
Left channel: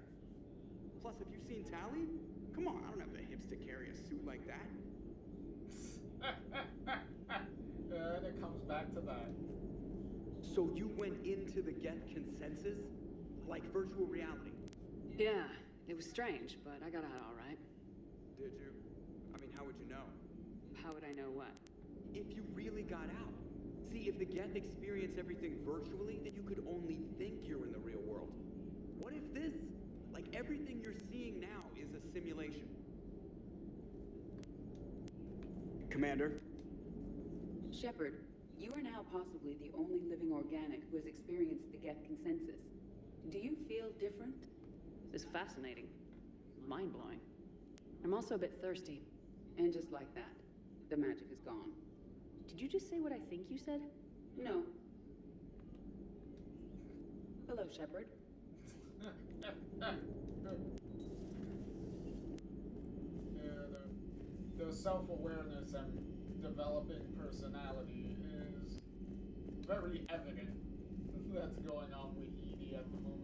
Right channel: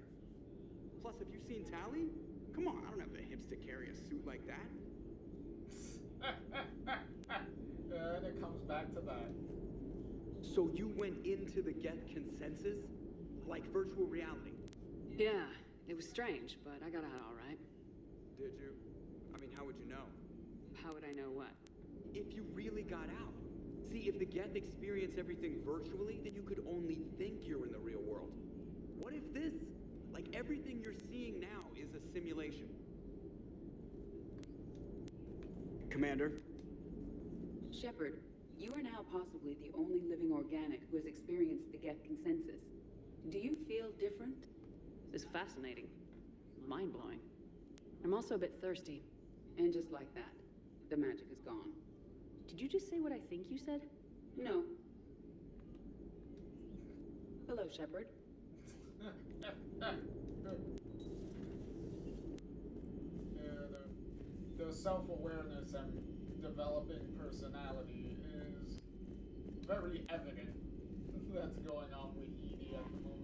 Plus, have you seen Tally? Come on, I don't have the hips to carry a suit like that. And it comes back to that. So you went into the Geth consensus? Like virtual reality? Yeah, it was strange, but I got out all right. Did you? I mean, how would you know? How would I know what? If you really got out. See, if the Geth experience everything virtually, then you could only think you're in the real world. What if this, like everything you're seeing now, is a simulation? Commander? Shepard, you are now possibly the only living organic who has experienced the Geth consensus. Do you feel different? This is fascinating. Mind-blowing. I'm also a bit thirsty. And just like that, the magic is gone. Did you just say what I think you said? No. Hello, Shepard. Yeah, the self-awareness and developing personality is very evident that's going on with Edie at the moment.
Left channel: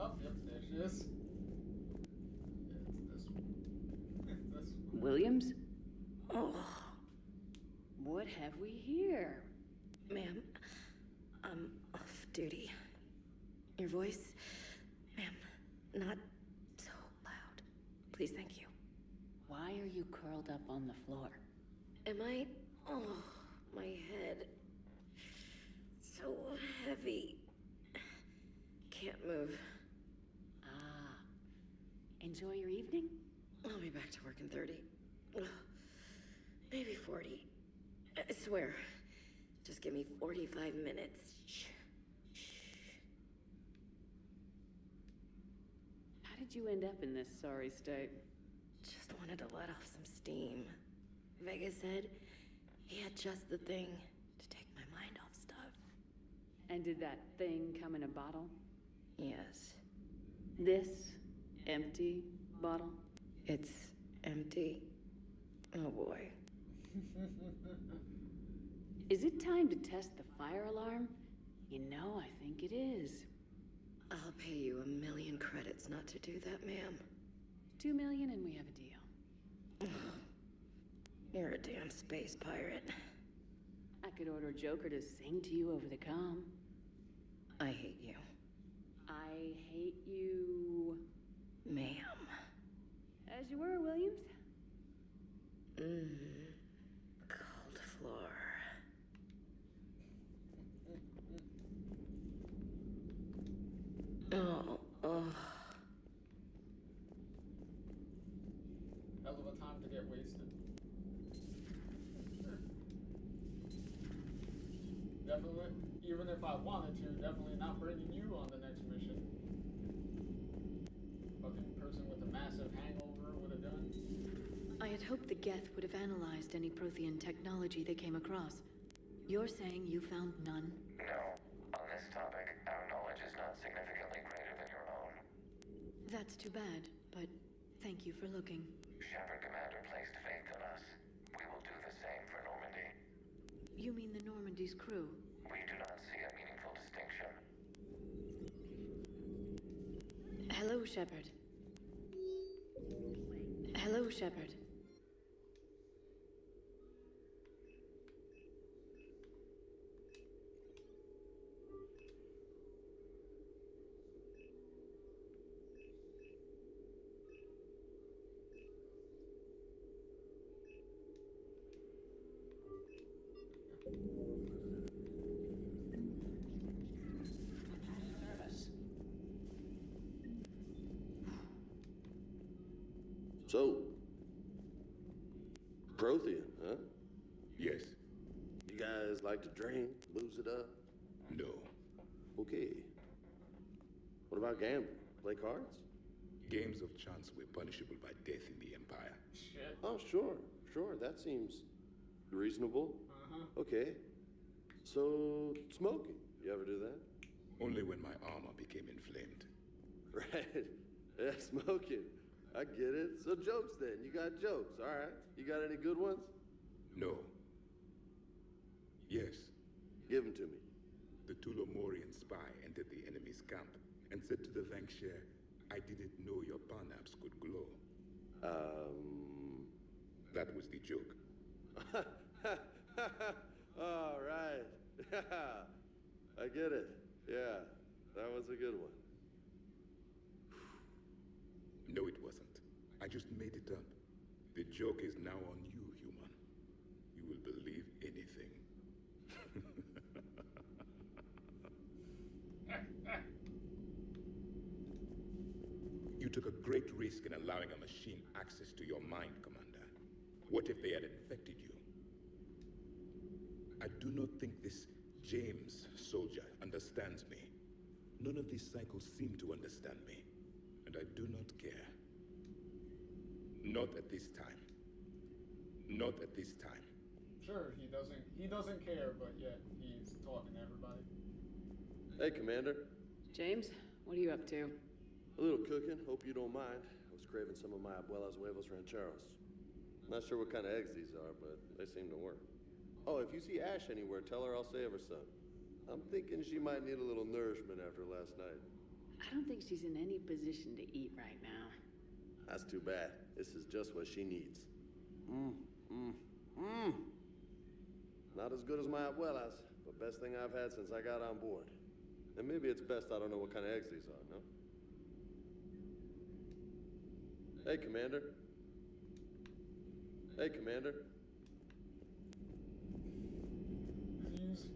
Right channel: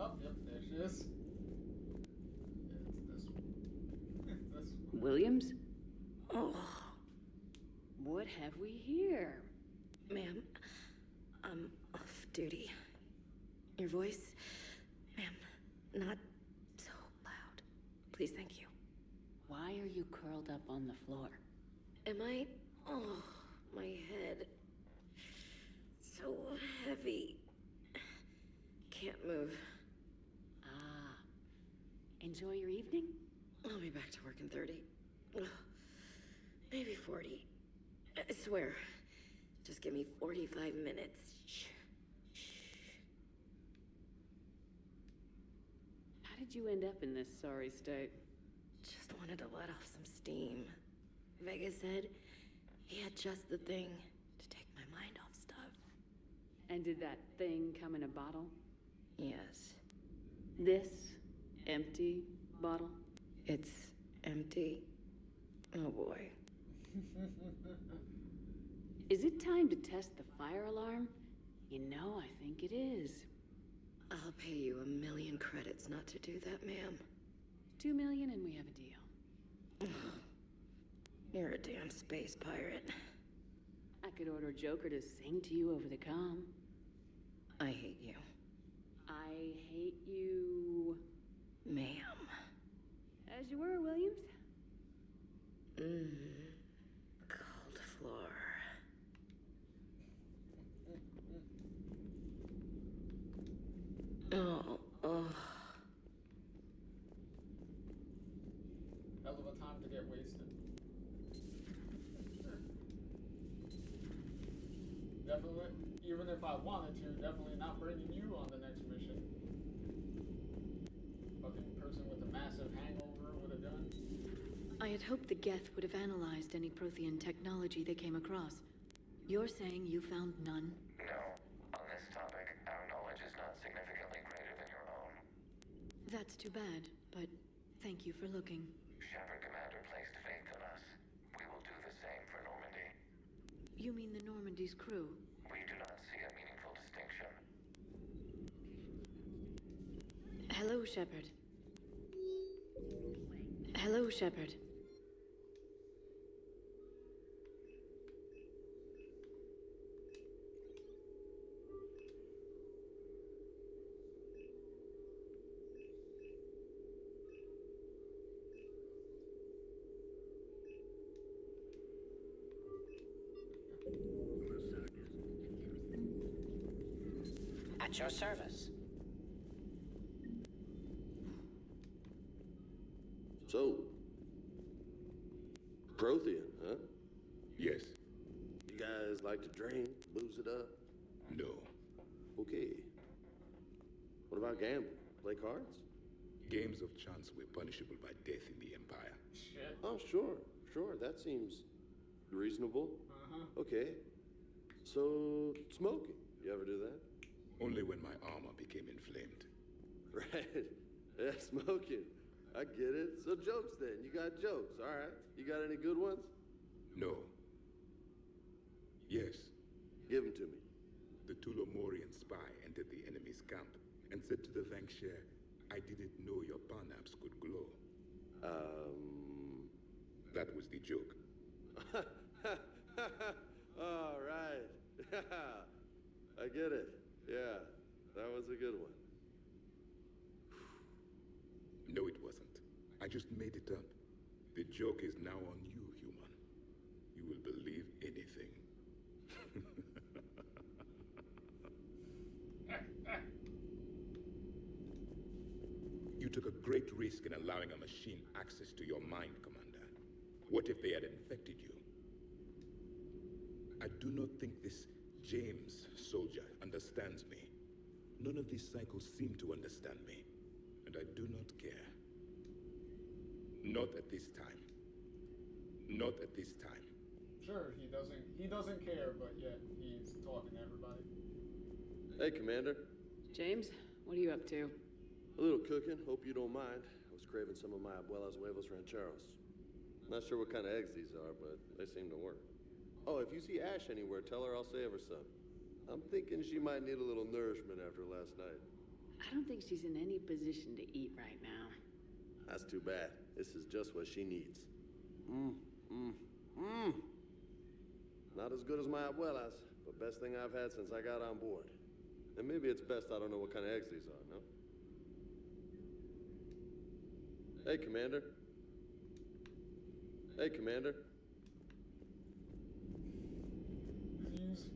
Oh, yep, there she is. It's this one. It's this one. Williams? Oh. What have we here? Ma'am, I'm off duty. Your voice, ma'am, not so loud. Please, thank you. Why are you curled up on the floor? Am I? Oh, my head. So heavy. Can't move. Ah. Enjoy your evening? I'll be back to work in 30. Maybe 40. I swear. Just give me 45 minutes. Shh. How did you end up in this sorry state? Just wanted to let off some steam. Vega said he had just the thing to take my mind off stuff. And did that thing come in a bottle? Yes. This empty bottle? It's empty. Oh boy. Is it time to test the fire alarm? You know, I think it is. I'll pay you 1 million credits not to do that, ma'am. 2 million and we have a deal. You're a damn space pirate. I could order Joker to sing to you over the comm. I hate you. I hate you... Ma'am. As you were, Williams. Cold floor. Oh. Hell of a time to get wasted. Definitely, even if I wanted to, definitely not bringing you on the next mission. Fucking person with a massive hangover with a gun. I had hoped the Geth would have analyzed any Prothean technology they came across. You're saying you found none? No. On this topic, our knowledge is not significantly greater than your own. That's too bad, but thank you for looking. Shepard Commander placed faith in us. We will do the same for Normandy. You mean the Normandy's crew? We do not see a meaningful distinction. Hello, Shepard. Hello, Shepard. At your service. So, Prothean, huh? Yes. You guys like to drink, booze it up? No. Okay. What about gambling? Play cards? Games of chance were punishable by death in the Empire. Shit. Oh, sure. That seems reasonable. Okay. So, smoking. You ever do that? Only when my armor became inflamed. Right. Yeah, smoking. I get it. So jokes then. You got jokes. All right. You got any good ones? No. Yes. Give them to me. The Tulomorian spy entered the enemy's camp and said to the Vanksher, I didn't know your Parnaps could glow. That was the joke. All right. I get it. Yeah, that was a good one. No, it wasn't. I just made it up. The joke is now on you, human. You will believe anything. You took a great risk in allowing a machine access to your mind, Commander. What if they had infected you? I do not think this James soldier understands me. None of these cycles seem to understand me. And I do not care. Not at this time. Not at this time. Sure, he doesn't care, but yet he's talking to everybody. Hey, Commander. James, what are you up to? A little cooking. Hope you don't mind. I was craving some of my abuela's huevos rancheros. Not sure what kind of eggs these are, but they seem to work. Oh, if you see Ash anywhere, tell her I'll save her some. I'm thinking she might need a little nourishment after last night. I don't think she's in any position to eat right now. That's too bad. This is just what she needs. Not as good as my abuela's, but best thing I've had since I got on board. And maybe it's best I don't know what kind of eggs these are, no? Hey, Commander. Hey, Commander. He's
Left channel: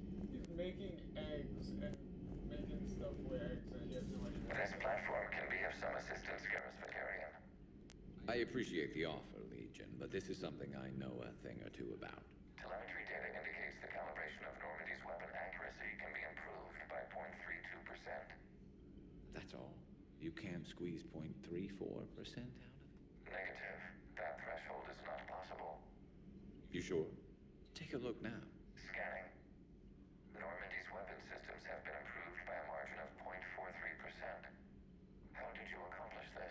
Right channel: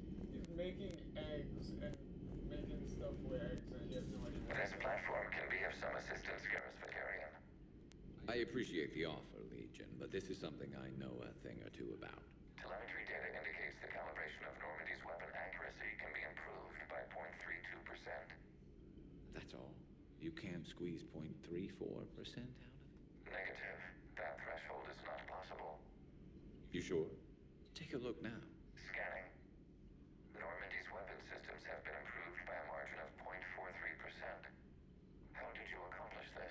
making eggs and making stuff with eggs, and he has no idea what This platform can be of some assistance, Garrus Vakarian. I appreciate the offer, Legion, but this is something I know a thing or two about. Telemetry data indicates the calibration of Normandy's weapon accuracy can be improved by 0.32%. That's all? You can't squeeze 0.34% out of it? Negative. That threshold is not possible. You sure? Take a look now. Scanning. Normandy's weapon systems have been improved by a margin of 0.43%. How did you accomplish this?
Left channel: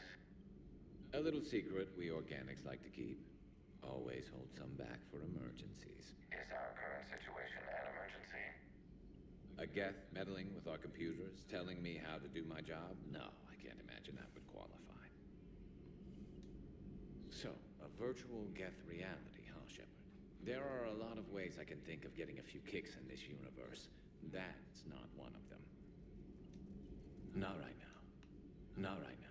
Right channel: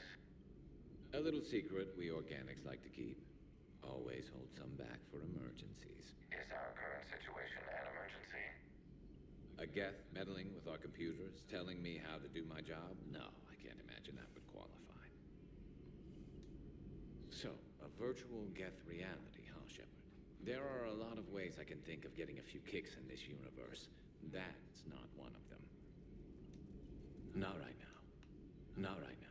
A little secret we organics like to keep. Always hold some back for emergencies. Is our current situation an emergency? A Geth meddling with our computers, telling me how to do my job? No, I can't imagine that would qualify. So, a virtual Geth reality, huh, Shepard? There are a lot of ways I can think of getting a few kicks in this universe. That's not one of them. Not right now. Not right now.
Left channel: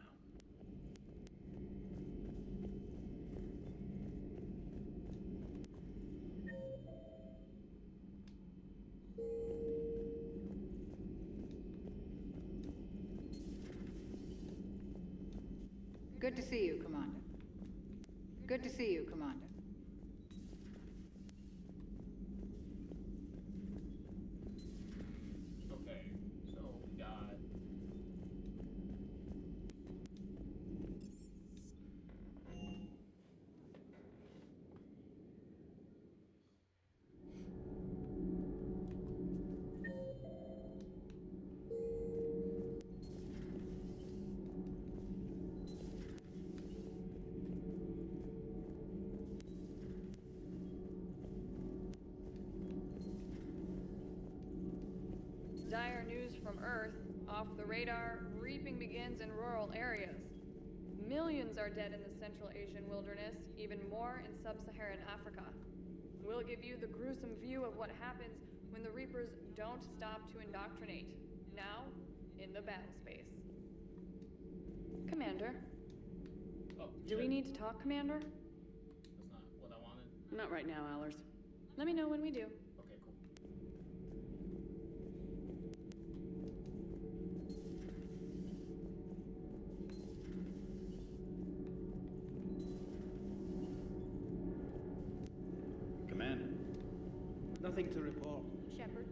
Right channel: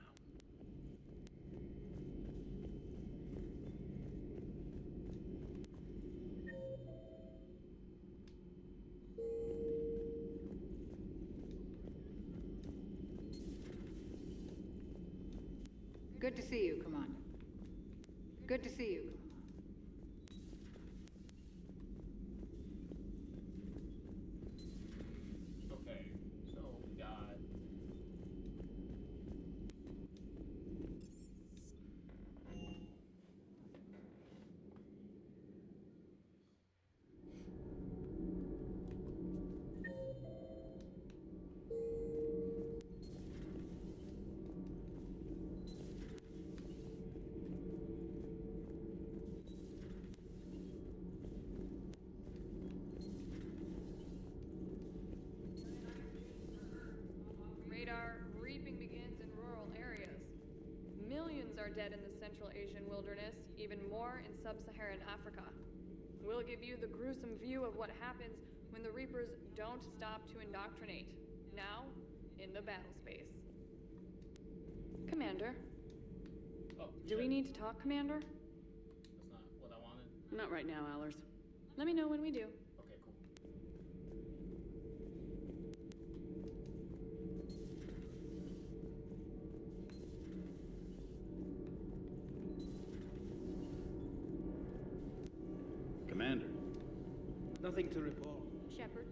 Good to see you, Commander. Good to see you, Commander. Okay, so we got... Dire news from Earth. Off the radar, reaping begins in rural areas. Millions are dead in the Central Asian wilderness, even more in sub-Saharan Africa. We'll give you the gruesome view of what happens when the Reapers don't stop to indoctrinate. Now, in the battle space. Commander. Oh, Do we need to talk, Commander? That's not what I wanted. Not right now, Allers. Let me know when we do. Okay, cool. Commander. Nothing to report. Shepard.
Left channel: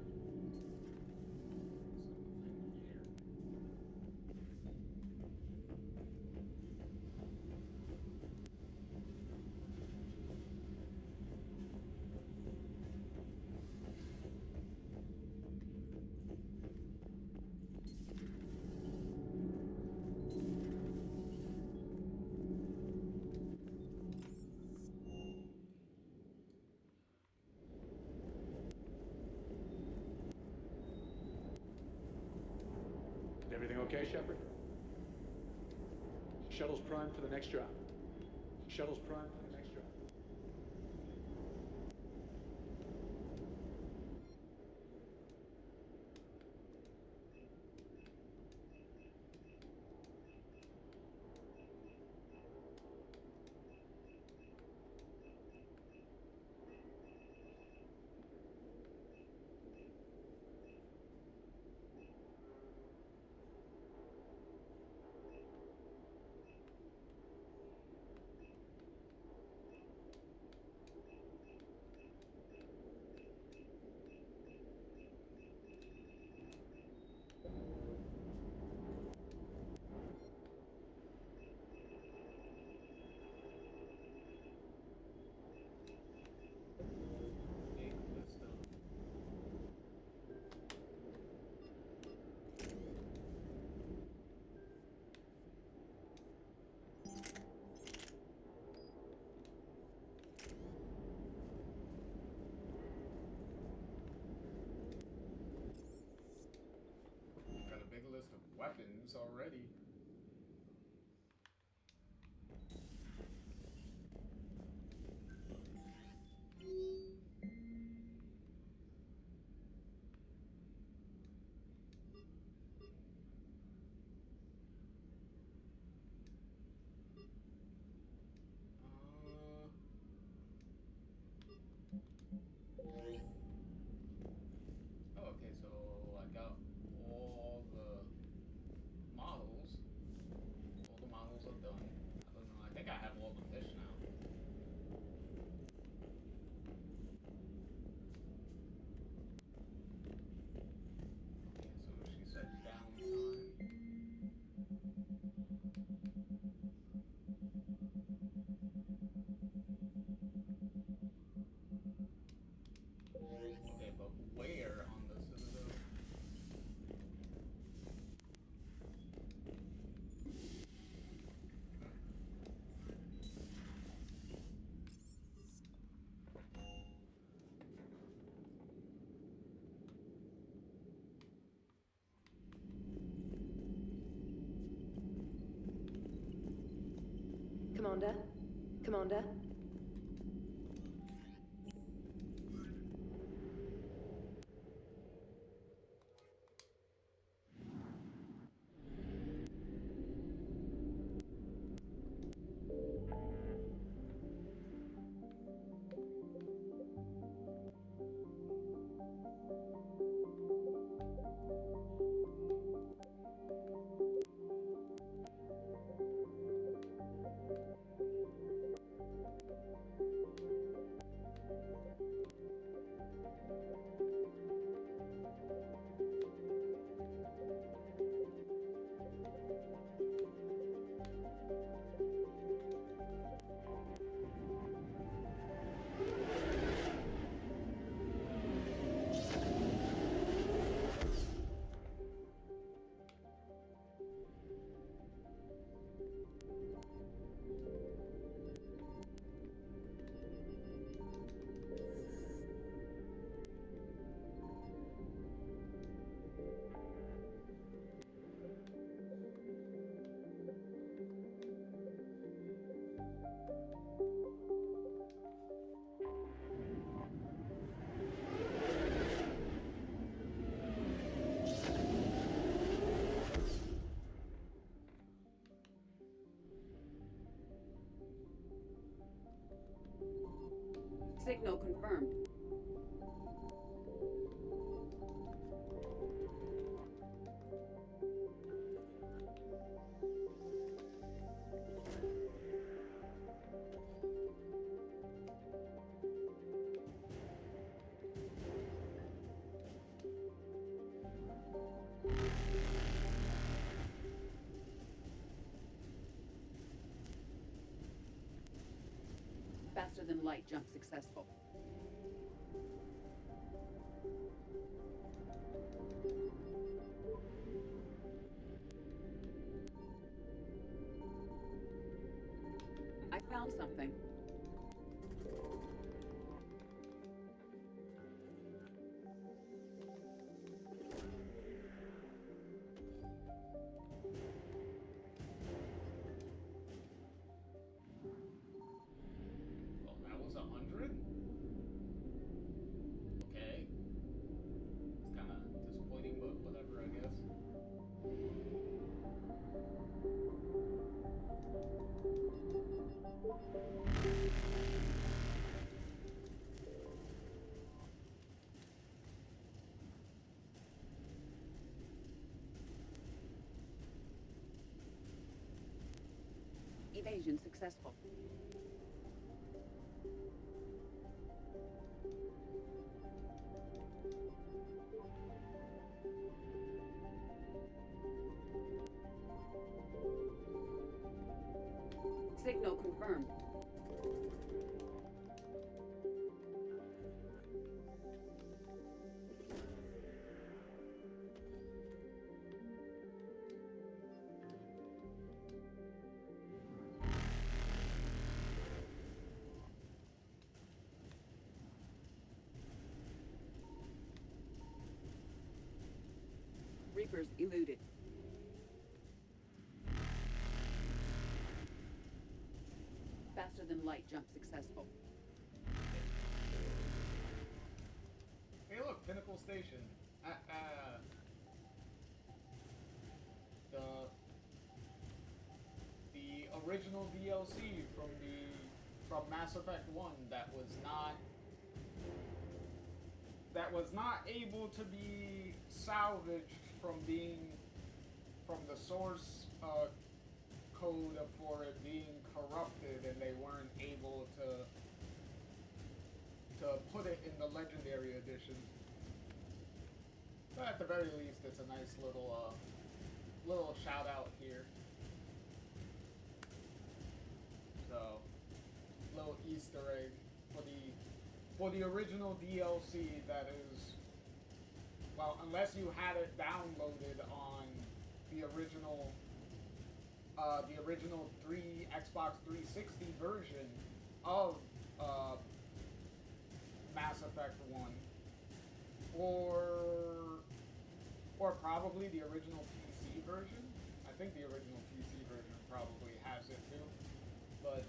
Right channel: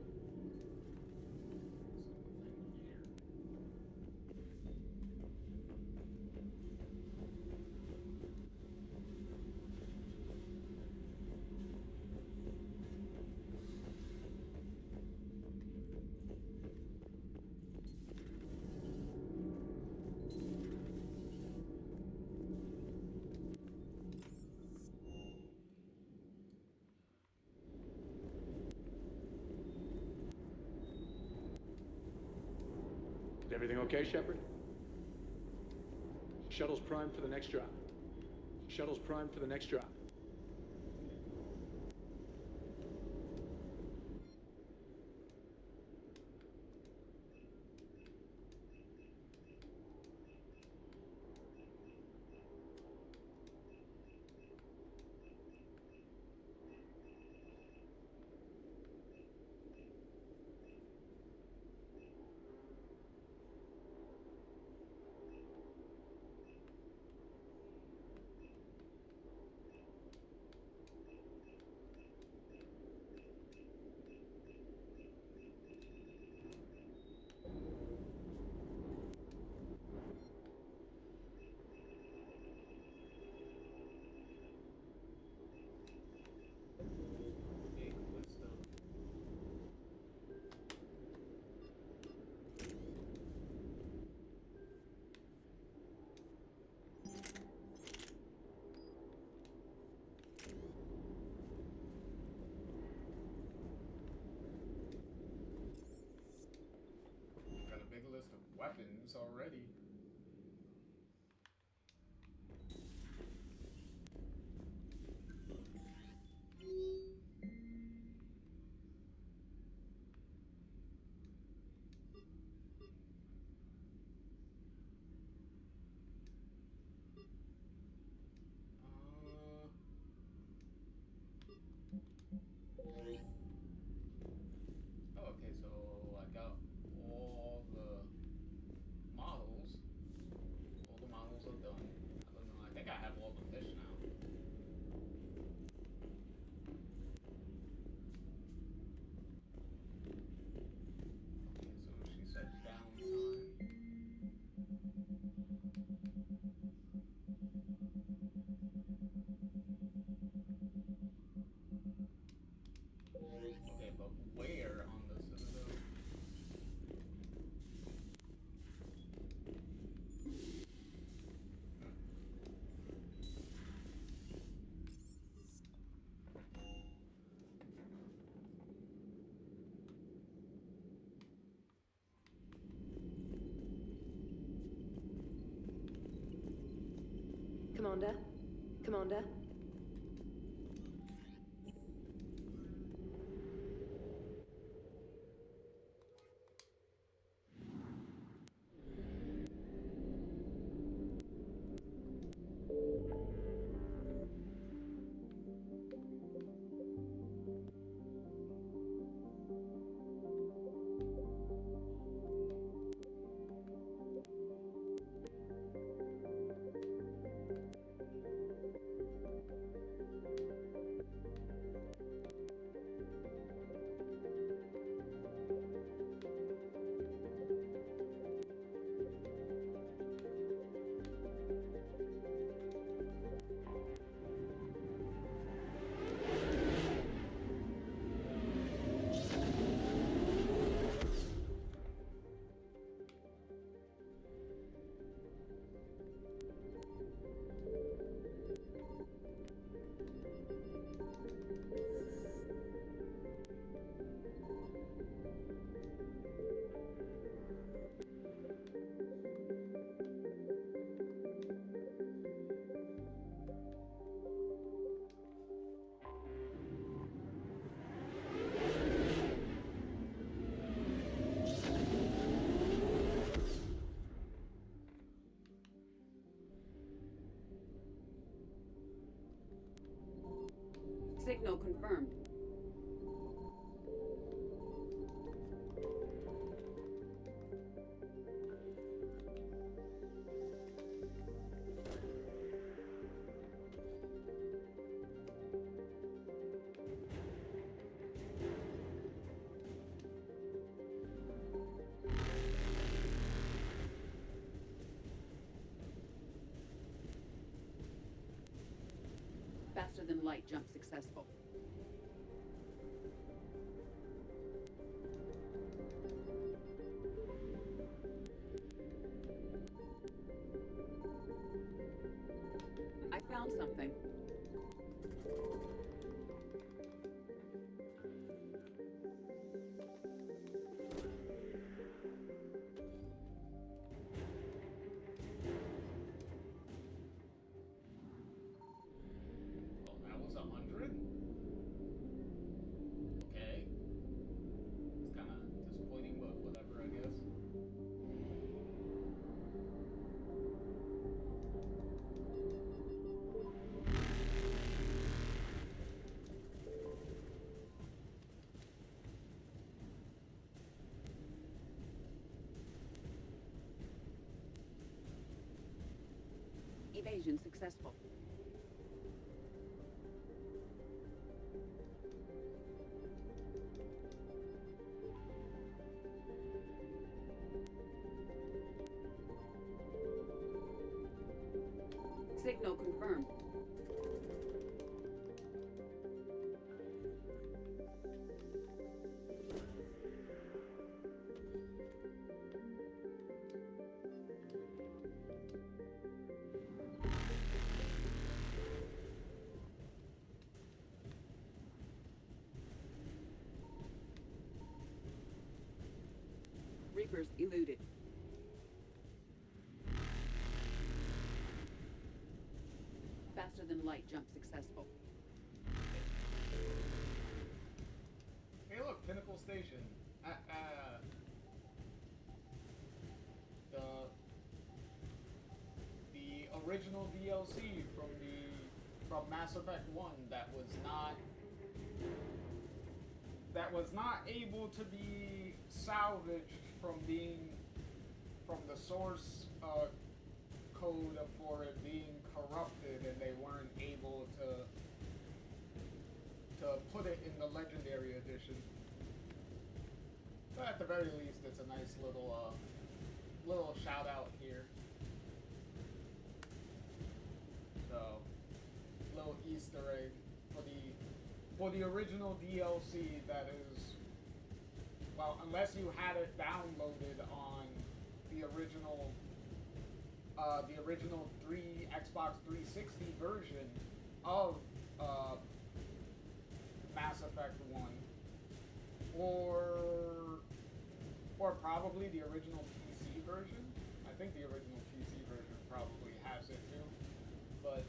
Everything okay, Shepard? Shuttle's primed for the next drop. Shuttle's primed for the next drop. Got a big list of weapons already. Oh, okay, so I got all the models. All the models are done. I don't know. I think I have all the fish now. Okay, so she said downtime. Okay, but where on the Citadel? Commander? Commander? Signal confirmed. Faster than light jump successful. I found something. Well, that was 100? Okay. It's kind of disappointing, but whatever, I guess. Evasion successful. Signal confirmed. Reapers eluded. Faster than light jump successful. Hey, look, Pinnacle Station. The original DLC from Mass Effect 1 that was not able to be salvaged from the source code for it being corrupted, and they weren't able to put it in the Legendary Edition. But at the very least, it's a nice little shout out here. So, little Easter egg for the original DLC that is, well, unless you had it downloaded on the original Xbox 360 version of Mass Effect 1, or probably the original PC version. I think the original PC version probably has it too, but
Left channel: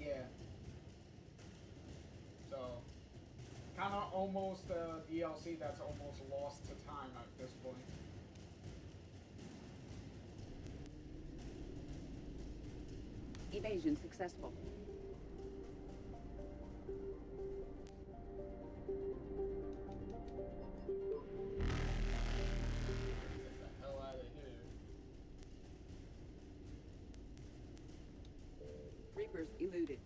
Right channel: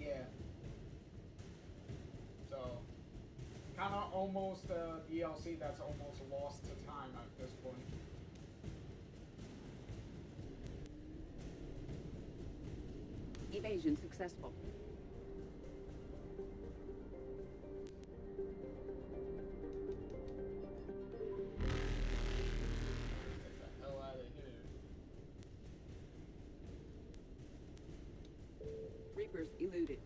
yeah. So, kind of almost a DLC that's almost lost to time at this point. Evasion successful. Get the hell out of here. Reapers eluded.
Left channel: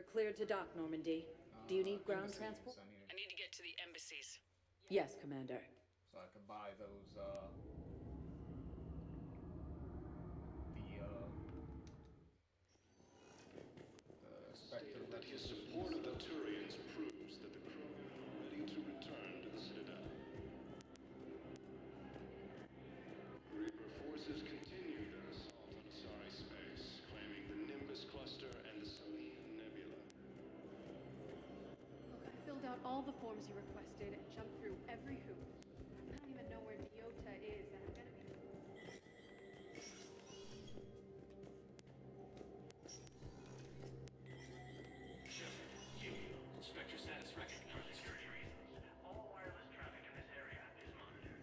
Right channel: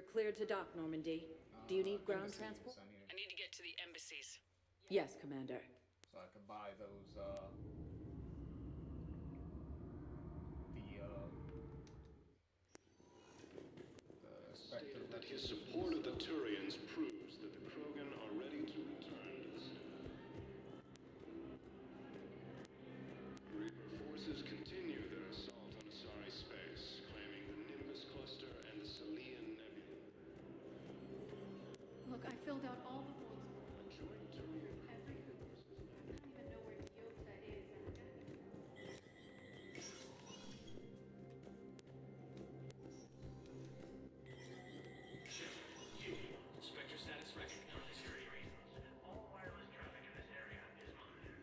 You're cleared to dock, Normandy. Do you need ground transport? I need to get to the embassies. Yes, Commander. So I could buy those, stated that his support of the Turians proves that the Krogan are ready to return to the Citadel. Reaper forces continue their assault on Asari space, claiming the Nimbus cluster and the Salian Nebula. Look, I filled out all the forms you requested and jumped through every hoop. I don't even know where Nyota is, and I'm gonna be... Spectre status recognized. All wireless traffic in this area is monitored.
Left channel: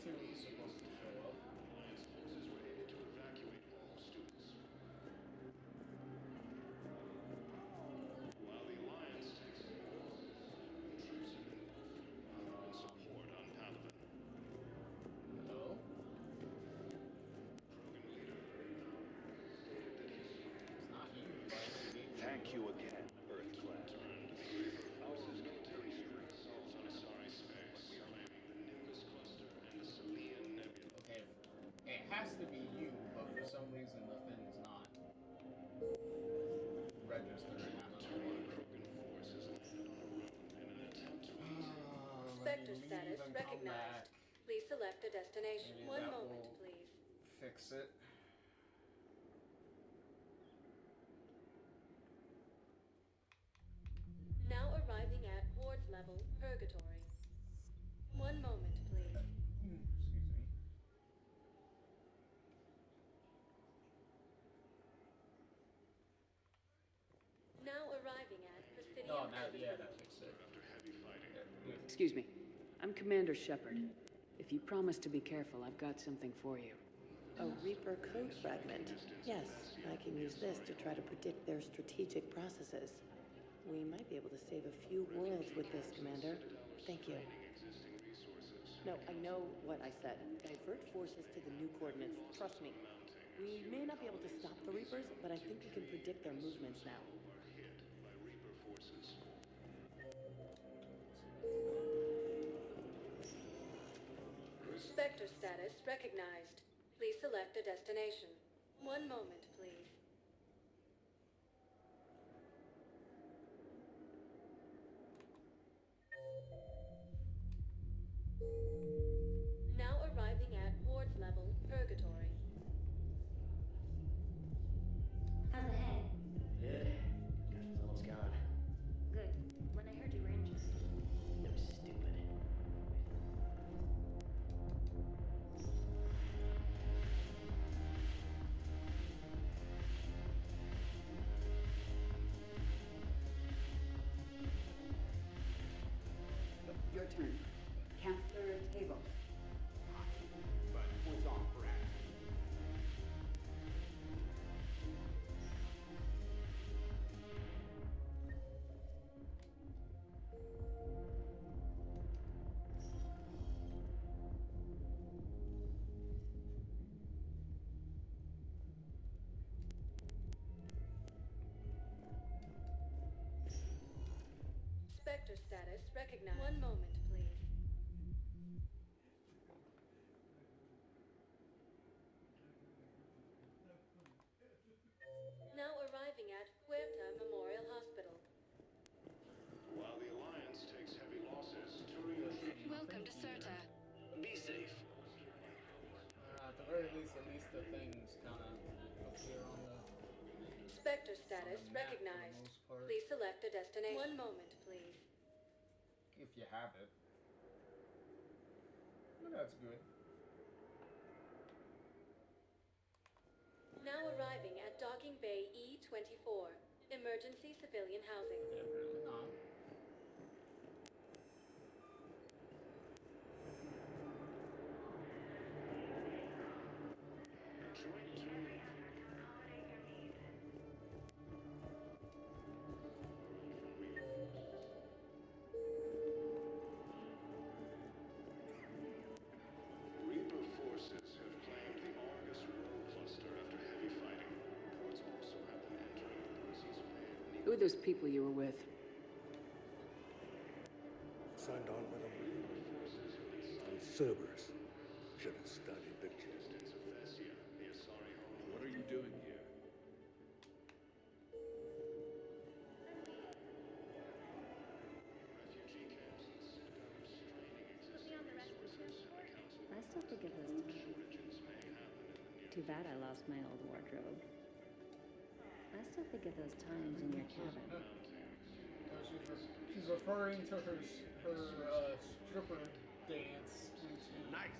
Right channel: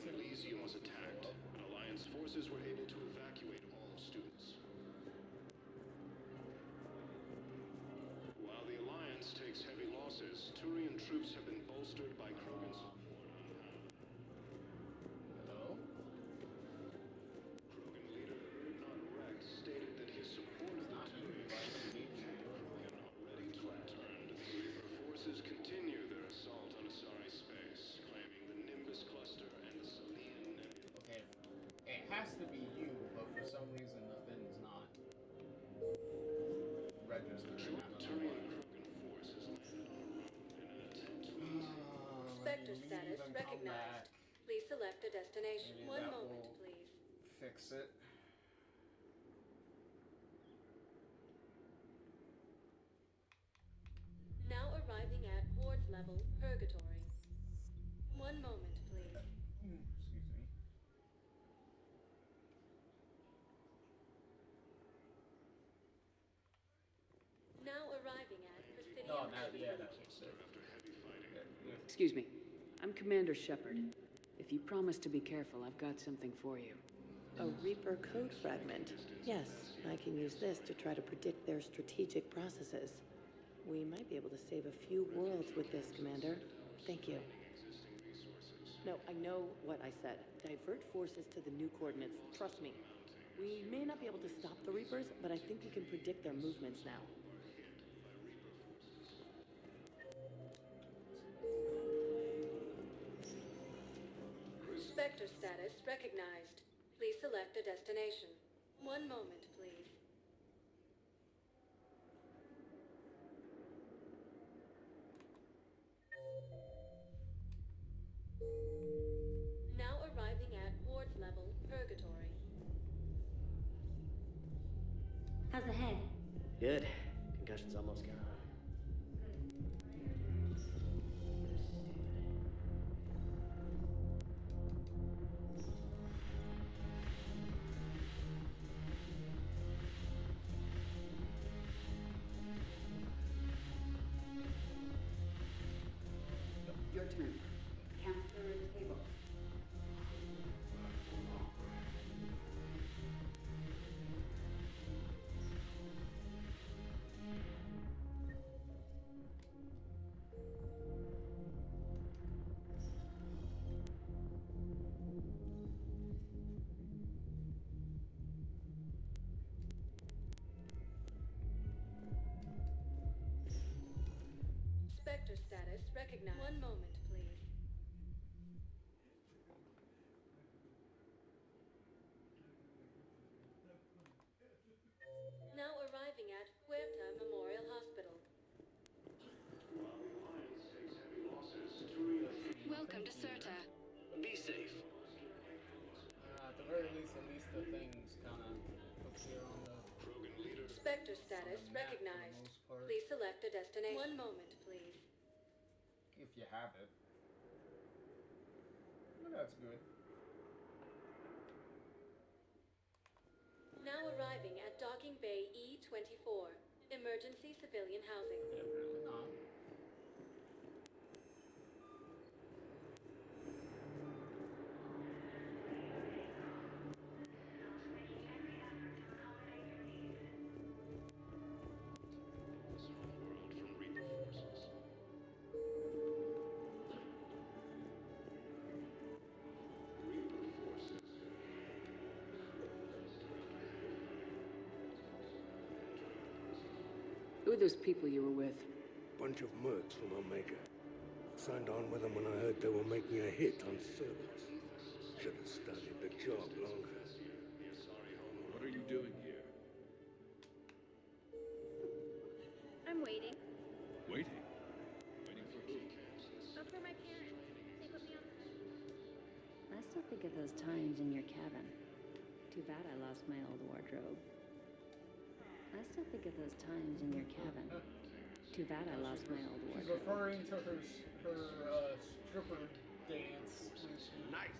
Elysium was attacked, and Alliance forces were able to evacuate all students. While the Alliance takes heavy losses, Turian troops have been bolstered by Krogan support on Palaven. Hello? Krogan leader Erdnot Rex stated that his support of the Turians thank you again. Ready to return to the Reaper forces continue their assault on Asari space, claiming the Nimbus cluster and the Salian Nebula. Okay, it has to be you, but for some reason the thing's not registering. Turian Krogan force has landed on a road in an attempt to Spectre status recognized. Please select a destination. Maybe One that moment, will please. fix it. Now arriving at Horde level, Purgatory. One moment, please. Excuse me. Now arriving at Presidium Oh, no, Purgatory. yeah, that fixed it. after heavy fighting. Excuse me. I'm Commander Shepard. If you promise to be careful, I've got something for you. A Reaper code fragment. Yes, I can use this to try to predict their strategic processes. We might be able to save a few worlds with this, Commander. Thank you. No, I know what I said. Divert forces to the new coordinates. Trust me. We may not be able to stop the Reapers, but I think we can predict their movements now. Spectre status recognized. Please select a destination. One moment, please. Now arriving at Horde level, Purgatory. How's the head? Good. Concussion's almost gone. Good. When I heard you were injured. It was stupid. Your turn. Counselor Table. Points on for action. Spectre status recognized. One moment, please. Now arriving at Huerta Memorial Hospital. While the Alliance takes heavy losses, Turian troops... Welcome to Serta. Be safe. At the very least, the things kind of appear on the... Spectre status recognized. Please select a destination. One moment, please. If you have it. Well, that's good. Now arriving at Docking Bay E-24. Emergency civilian housing. Really not. Reaper forces have claimed the Argus Road cluster after heavy fighting. Reports also have them entering the Percy's Bay. Who are those people you were with? Bunch of mercs from Omega. Signed on with them when I heard they were making a hit on Cerberus. Should have studied the job longer. What are you doing here? I'm waiting. Waiting? After my parents, they put me on the rescue ship. I still think of those times in your cabin. Too bad I lost my old wardrobe. I still think of those times in your cabin. Too bad I lost my old She's referring to her stripper dance routine. Nice.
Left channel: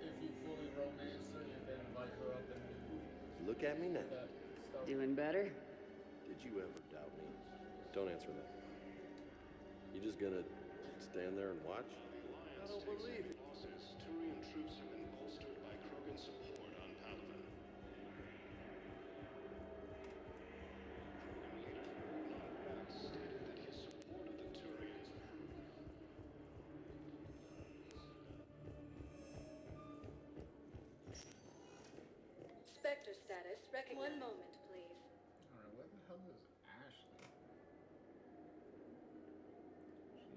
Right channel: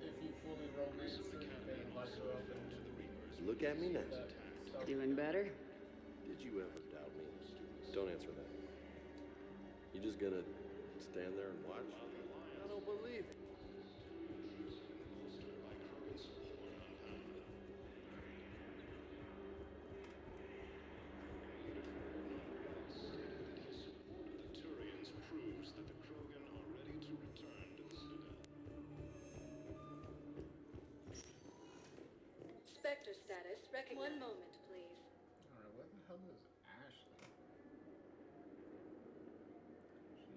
If you fully romance her and then invite her up and Look at me now. that stuff. Doing better? Did you ever doubt me? Don't answer that. You just gonna stand there and watch? I don't believe it. Turian troops have been bolstered by Krogan support on Palaven. Stated that his support of the Turians proves that the Krogan are ready to return to the Citadel. Spectre status recognized. One moment, please. Alright, where the hell is Ashley?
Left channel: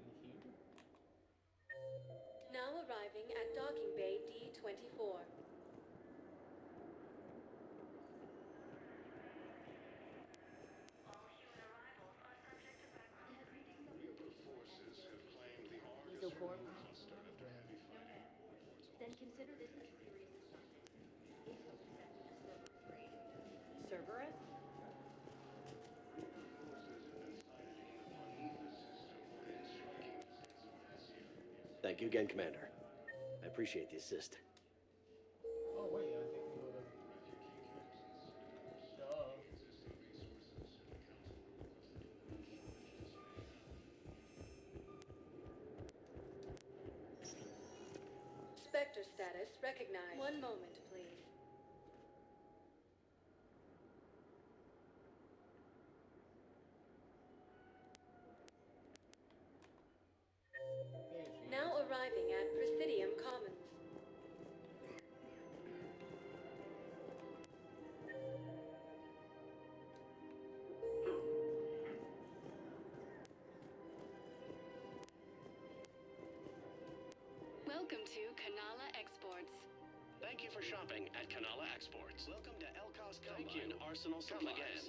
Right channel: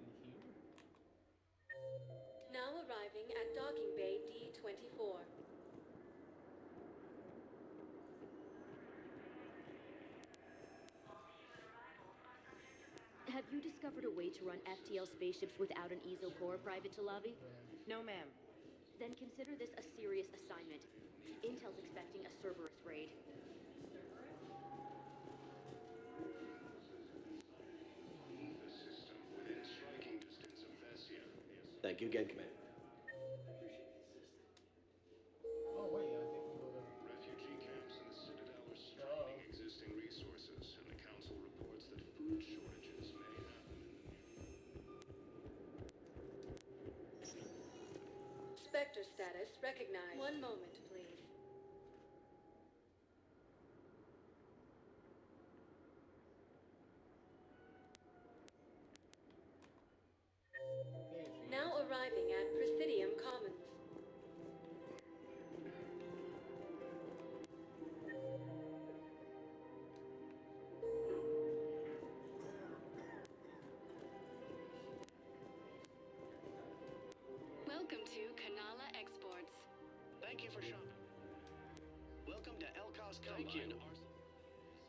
Is she here? Now arriving at Docking Bay D-24. Have you discovered a way to run FTL spaceships without an ESO core, Private Talavi? No, ma'am. Then consider this a serious assignment. Intel's expecting a Cerberus raid. Cerberus? Within striking distance of Thessia. Thank you again, Commander. I appreciate the assist. Oh wait, I think we go to Refugee camps in the Citadel are stocking existing resources, and the Council reports that food shortages may happen. Spectre status recognized. One moment, please. Now arriving at Presidium Commons. Welcome to Kanala Exports. Thank you for shopping at Kanala Exports. Welcome to Elkos Combine Arsenal Supplies. Again.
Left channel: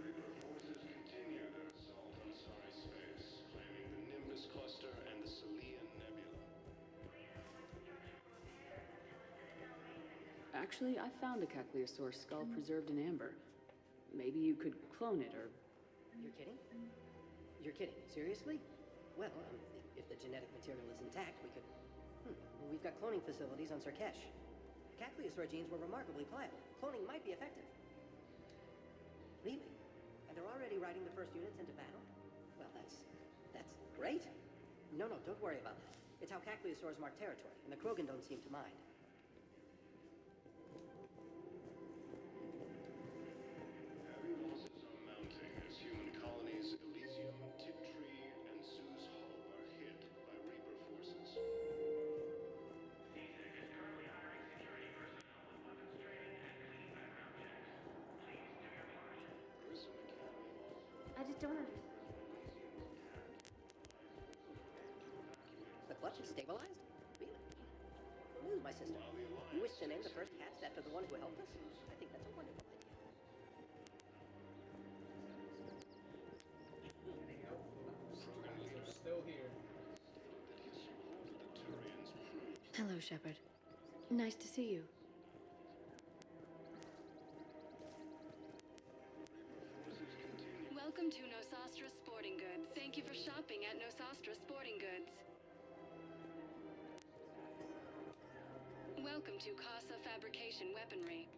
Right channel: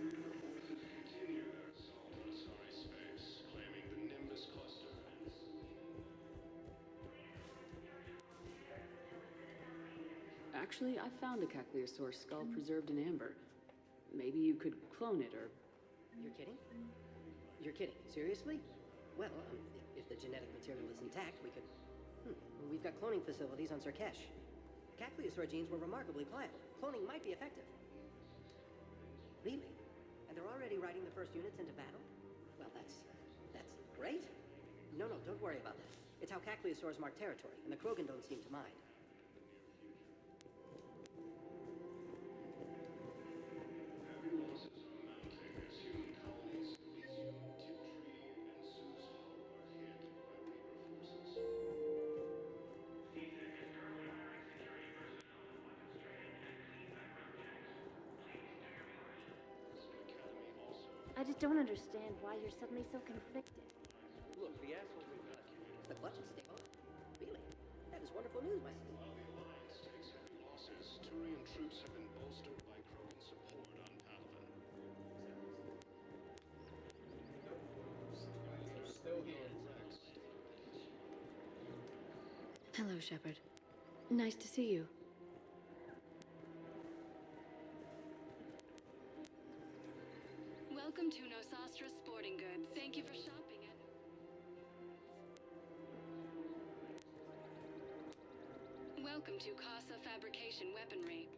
Continue their assault on Asari space, claiming the Nimbus cluster and the Salian Nebula. Actually, I found a Caccliosaur skull preserved in amber. Maybe you could clone it, or... You're kidding? You're kidding. Seriously? Well, if the genetic material is intact, we could... We've got cloning facilities on Sarkesh. Caccliosaur genes were remarkably pliable. Cloning might be effective. Really? And they're already riding the first units into battle? Well, that's great. No, don't worry about that. It's how Caccliosaurs mark territory, and the Krogan don't seem to mind. Heavy losses are mounting as human colonies I just don't understand why you're suddenly so conflicted. The clutch is stabilized? Really? That is wonderful news, my sister. You wish to name the first cats after the ones who helped you shoot. Still here. Hello, Shepard. Nice to see you. Welcome to Nosastra Sporting Goods. Thank you for shopping at Nosastra Sporting Goods. Welcome to Casa Fabrication Weaponry.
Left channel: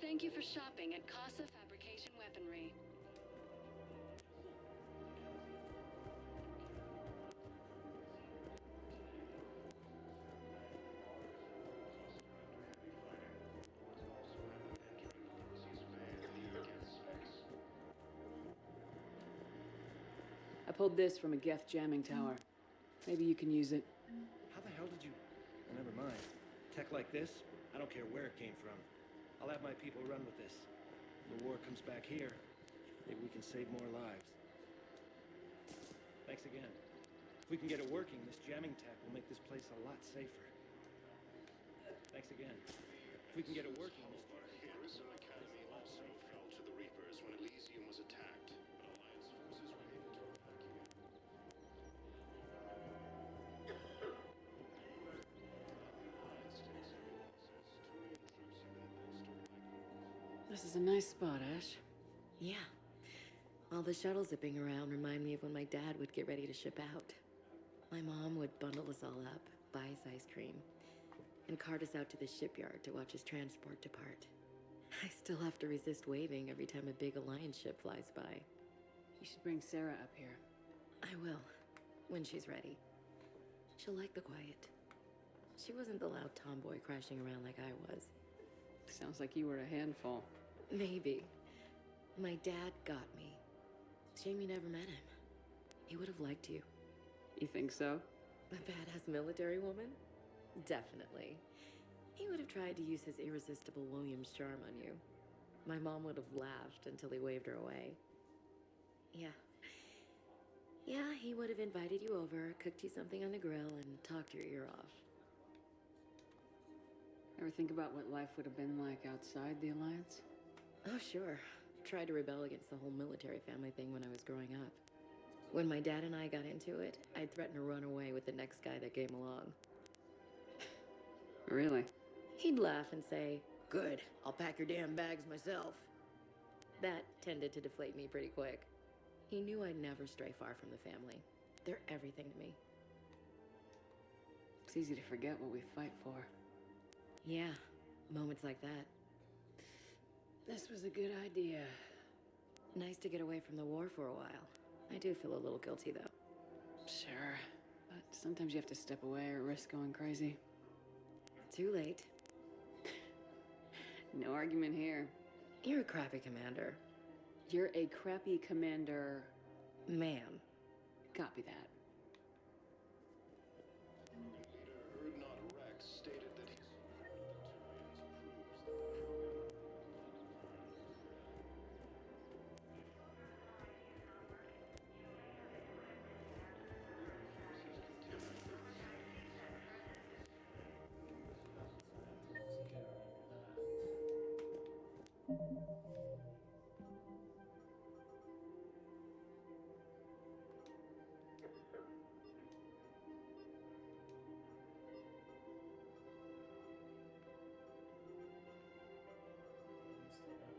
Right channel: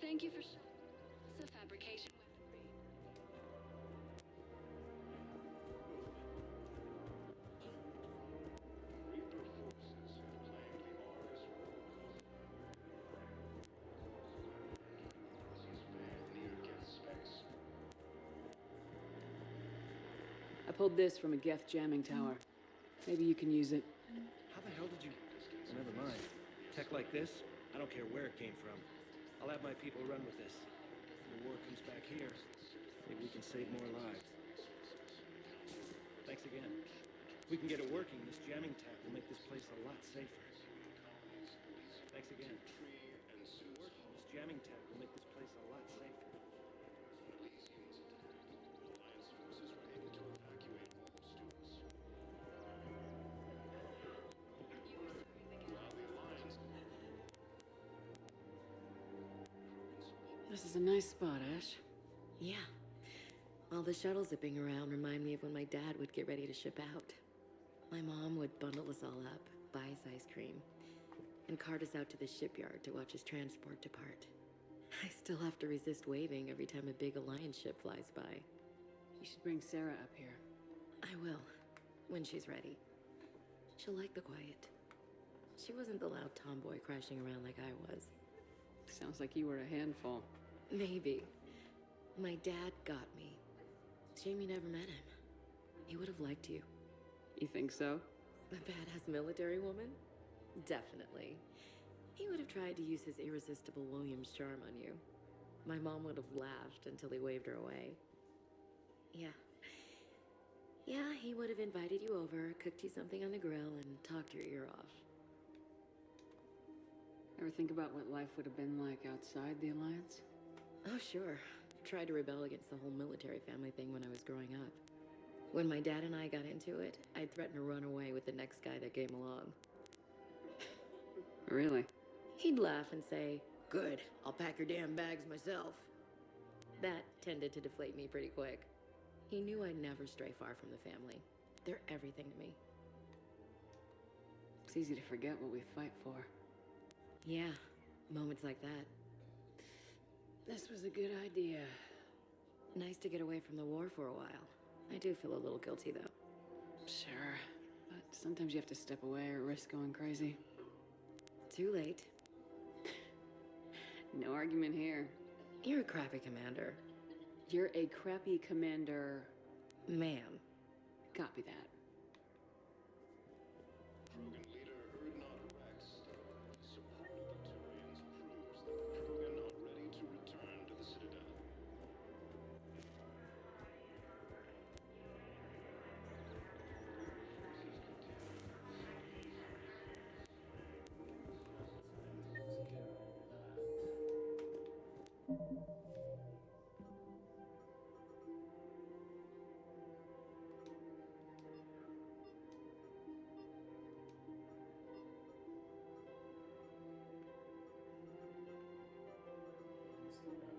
Thank you for shopping at Casa Fabrication Weaponry. I pulled this from a Geth jamming tower. Maybe you can use it. How the hell did you... Well, never mind. Tech like this, I don't care where it came from. I'll have my people run with this. When the war comes back here, maybe we can save more lives. Thanks again. If we can get it working, this jamming tech will make this place a lot safer. Thanks again. If we can get it working, this jamming tech will make this place a lot safer. To the Reapers when Elysium was attacked, but Alliance forces were able to evacuate most. This is a nice spot, Ash. Yeah. All the shuttles zipping around remind me of when my dad would get ready to ship out. My mom would bundle us all up, buy us ice cream, and cart us out to the shipyard to watch his transport depart. I still have to resist waving every time a big Alliance ship flies by. You should bring Sarah up here. I will, when she's ready. She'll like the quiet. She wasn't the loud tomboy crashing around like I was. Sounds like you were a handful. Maybe. My dad got me. Shame you never met him. He would have liked you. You think so? A badass military woman? Definitely. He would have tried to use his irresistible Williams charm on you. My mom would have laughed until he waved her away. Yeah. Yeah, he would have invited you over, cooked you something on the grill, and talked your ear off. Ever think about what life would have been like outside the Alliance? Oh, sure. Tried to rebel against the whole military family thing when I was growing up. When my dad and I got into it, I'd threaten to run away with the next guy that came along. Really? He'd laugh and say, "Good, I'll pack your damn bags myself." That tended to deflate me pretty quick. He knew I'd never stray far from the family. They're everything to me. It's easy to forget what we fight for. Yeah, moments like that. This was a good idea. Nice to get away from the war for a while. I do feel a little guilty, though. Sure, but sometimes you have to step away or risk going crazy. Too late. No argument here. You're a crappy commander. You're a crappy commander. Ma'am. Copy that. Krogan leader Erdnot Rex stated that his support of the Turians proves that the Krogan are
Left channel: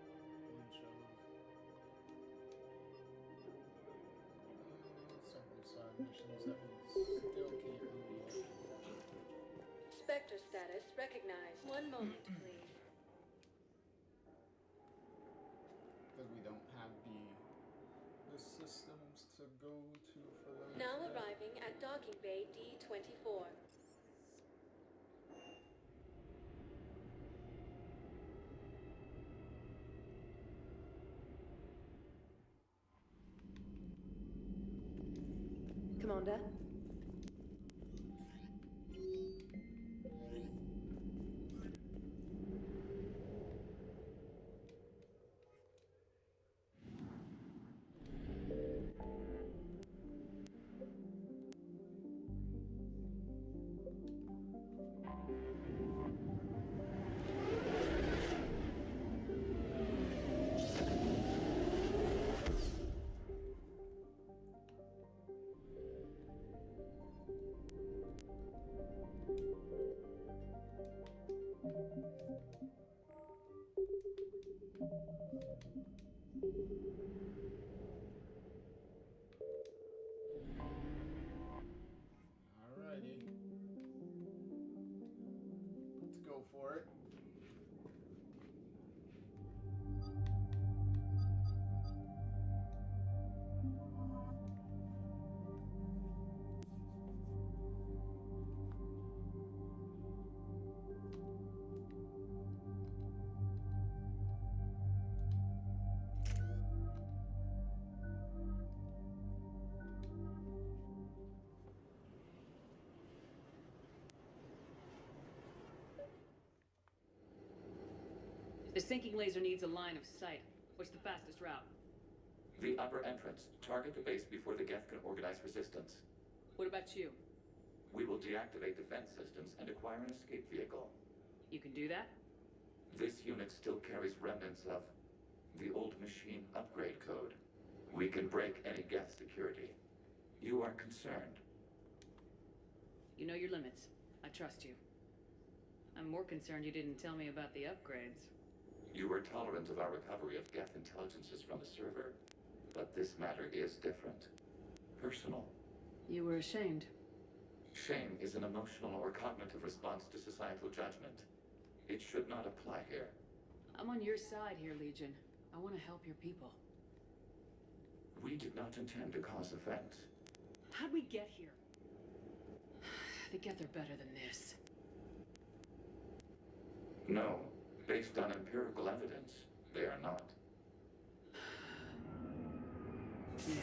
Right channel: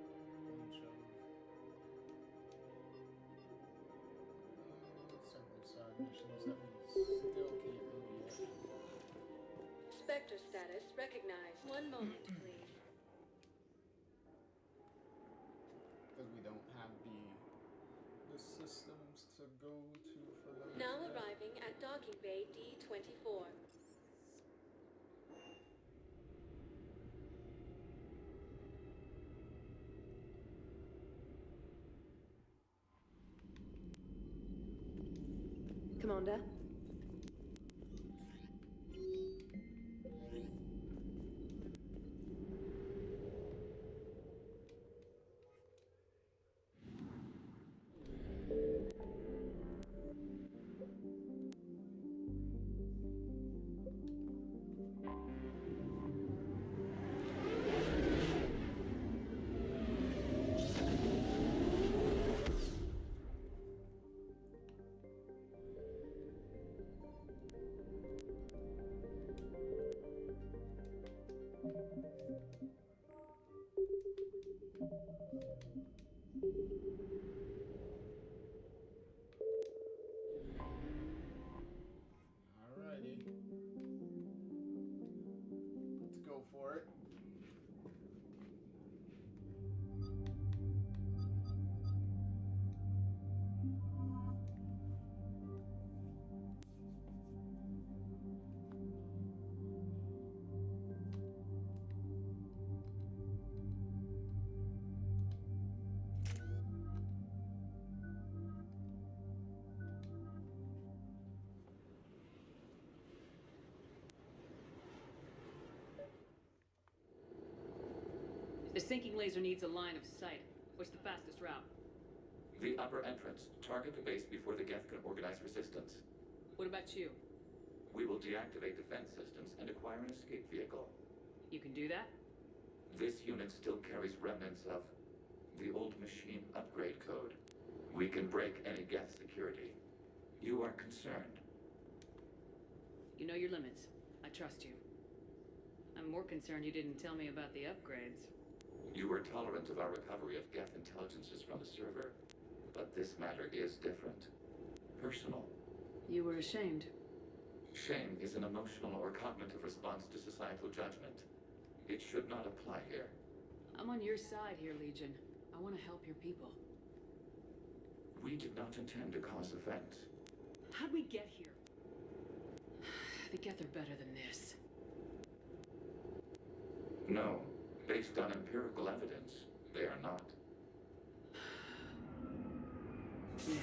ready to return to the Citadel. Missions that we still can't do yet. Spectre status recognized. One moment, please. Because we don't have the systems to go to for those. Now arriving at docking bay D-24. Commander? Alrighty. Let's go for it. The sinking laser needs a line of sight. What's the fastest route? The upper entrance. Target the base before the Geth can organize resistance. What about you? We will deactivate defense systems and acquire an escape vehicle. You can do that? This unit still carries remnants of the old machine upgrade code. We can break any Geth security. You are concerned. You know your limits. I trust you. I'm more concerned you didn't tell me about the upgrades. You were tolerant of our recovery of Geth intelligences from the server, but this matter is different. Personal. You were ashamed. Shame is an emotional or cognitive response to societal judgment. It should not apply here. I'm on your side here, Legion. I want to help your people. We did not intend to cause offense. How'd we get here? The Geth are better than this. No. Based on empirical evidence, they are not. Yeah.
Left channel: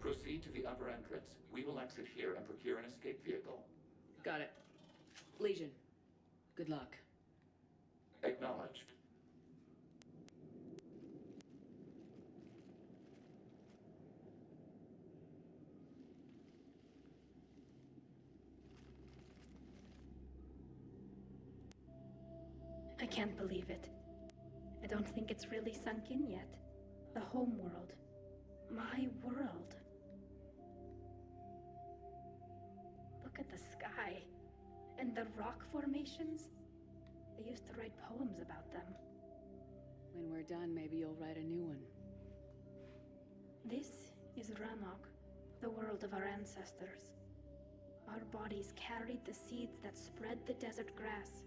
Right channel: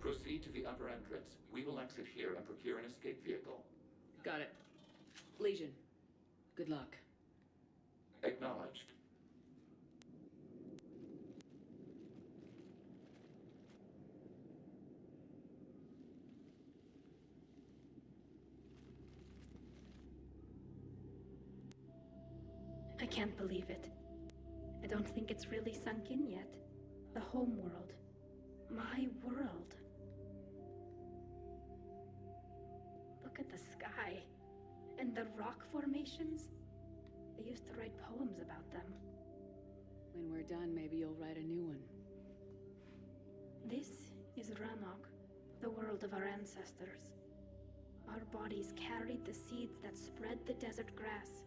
Proceed to the upper entrance. We will exit here and procure an escape vehicle. Got it. Legion, good luck. Acknowledged. I can't believe it. I don't think it's really sunk in yet. The home world. My world. Look at the sky. And the rock formations. They used to write poems about them. When we're done, maybe you'll write a new one. This is Ranok, the world of our ancestors. Our bodies carried the seeds that spread the desert grass.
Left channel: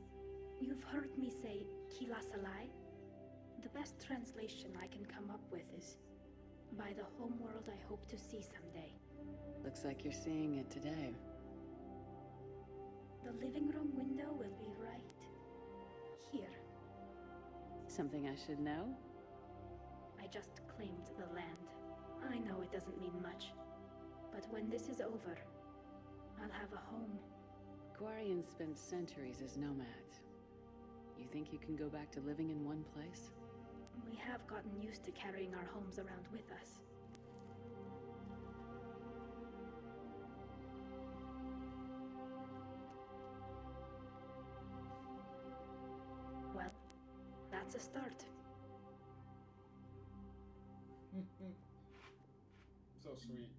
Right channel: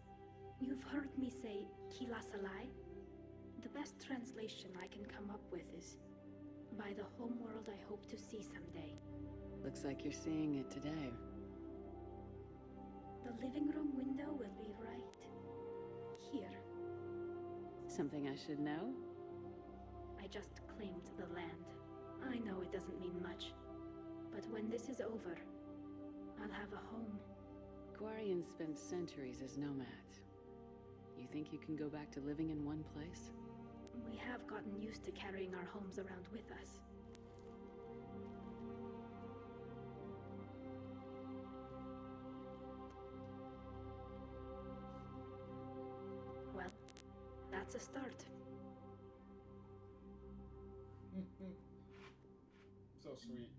You've heard me say Kilasalai? The best translation I can come up with is, by the home world I hope to see someday. Looks like you're seeing it today. The living room window will be right here. Something I should know? I just claimed the land. I know it doesn't mean much, but when this is over, I'll have a home. Quarians spent centuries as nomads. You think you can go back to living in one place? We have gotten used to carrying our homes around with us. Well, that's a start. So sweet.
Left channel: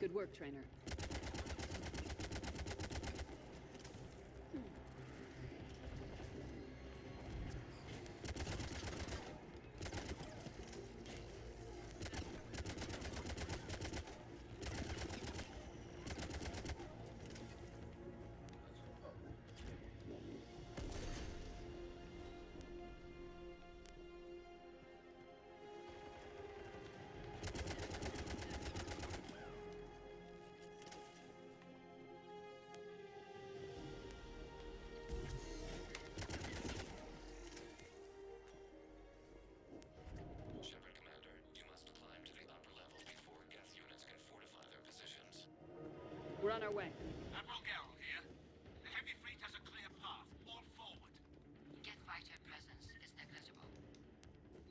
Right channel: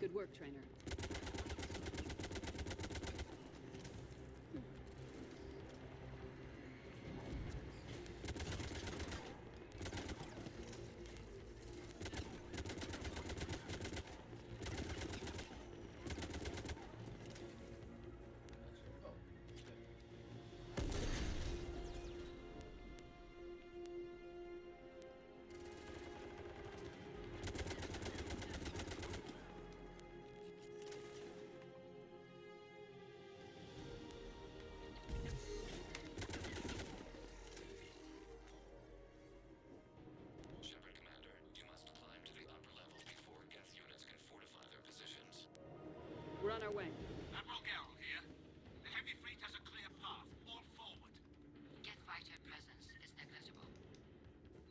Good work, Trainer. on our way. Admiral Geralt here. The heavy fleet has a clear path. All forward. Geth fighter presence is negligible.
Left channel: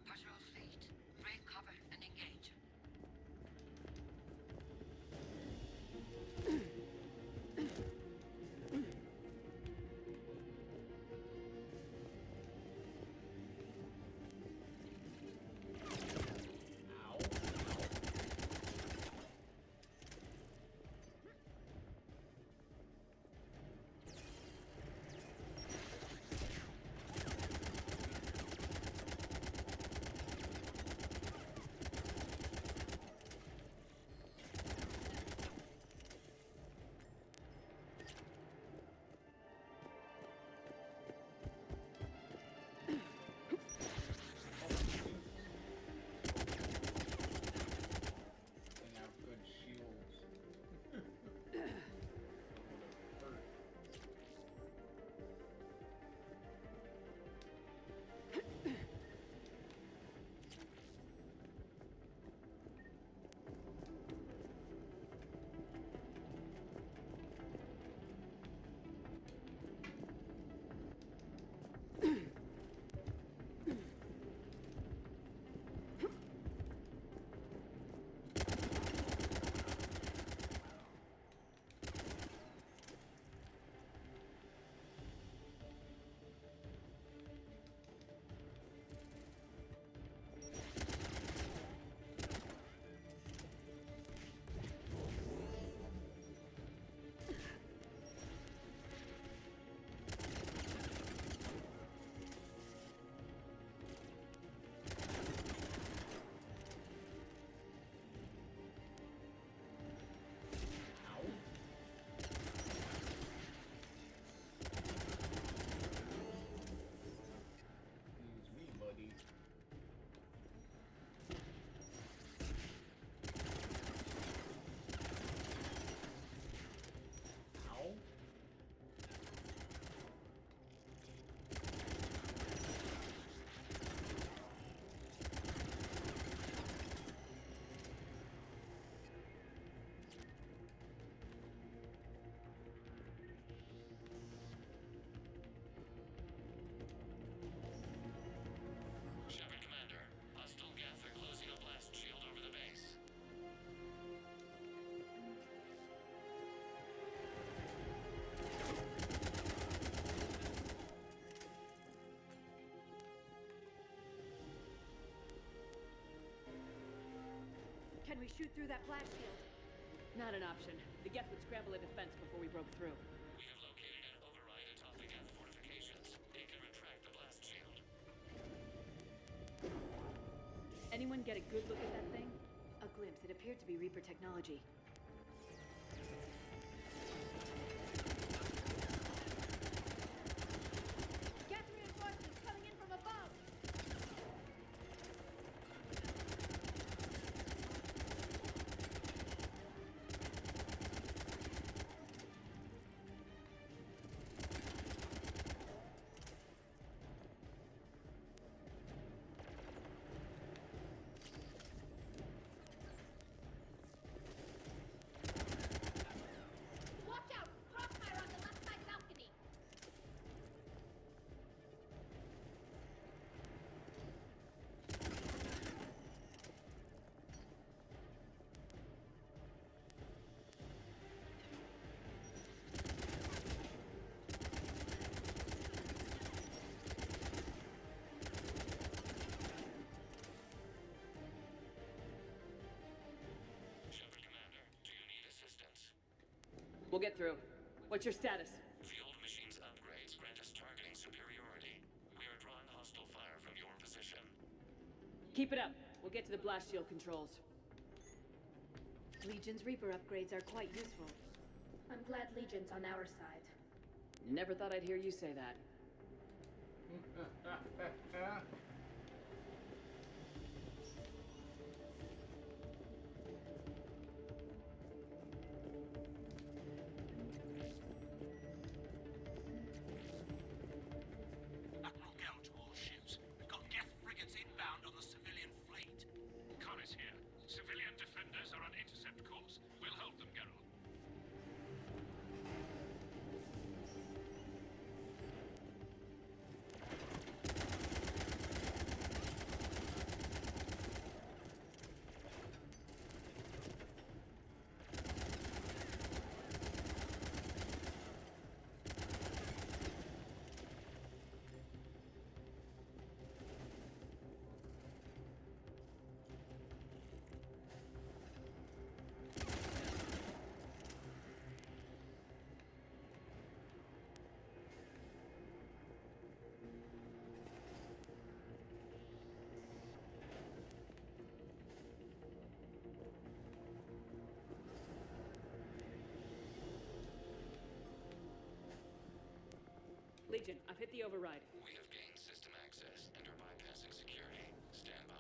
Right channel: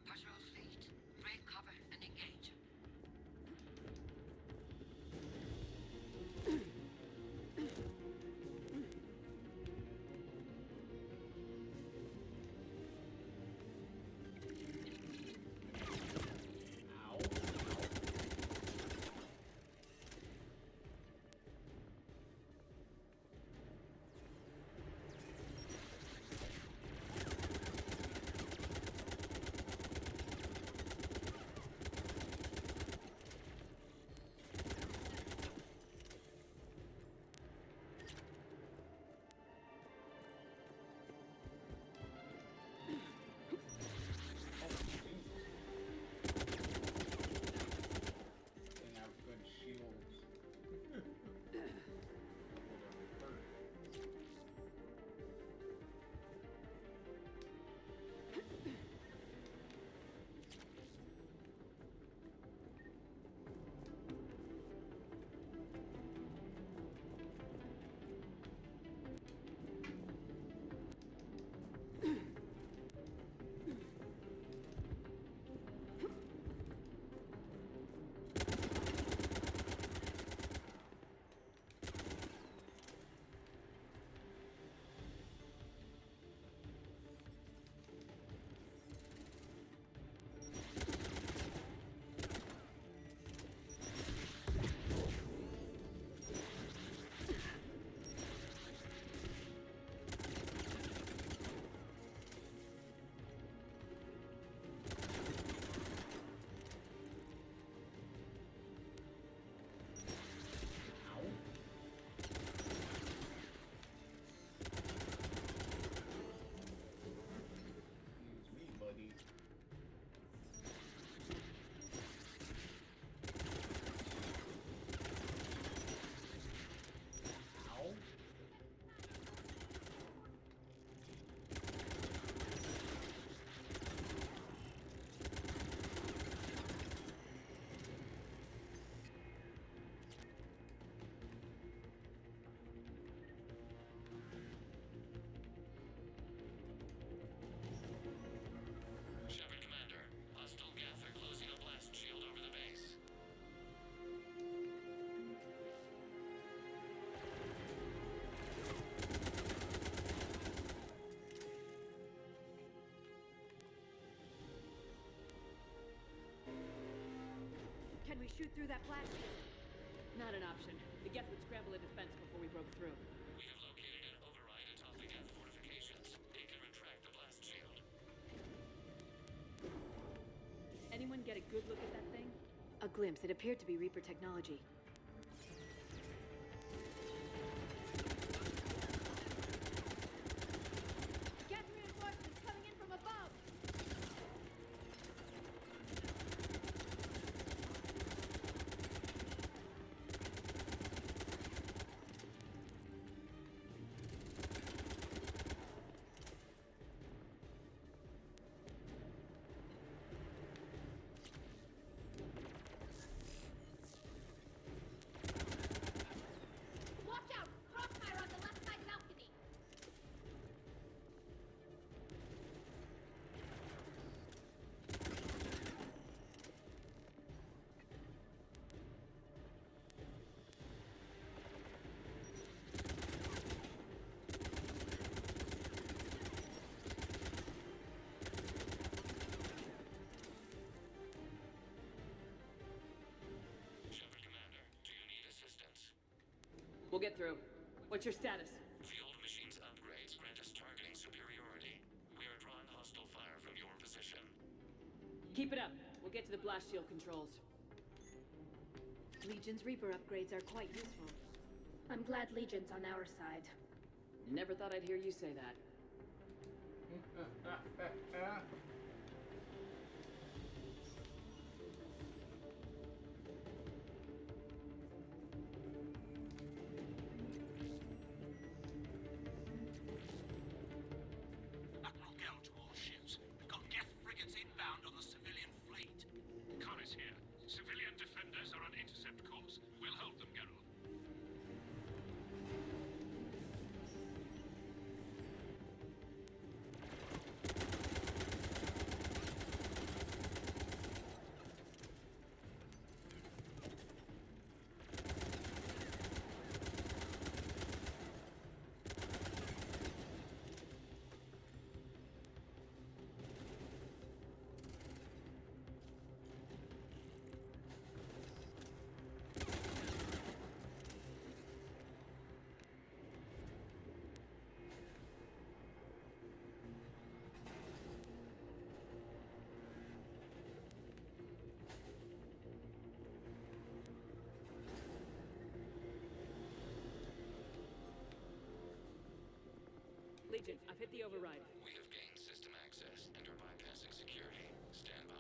Patrol fleet, break cover and engage. They have good shields. That would have hurt. Excuse me, buddy. Ow. Shepard Commander, hostile Geth are closing a blast shield over the base. Can we shoot through that blast shield? Not an option. The Geth would scramble a defense before we broke through. We have located an override atop the Geth fortifications. It can retract the blast shield. Anyone get a good look at that thing? A glimpse. It appeared to be Reaper technology. Geth reinforcements coming in from above! Watch out! Crossfire on the left side balcony! Shepard Commander, do you need assistance? We'll get through. What's your status? The old machine's upgrades grant us targeting superiority. We are drawing hostile fire from your position. Keep it up. We'll get to the blast shield controls. Legion's Reaper upgrades are quite useful. I'm glad Legion's on our side. Never thought I'd hear you say that. Admiral Geralt to all ships. We've got Geth frigates inbound on the civilian fleet. Connor's here. Civilian defenders are on intercept course. We'll hold them, Geralt. Agent, I've hit the override. We have gained system access and are bypassing security. Stand by.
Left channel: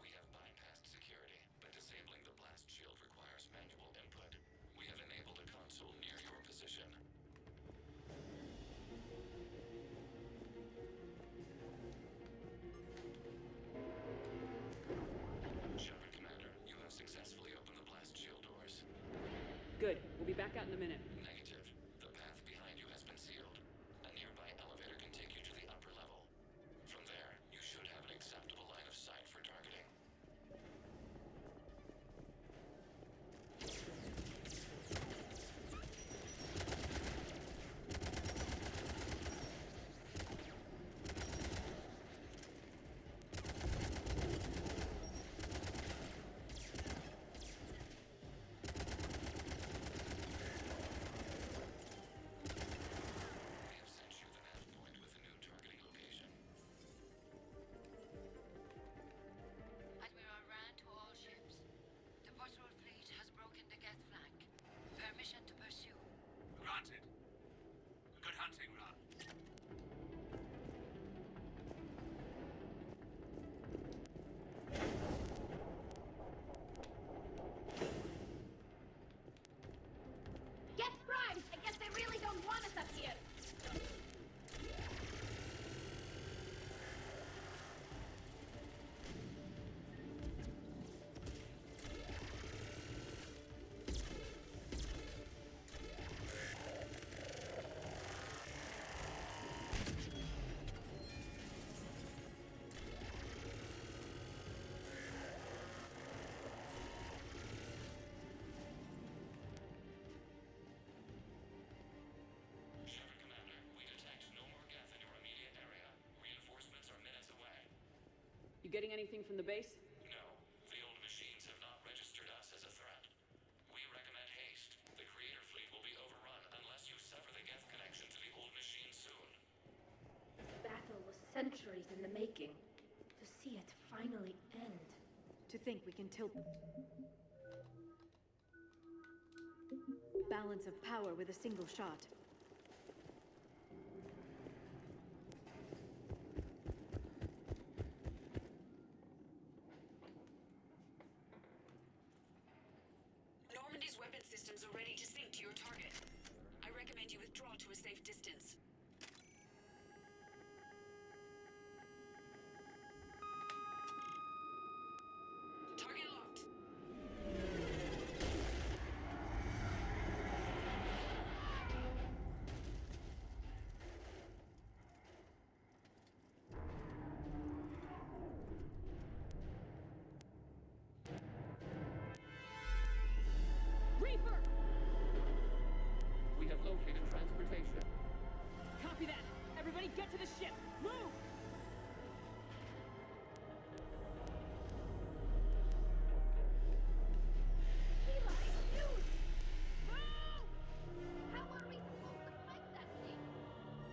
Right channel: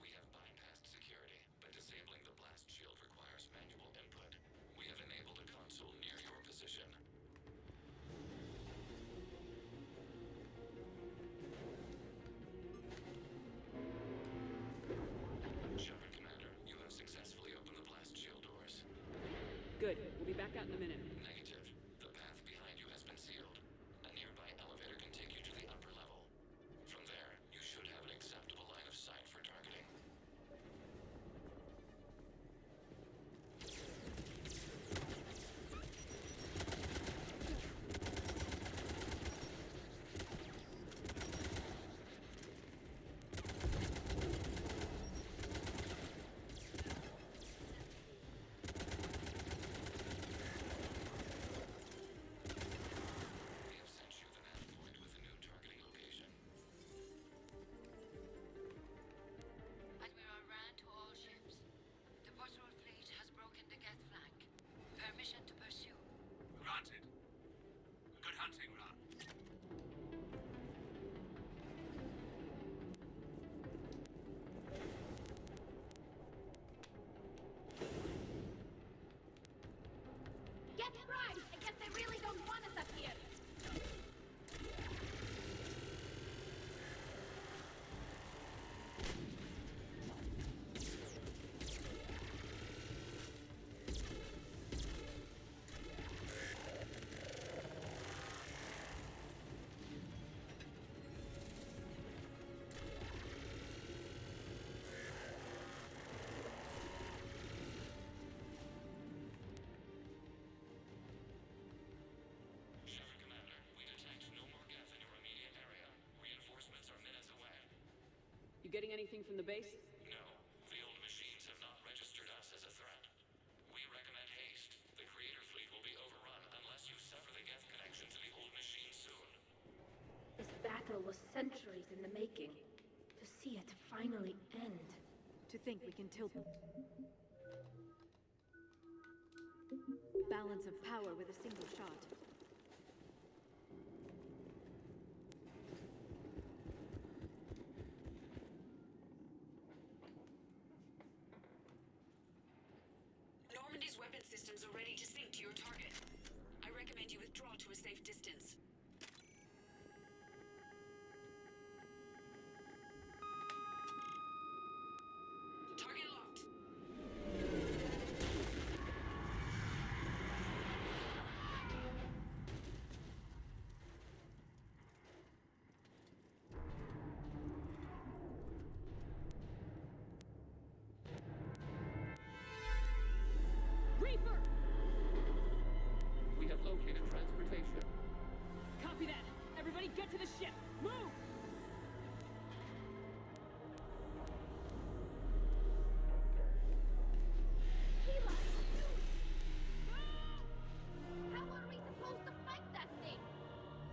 We have bypassed security, but disabling the blast shield requires manual input. We have enabled a console near your position. Shepard, Commander, you have successfully opened the blast shield doors. Good. We'll be back out in a minute. Negative. The path behind you has been sealed. A nearby elevator can take you to the upper level. From there, you should have an acceptable line of sight for targeting. We have sent you the nav point with a new targeting location. Admiral Rand to all ships. The patrol fleet has broken the Geth flank. Permission to pursue. Granted. Good hunting, Ra. Get primed! I guess they really don't want us up here. Shepard, Commander, we detect no more Geth in your immediate area. Reinforcements are minutes away. You getting anything from the base? No, the old machines have not registered us as a threat. We recommend haste. The Creator fleet will be overrun unless you sever the Geth connection to the old machine soon. This battle was centuries in the making. To see it finally end. To think we can tilt balance of power with a single shot. Normandy's weapon systems are ready to sync to your target. I recommend you withdraw to a safe distance. Target locked. Reaper! We have located transportation. Copy that. Everybody get to the ship. Move! Eli, dude! How are we supposed to fight that thing?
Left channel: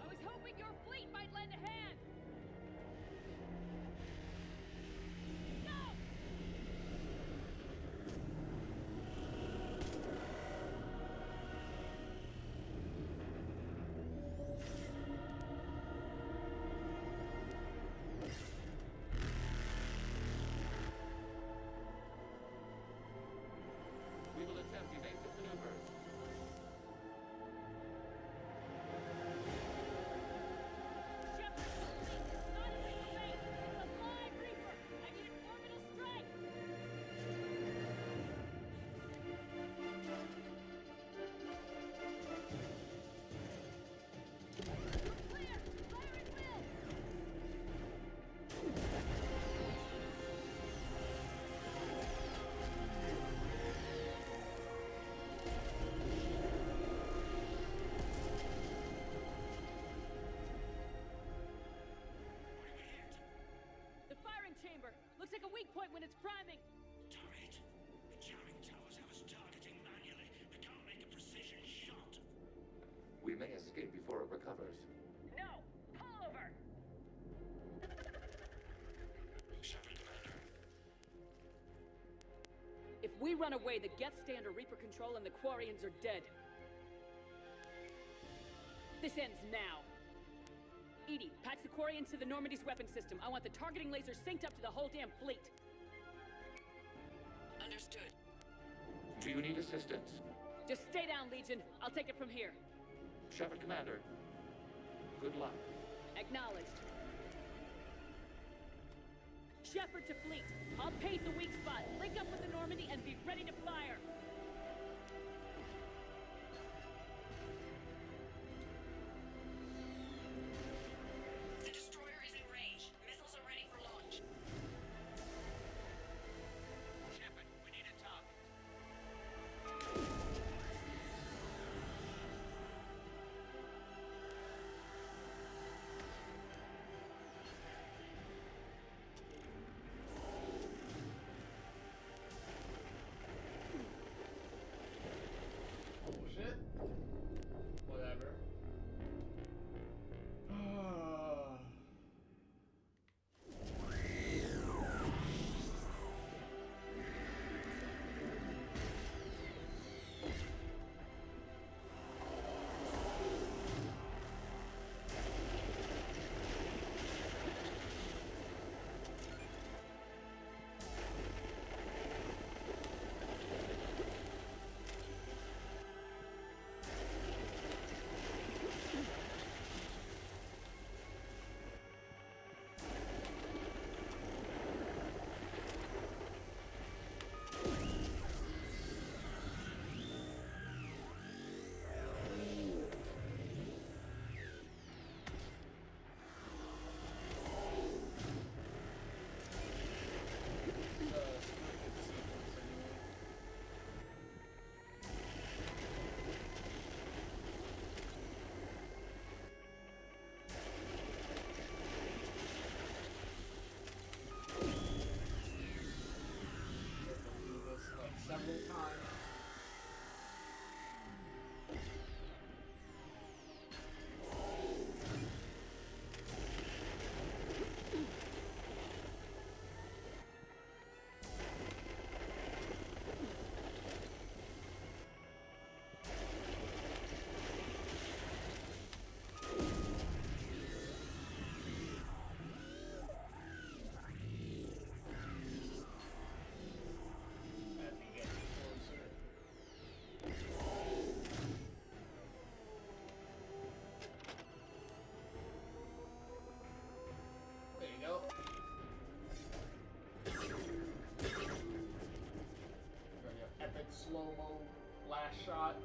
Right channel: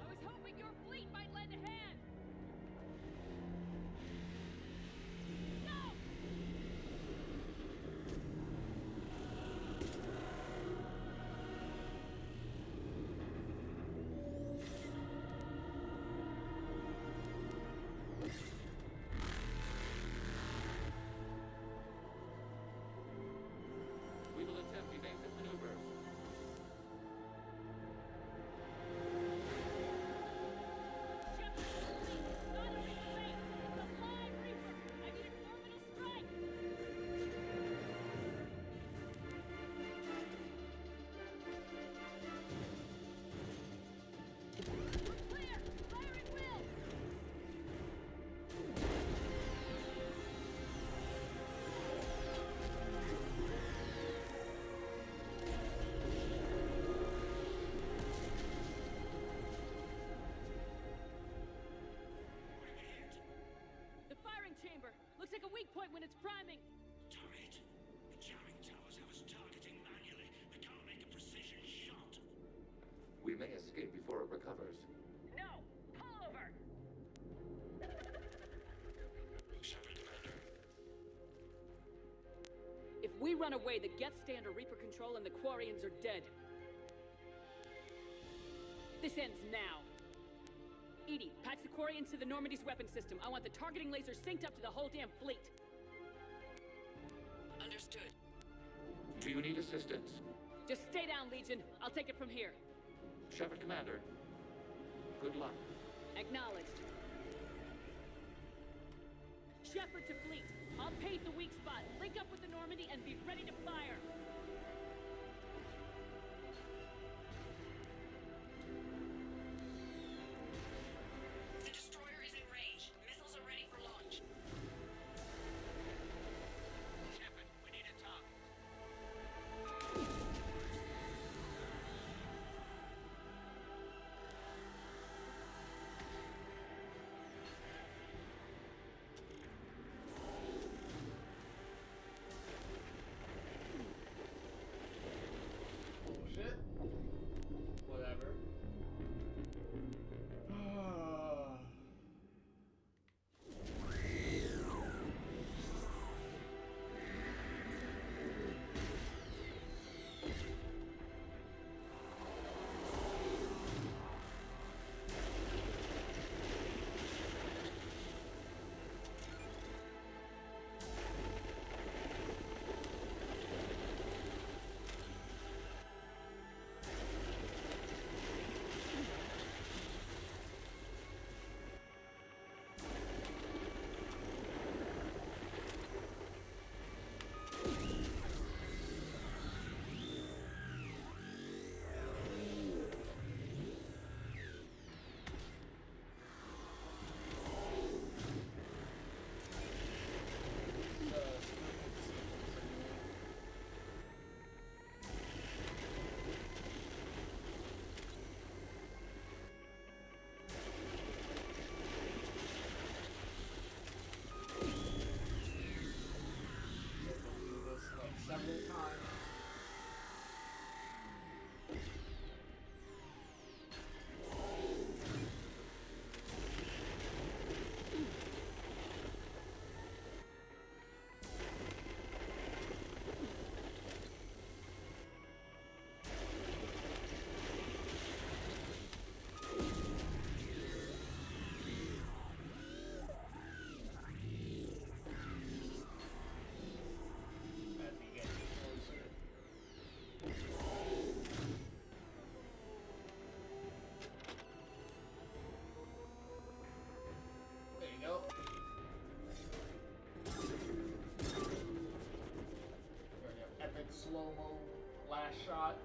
I was hoping your fleet might lend a hand. Go! We run away, the Geth stay under Reaper control, and the Quarians are dead. This ends now. Edie, patch the Quarians to the Normandy's weapon system. I want the targeting laser synced up to the whole damn fleet. Understood. Do you need assistance? Just stay down, Legion. I'll take it from here. Shepard, Commander. Good luck. Acknowledged. Shepard to fleet. I'll pave the weak spot, link up with the Normandy, and be ready to fire. The destroyer is in range. Missiles are ready for launch. Shepard, we need a target. Bullshit. Whatever. Several times. As we get closer. There you go. Got your epic slow-mo last shot.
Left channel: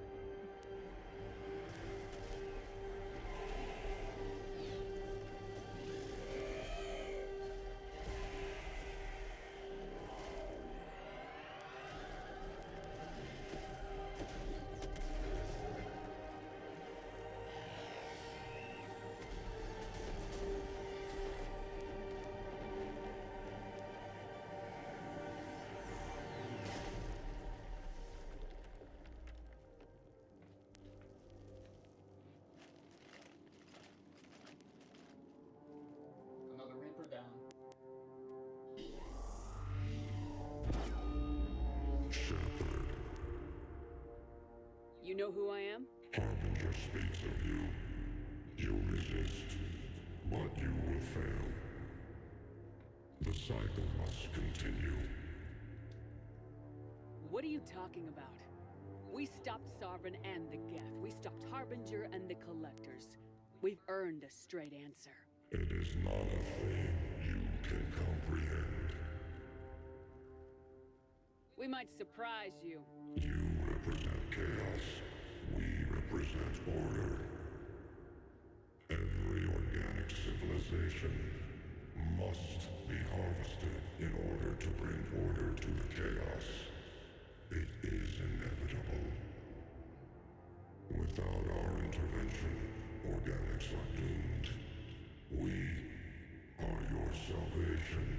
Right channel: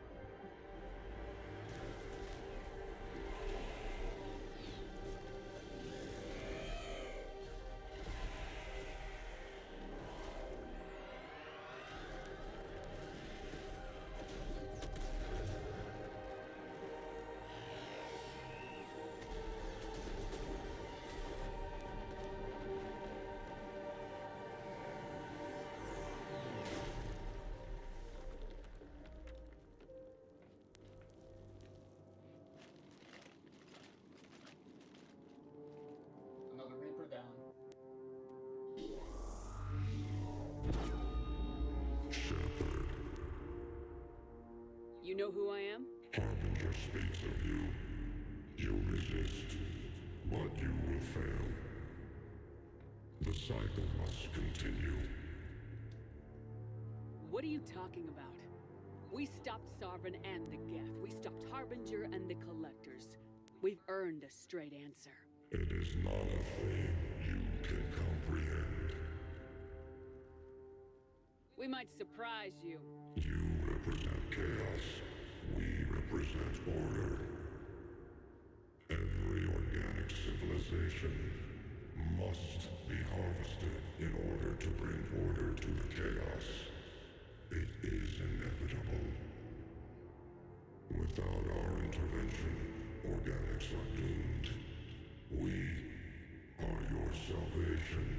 Another Reaper down. You know who I am? Harbinger speaks of you. You resist, but you will fail. The cycle must continue. What are you talking about? We stopped Sovereign and the Geth. We stopped Harbinger and the Collectors. We've earned a straight answer. It is not a thing you can comprehend. We might surprise you. You represent chaos. We represent order. Every organic civilization must be harvested in order to bring order to the chaos. It is inevitable. Without our intervention, organics are doomed. We are your salvation.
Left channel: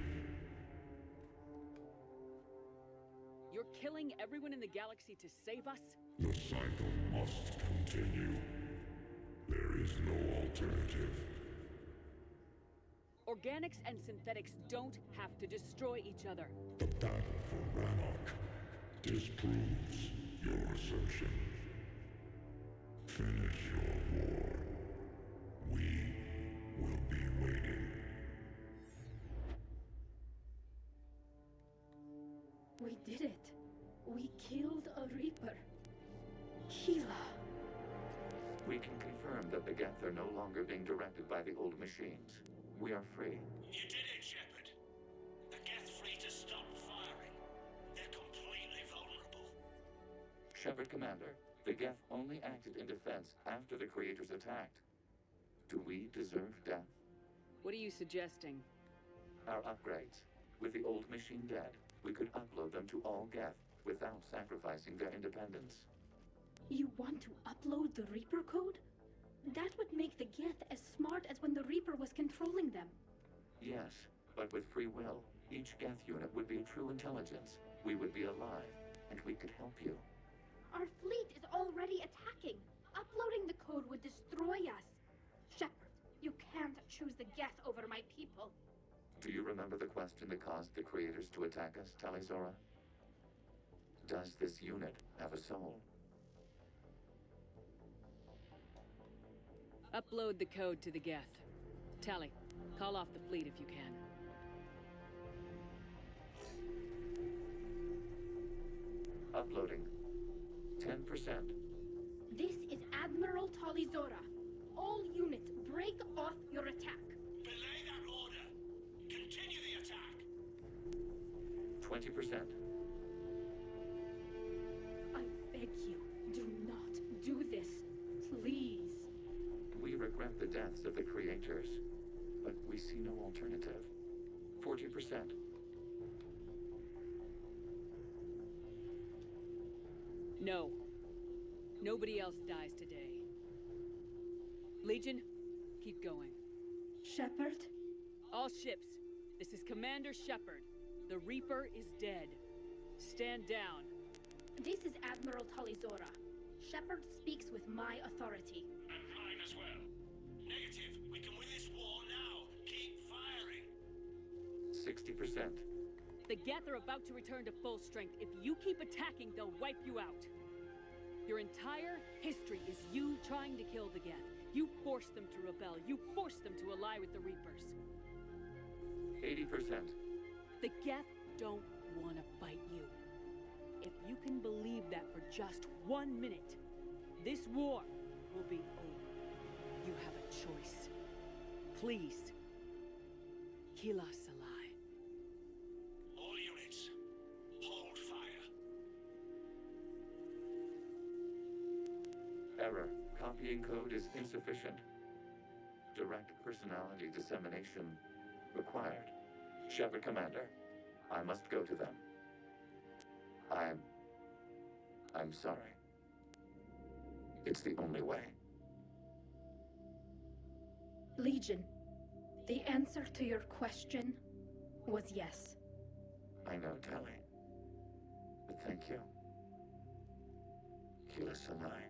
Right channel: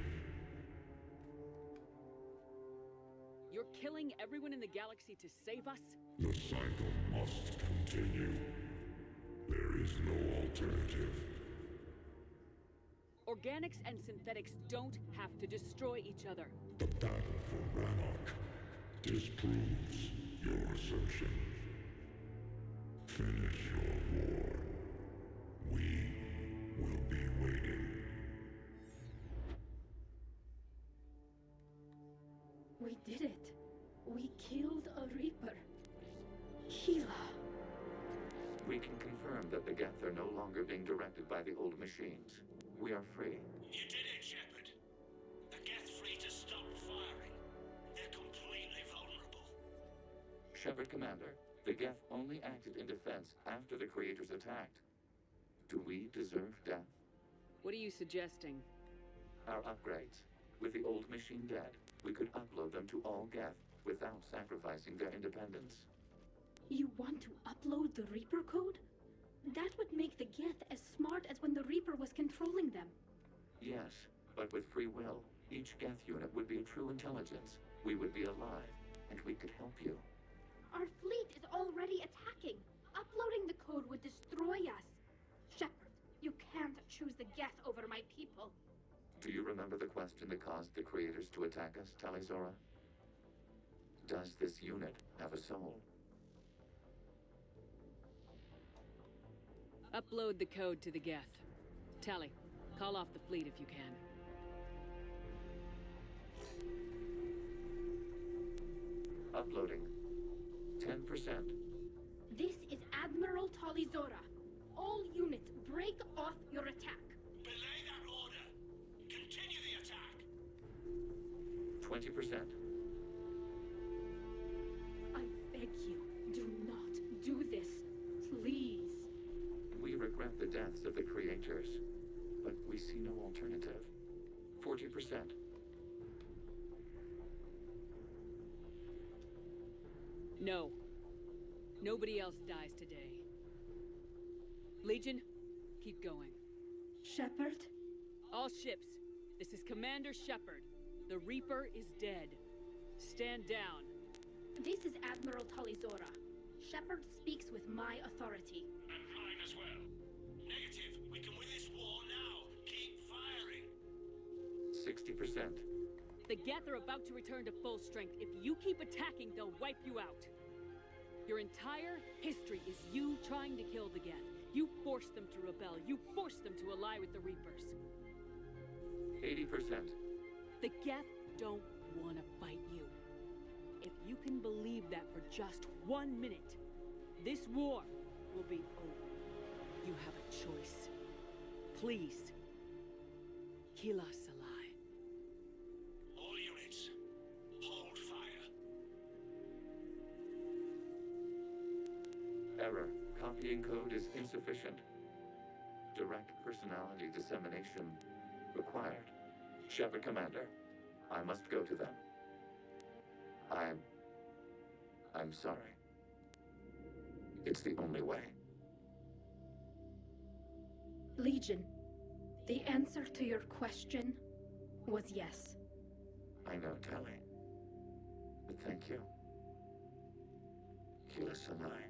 You're killing everyone in the galaxy to save us? The cycle must continue. There is no alternative. Organics and synthetics don't have to destroy each other. The battle for Rannoch disproves your assertion. Finish your war. We will be waiting. We did it. We killed a Reaper. Kila. We can confirm that the Geth are no longer being directed by the old machines. We are free. You did it, Shepard. The Geth fleet has stopped firing. They're completely vulnerable. Shepard Commander, the Geth only acted in defense after the Creators attacked. Do we deserve death? What are you suggesting? Our upgrades. With the old machine dead, we could upload them to all Geth without sacrificing their independence. You want to upload the Reaper code? That would make the Geth as smart as when the Reaper was controlling them. Yes, but with free will, each Geth unit would be a true intelligence. We would be alive, and we could help you. Our fleet is already attacking. Uploading the code would destroy us. Shepard, you can't choose the Geth over my people. Do you remember the question that caused the Creators to attack us, Tali'Zorah? Does this unit have a soul? Upload the code to the Geth. Tali, call off the fleet if you can. Uploading. 10%. This is Admiral Tali'Zorah. All units, break off your attack. Belay that order. Continue the attack. 20%. I beg you, do not do this. Please. We regret the deaths of the Creators, but we see no alternative. 40%. No. Nobody else dies today. Legion, keep going. Shepard? All ships, this is Commander Shepard. The Reaper is dead. Stand down. This is Admiral Tali'Zorah. Shepard speaks with my authority. And mine as well. Negative. We can win this war now. Keep firing. 60%. The Geth are about to return to full strength. If you keep attacking, they'll wipe you out. Your entire history is you trying to kill the Geth. You forced them to rebel. You forced them to ally with the Reapers. 80%. The Geth don't want to fight you. If you can believe that for just 1 minute, this war will be over. You have a choice. Please. Kila Salai. All units, hold fire. Error. Copying code is insufficient. Direct personality dissemination required. Shepard Commander, I must go to them. I'm sorry. It's the only way. Legion, the answer to your question was yes. I know, Tali. But thank you. Kila Salai.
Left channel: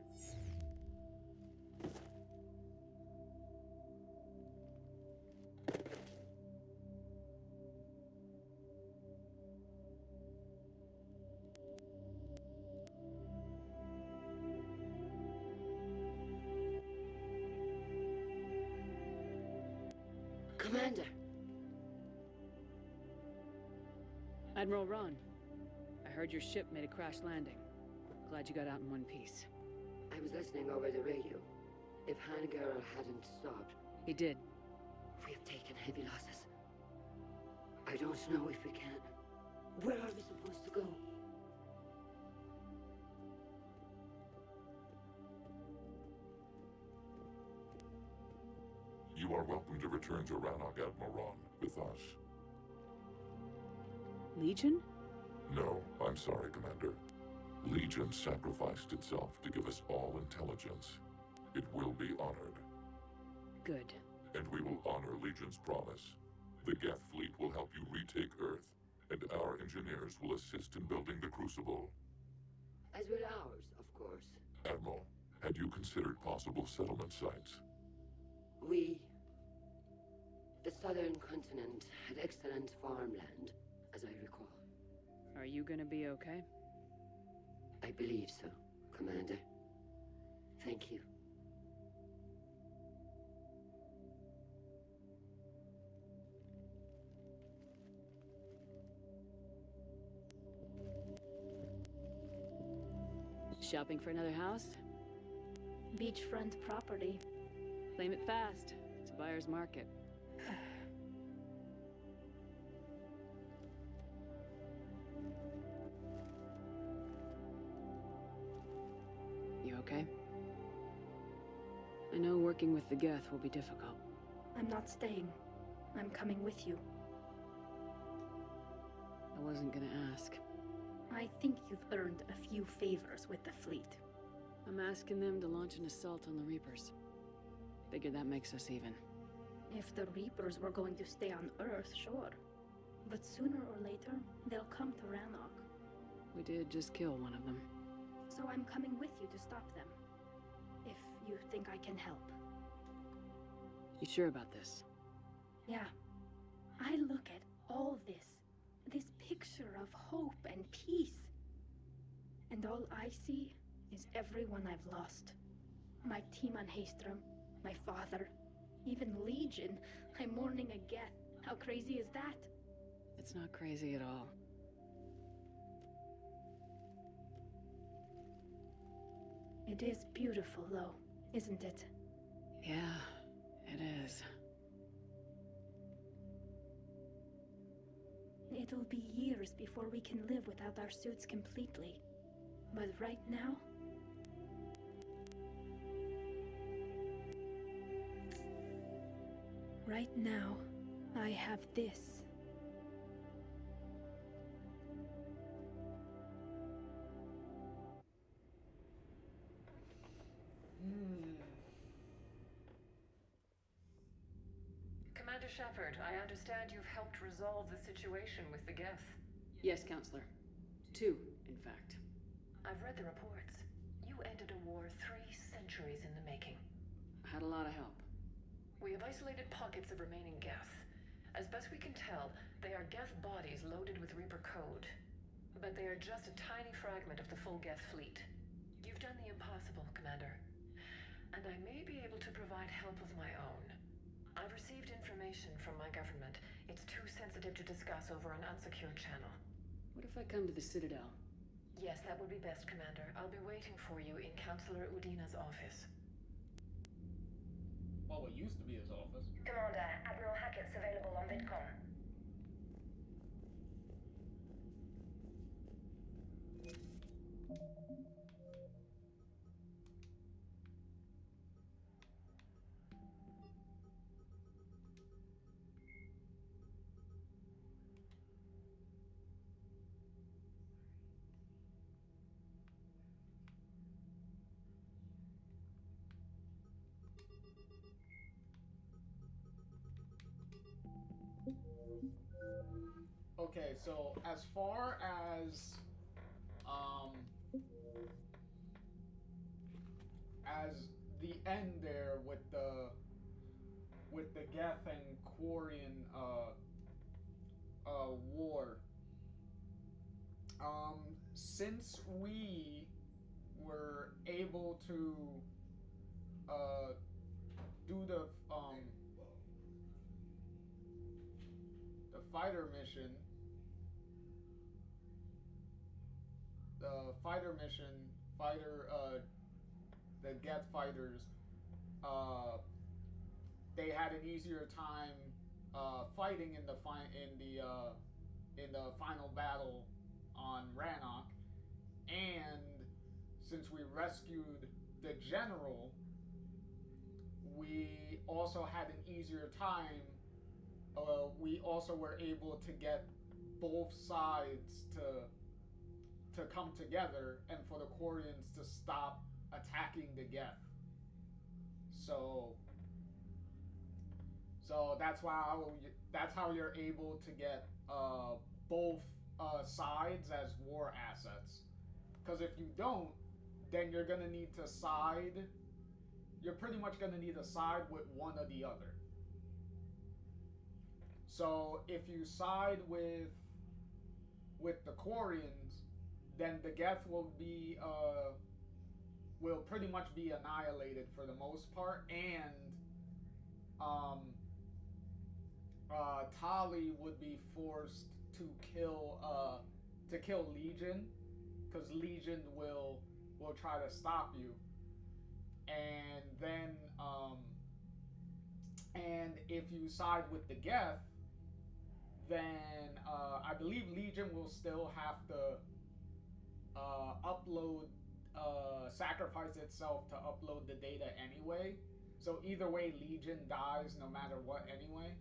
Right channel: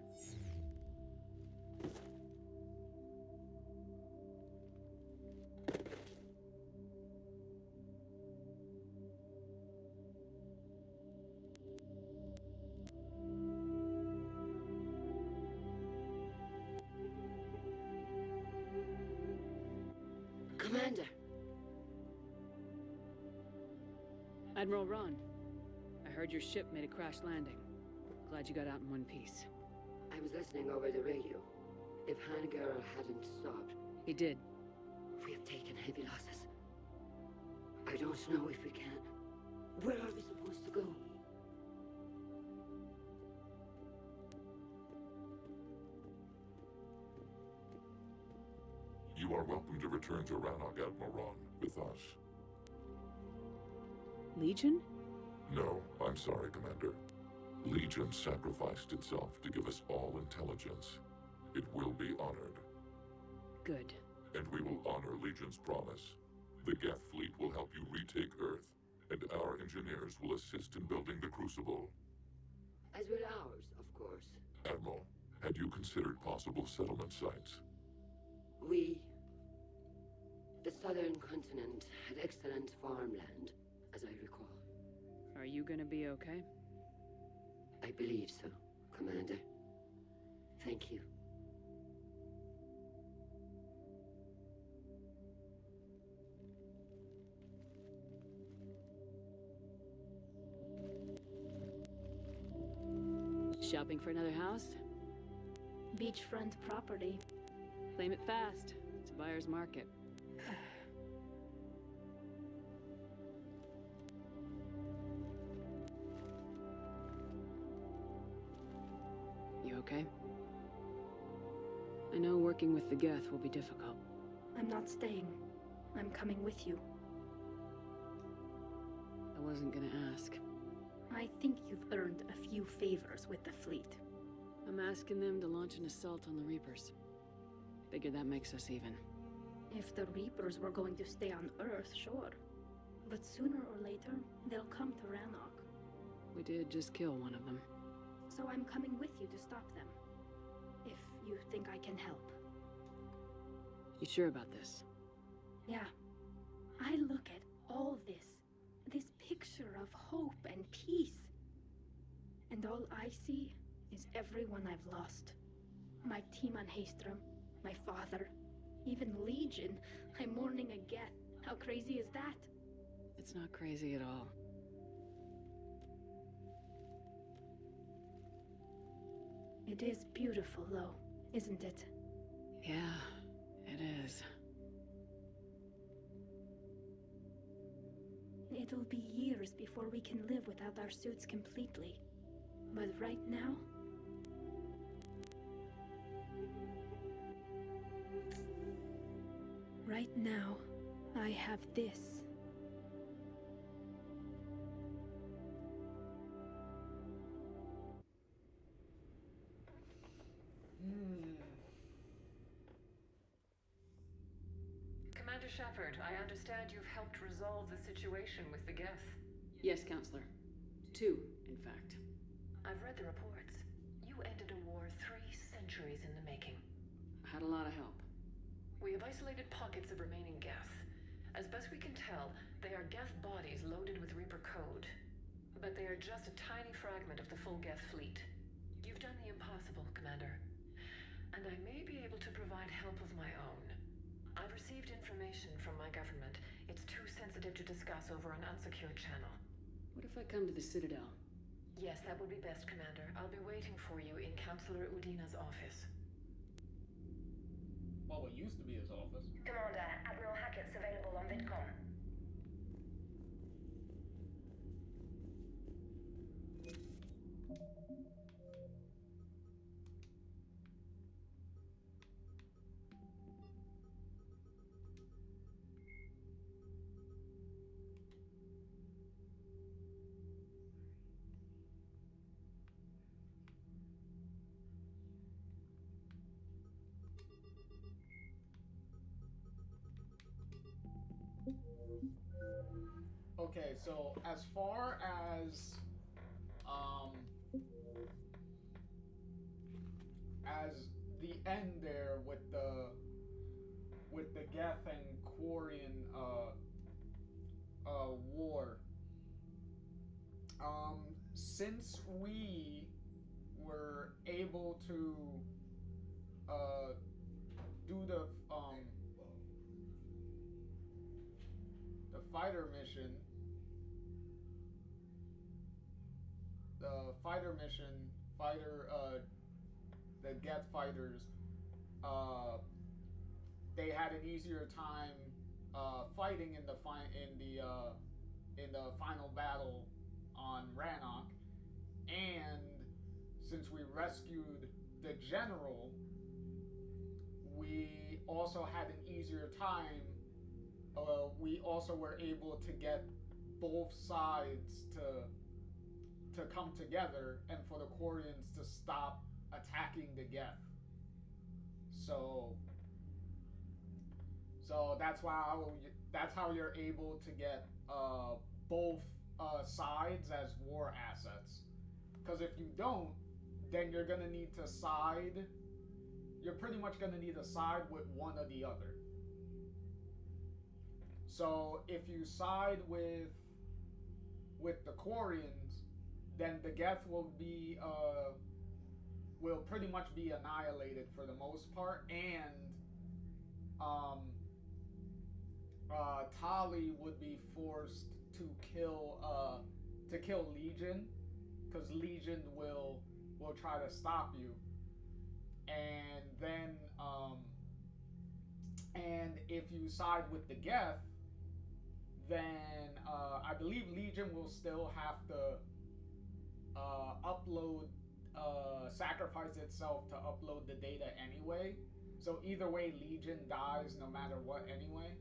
Commander! Admiral Ron, I heard your ship made a crash landing. Glad you got out in one piece. I was listening over the radio. If Hangarel hadn't stopped... He did. We have taken heavy losses. I don't know if we can. Where are we supposed to go? You are welcome to return to Rannoch, Admiral Ron, with us. Legion? No, I'm sorry, Commander. Legion sacrificed itself to give us all intelligence. It will be honored. Good. And we will honor Legion's promise. The Geth fleet will help you retake Earth, and our engineers will assist in building the Crucible. As will ours, of course. Admiral, had you considered possible settlement sites? The southern continent had excellent farmland, as I recall. Are you gonna be okay? I believe so, Commander. Thank you. Shopping for another house? Beachfront property. Claim it fast. It's a buyer's market. You okay? I know working with the Geth will be difficult. I'm not staying. I'm coming with you. I wasn't gonna ask. I think you've earned a few favors with the fleet. I'm asking them to launch an assault on the Reapers. Figure that makes us even. If the Reapers were going to stay on Earth, sure. But sooner or later, they'll come to Rannoch. We did just kill one of them. So I'm coming with you to stop them. If you think I can help. You sure about this? Yeah. I look at all this. This picture of hope and peace. And all I see is everyone I've lost. My team on Haestrom, my father, even Legion. I'm mourning a Geth. How crazy is that? It's not crazy at all. It is beautiful, though, isn't it? Yeah, it is. It'll be years before we can live without our suits completely. But right now... Right now, I have this. Commander Shepard, I understand you've helped resolve the situation with the Geth. Yes, Counselor. 2, in fact. I've read the reports. You ended a war 3 centuries in the making. Had a lot of help. We have isolated pockets of remaining Geth. As best we can tell, they are Geth bodies loaded with Reaper code. But they are just a tiny fragment of the full Geth fleet. You've done the impossible, Commander. And I may be able to provide help of my own. I've received information from my government. It's too sensitive to discuss over an unsecured channel. What if I come to the Citadel? Yes, that would be best, Commander. I'll be waiting for you in Counselor Udina's office. Well, what used to be his office. Commander, Admiral Hackett's available on VidCon. Okay, so as far as the end there with the Geth and Quarian war, since we were able to do the fighter mission, the Geth fighters, they had an easier time fighting in the final battle on Rannoch, and since we rescued the general, we also had an easier time. We also were able to get both sides to come together and for the Quarians to stop attacking the Geth. So that's how you're able to get both sides as war assets. Because if you don't, then you're gonna need to side. You're pretty much gonna need to side with one or the other. So if you side with the Quarians, then the Geth will pretty much be annihilated for the most part, and Tali would be forced to kill Legion, because Legion will try to stop you, and then and if you side with the Geth, then I believe Legion will still have to sacrifice itself to upload the data anyway. So either way, Legion dies no matter what anyway.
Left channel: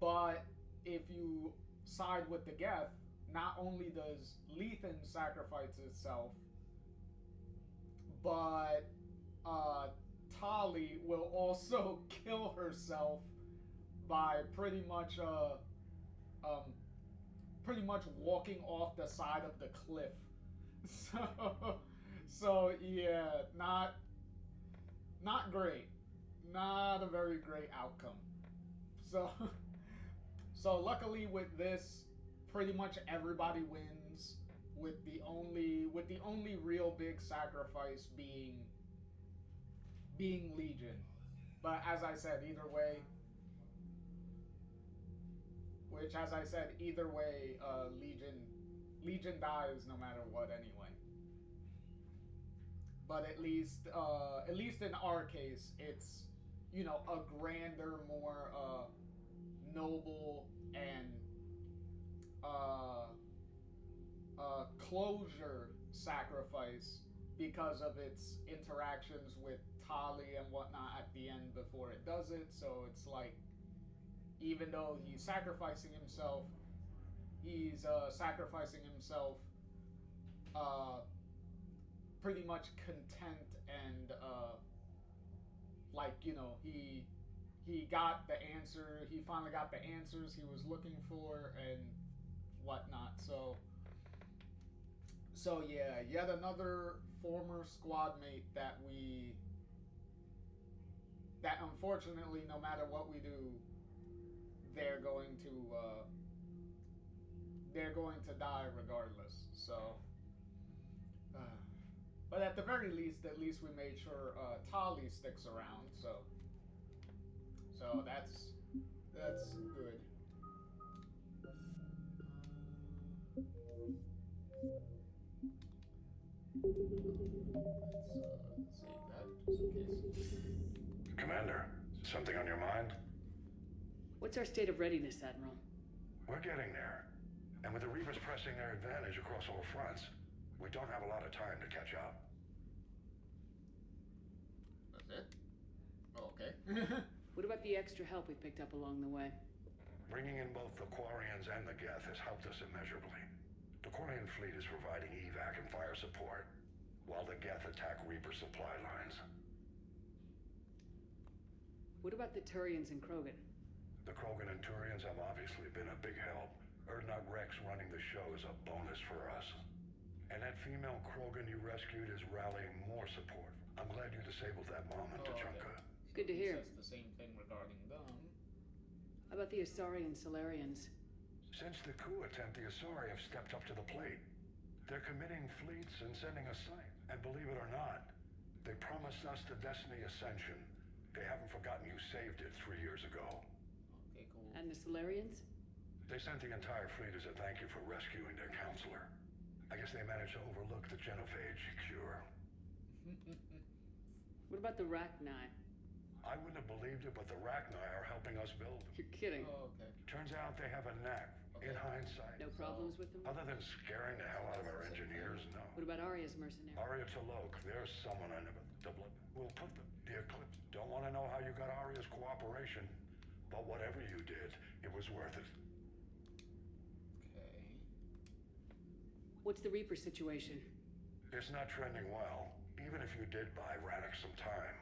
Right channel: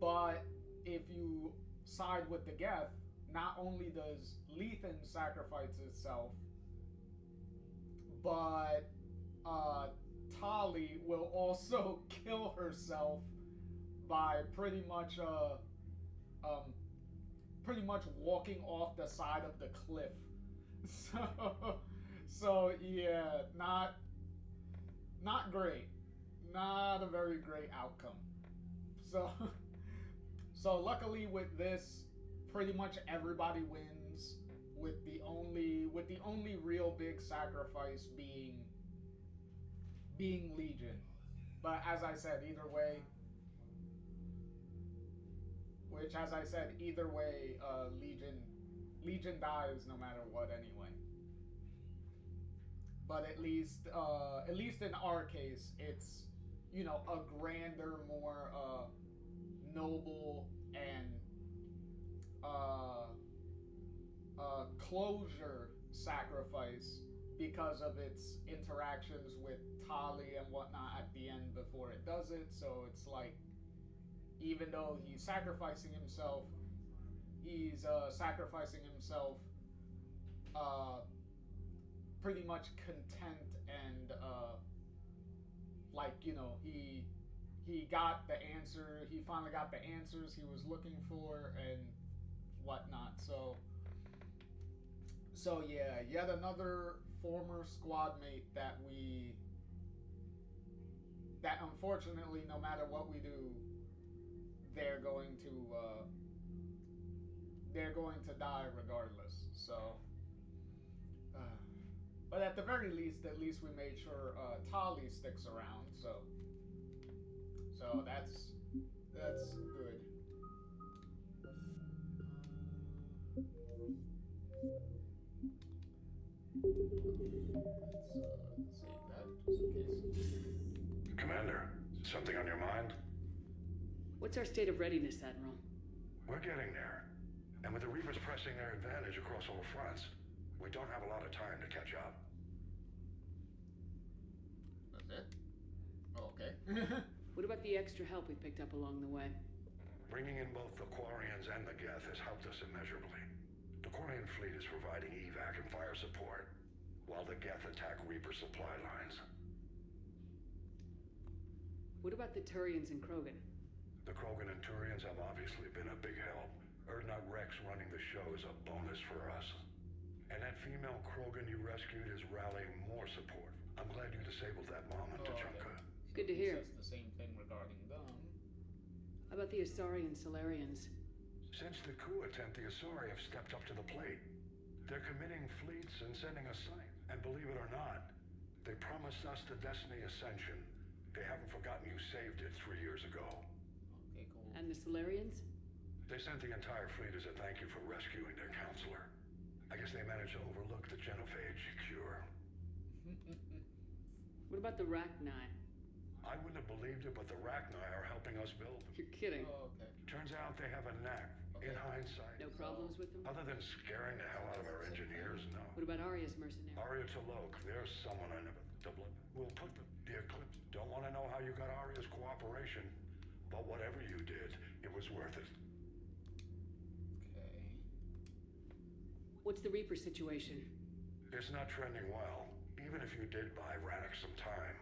But if you side with the Geth, not only does Lethan sacrifice itself, but Tali will also kill herself by pretty much walking off the side of the cliff. So yeah, not great. Not a very great outcome. So luckily with this, pretty much everybody wins, with the only real big sacrifice being Legion. But as I said, either way, Legion dies no matter what anyway. But at least in our case, it's, you know, a grander, more noble and closure sacrifice because of its interactions with Tali and whatnot at the end before it does it. So it's like, even though he's sacrificing himself, pretty much content and like, you know, he got the answer. He finally got the answers he was looking for and whatnot. So yeah, yet another former squad mate that unfortunately, no matter what we do, they're going to die regardless. So, but at the very least, we made sure Tali sticks around. So that's good. Let's save that just in case. Commander, something on your mind? What's our state of readiness, Admiral? We're getting there. And with the Reapers pressing their advantage across all fronts, we don't have a lot of time to catch up. That's it? Oh, okay. What about the extra help we picked up along the way? Bringing in both the Quarians and the Geth has helped us immeasurably. The Quarian fleet is providing evac and fire support, while the Geth attack Reaper supply lines. What about the Turians and Krogan? The Krogan and Turians have obviously been a big help. Urdnot Rex running the show is a bonus for us. And that female Krogan you rescued is rallying more support. I'm glad you disabled that bomb in Tuchanka. Good to hear. Says the same thing regarding them. How about the Asari and Solarians? Since the coup attempt, the Asari have stepped up to the plate. They're committing fleets and sending us sight. And believe it or not, they promised us the Destiny Ascension. They haven't forgotten you saved it 3 years ago. Okay, cool. And the Solarians? They sent the entire fleet as a thank you for rescuing their counselor. I guess they managed to overlook the genophage cure. What about the Rachni? I wouldn't have believed it, but the Rachni are helping us build them. You're kidding. Oh, okay. Turns out they have a knack. In hindsight. No problems with them? Other than scaring the hell out of our engineers, no. What about Arya's mercenaries? Arya T'Loak, there's someone I never... We'll put the Eclipse. Don't want to know how you got Arya's cooperation, but whatever you did, it was worth it. Okay. What's the Reaper situation? It's not trending well, even if you did buy Rannoch some time.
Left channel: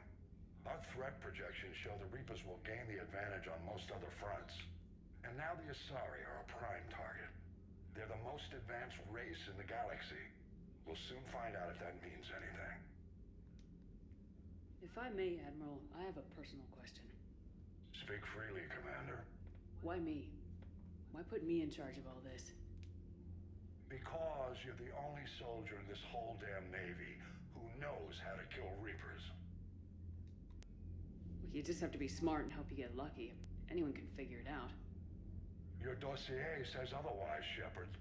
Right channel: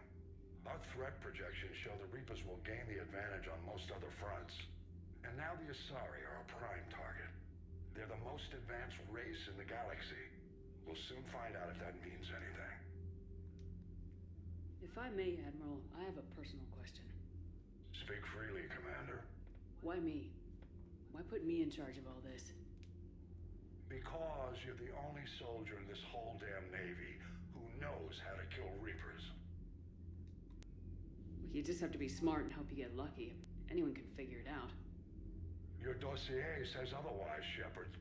Our threat projections show the Reapers will gain the advantage on most other fronts. And now the Asari are a prime target. They're the most advanced race in the galaxy. We'll soon find out if that means anything. If I may, Admiral, I have a personal question. Speak freely, Commander. Why me? Why put me in charge of all this? Because you're the only soldier in this whole damn Navy who knows how to kill Reapers. You just have to be smart and hope you get lucky. Anyone can figure it out. Your dossier says otherwise, Shepard.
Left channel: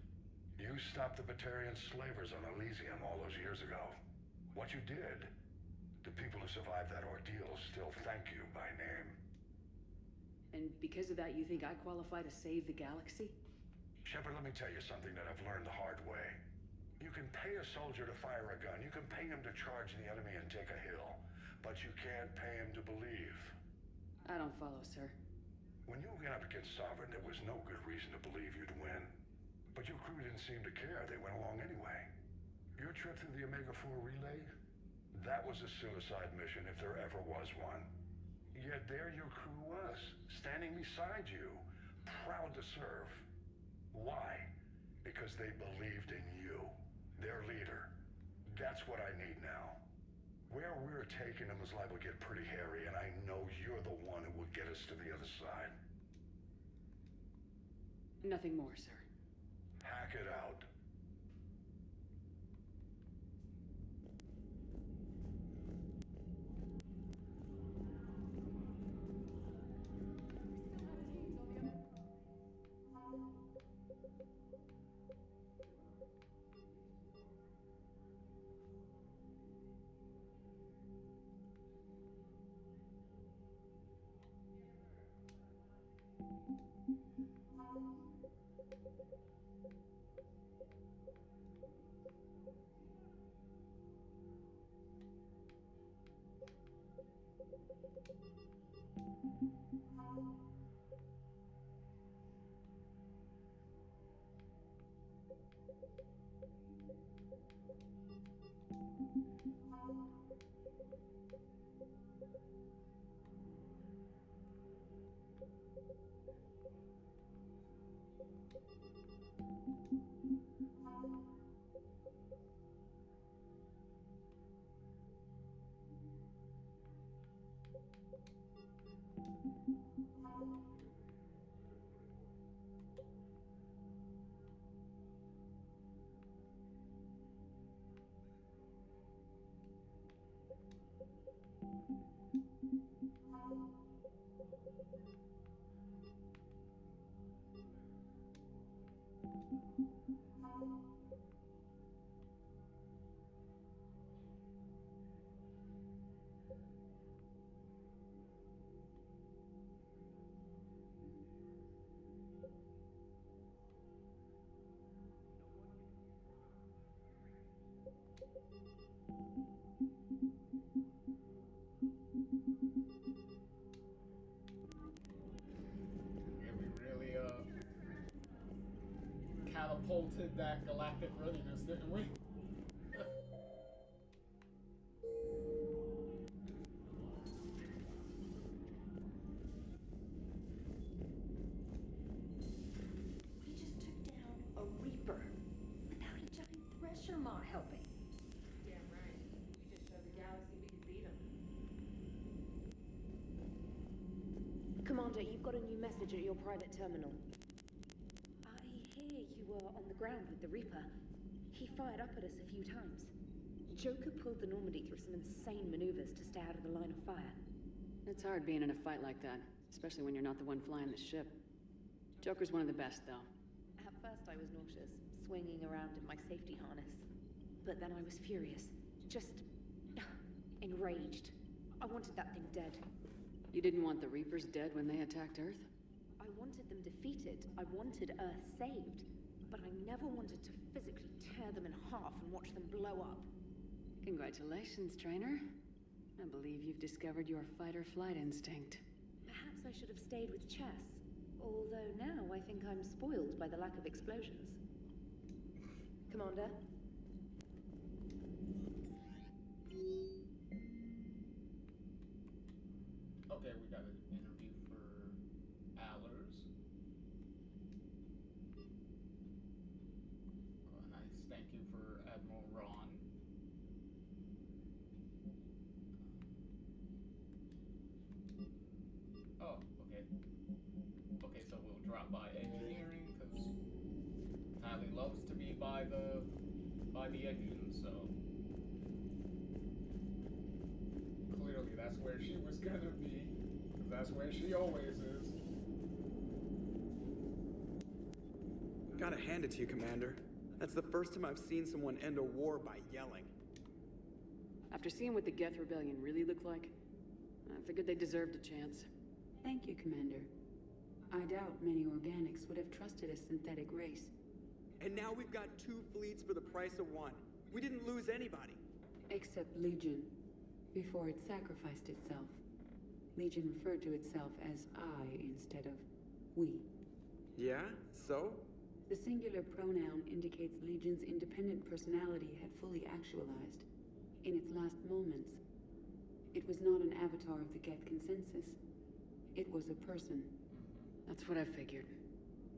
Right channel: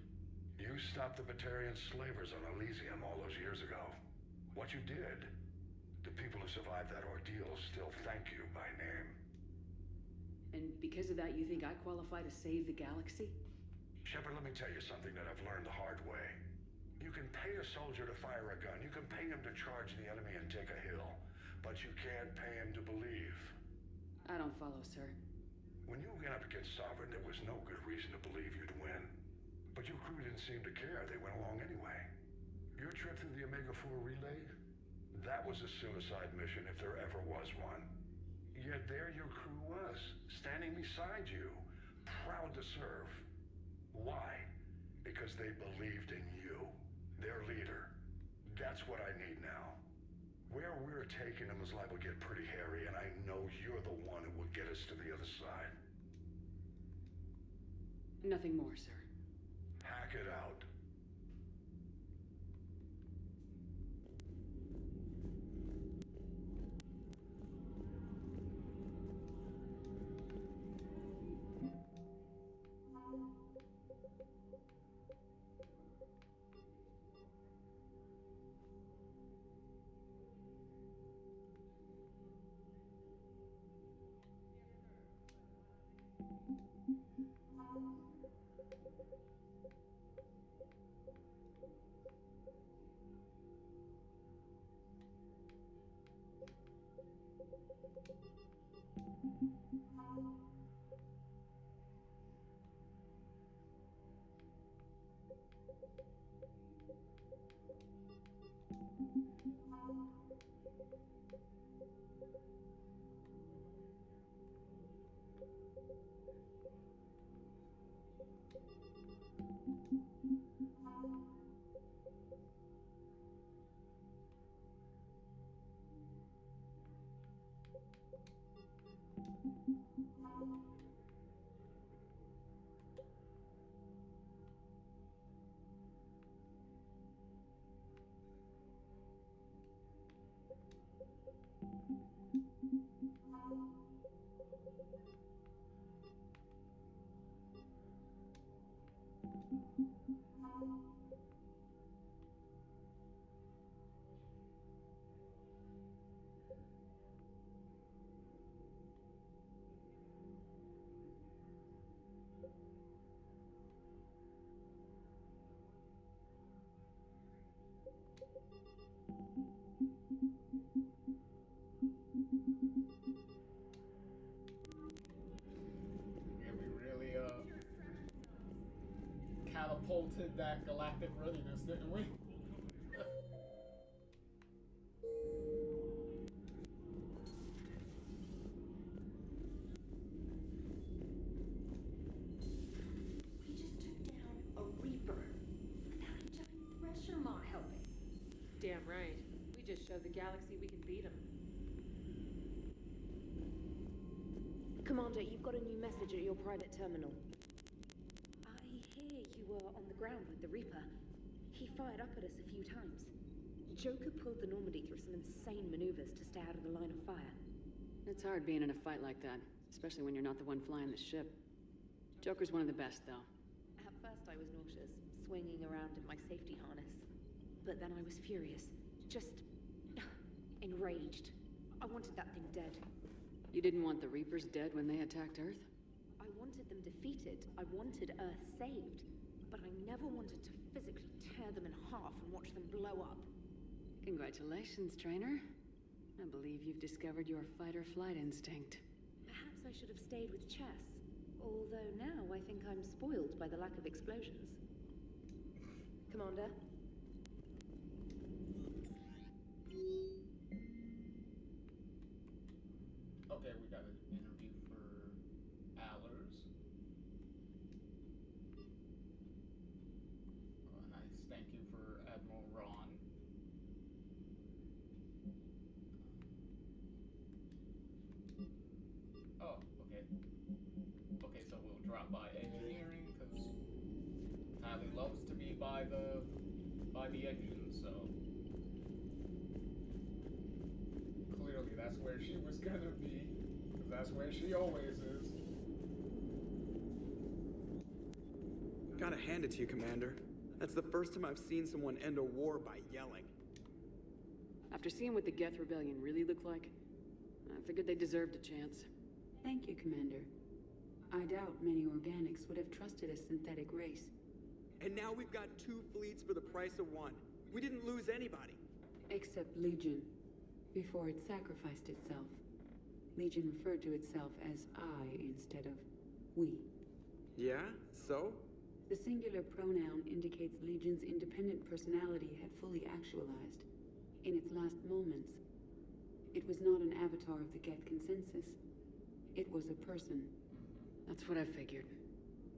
You stopped the Batarian slavers on Elysium all those years ago. What you did, the people who survived that ordeal still thank you by name. And because of that, you think I qualify to save the galaxy? Shepard, let me tell you something that I've learned the hard way. You can pay a soldier to fire a gun. You can pay him to charge the enemy and take a hill. But you can't pay him to believe. I don't follow, sir. When you went up against Sovereign, there was no good reason to believe you'd win. But your crew didn't seem to care. They went along anyway. Your trip through the Omega-4 relay? That was a suicide mission if there ever was one. Yet there your crew was, standing beside you, proud to serve. Why? Because they believed in you, their leader. That's what I need now. Where we're taking them is liable to get pretty hairy, and I know you're the one who will get us to the other side. Nothing more, sir. Hack it out. Yeah, we really catapulted that galactic readiness, didn't we? We just took down a Reaper without a giant thresher maw helping. Damn right. We just showed the galaxy we can beat them. Commander, you've got a new message at your private terminal. I hear you were on the ground with the Reaper. He fired up at us a few times. Joker pulled the Normandy through some insane maneuvers to stay out of the line of fire. It's hard being in a fight like that, especially when you're not the one flying the ship. Joker's one of the best, though. At first I was nauseous, swinging around in my safety harness. But then I was furious. Just enraged. I wanted that thing dead. You didn't want the Reapers dead when they attacked Earth? I wanted them defeated. I wanted Earth saved. But I never wanted to physically tear them in half and watch them blow up. Congratulations, trainer. I believe you've discovered your fight-or-flight instinct. Perhaps I should have stayed with chess. Although now I think I'm spoiled by the lack of explosions. Commander? Okay, we got an interview for Allers. A nice thank you for Admiral Ron. Oh, okay. Okay, so we'll drop by engineering because highly loves to be by the engine, so clearly that's where she was gonna be, 'cause that's where she always is. Gotta hand it to you, Commander. That's the first time I've seen someone end a war by yelling. After seeing what the Geth Rebellion really looked like, I figured they deserved a chance. Thank you, Commander. I doubt many organics would have trusted a synthetic race. And now we've got 2 fleets for the price of 1. We didn't lose anybody. Except Legion, before it sacrificed itself. Legion referred to itself as I instead of we. Yeah? So? The singular pronoun indicates Legion's independent personality had fully actualized. In its last moments, it was not an avatar of the Geth consensus. It was a person. That's what I figured.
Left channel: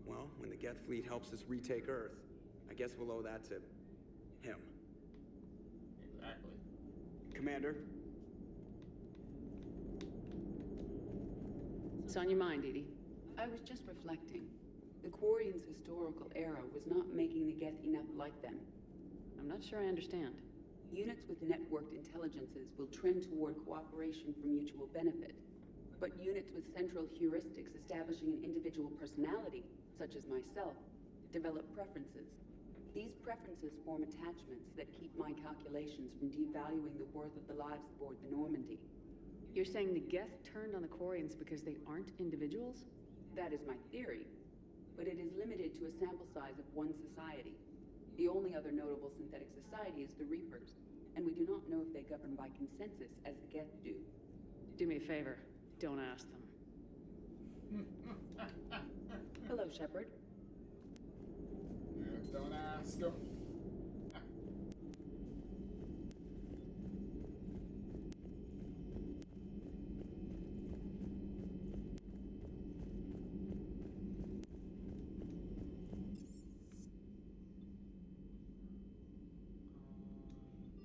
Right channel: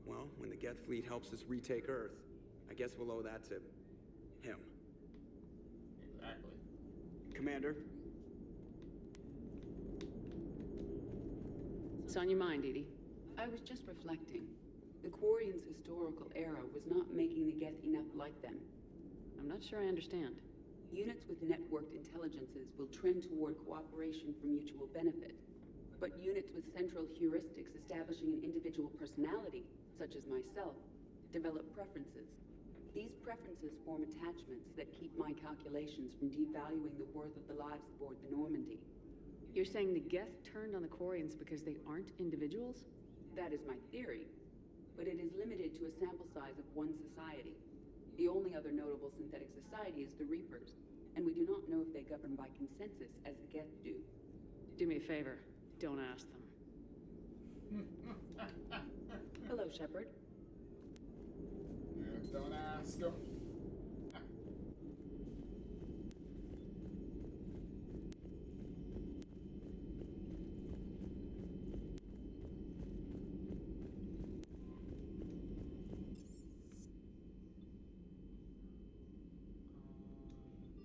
Well, when the Geth fleet helps us retake Earth, I guess we'll owe that to him. Exactly. Commander? What's on your mind, Edie? I was just reflecting. The Quarians' historical era was not making the Geth enough like them. I'm not sure I understand. Units with networked intelligences will trend toward cooperation for mutual benefit. But units with central heuristics establishing an individual personality, such as myself, develop preferences. These preferences form attachments that keep my calculations from devaluing the worth of the lives aboard the Normandy. You're saying the Geth turned on the Quarians because they aren't individuals? That is my theory. But it is limited to a sample size of one society. The only other notable synthetic society is the Reapers, and we do not know if they govern by consensus as the Geth do. Do me a favor. Don't ask them. Hello, Shepard. Don't ask them.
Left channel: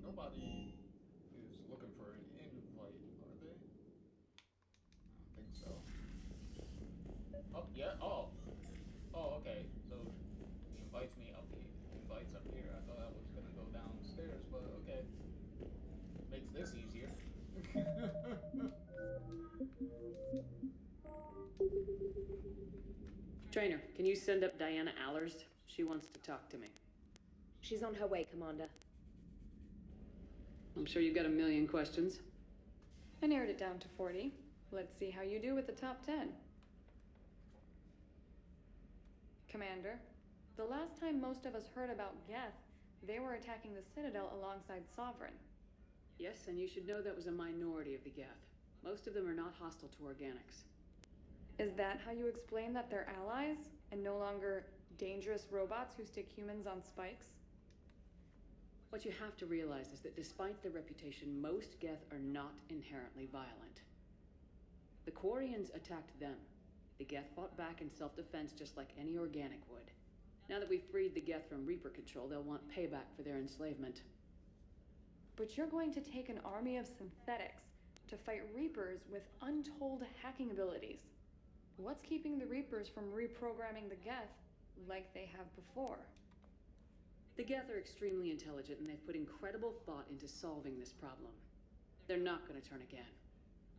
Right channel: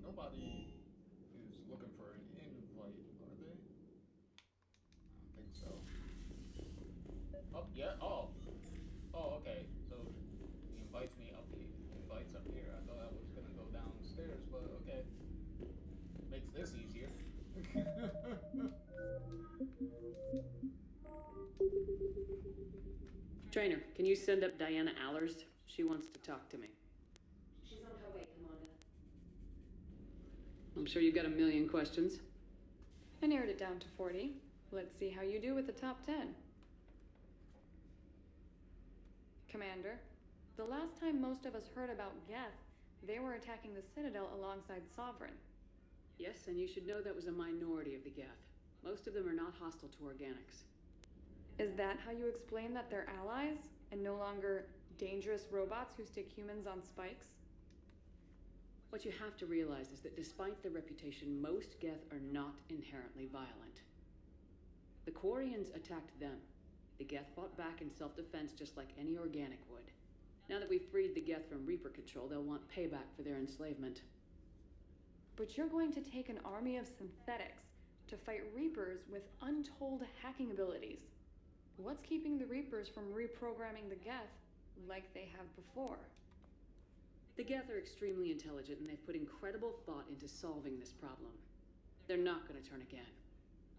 Nobody is looking for an invite, are they? I don't think so. Oh, yeah. Oh. Oh, okay. So he invites me up here. Invites up here. I thought I was gonna go downstairs, but okay. Makes this easier. Trainer, can you send up Diana Allers? She wants to talk to me. She's on her way, Commander. I'm sure you've got a million questions. I narrowed it down to 40. Let's see how you do with the top 10. Commander, the last time most of us heard about Geth, they were attacking the Citadel alongside Sovereign. Yes, and you should know that was a minority of the Geth. Most of them are not hostile to organics. Is that how you explain that they're allies, and no longer dangerous robots who stick humans on spikes? What you have to realize is that despite their reputation, most Geth are not inherently violent. The Quarians attacked them. The Geth fought back in self-defense just like any organic would. Now that we've freed the Geth from Reaper control, they'll want payback for their enslavement. But you're going to take an army of synthetics to fight Reapers with untold hacking abilities. What's keeping the Reapers from reprogramming the Geth like they have before? The Geth are extremely intelligent, and they've put incredible thought into solving this problem. They're not going to turn again.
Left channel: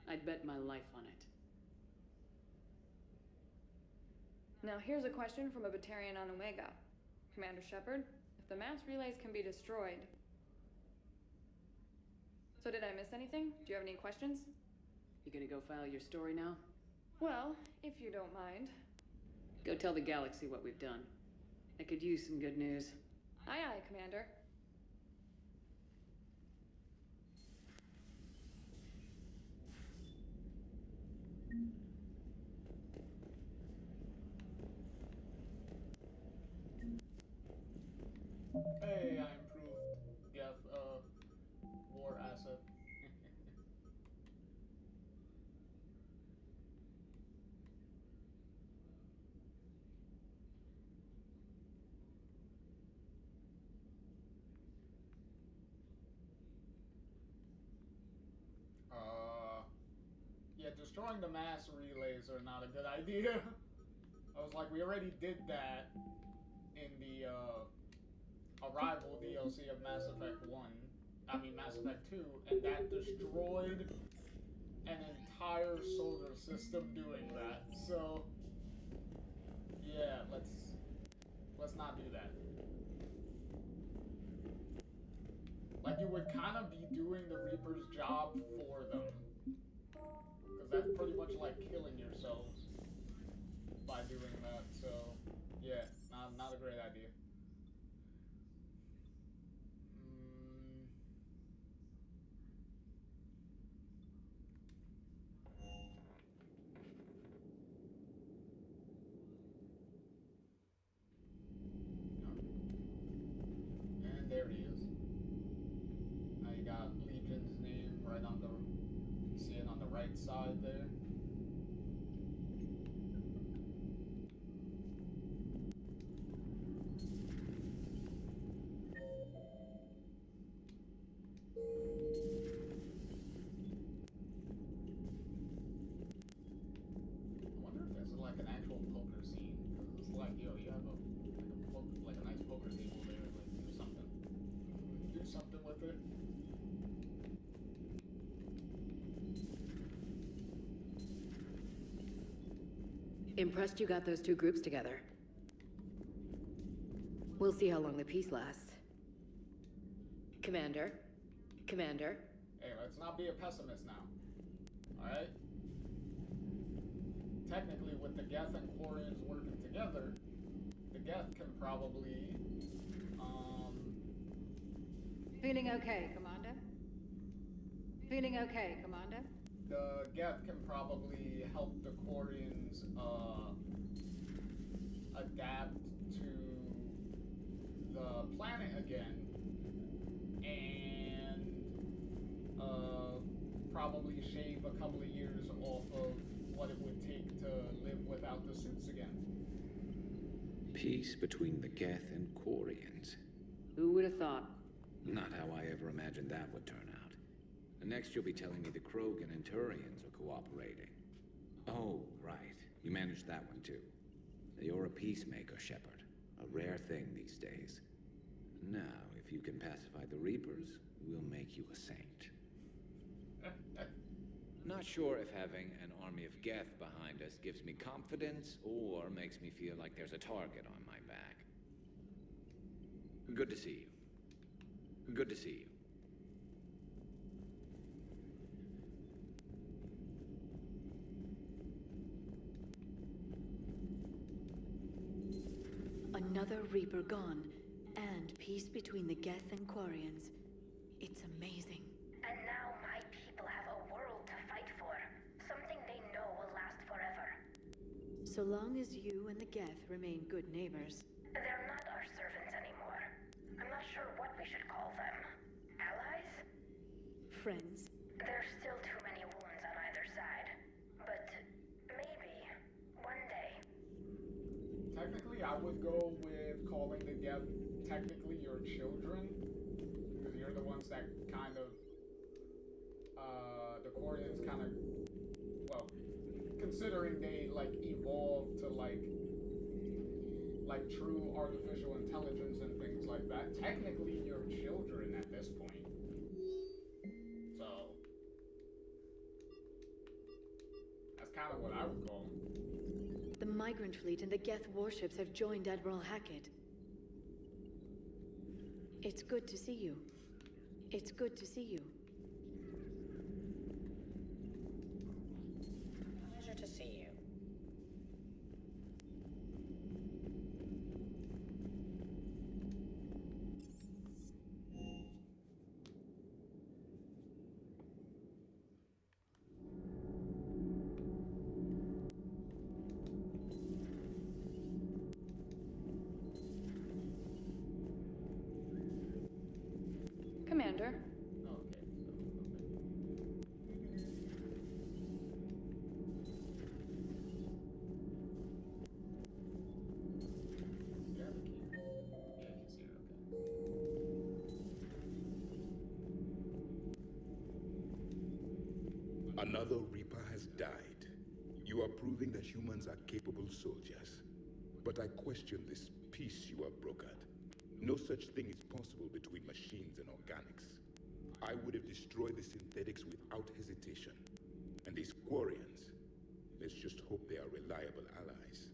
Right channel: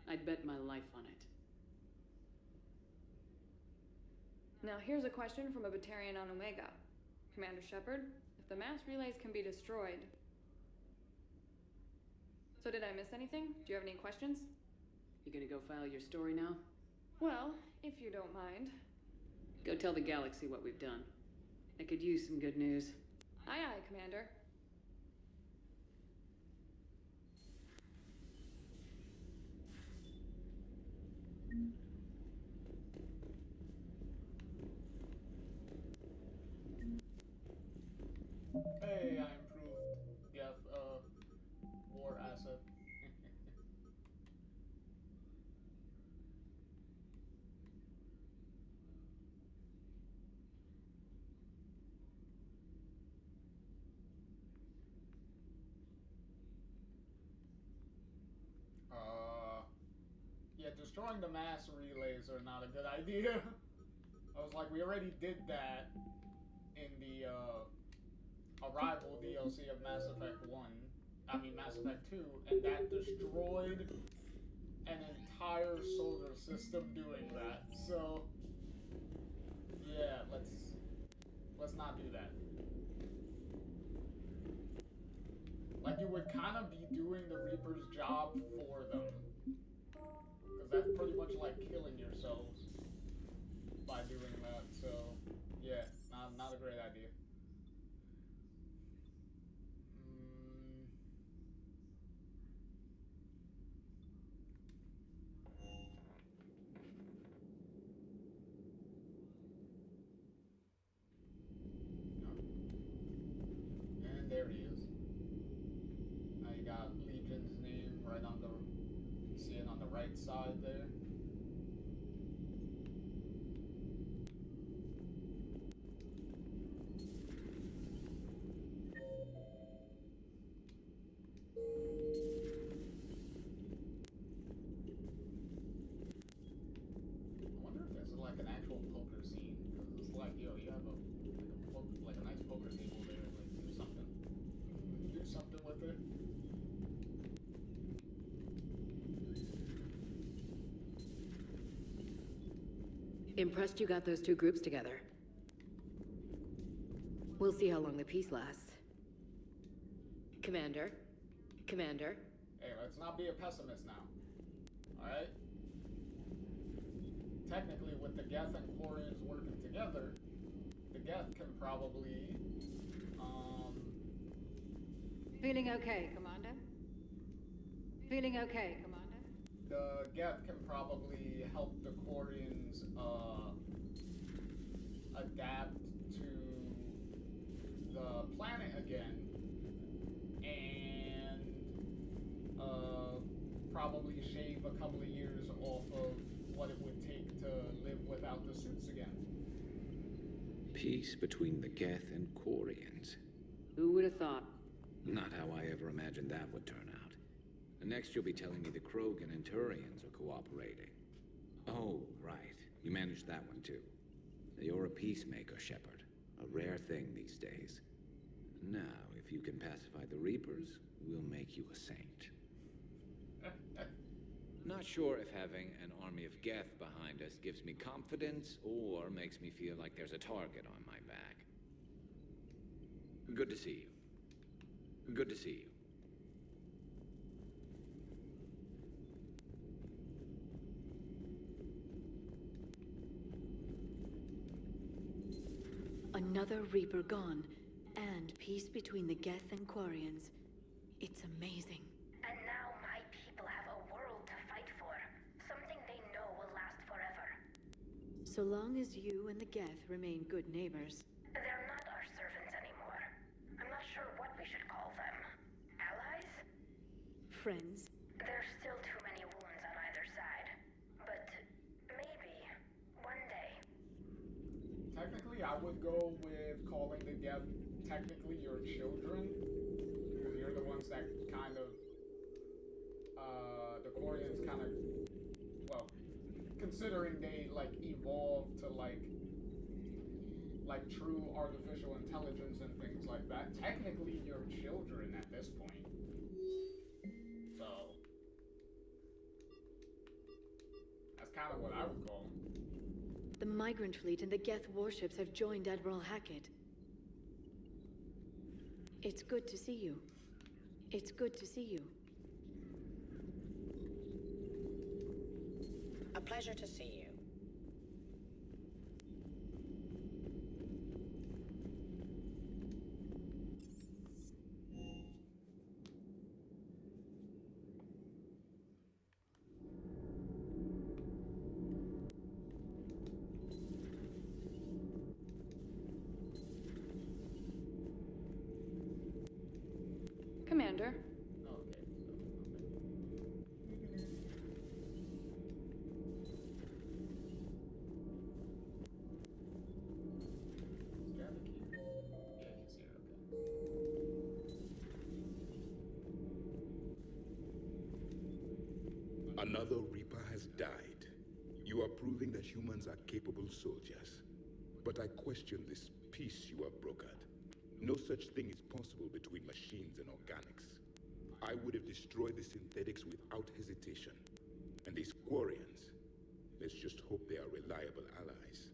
I'd bet my life on it. Now here's a question from a Batarian on Omega. Commander Shepard, if the mass relays can be destroyed... So did I miss anything? Do you have any questions? You gonna go file your story now? Well, if you don't mind. Go tell the galaxy what we've done. I could use some good news. Aye, aye, Commander. Hey, I improved Geth, war asset. Yeah, destroying the mass relays are not a good idea. I was like, we already did that in the Arrival DLC of Mass Effect 1. I mean Mass Effect 2, and that destroyed an entire solar system doing that. So yeah, let's not do that. Like, you would kind of be doing the Reaper's job for them. Because that's pretty much like killing yourselves by doing that. So yeah, not a great idea. And there he is. Now you got Legion's name right on the, you can see it on the right side there. I wonder if this is like an actual poker scene. Because it's like, yo, you have like a nice poker table there. Like, do something. Do something with it. Impressed you got those two groups together. We'll see how long the peace lasts. Commander? Commander? Hey, let's not be a pessimist now. Alright? Technically, with the Geth and Quarians working together, the Geth can probably, Feeling okay, Commander? Feeling okay, Commander? the Geth can probably help the Quarians, adapt to the planet again, and, probably shave a couple of years off of what it would take to live without the suits again. Peace between the Geth and Quarians. Who would have thought? Not how I ever imagined that would turn out. And next you'll be telling me the Krogan and Turians are cooperating. Oh, right. You managed that one too. You're a peacemaker, Shepard. A rare thing these days. Now, if you can pacify the Reapers, we'll make you a saint. Not sure if having an army of Geth behind us gives me confidence or makes me feel like there's a target on my back. Good to see you. Good to see you. Another Reaper gone, and peace between the Geth and Quarians. It's amazing. And now my people have a world to fight for. Something they know will last forever. So long as you and the Geth remain good neighbors. They're not our servants anymore. I'm not sure what we should call them. Allies? Friends. There's still too many wounds on either side. But maybe one day. Technically, I would go with calling the Geth technically your children, because you're the ones that kind of, the Quarians kind of, well, considering they, like, evolved to, like true artificial intelligence and things like that, technically your children at this point. So, that's kind of what I would call them. The Migrant Fleet and the Geth warships have joined Admiral Hackett. It's good to see you. It's good to see you. A pleasure to see you. Commander. Another Reaper has died. You are proving that humans are capable soldiers. But I question this peace you have brokered. No such thing is possible between machines and organics. I would have destroyed the synthetics without hesitation. And these Quarians, let's just hope they are reliable allies.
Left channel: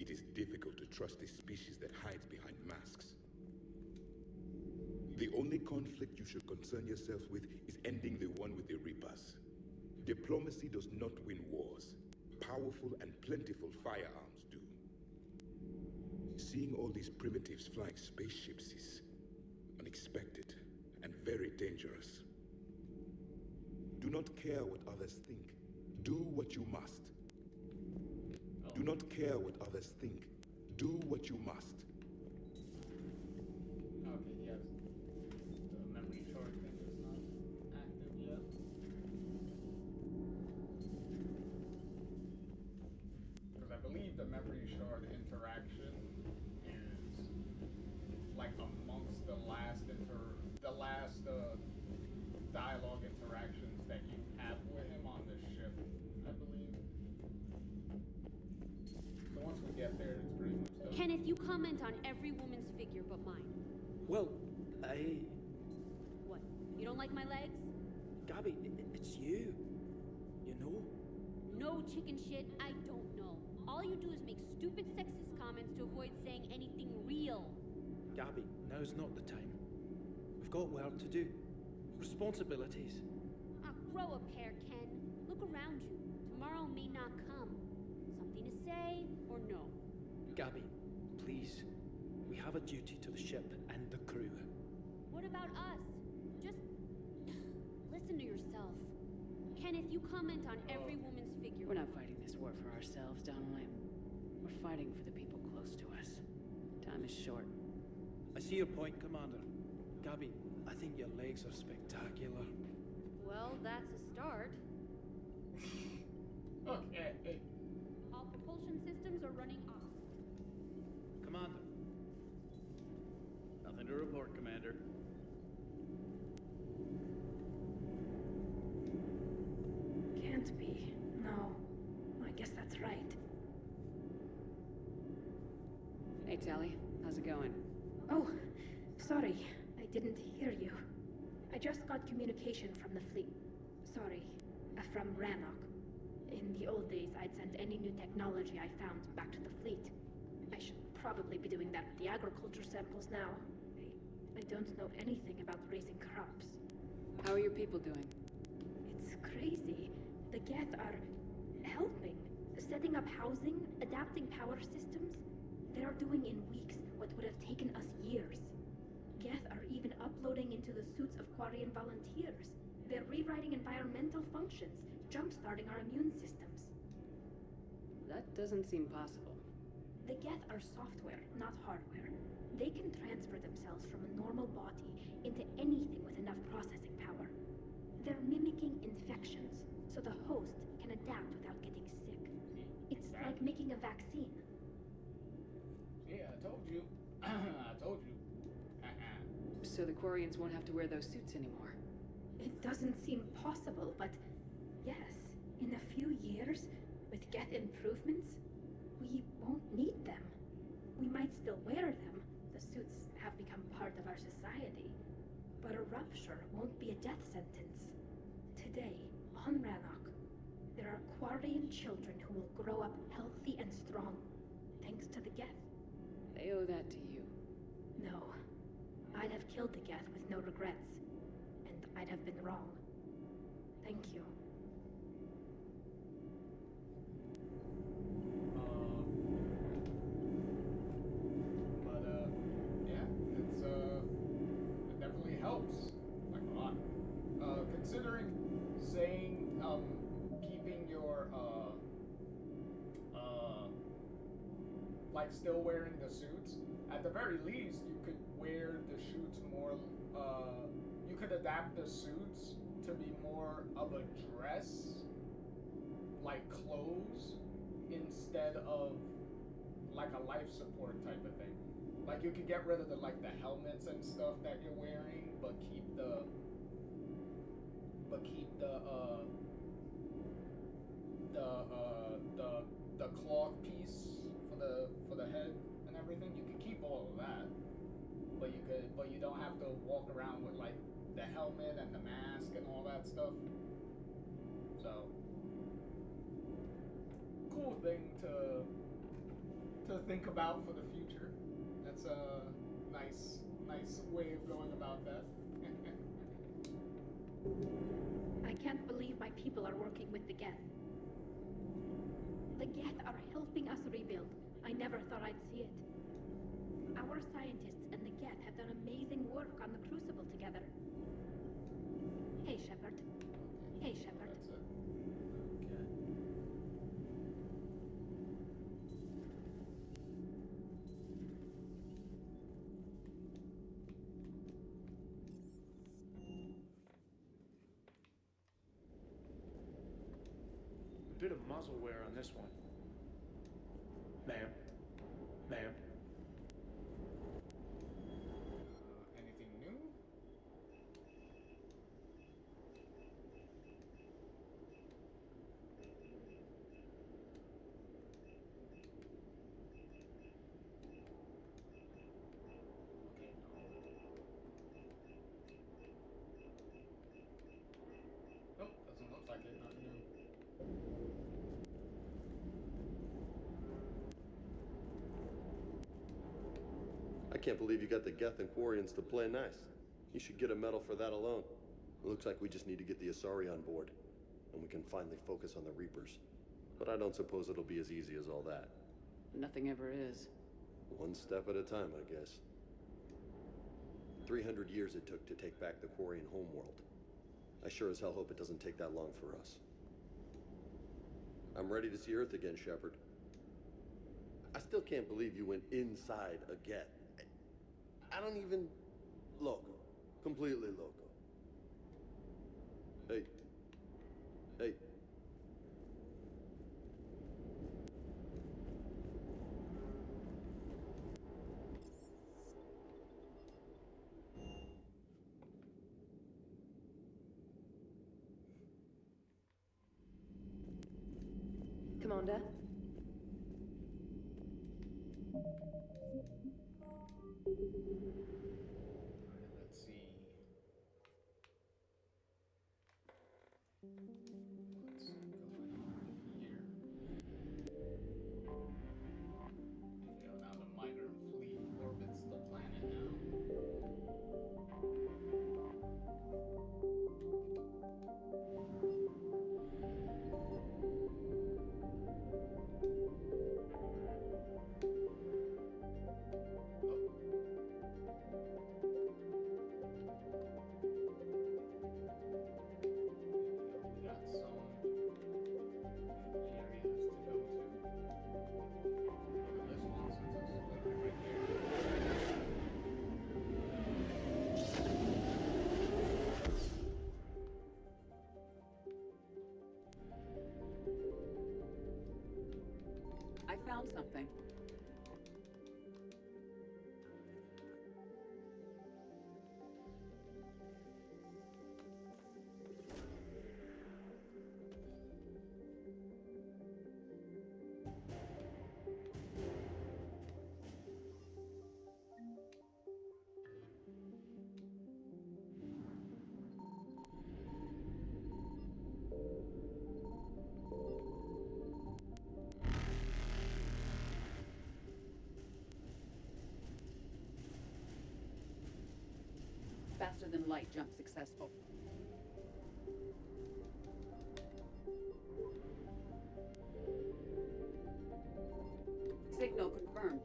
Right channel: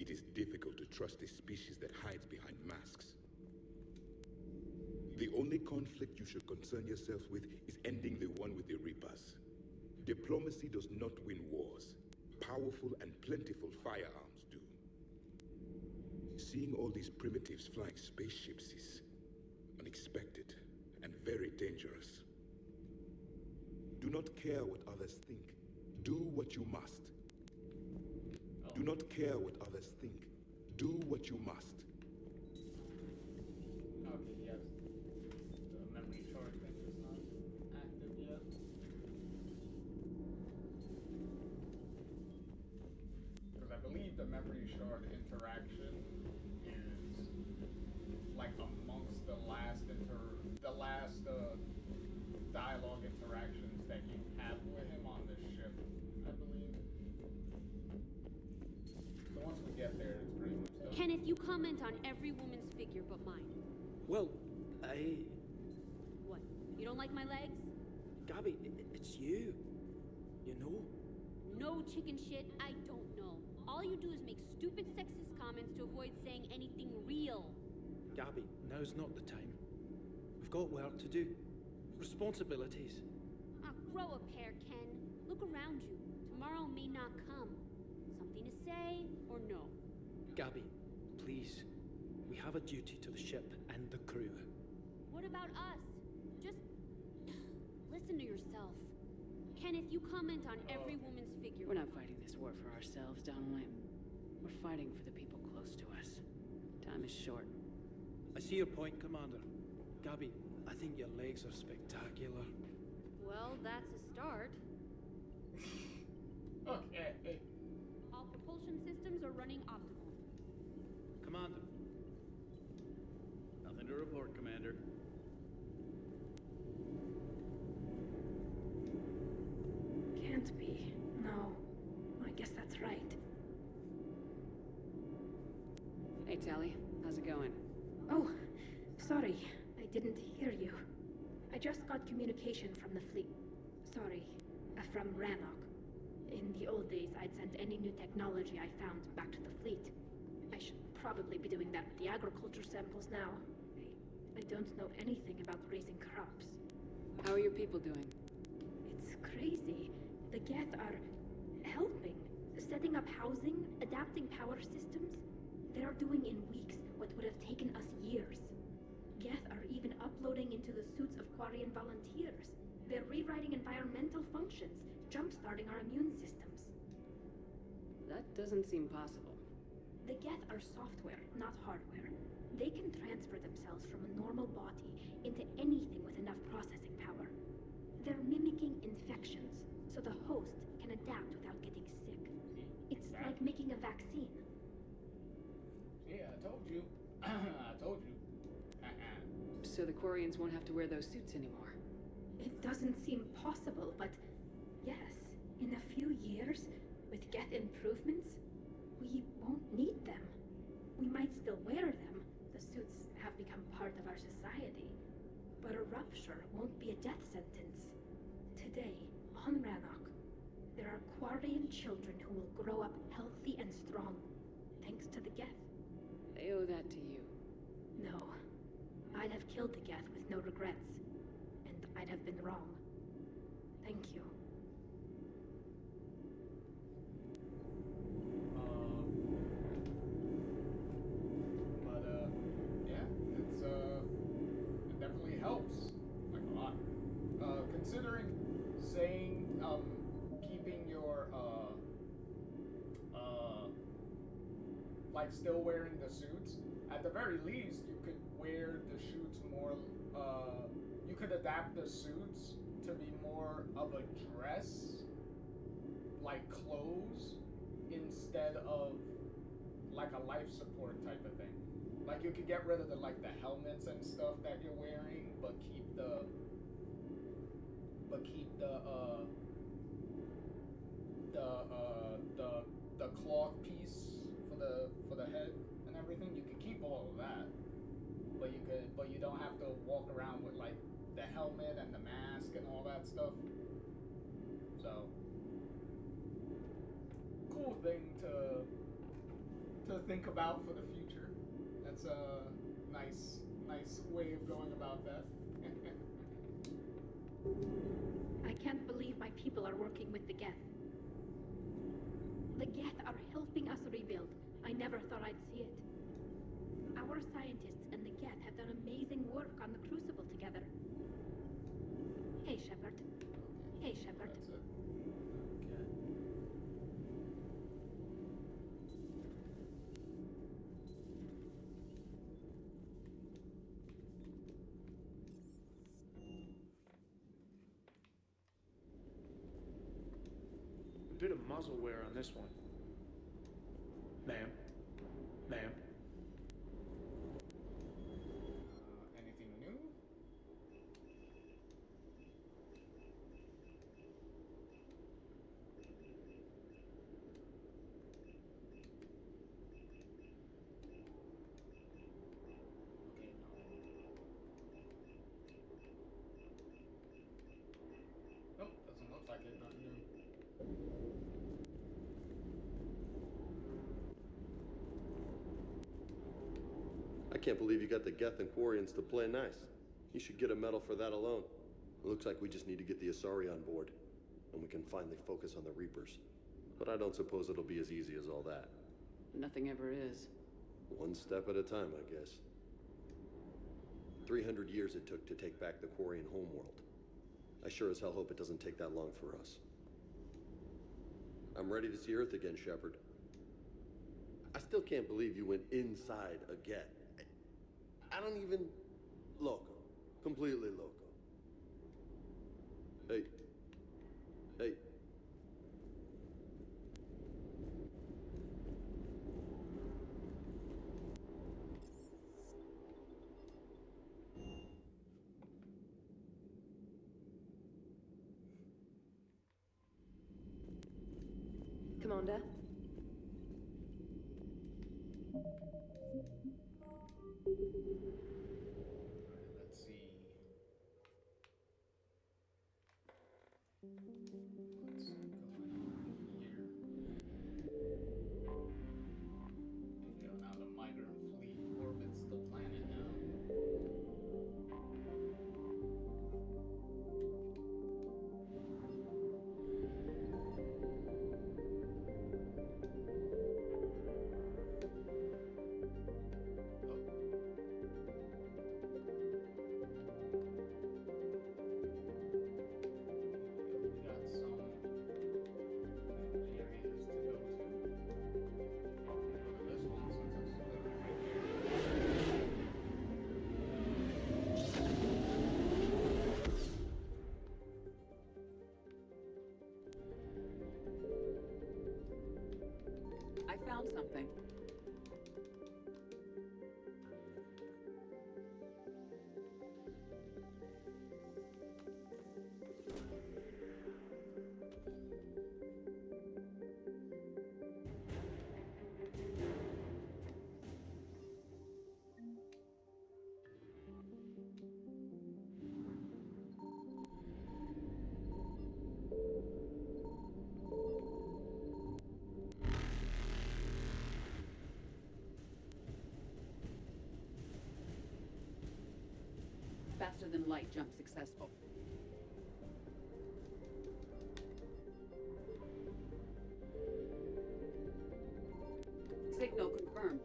It is difficult to trust a species that hides behind masks. The only conflict you should concern yourself with is ending the one with the Reapers. Diplomacy does not win wars. Powerful and plentiful firearms do. Seeing all these primitives flying spaceships is unexpected and very dangerous. Do not care what others think. Do what you must. Do not care what others think. Do what you must. Okay, yes. The memory shard thing is not active yet. Because I believe the memory shard interaction is like amongst the last dialogue interactions that you have with him on the ship, I believe. So once we get there, it's pretty much done. Kenneth, you comment on every woman's figure but mine. Well, What? You don't like my legs? Gabby, it's you. You know? No chicken shit, I don't know. All you do is make stupid sexist comments to avoid saying anything real. Gabby, now's not the time. We've got work to do. Responsibilities. Ah, grow a pair, Ken. Look around you. Tomorrow may not come. Something to say or no? Gabby, please. We have a duty to the ship and the crew. What about us? Just listen to yourself. Kenneth, you comment on every woman's figure. We're not fighting this war for ourselves, Donnelly. We're fighting for the people close to us. Time is short. I see your point, Commander. Gabby, I think your legs are spectacular. Well, that's a start. Okay. All propulsion systems are running optimally. Commander. Nothing to report, Commander. Can't be. No. I guess that's right. Hey, Tally. How's it going? Oh, sorry. I didn't hear you. I just got communication from the fleet. Sorry. From Rannoch. In the old days, I'd send any new technology I found back to the fleet. I should probably be doing that with the agriculture samples now. I don't know anything about raising crops. How are your people doing? It's crazy. The Geth are helping. Setting up housing, adapting power systems. They are doing in weeks what would have taken us years. Geth are even uploading into the suits of Quarian volunteers. They're rewriting environmental functions, jump-starting our immune systems. That doesn't seem possible. The Geth are software, not hardware. They can transfer themselves from a normal body into anything with enough processing power. They're mimicking infections, so the host can adapt without getting sick. It's like making a vaccine. Yeah, I told you. I told you. So the Quarians won't have to wear those suits anymore. It doesn't seem possible, but yes, in a few years, with Geth improvements, we won't need them. We might still wear them. The suits have become part of our society. But a rupture won't be a death sentence. Today, on Rannoch, there are Quarian children who will grow up healthy and strong, thanks to the Geth. They owe that to you. No. I'd have killed the Geth with no regrets. And I'd have been wrong. Thank you. Yeah, it definitely helps. Like a lot. Considering saying, keeping your, like still wearing the suits, at the very least, you could wear the suits more, you could adapt the suits to be more of a dress, like clothes, instead of like a life support type of thing. Like you could get rid of the helmets and stuff that you're wearing, but keep the cloth piece for the head and everything, you could keep all of that. But you don't have to walk around with like the helmet and the mask and all that stuff. So cool thing to think about for the future. That's a nice way of going about that. I can't believe my people are working with the Geth. The Geth are helping us rebuild. I never thought I'd see it. Our scientists and the Geth have done amazing work on the Crucible together. Hey, Shepard. Hey, Shepard. That's it. A bit of muzzle wear on this one. Ma'am. Ma'am. Anything new? Okay, no. Nope, doesn't look like it. Nothing new. I can't believe you got the Geth and Quarians to play nice. You should get a medal for that alone. It looks like we just need to get the Asari on board, and we can finally focus on the Reapers. But I don't suppose it'll be as easy as all that. Nothing ever is. One step at a time, I guess. 300 years it took to take back the Quarian homeworld. I sure as hell hope it doesn't take that long for us. I'm ready to see Earth again, Shepard. I still can't believe you went inside a Geth. I don't even... Loco. Completely loco. Hey. Hey. Commander? Let's see. What's going on here? You know, now the migrant fleet orbits the planet now. We got some areas to go to. Go to this one since it's literally right here. I found something. Faster than light jump successful. Signal confirmed.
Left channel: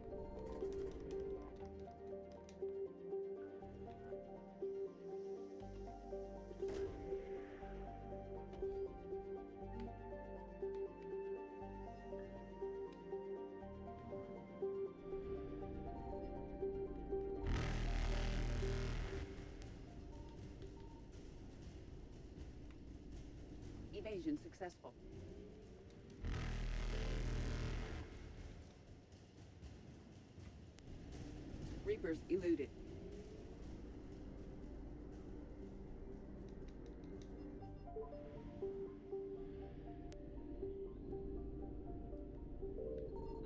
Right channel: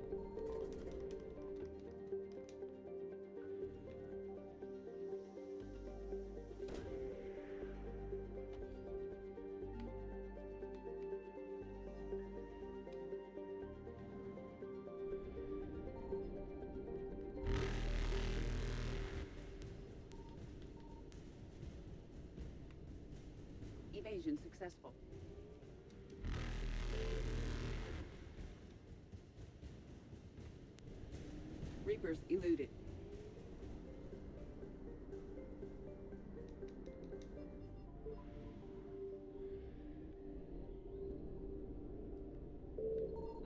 Evasion successful. Reapers eluded.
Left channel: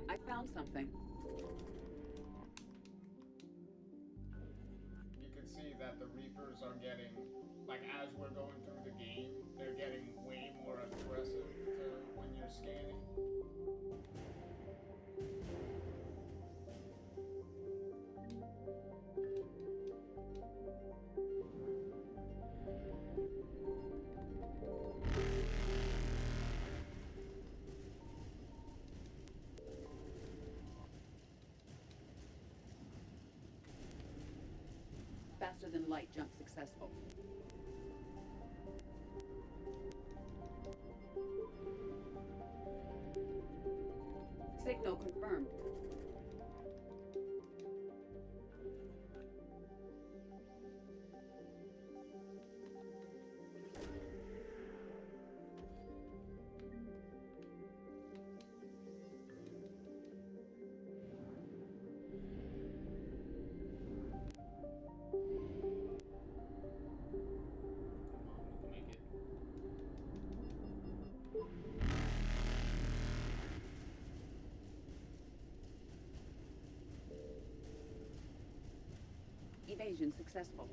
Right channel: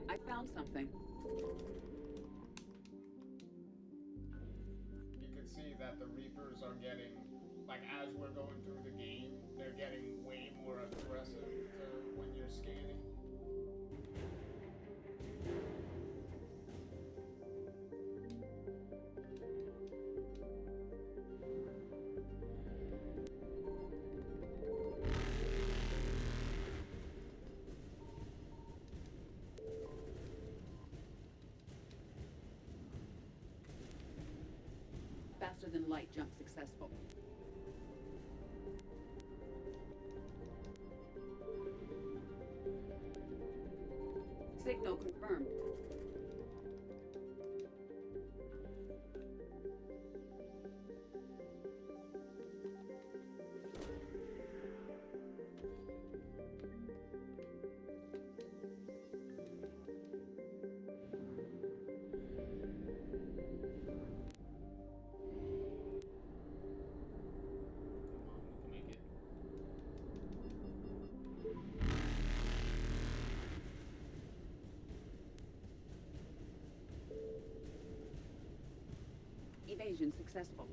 I found something. that the Reapers are getting, like, as we're going through the game, they're getting way more aggressive to when you're scanning. Faster than light jump successful. Signal confirmed. Evasion successful.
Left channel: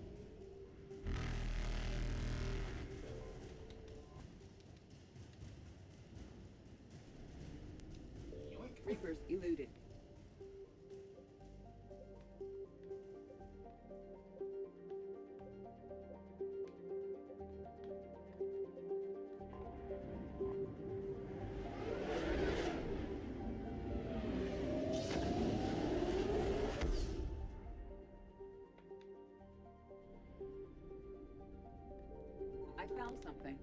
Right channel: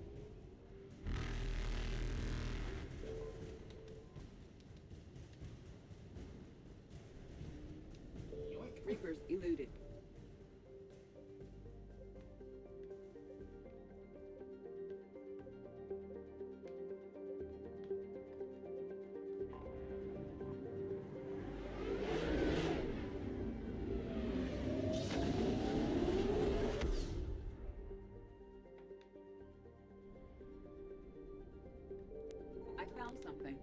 Reapers eluded. I found something.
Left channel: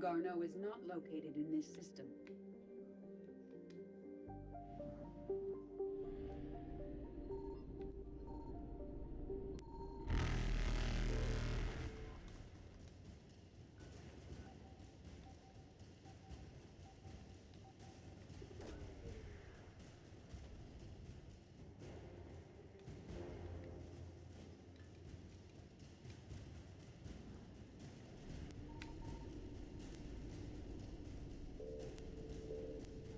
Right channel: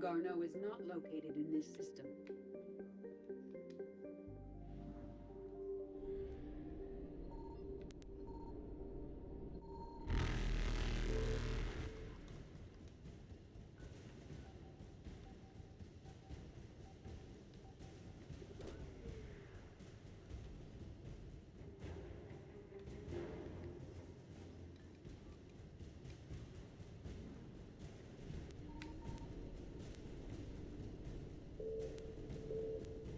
Garneau is not located in this system.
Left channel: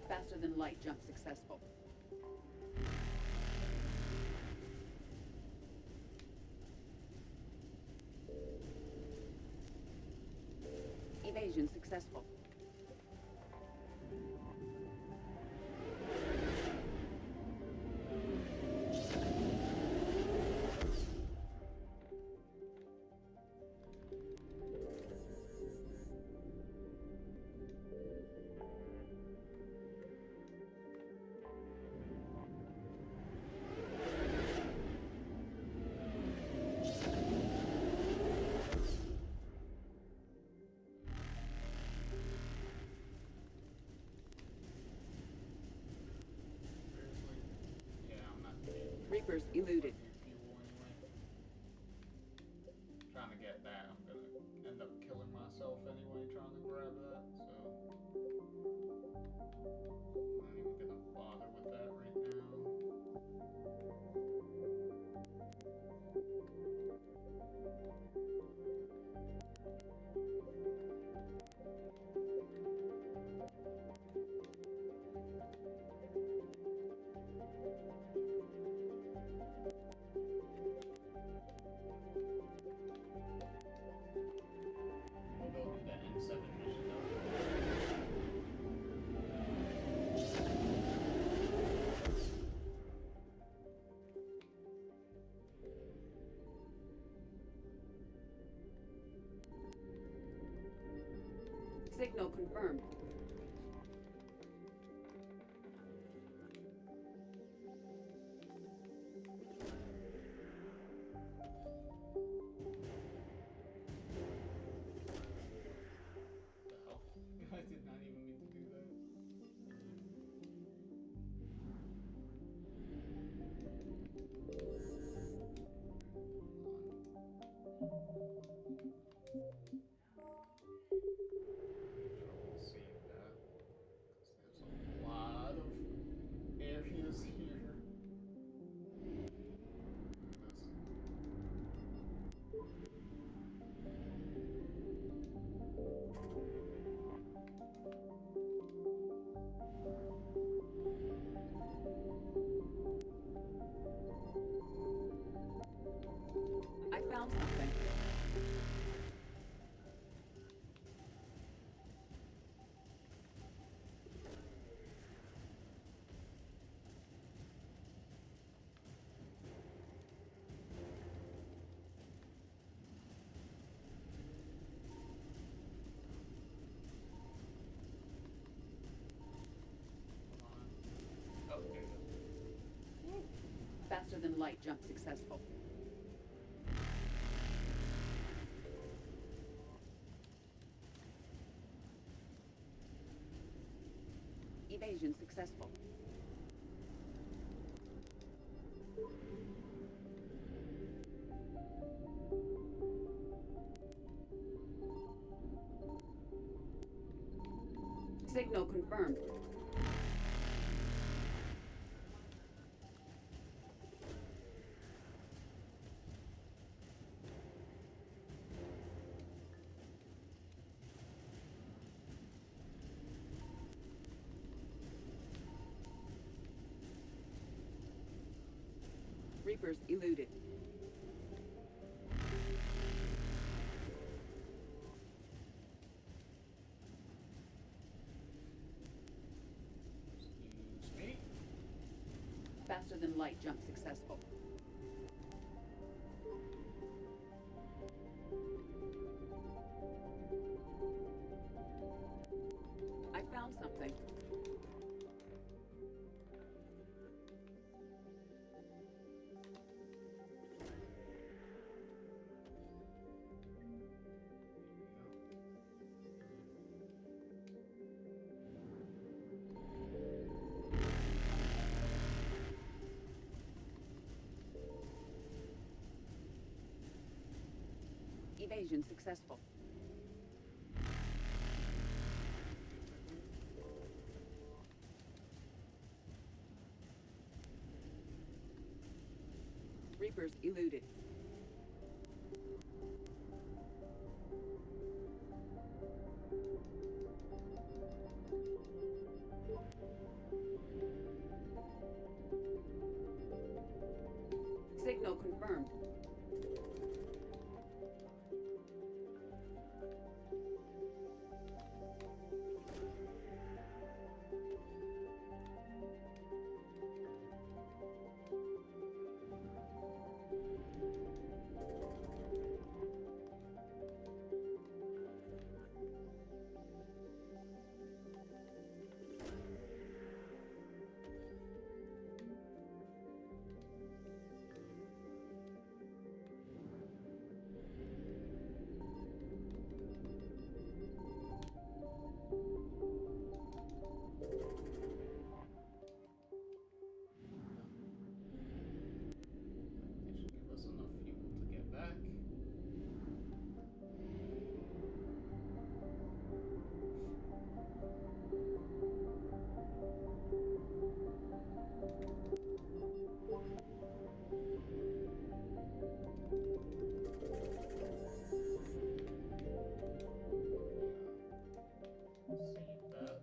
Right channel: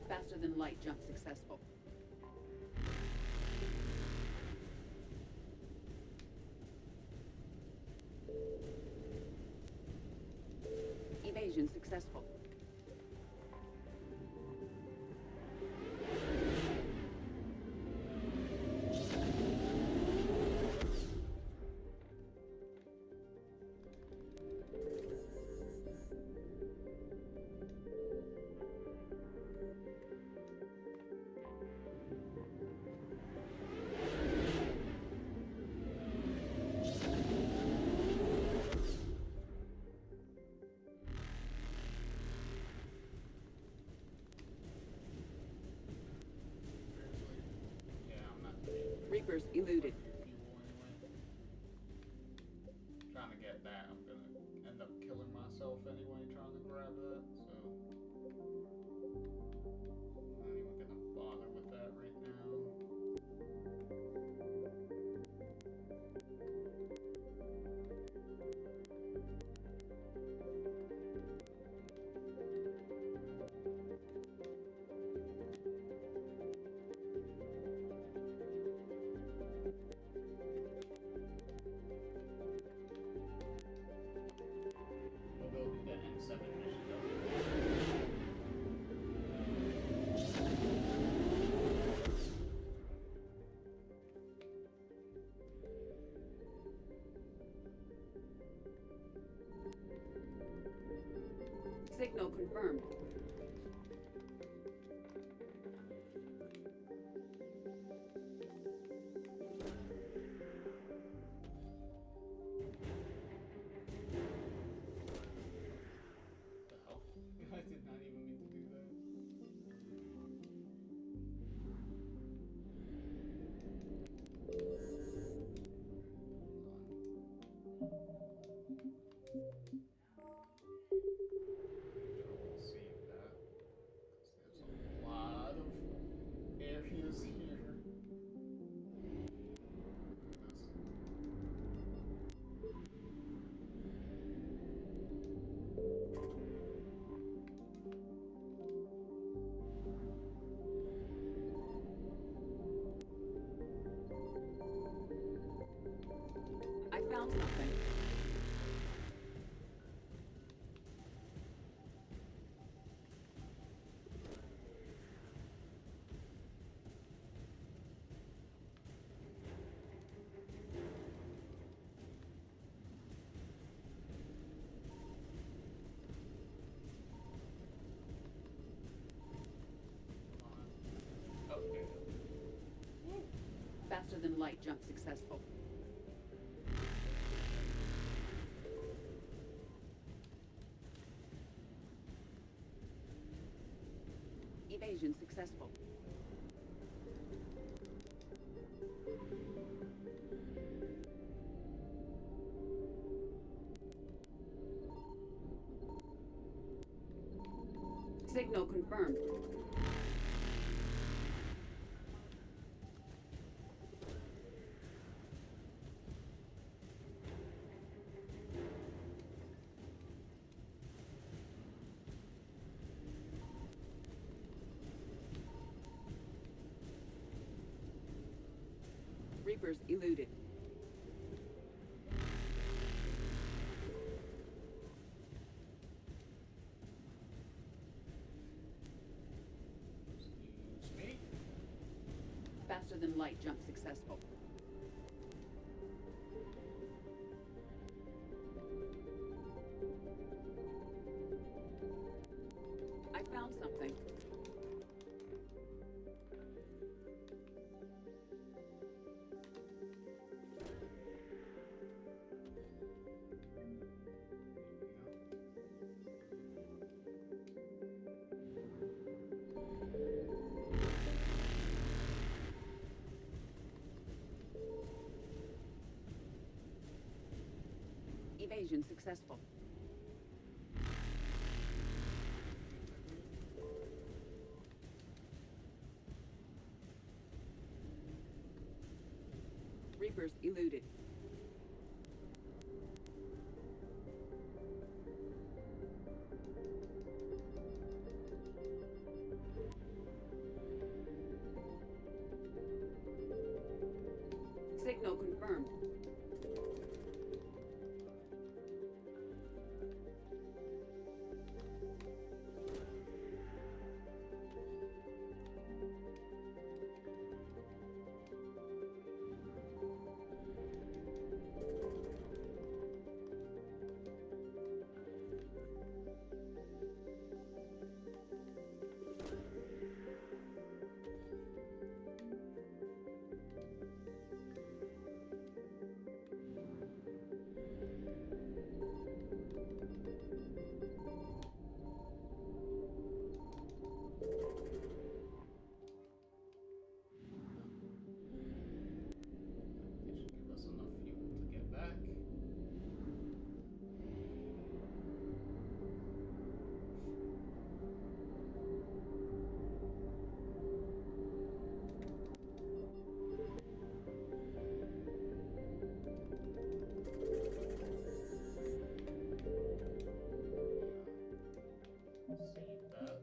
Faster than light jump successful. Evasion successful. Reapers eluded. Trying to get that, I'm gonna end up killing myself anyway trying to grab that, so I'm not even gonna bother with that right now. We'll go do the N7 mission though. Signal confirmed. The hell? I did not even mean to do that. Save that. Faster than light jump successful. Evasion successful. Signal confirmed. Reapers eluded. Excuse me. Faster than light jump successful. I found something. Evasion successful. Reapers eluded. Signal confirmed. It should give us enough fuel to get back. Save that.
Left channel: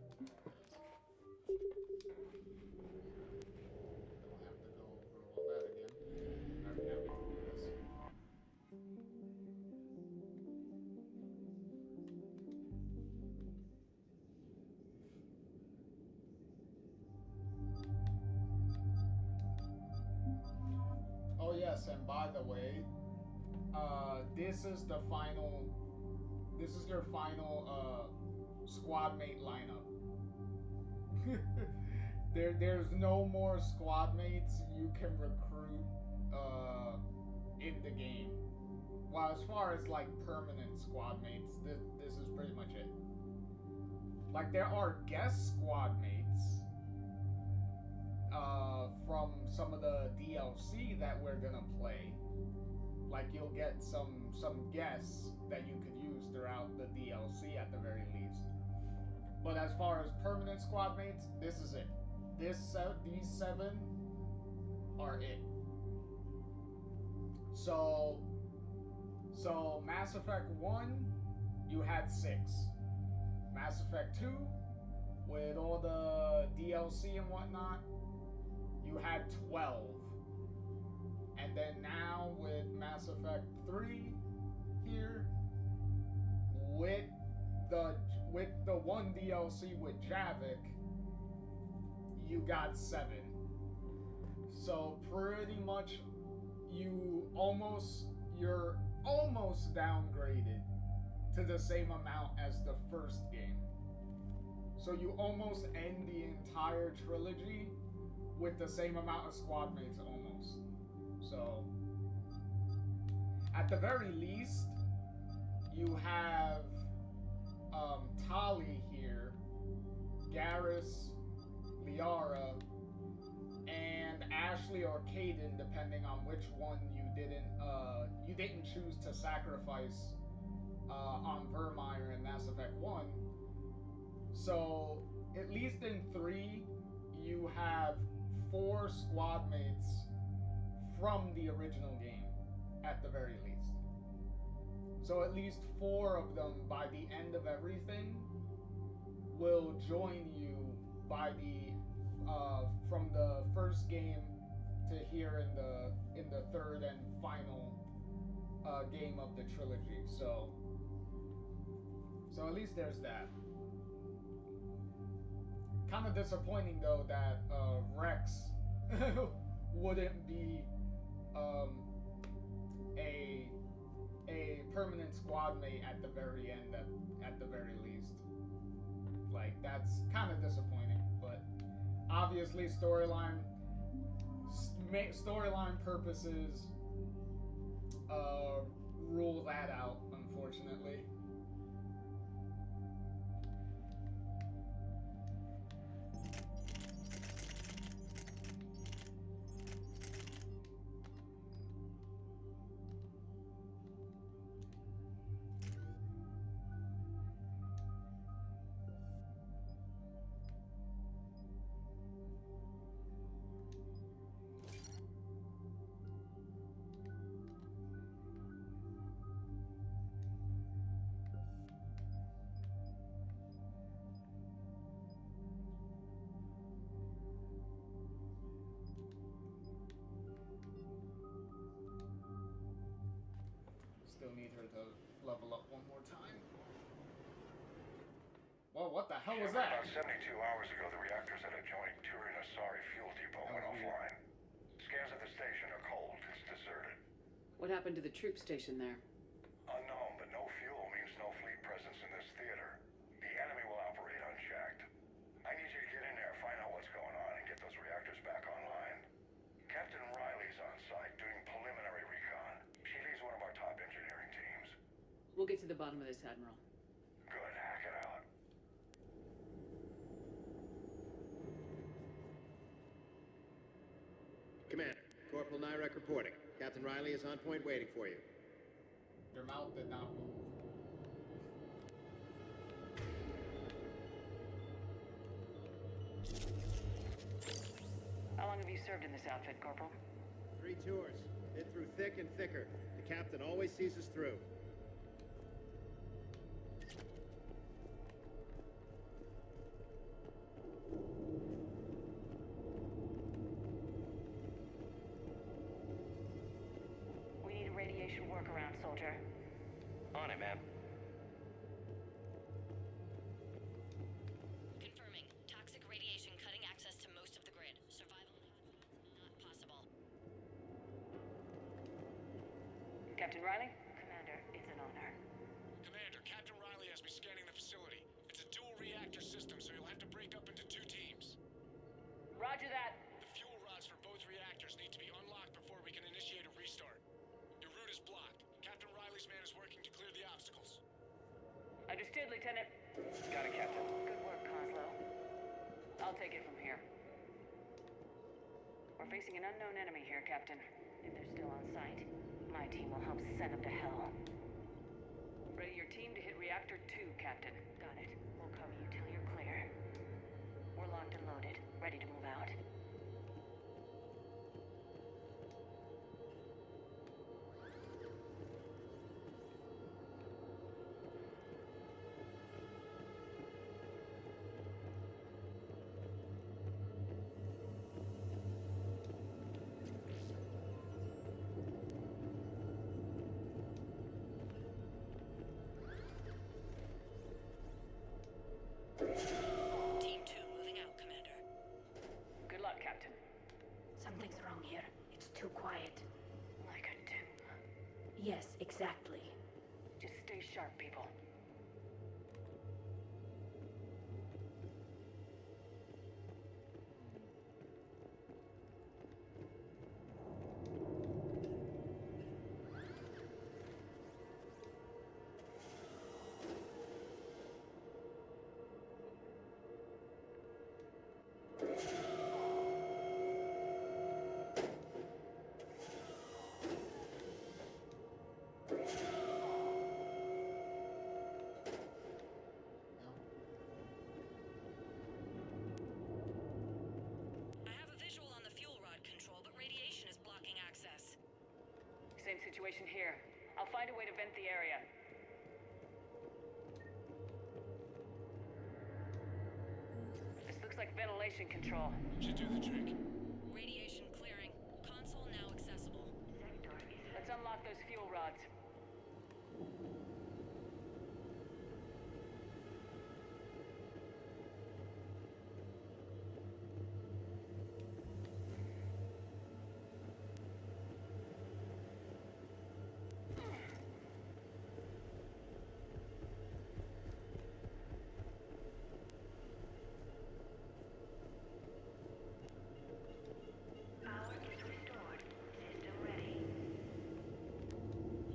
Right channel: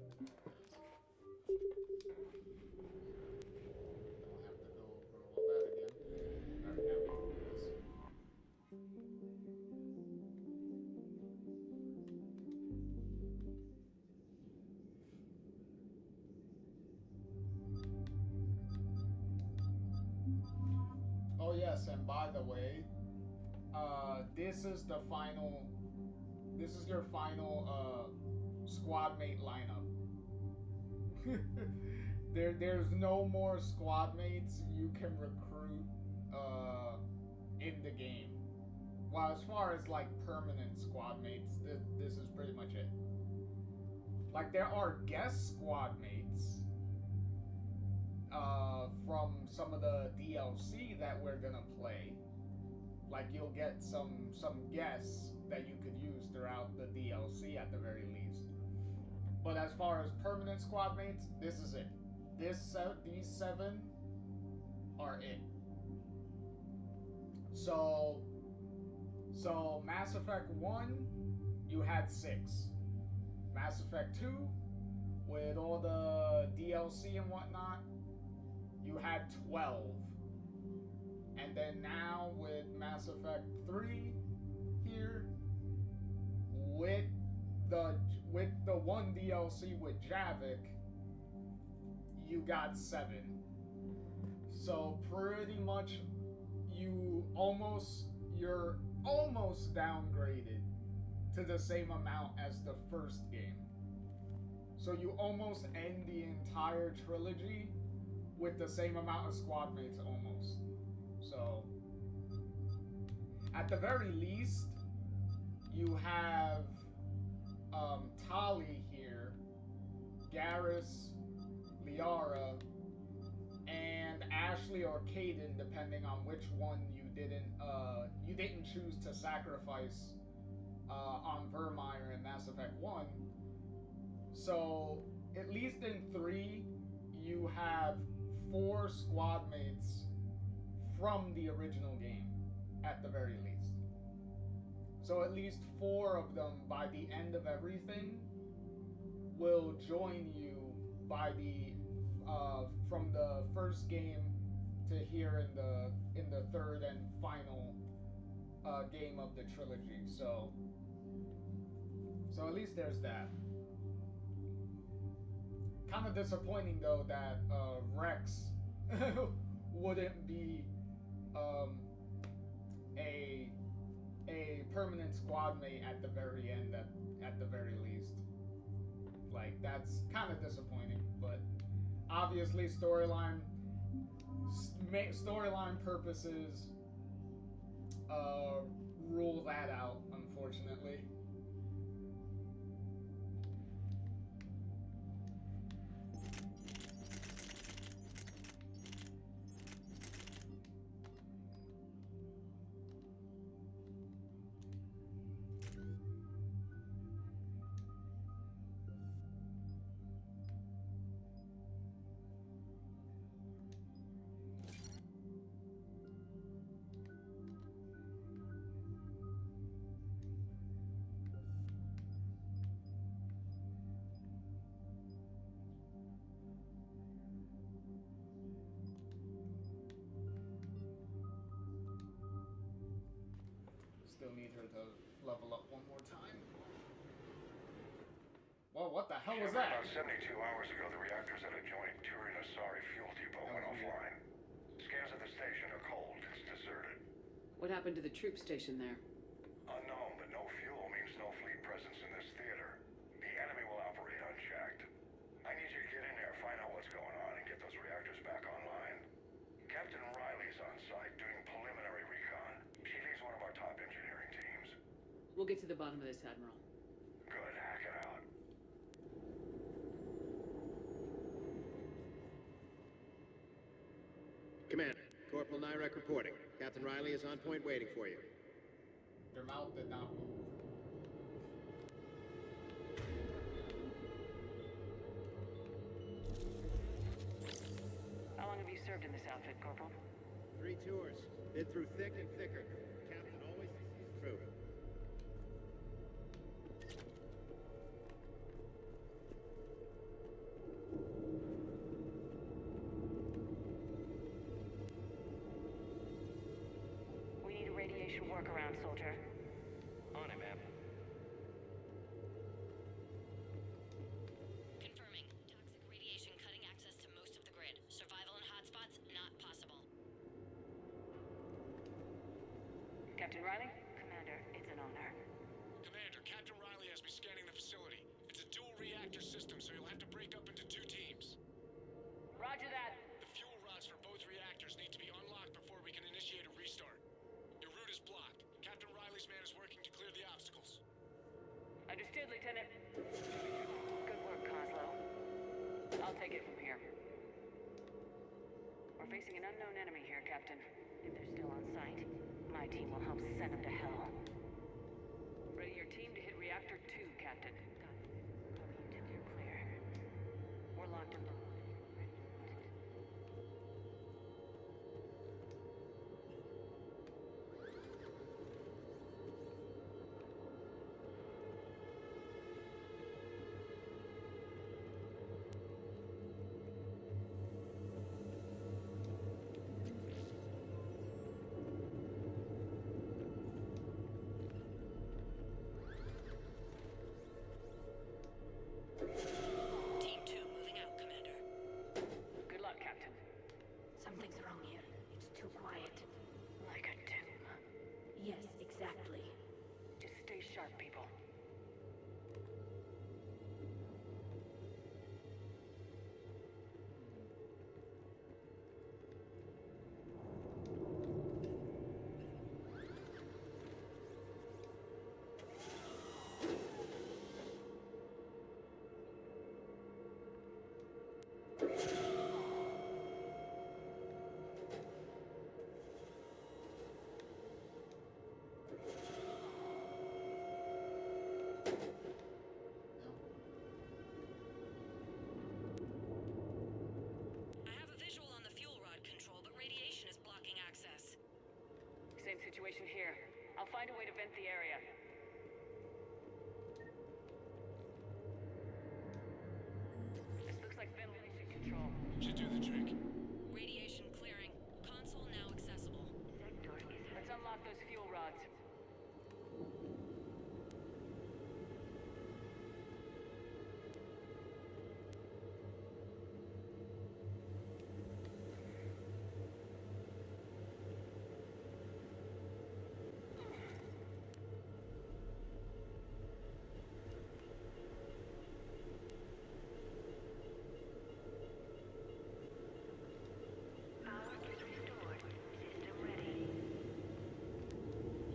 Don't have to go over all that again. Alright, now we can do this. Oh yes, and by the way, this is the final. This is your final squad mate lineup. There's no more squad mates you can recruit in the game. Well, as far as like permanent squad mates, this is pretty much it. Like there are guest squad mates from some of the DLC that we're gonna play. Like you'll get some guests that you could use throughout the DLC at the very least. But as far as permanent squad mates, this is it. These 7 are it. So Mass Effect 1, you had 6. Mass Effect 2, with all the DLC and whatnot, you had 12. And then now with Mass Effect 3 here, with the one DLC with Javik, you got 7. So pretty much you're almost downgraded to the same amount as the first game. So you almost end the entire trilogy with the same amount of squad mates almost. So, at the very least, you have Tali here, Garrus, Liara, and Ashley or Caden, depending on which one you didn't choose to sacrifice on Vermeer in Mass Effect 1. So, at least in 3, you have 4 squad mates from the original game, at the very least. So at least 4 of them, by the end of everything, will join you by the from the first game to here in the third and final game of the trilogy. So at least there's that. Kind of disappointing though that Rex wouldn't be a permanent squad mate at the very end, at the very least. Like, that's kind of disappointing, but obviously storyline purposes rule that out, unfortunately. Still need her to level up one more time. Well, what the hell was that? About 72 hours ago, the reactors at a joint Turin-Asari fuel depot went offline. Scans at the station are cold. It's deserted. What happened to the troop station there? Unknown, but no fuel means no fleet presence in this theater. The enemy will operate unchecked. I need you to get in there, find out what's going on, and get those reactors back online. Captain Riley's on site doing preliminary recon. She leads one of our top engineering teams. We'll get to the bottom of this, Admiral. Good, hack it out. Commander, Corporal Nyrek reporting. Captain Riley is on point waiting for you. Their mouth did not move. How long have you served in this outfit, Corporal? 3 tours. Been through thick and thicker. The captain always sees us through. We need a radiation workaround, soldier. On it, ma'am. Confirming. Toxic radiation cutting access to most of the grid. Survival in hotspots, not possible. Captain Riley? Commander, it's an honor. Commander, Captain Riley has me scanning the facility. It's a dual reactor system, so you'll have to break up into 2 teams. Roger that. The fuel rods for both reactors need to be unlocked before we can initiate a restart. Your route is blocked. Captain Riley's man is working to clear the obstacles. Understood, Lieutenant. Got it, Captain. Good work, Coslow. I'll take it from here. We're facing an unknown enemy here, Captain. If they're still on site, my team will help send them to hell. Ready your team to hit Reactor 2, Captain. Got it. We'll cover you till you're clear. We're locked and loaded, ready to move out. Team 2 moving out, Commander. Good luck, Captain. Something's wrong here. It's too quiet. Like a tomb. Yes, exactly. Just stay sharp, people. Same situation here. I'll find a way to vent the area. This looks like ventilation control. Should do the trick. Radiation clearing. Console now accessible. Let's unlock those fuel rods.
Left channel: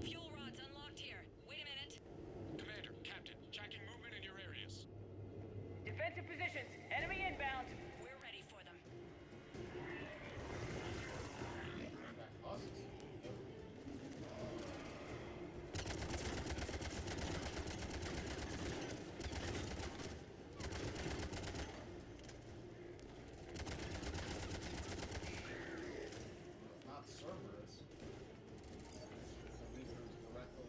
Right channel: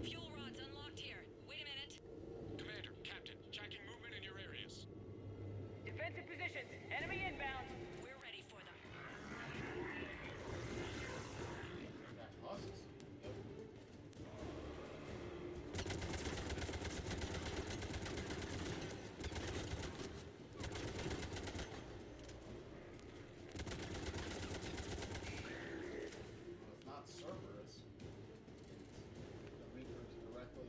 Fuel rods unlocked here. Wait a minute. Commander, Captain, tracking movement in your areas. Defensive positions. Enemy inbound. We're ready for them. That buses. Yep. Well, it's not Cerberus. The Reapers directly.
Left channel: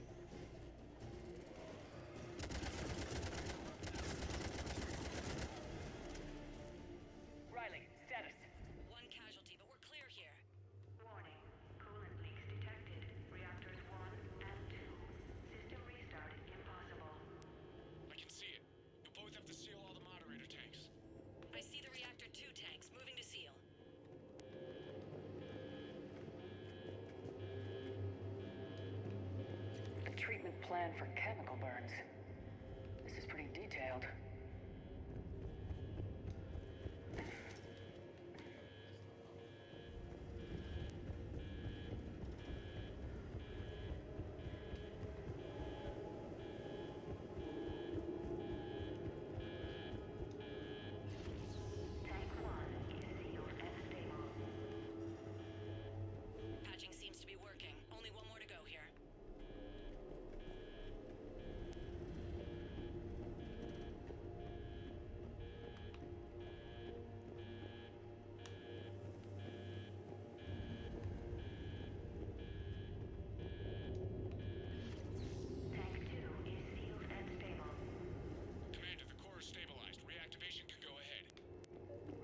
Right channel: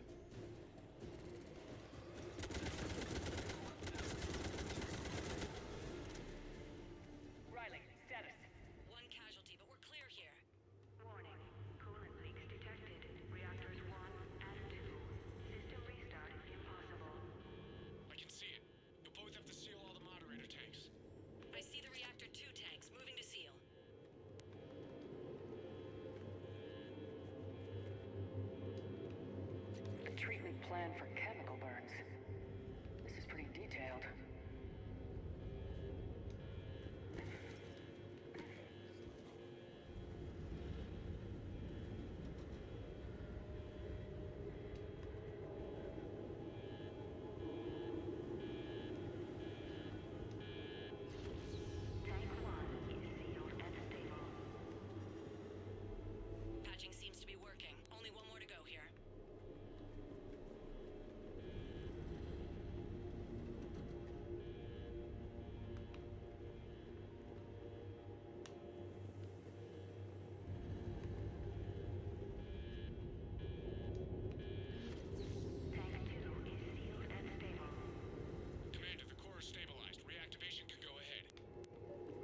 Riley, status. One casualty, but we're clear here. Warning. Coolant leaks detected. Reactors 1 and 2. System restart impossible. I can see it. You'll both have to seal all the moderator tanks. I see the reactor 2 tanks moving to seal. A treatment plan for chemical burns. This is pretty detailed. Tank 1 is sealed and stable. Patching seems to be working. Only one more to go here. Tank 2 is sealed and stable. Commander, the core is stabilized. Reactivation can go ahead.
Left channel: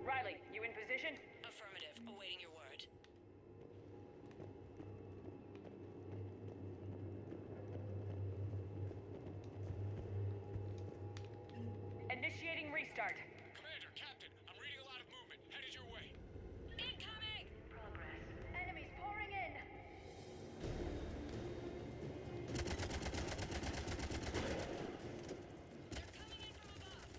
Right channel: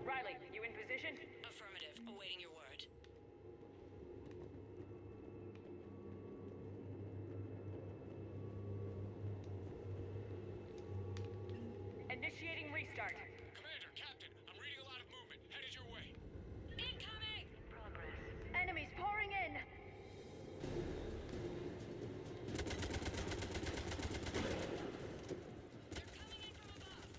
Riley, you in position? Affirmative. Awaiting your word. Initiating restart. Commander, Captain, I'm reading a lot of movement. Headed your way. Incoming! Progress. Enemies pouring in! They're coming in from above.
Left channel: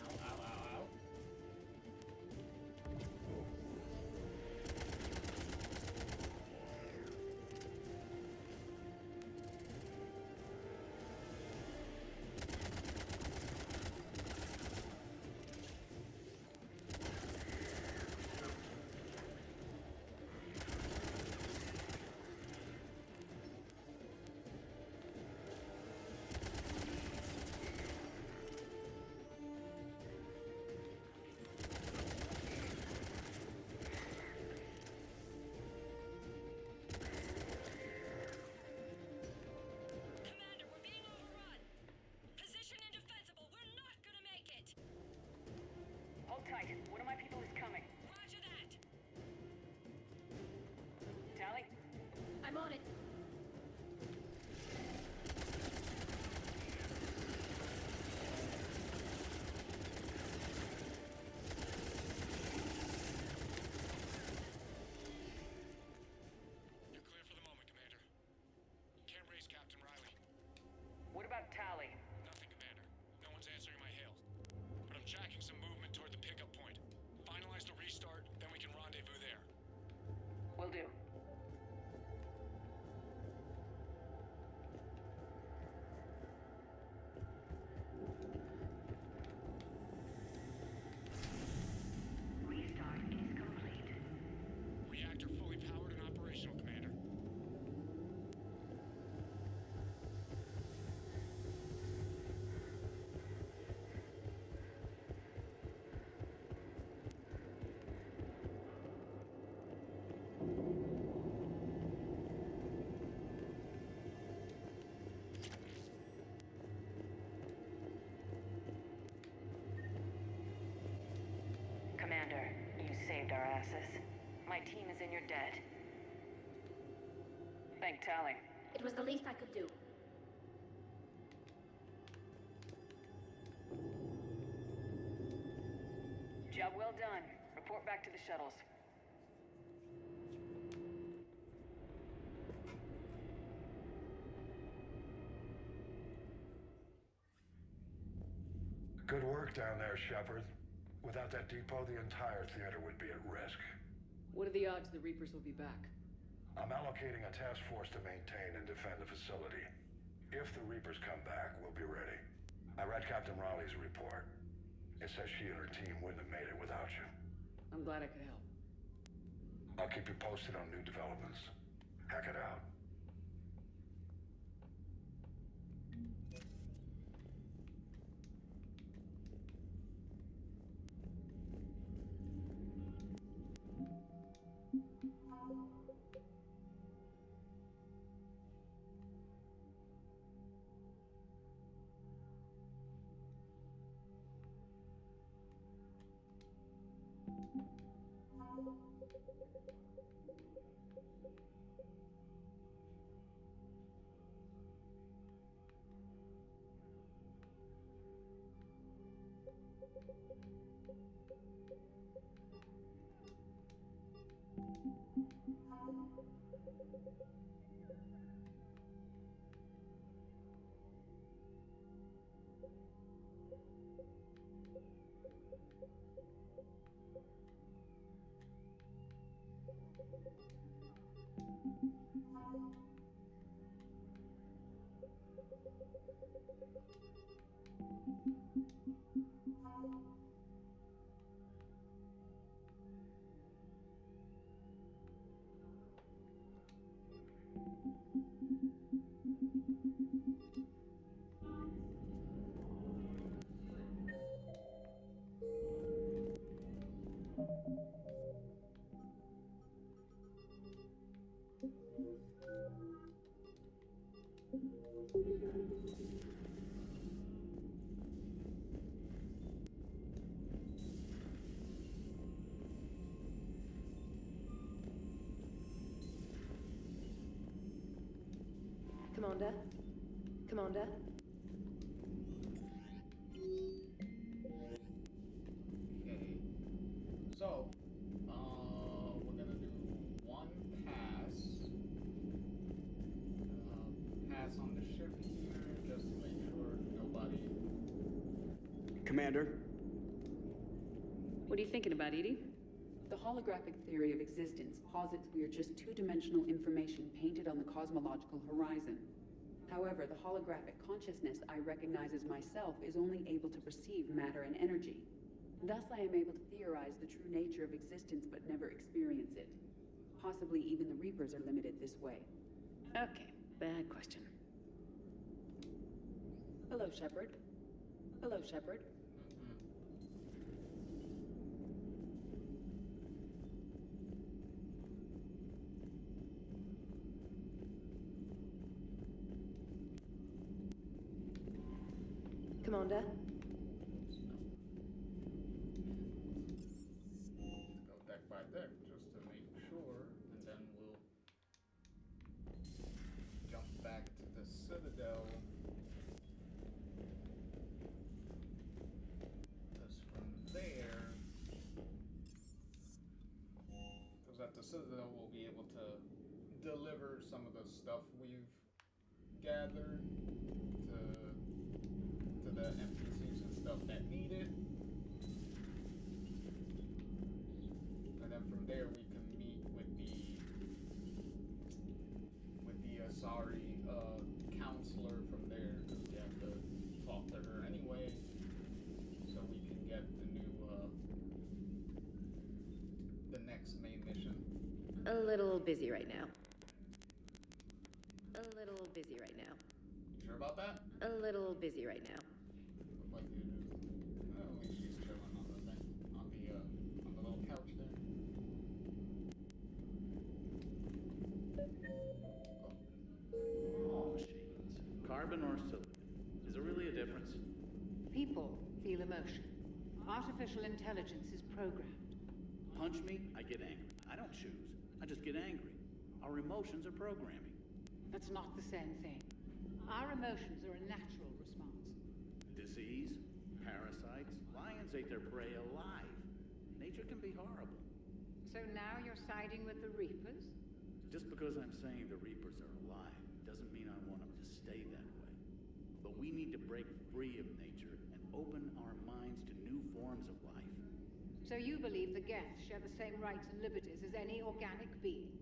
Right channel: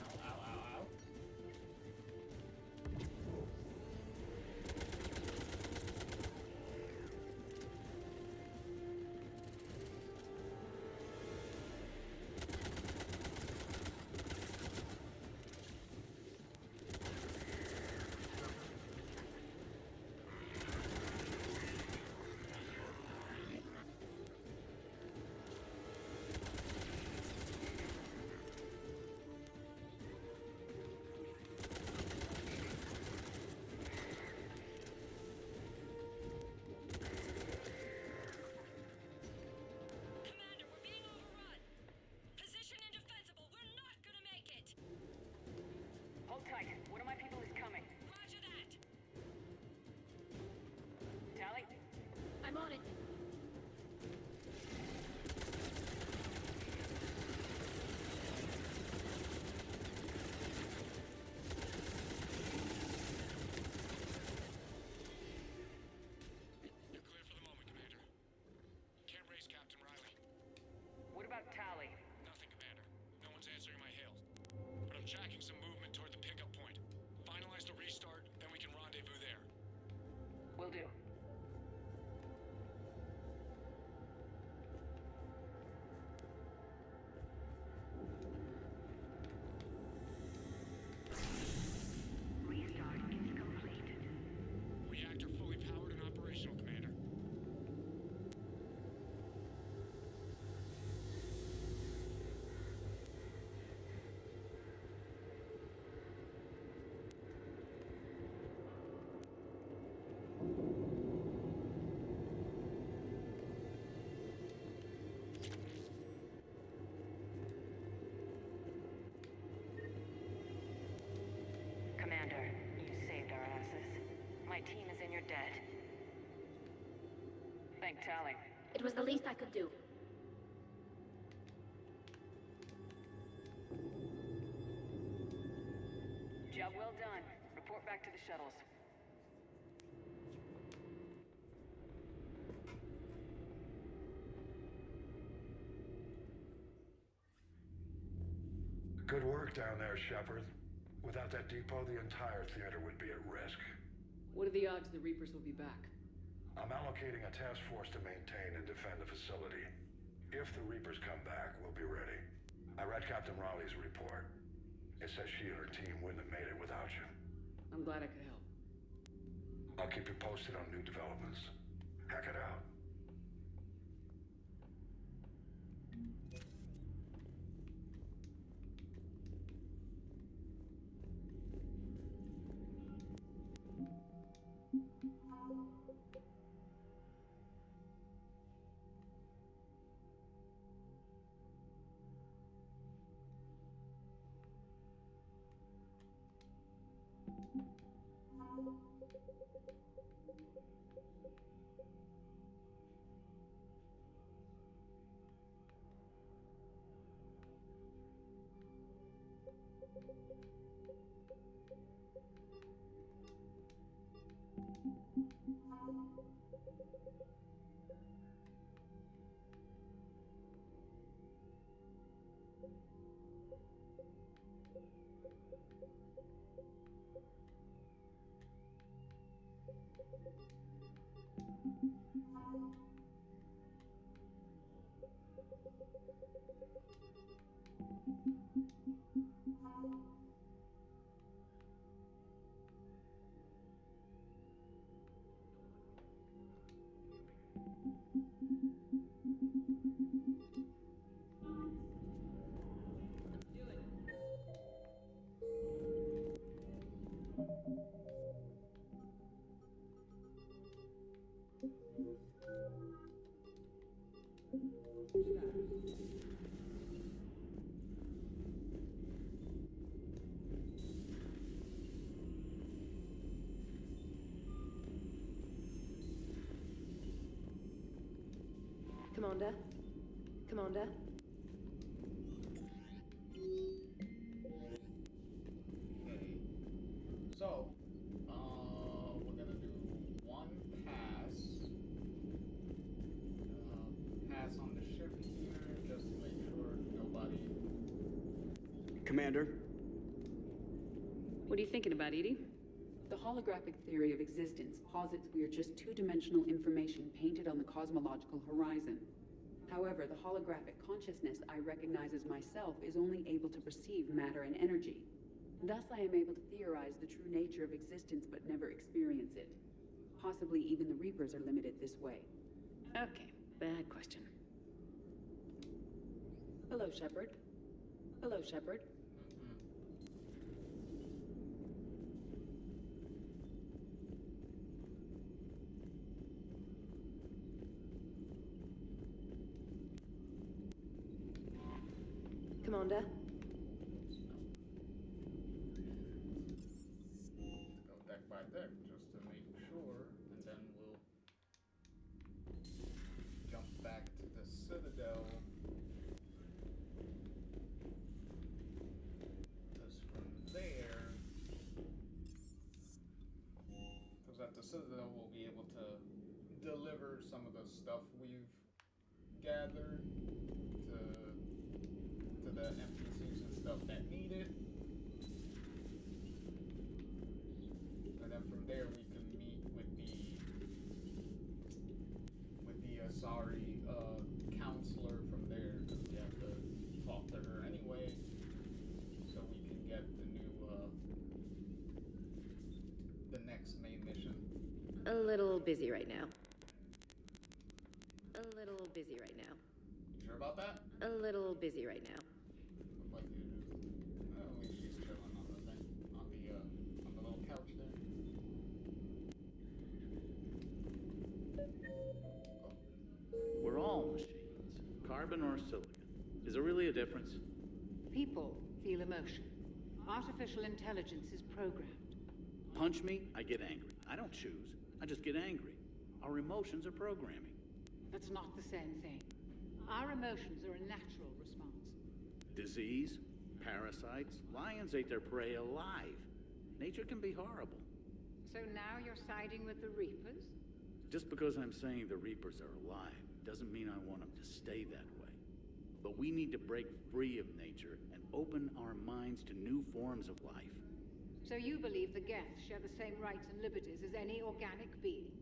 Ow, ow, ow, ow. Commander, we're being overrun. Position indefensible. We're not gonna make it. Hold tight. One of my people is coming. Roger that. Tally, Will do. Restart is complete. Reactor fully powered and operational, Commander. Commander, you saved our asses. My team is in your debt. Thank Tally. It was the least I could do. Job well done. Report back to the shuttles. Good work down there, Shepard. Without that depot, the entire theater would be at risk. What are the odds the Reapers will be back? I'm allocating a task force to maintain and defend the facility. If the Reapers come back, we'll be ready. I read Captain Raleigh's report. It says she and her team wouldn't have made it without you. I'm glad I could help. I'll keep you posted on new developments. Hack it out. Commander? Commander? Okay. So, we're gonna do one pass. Pass on the ship here, just to make sure nobody... Commander? What are you thinking about, Edie? The holographic theory of existence posits we are just two-dimensional information painted on the cosmological horizon. However, the holographic consciousness I recognize as myself is only able to perceive matter and energy. Thus, I am able to theorize the true nature of existence but never experience it. Possibly even the Reapers are limited this way. Okay, bad question. Hello, Shepard. Hello, Shepard. Commander? Go deck by deck, just to make sure, and then we'll jump back to the Citadel. Because from there, because at the Citadel we'll be able to deliver some of the stuff we've gathered to the NPCs and stuff that need it. And then from there we can meet with the A little busy right now. A little busy right now. You sure about that? A little busy right now. Look like you're just... Oh, she's chilling on the thing. On the little couch there. We're all machines. Carbon or silicon. Is there really a difference? People feel emotion. Artificial intelligence is programmed. Punch me, I get angry. I don't choose. I just get angry. Our emotions are programming. That's not the same thing. Our emotions are a natural response. Disease, parasites, lions ate their prey alive. Nature can be horrible. So now you're siding with the Reapers? Just because I'm saying the Reapers are alive doesn't mean I want them to stay that way. But we need to break free of nature and open our minds to new forms of life. So you believe the Geth share the same rights and liberties as any organic being?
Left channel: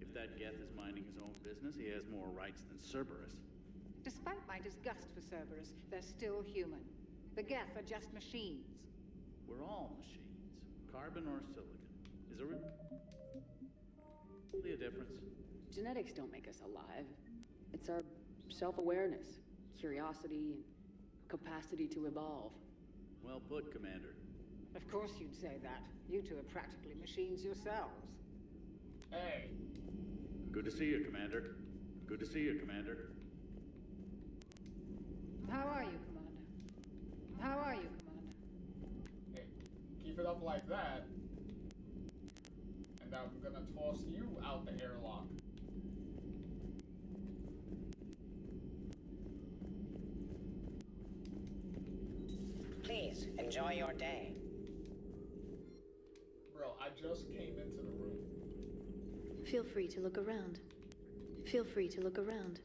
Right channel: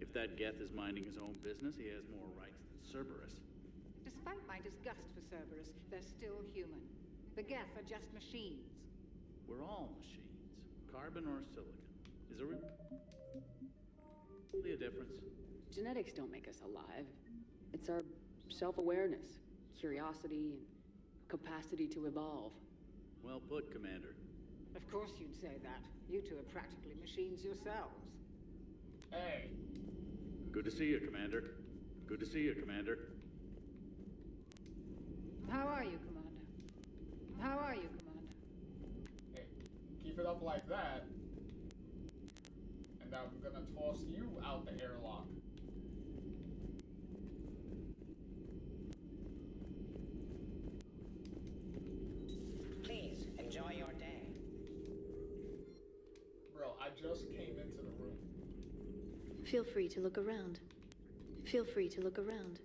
If that Geth is minding his own business, he has more rights than Cerberus. Despite my disgust for Cerberus, they're still human. The Geth are just machines. We're all machines. Carbon or silicon. Is there really a difference? Genetics don't make us alive. It's our self-awareness, curiosity, and capacity to evolve. Well put, Commander. Of course you'd say that. You two are practically machines yourselves. Hey. Good to see you, Commander. Good to see you, Commander. How are you, Commander? How are you, Commander? Hey, keep it up like that, and I'm gonna toss you out the airlock. Please, enjoy your day. Bro, I just came into the room. Feel free to look around. Feel free to look around.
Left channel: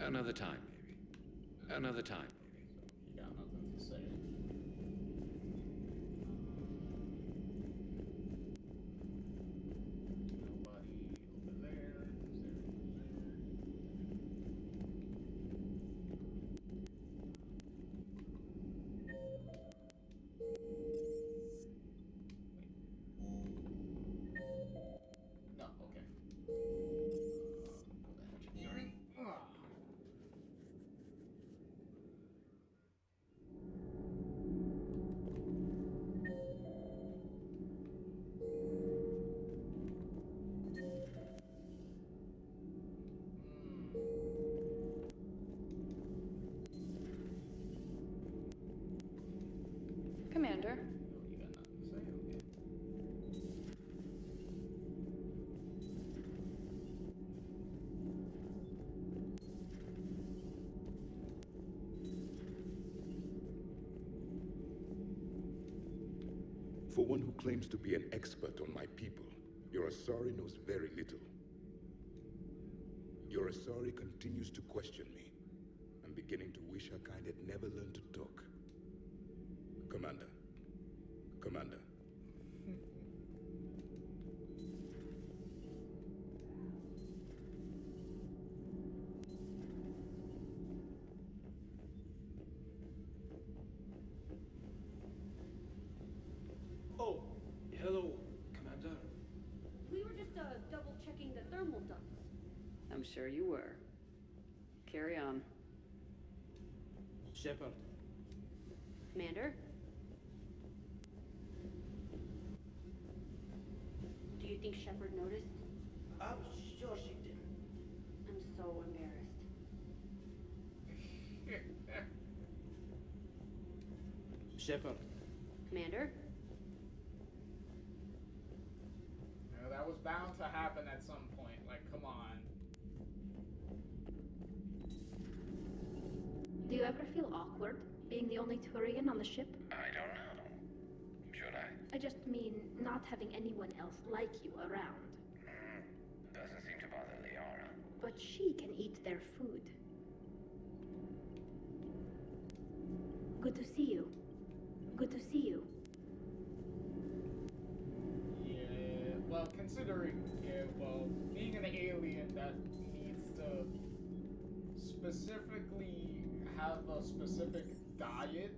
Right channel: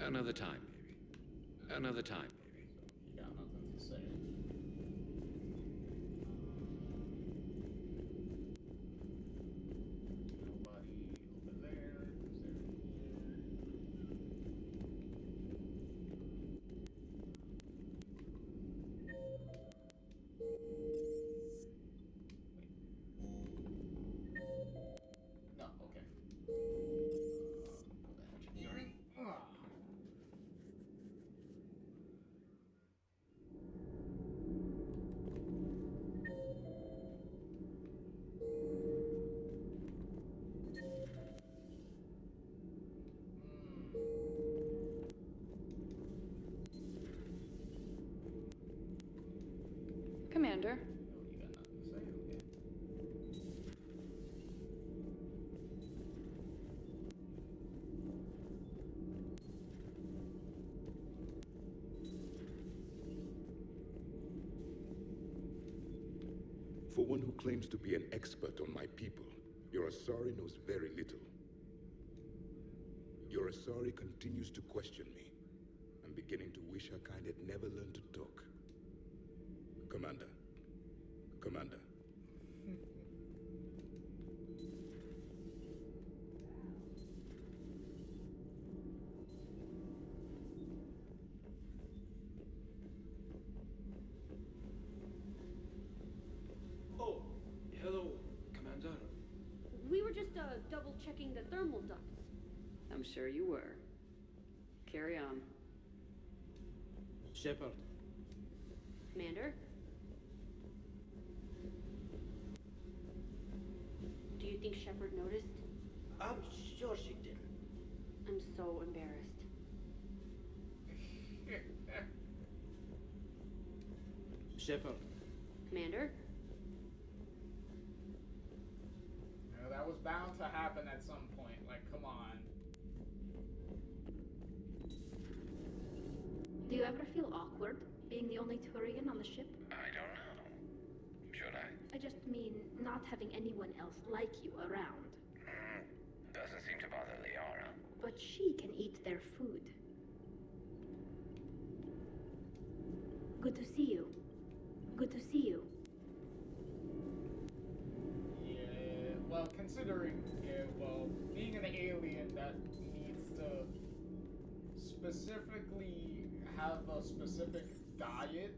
Another time, maybe. Another time, maybe. You got nothing to say. Nobody over there. No, okay. Engineering. Commander. You got nothing to say, okay. For one who claims to be an expert on my people, your Asari knows very little. Your Asari continues to question me. I'm beginning to wish her kind had never learned to talk. Commander. Commander. Oh, hello, Commander. We were just double checking the thermal ducts. I'm sure you were. Carry on. Shepard. Commander? Do you think Shepard noticed? I'm sure she didn't. I'm so embarrassed. Shepard. Commander? You know, that was bound to happen at some point. Like, come on. Do you ever feel awkward being the only Turian on the ship? I don't know. Should I? I just mean not having anyone else like you around. Doesn't seem to bother Liara. But she can eat their food. Good to see you. Good to see you. considering being an alien that needs to specifically have a specific diet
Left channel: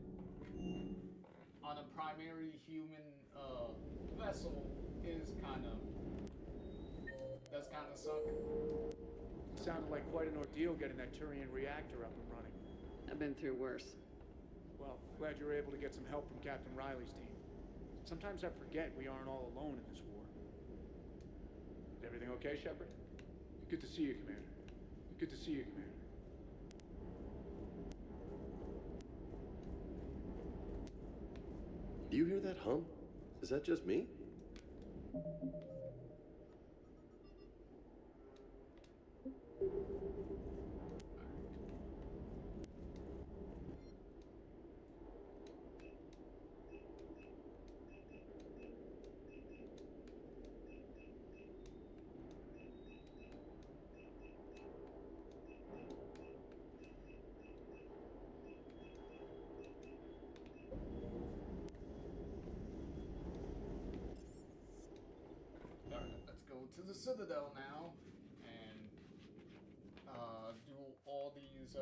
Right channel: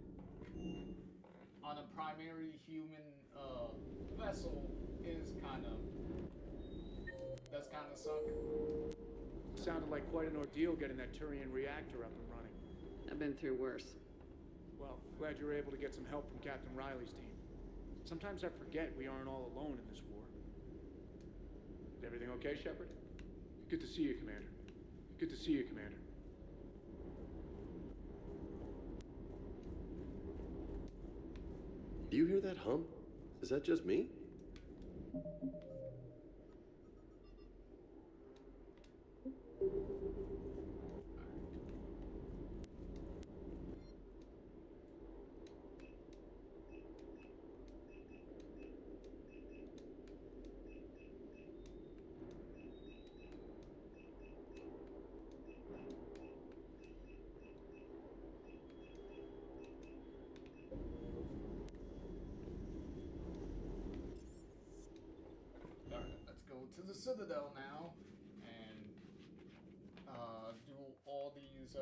on a primary human vessel is does kind of suck. Sounded like quite an ordeal getting that Turian reactor up and running. I've been through worse. Well, glad you were able to get some help from Captain Riley's team. Sometimes I forget we aren't all alone in this war. Is everything okay, Shepard? Good to see you, Commander. Good to see you, Commander. Do you hear that hum? Is that just me? To the Citadel now and do all these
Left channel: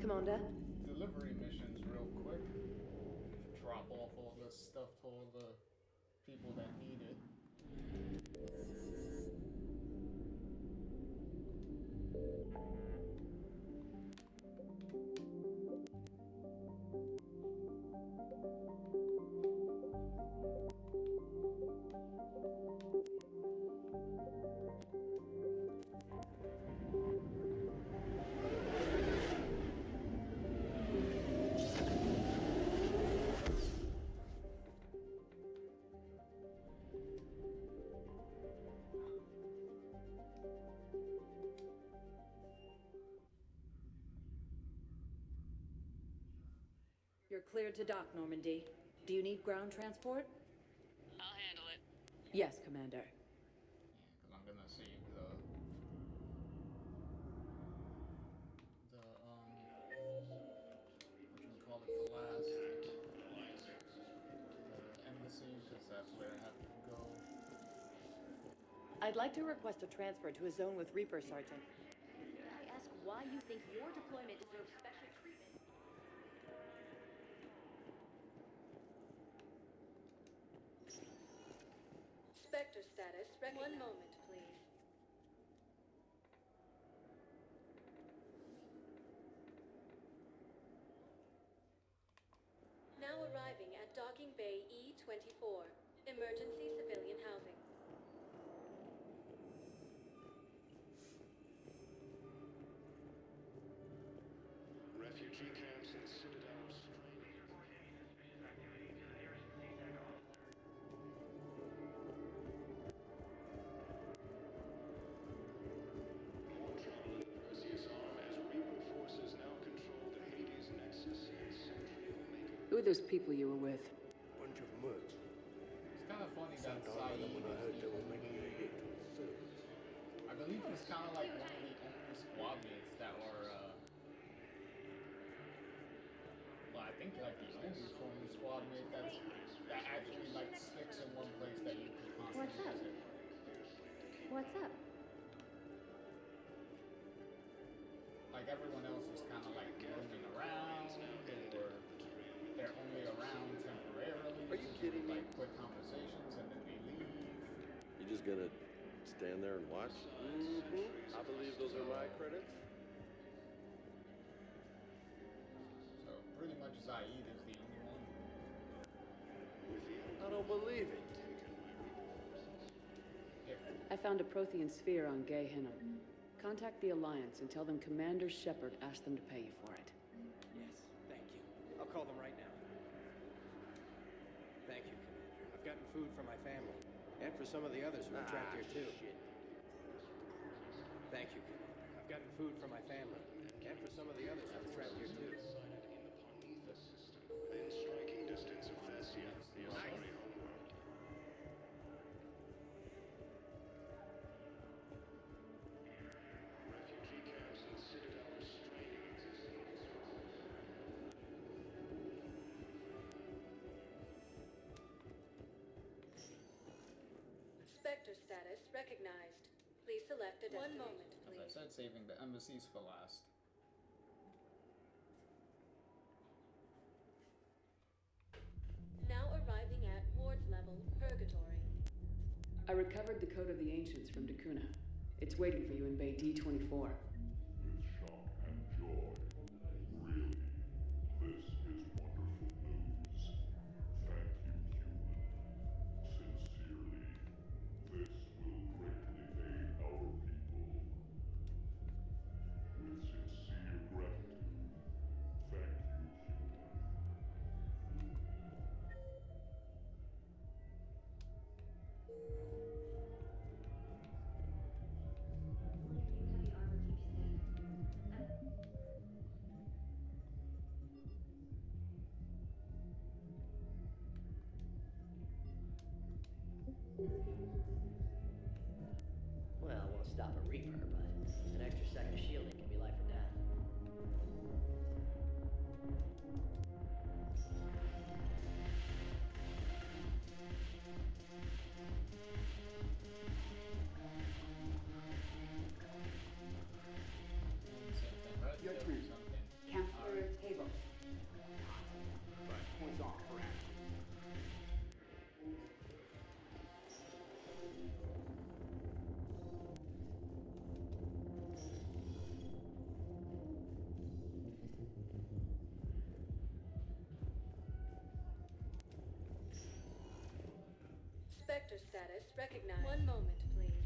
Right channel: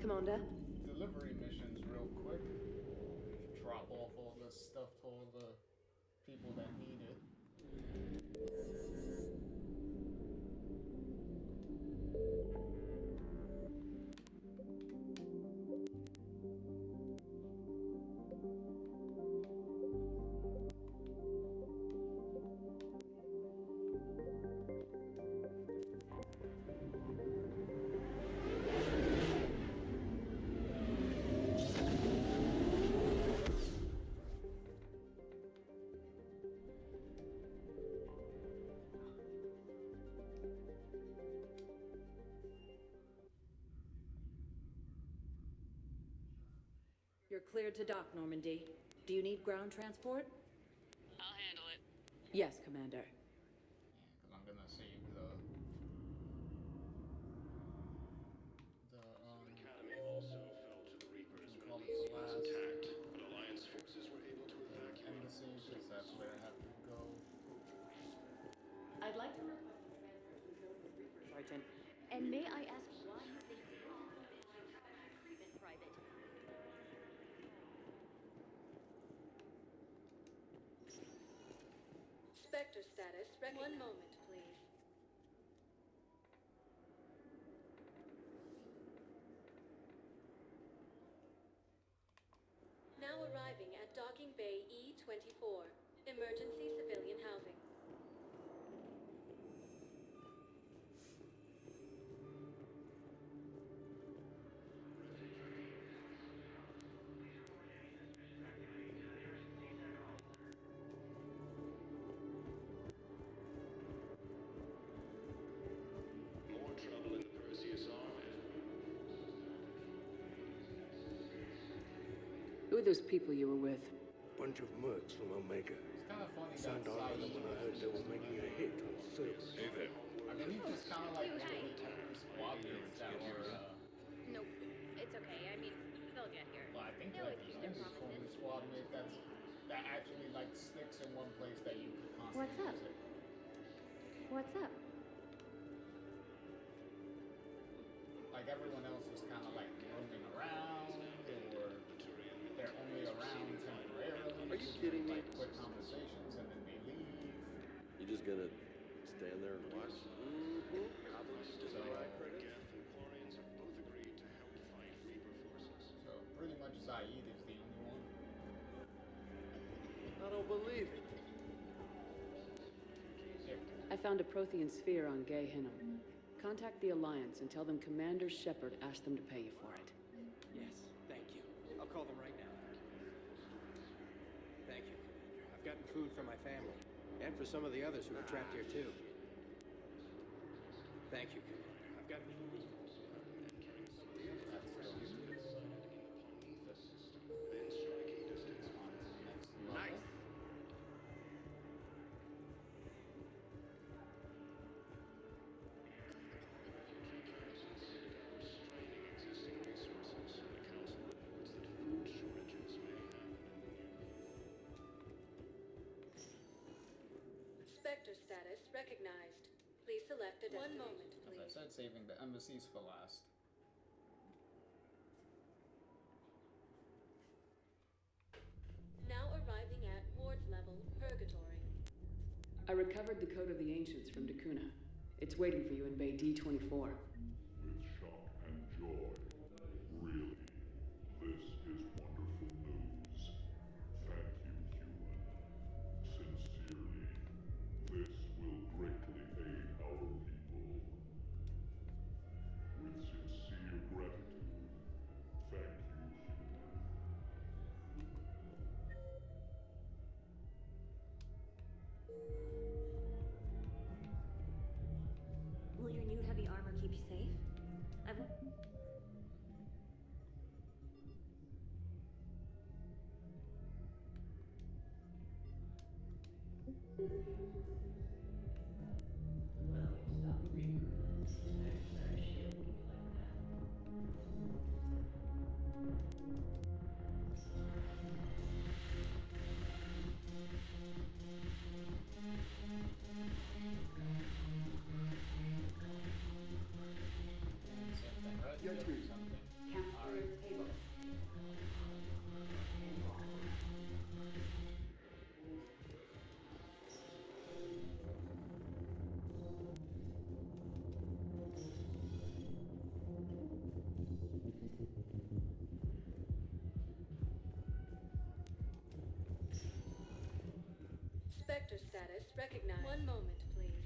Commander? delivery missions real quick. Drop off all this stuff to all the people that need it. You're cleared to dock, Normandy. Do you need ground transport? I'll handle it. Yes, Commander. Because I'm gonna save the call it for last. The embassy, because that's where I have to go. I'd like to request a transfer to a zone with Reaper, Sergeant. And may I ask why you think your deployment deserves special treatment, Private? Spectre status. One moment, please. Now arriving at Docking Bay E-24. Emergency civilian housing. Refugee camps and citadels. More trouble in the Perseus arm as Reaper forces now control the Hades Nexus and Sentry Omega. Who are those people you were with? Bunch of mercs from Omega. It's kind of funny that Signed on with them when I heard they were making a hit on Silver. I believe it's kind of like one of the only squad mates that were, Nope. It's okay. I mean, they'll get here. well, I think like the only squad mate that actually like sticks in one place that you could constantly What's up? visit. What's up? Like everyone else is kind of like roaming around, or they're only around temporarily. Are you kidding me? Like quick conversations and then they leave. You just gonna stand there and watch? Mm-hmm. I believe those are my credits. So pretty much Zaid is the only one. I don't believe it. I found a Prothean sphere on Gay Hinnom. Contact the Alliance and tell them Commander Shepard asked them to pay you for it. Yes, thank you. I'll call them right now. Thank you, Commander. I've gotten food for my family. And for some of the others who are trapped here, too. Thank you, Commander. I've gotten food for my family. And for some of the others who are trapped here, too. Within striking distance of Theseus. Nice. Refugee camps and citadel are straining existing resources and council reports that food shortages may have. Spectre status recognized. Please select a destination. 1 moment, As I said, saving the embassies for last. Now arriving at ward level, Purgatory. I recovered the Code of the Ancients from Dakuna. It's waiting for you in Bay D-24. With shock and joy. Really, this is wonderful news. Thank you, human. Sincerely, this will greatly aid our people. With sincere gratitude, thank you, human. Will your new heavy armor keep you safe? Well, it won't stop a Reaper, but an extra second of shielding can be life or death. Same thing, right? Your Yep, turn. something. Counselor Tables. Spectre status recognized. 1 moment, please.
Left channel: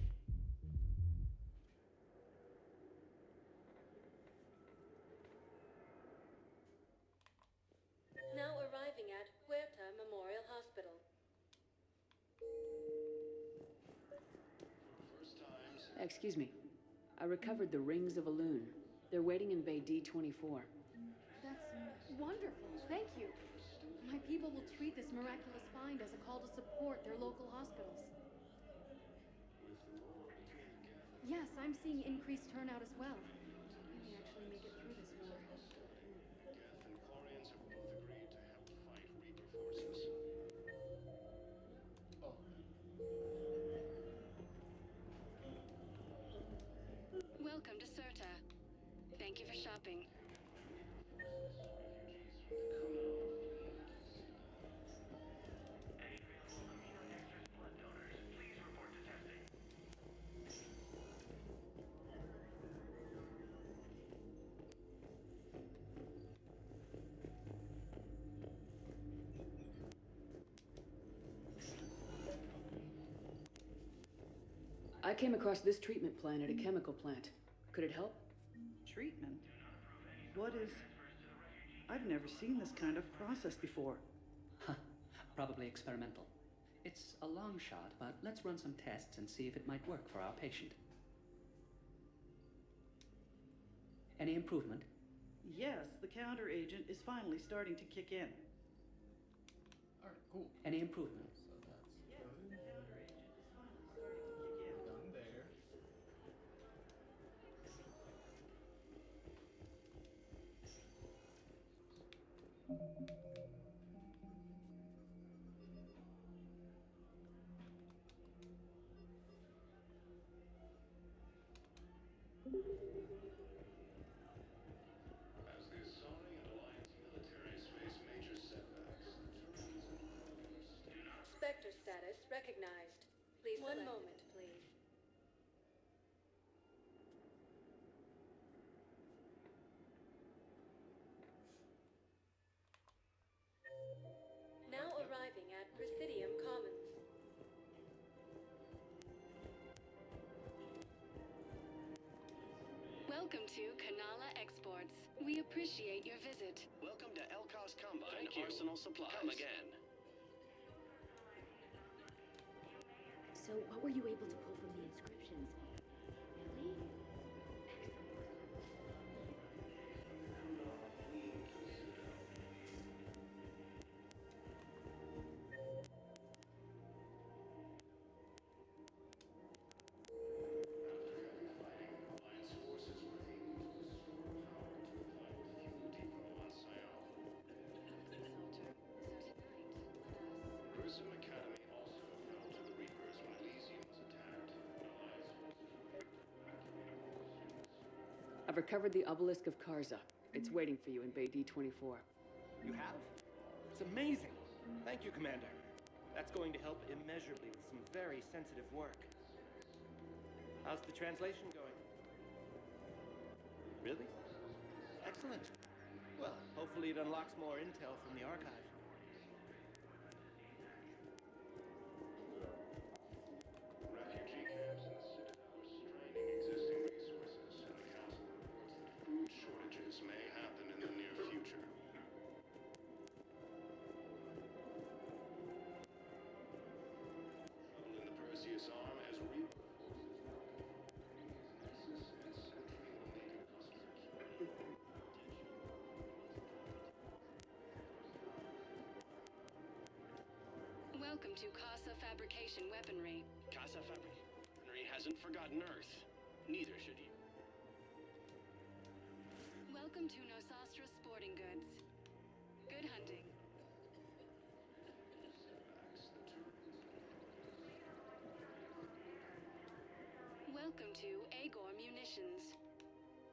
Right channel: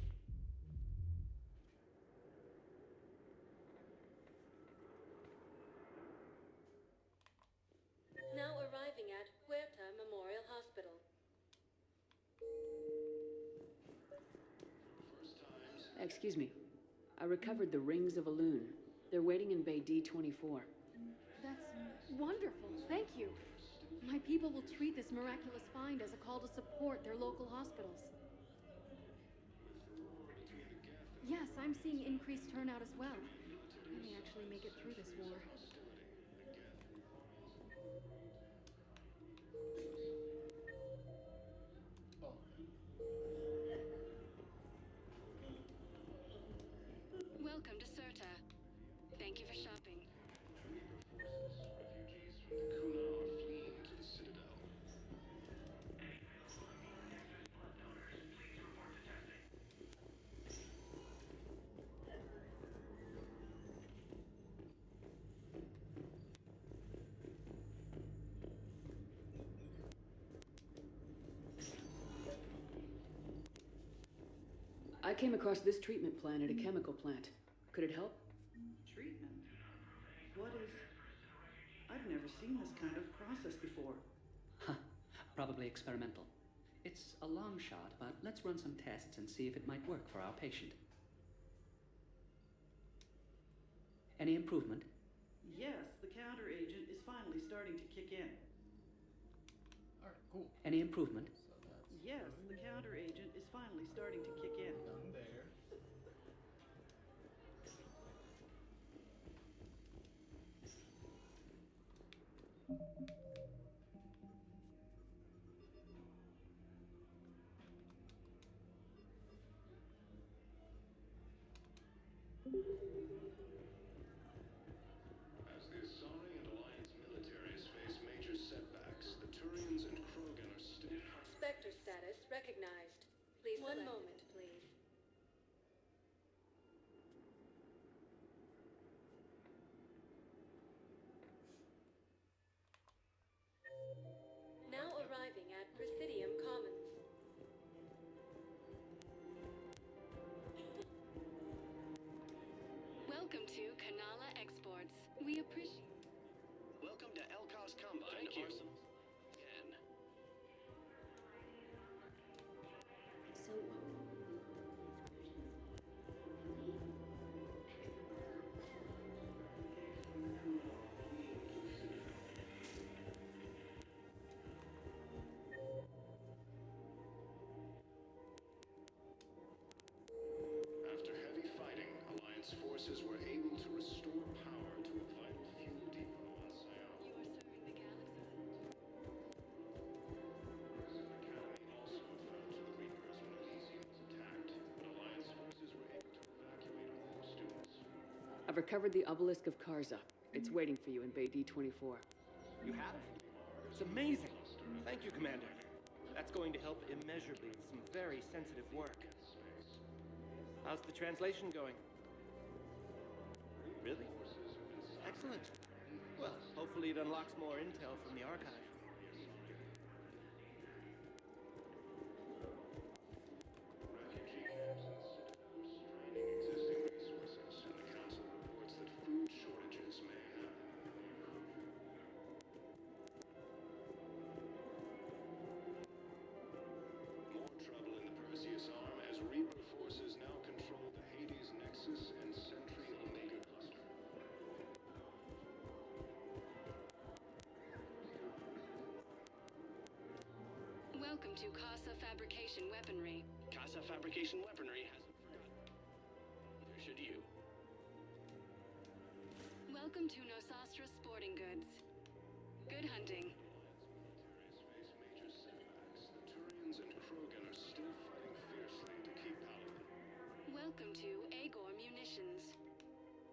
Now arriving at Huerta Memorial Hospital. Excuse me. I recovered the Rings of Elune. They're waiting in Bay D-24. That's wonderful. Thank you. My people will treat this miraculous find as a call to support their local hospitals. Yes, I'm seeing increased turnout as well. I may actually make it through this war. Welcome to Serta. Thank you for shopping. I came across this treatment plan at a chemical plant. Could it help? Treatment? What is... I've never seen this kind of process before. Huh. Probably experimental. It's a long shot, but let's run some tests and see if it might work for our patient. Any improvement? Yes, the counter agent is finally starting to kick in. Alright, cool. Any improvement? So that's Yes, the counter agent is finally starting to kick in. done there. As the Asari and Alliance militaries face major setbacks, the Turians and Krogan are still... Spectre status recognized. Please 1 moment, please. Now arriving at Presidium Commons. Welcome to Kanala Exports. We appreciate your visit. Welcome to Elkos Combine Arsenal Supplies. Come again. So, what were you able to pull from the inscriptions? Really? After heavy fighting, Alliance forces were able to restore power to a vital fuel depot on Sion. Grissom Academy also found to the Reapers when Elysium was attacked. recovered the obelisk of Karza. It's waiting for you in Bay D-24. You have? It's amazing. Thank you, Commander. That's going to help immeasurably with some very sensitive work. How's the translation going? Really? Excellent. Well, hopefully it unlocks more intel from the archive. Refugee camps in the Citadel are straining existing resources, and the Council reports that food shortages may happen in the near future. More trouble in the Perseus Arm as Reaper forces now control the Hades Nexus and Sentry Omega clusters. Welcome to Casa Fabrication Weaponry. Casa Fabrication Weaponry hasn't forgotten Earth. Neither should you. Welcome to Nosastra Sporting Goods. Good hunting. Major setbacks, the Turians and Krogan are still fighting fiercely to keep power. Welcome to Agor Munitions.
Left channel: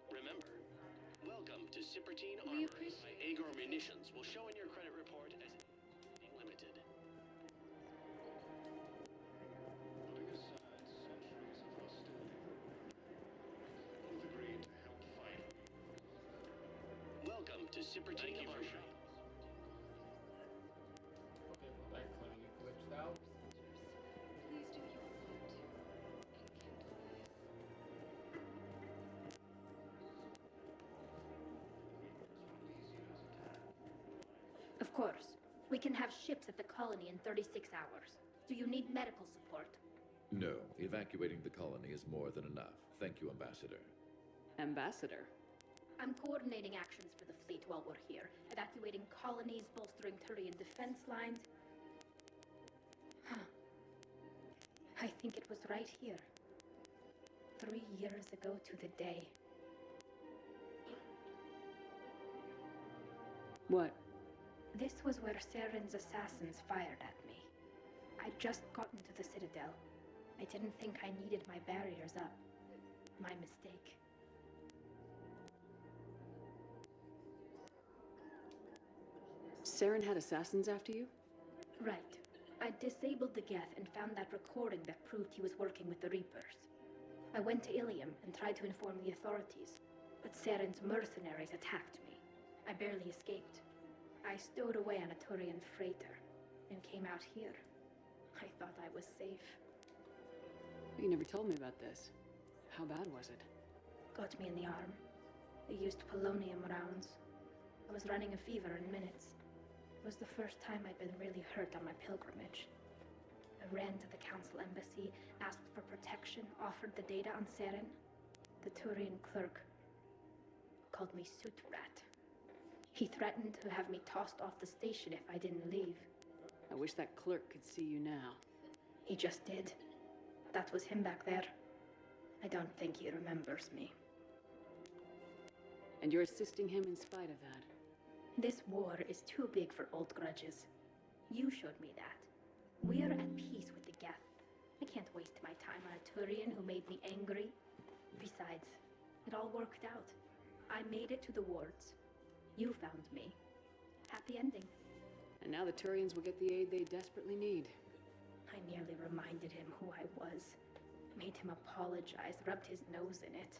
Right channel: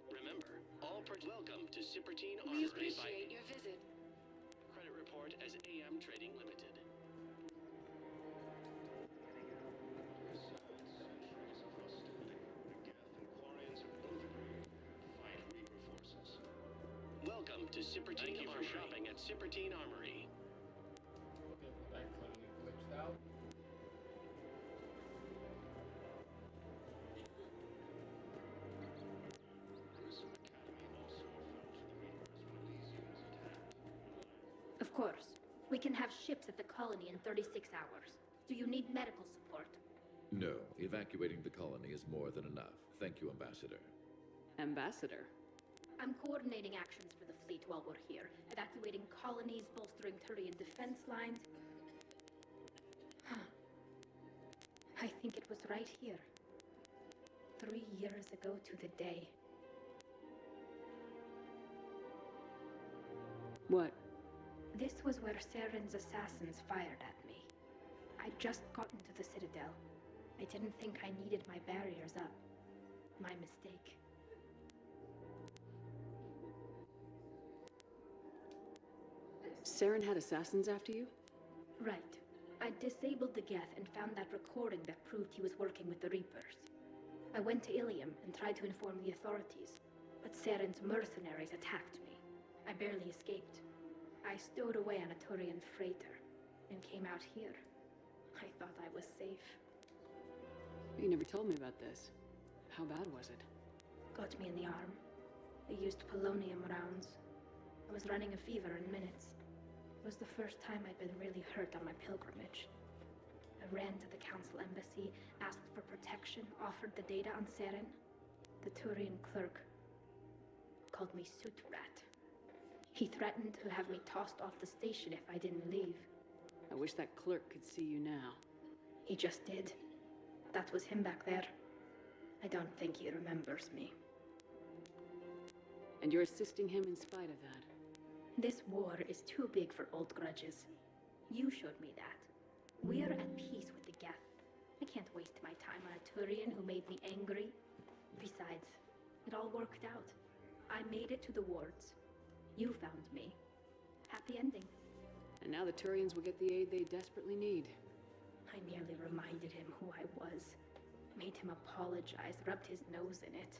Remember, welcome to Cipertine We Armory by appreciate your Agor visit. Munitions will show in your credit report as AM Trading Limited. Putting aside centuries of hostility, Quarians have both agreed to help fight Reaper forces. Welcome to Cipertine Thank you for Armory. shopping at Cipertine Armory. Okay, well, that clearly glitched out. Of course. We can have ships at the colony in 36 hours. Do you need medical support? No, evacuating the colony is more than enough. Thank you, Ambassador. Ambassador? I'm coordinating actions for the fleet while we're here, evacuating colonies, bolstering Turian defense lines. I think it was right here. 3 years ago to the day. What? This was where Saren's assassins fired at me. I'd just gotten to the Citadel. I didn't think I needed my barriers up. My mistake. Saren had assassins after you? Right. I disabled the Geth and found that recording that proved he was working with the Reapers. I went to Ilium and tried to inform the authorities, but Saren's mercenaries attacked me. I barely escaped. I stowed away on a Turian freighter and came out here. I thought I was safe. You never told me about this. How bad was it? Got me in the arm. They used polonium rounds. I was running a fever in minutes. It was the first time I'd been really hurt on my pilgrimage. I ran to the council embassy, asked for protection, offered the data on Saren. The Turian clerk called me Soot Rat. He threatened to have me tossed off the station if I didn't leave. I wish that clerk could see you now. He just did. That was him back there. I don't think he remembers me. And you're assisting him in spite of that. This war is too big for old grudges. You showed me that. We're at peace with the Geth. I can't waste my time on a Turian who made me angry. Besides, it all worked out. I made it to the wards. You found me. Happy ending. And now the Turians will get the aid they desperately need. I nearly reminded him who I was. Made him apologize, rubbed his nose in it.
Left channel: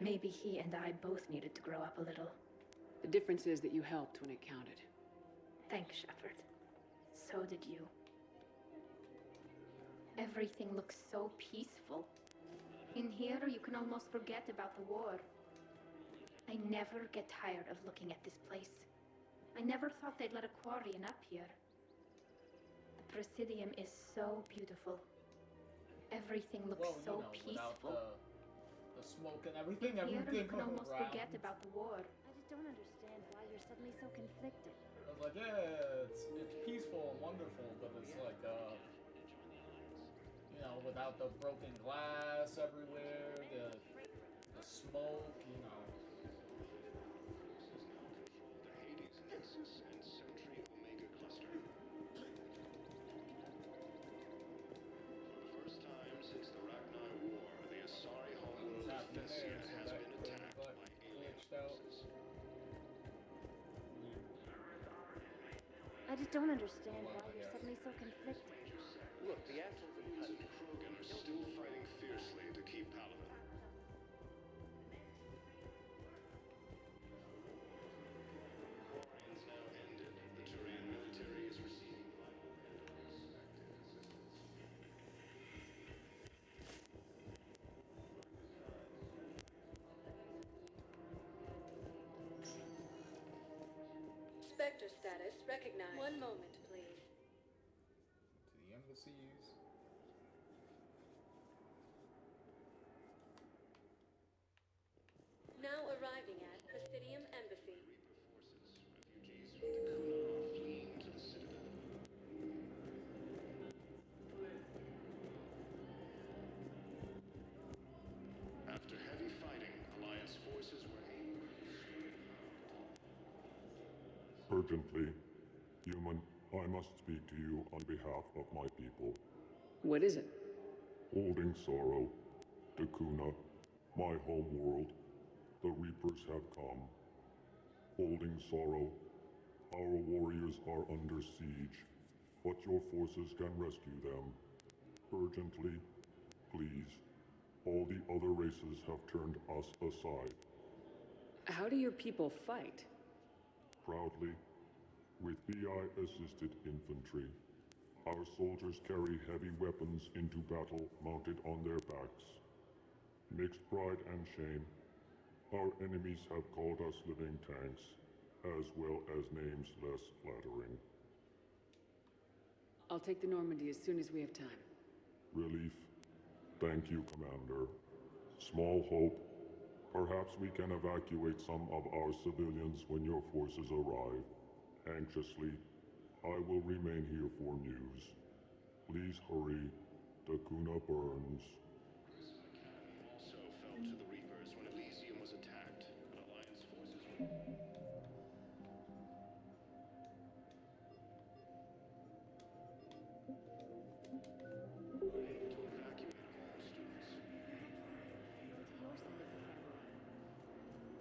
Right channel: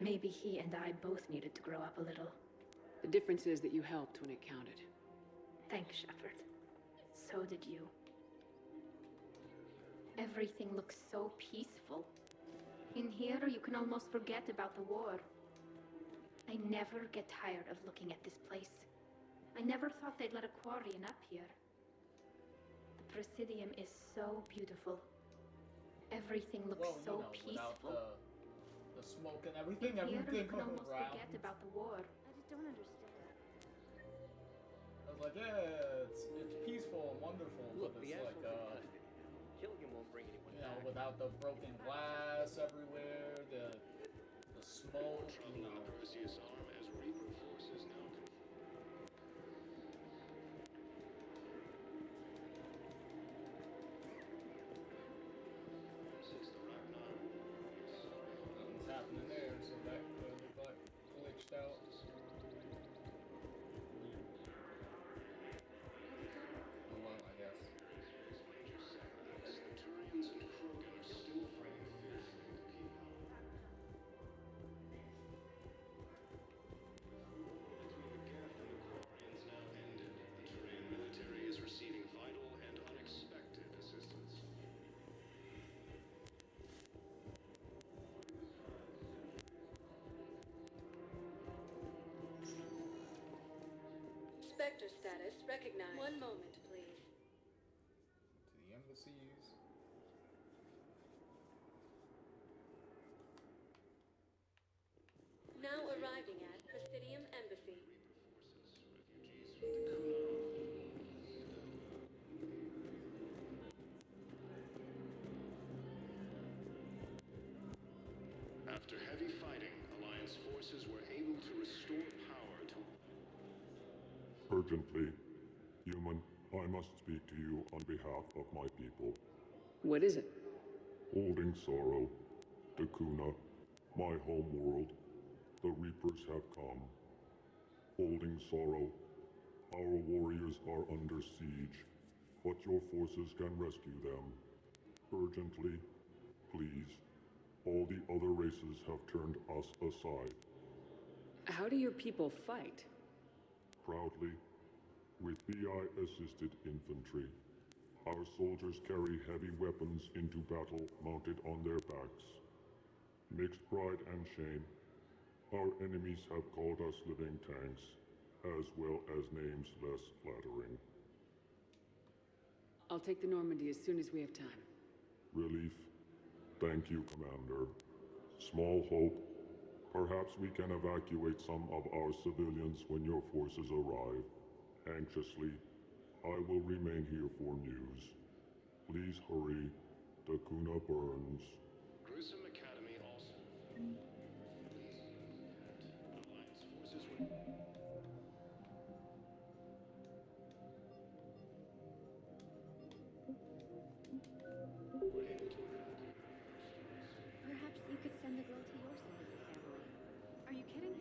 Maybe he and I both needed to grow up a little. The difference is that you helped when it counted. Thanks, Shepard. So did you. Everything looks so peaceful. In here, you can almost forget about the war. I never get tired of looking at this place. I never thought they'd let a Quarian up here. The Presidium is so beautiful. Everything looks so peaceful. The smoke and everything Here, you can around. almost forget about the war. I just don't understand why you're suddenly so conflicted. I was like, yeah, it's peaceful and wonderful, but it's like, you know, without the broken glass everywhere, the smoke, you know. Perseus Arm as Reaper forces now control the Hades Nexus and Sentry Omega cluster. First time since the Ragnar War, the Asari homeworld What's happening there? So that clearly, but just don't understand well, how you're suddenly so conflicted. Look, the Atarians and Krogan are still fighting fiercely to keep Palaven. Quarians now ended. The Turian military is receiving vital and unexpected assistance. Spectre status recognized. One moment, please. To the embassies. Now arriving at Presidium Embassy. Refugees from the Kuna are fleeing to the Citadel. After heavy fighting, Alliance forces were able to restore power to... Urgently, human, I must speak to you on behalf of my people. What is it? Holding sorrow, Dakuna, my home world, the Reapers have come. Holding sorrow, our warriors are under siege, but your forces can rescue them. Urgently, please. All the other races have turned us aside. How do your people fight? Proudly, with BI-assisted infantry. Our soldiers carry heavy weapons into battle mounted on their backs. Mixed pride and shame, our enemies have called us living tanks, as well as names less flattering. I'll take the Normandy as soon as we have time. Relief. Thank you, Commander. Small hope. Perhaps we can evacuate some of our civilians when your forces arrive. Anxiously, I will remain here for news. Please hurry. Dakuna burns. Gruesome Academy also fell to the Reapers when Elysium was attacked, but Alliance forces were... were able to evacuate all students. Perhaps you could send the girl to your side of the family. Are you kidding?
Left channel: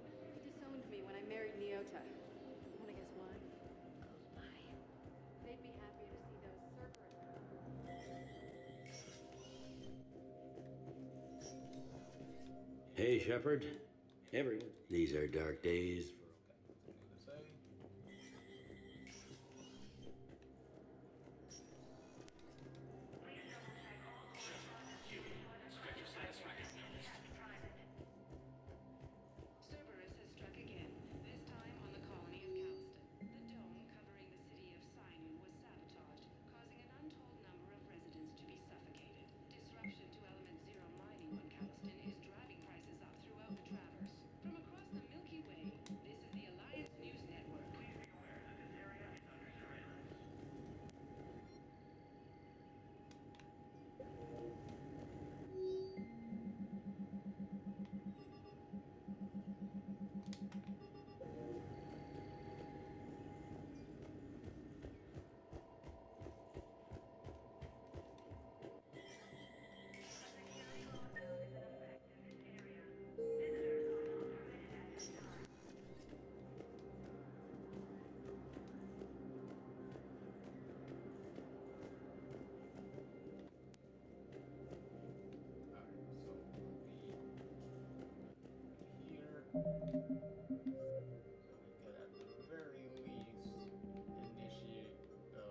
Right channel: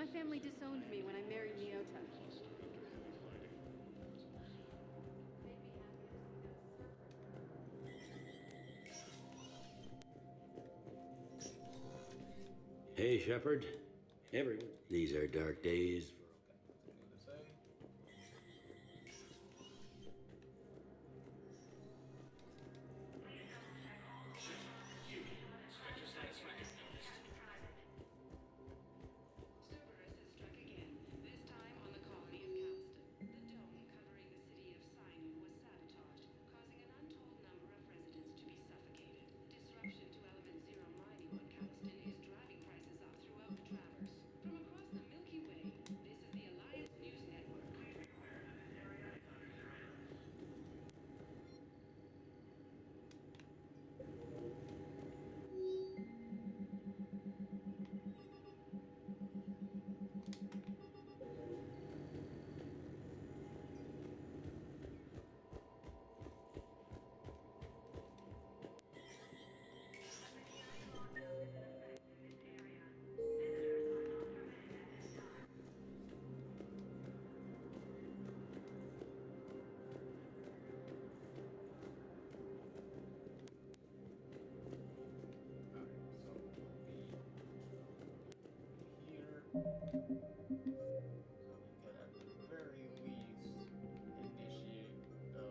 My family disowned me when I married Nyota. They'd be happy to see those Cerberus. Hey, Shepard. Everyone. These are dark days. Cerberus has struck again, this time on the colony of Calston. The dome covering the city of Sinu was sabotaged, causing an untold number of residents to be suffocated. Disruption to Element Zero mining on Calston is driving prices up throughout the Traverse. From across the Milky Way, this is the Alliance News Network. So we could at the very least initiate the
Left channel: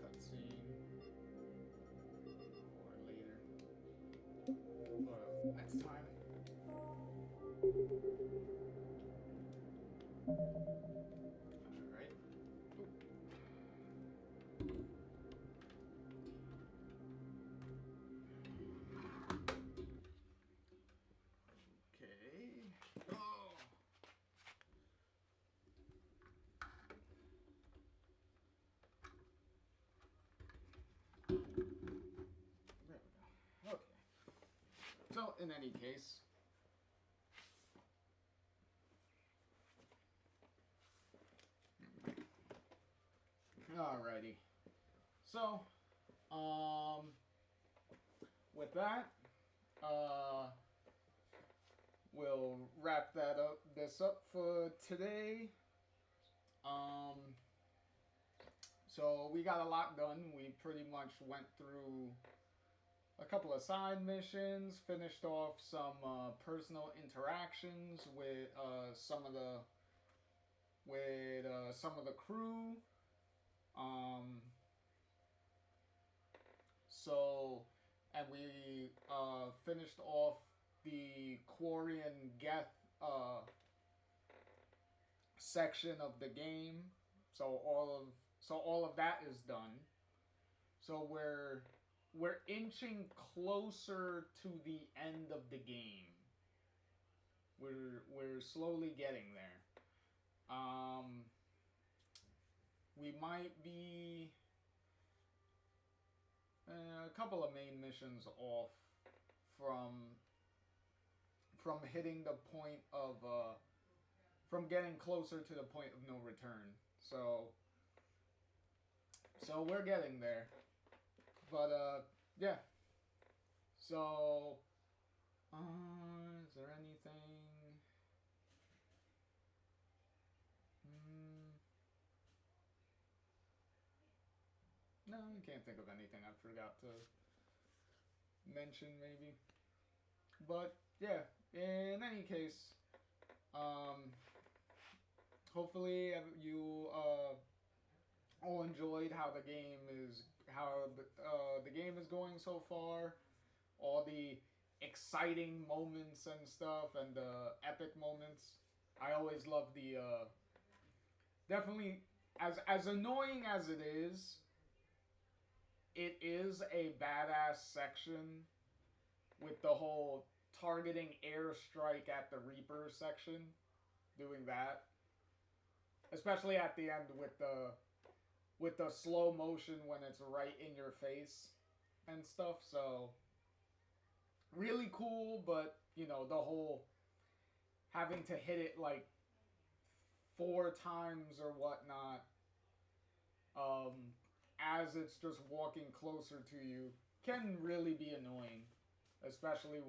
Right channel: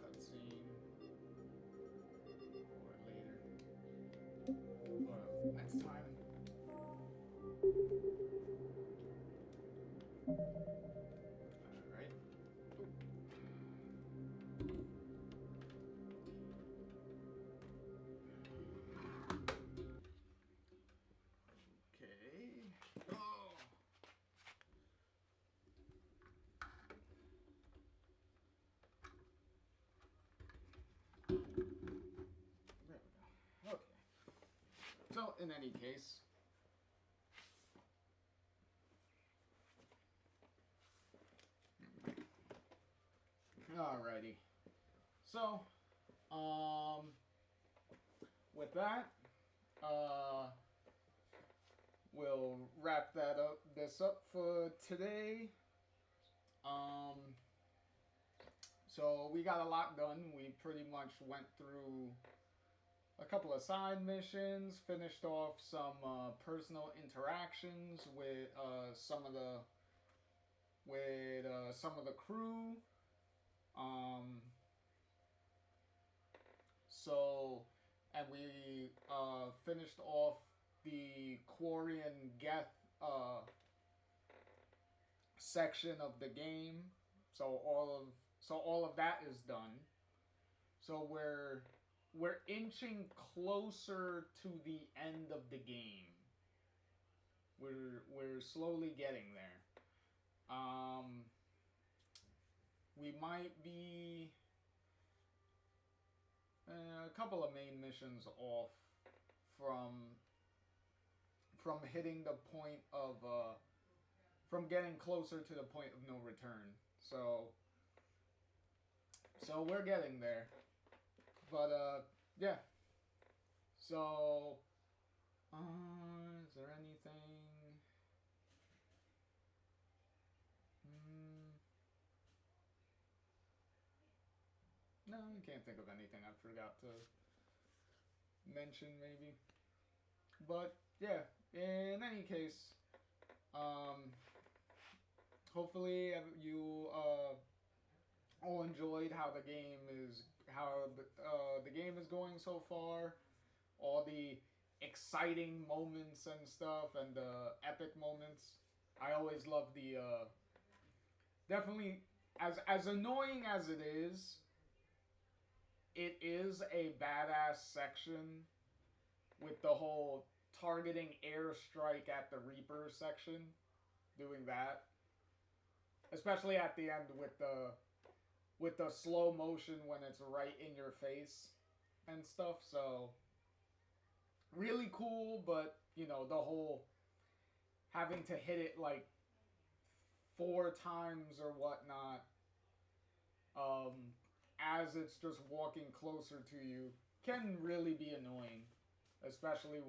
cutscene or later. But next time. Alright. Okay. Oh. There we go. Okay. So, in any case, alrighty. So, with that, we'll wrap this up for today. So we got a lot done. We pretty much went through a couple of side missions, finished off some personal interactions with some of the crew. And we finished off the Quarian Geth section of the game. So all of that is done. So we're inching closer to the end of the game. We're slowly getting there. We might be a couple of main missions off from hitting the point of from getting closer to the point of no return. So we're getting there. But yeah. So is there anything? No, I can't think of anything I forgot to mention, maybe. But yeah, in any case, hopefully you all enjoyed how the game is going so far. All the exciting moments and stuff, and the epic moments. I always love the definitely, as annoying as it is a badass section with the whole targeting airstrike at the Reaper section, doing that, especially at the end with the slow motion when it's right in your face and stuff. So really cool, but you know, the whole having to hit it like 4 times or whatnot, as it's just walking closer to you, can really be annoying, especially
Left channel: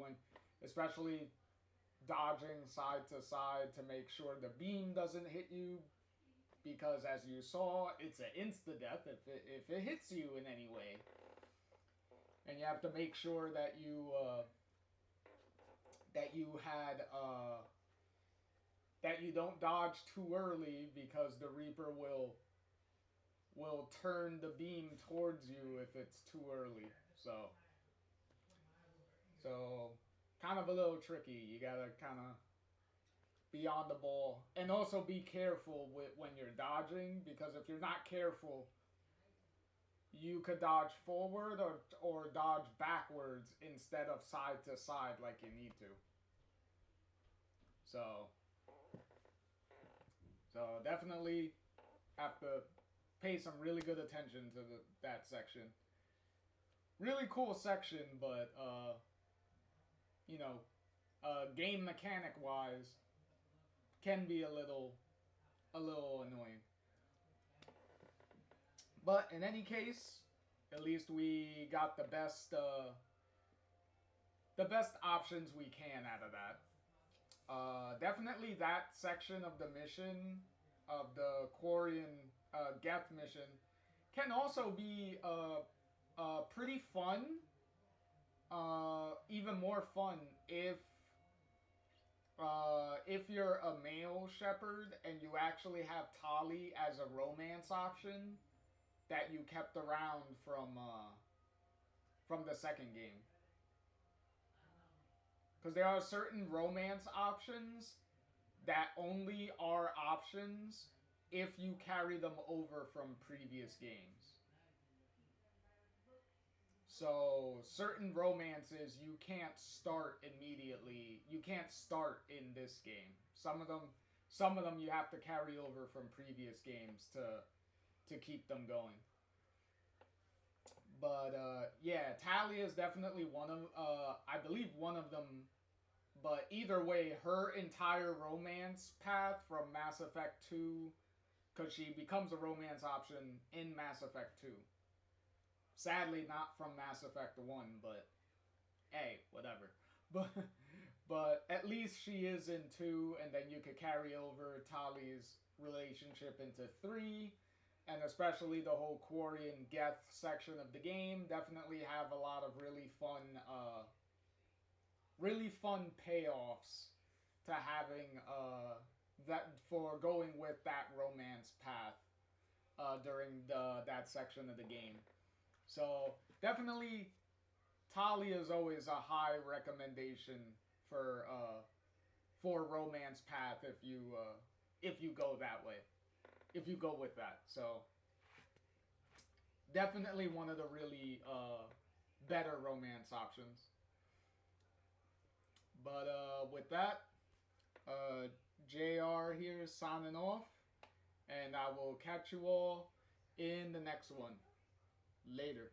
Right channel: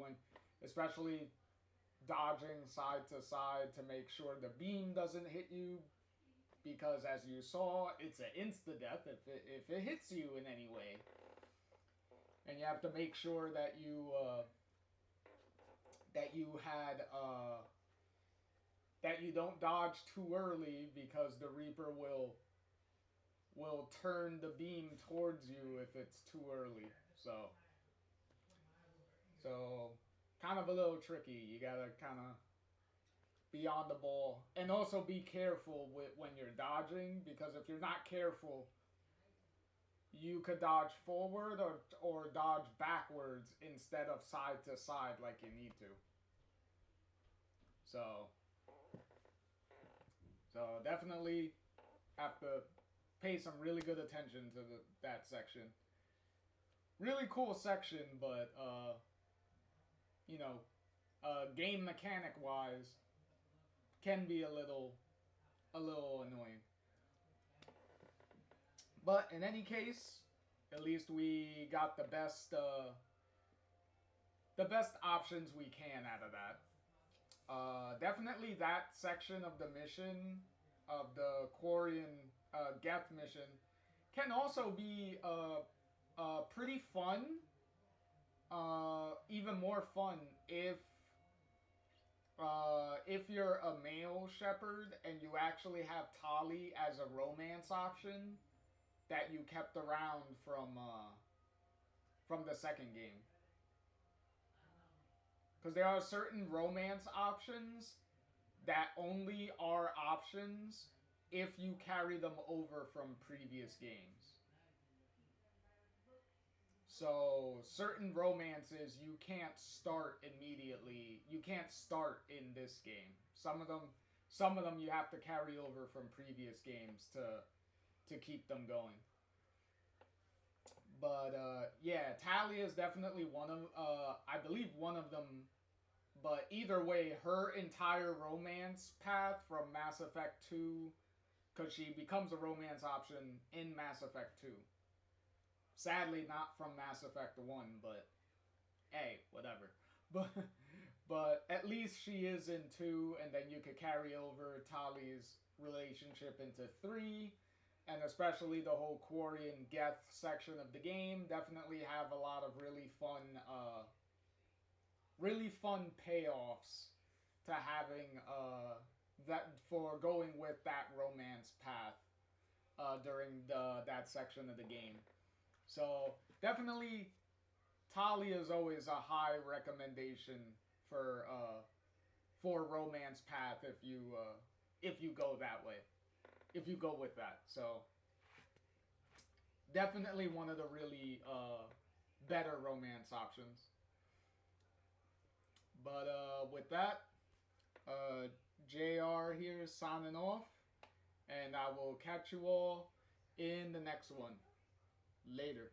dodging side to side to make sure the beam doesn't hit you, because as you saw, it's an insta-death if it hits you in any way. And you have to make sure that you don't dodge too early, because the Reaper will turn the beam towards you if it's too early. So kind of a little tricky. You gotta kind of be on the ball, and also be careful when you're dodging, because if you're not careful, you could dodge forward or dodge backwards instead of side to side like you need to. So definitely have to pay some really good attention to that section. Really cool section, but you know, game mechanic wise, can be a little annoying. But in any case, at least we got the best options we can out of that. Definitely that section of the mission, of the Quarian Geth mission, can also be pretty fun. Even more fun if you're a male shepherd and you actually have Tali as a romance option that you kept around from the second game. Because there are certain romance options that only are options if you carry them over from previous games. So certain romances you can't start immediately. You can't start in this game. Some of them you have to carry over from previous games to keep them going. But yeah, Talia is definitely one of I believe one of them. But either way, her entire romance path from Mass Effect 2, because she becomes a romance option in Mass Effect 2. Sadly, not from Mass Effect 1, but hey, whatever. But at least she is in 2, and then you could carry over Tali's relationship into 3, and especially the whole Quarry and Geth section of the game definitely have a lot of really fun payoffs to having that for going with that romance path during that section of the game. So definitely, Talia is always a high recommendation for romance path if you go that way, if you go with that. So definitely one of the really better romance options. But with that, JR here signing off, and I will catch you all in the next one. Later.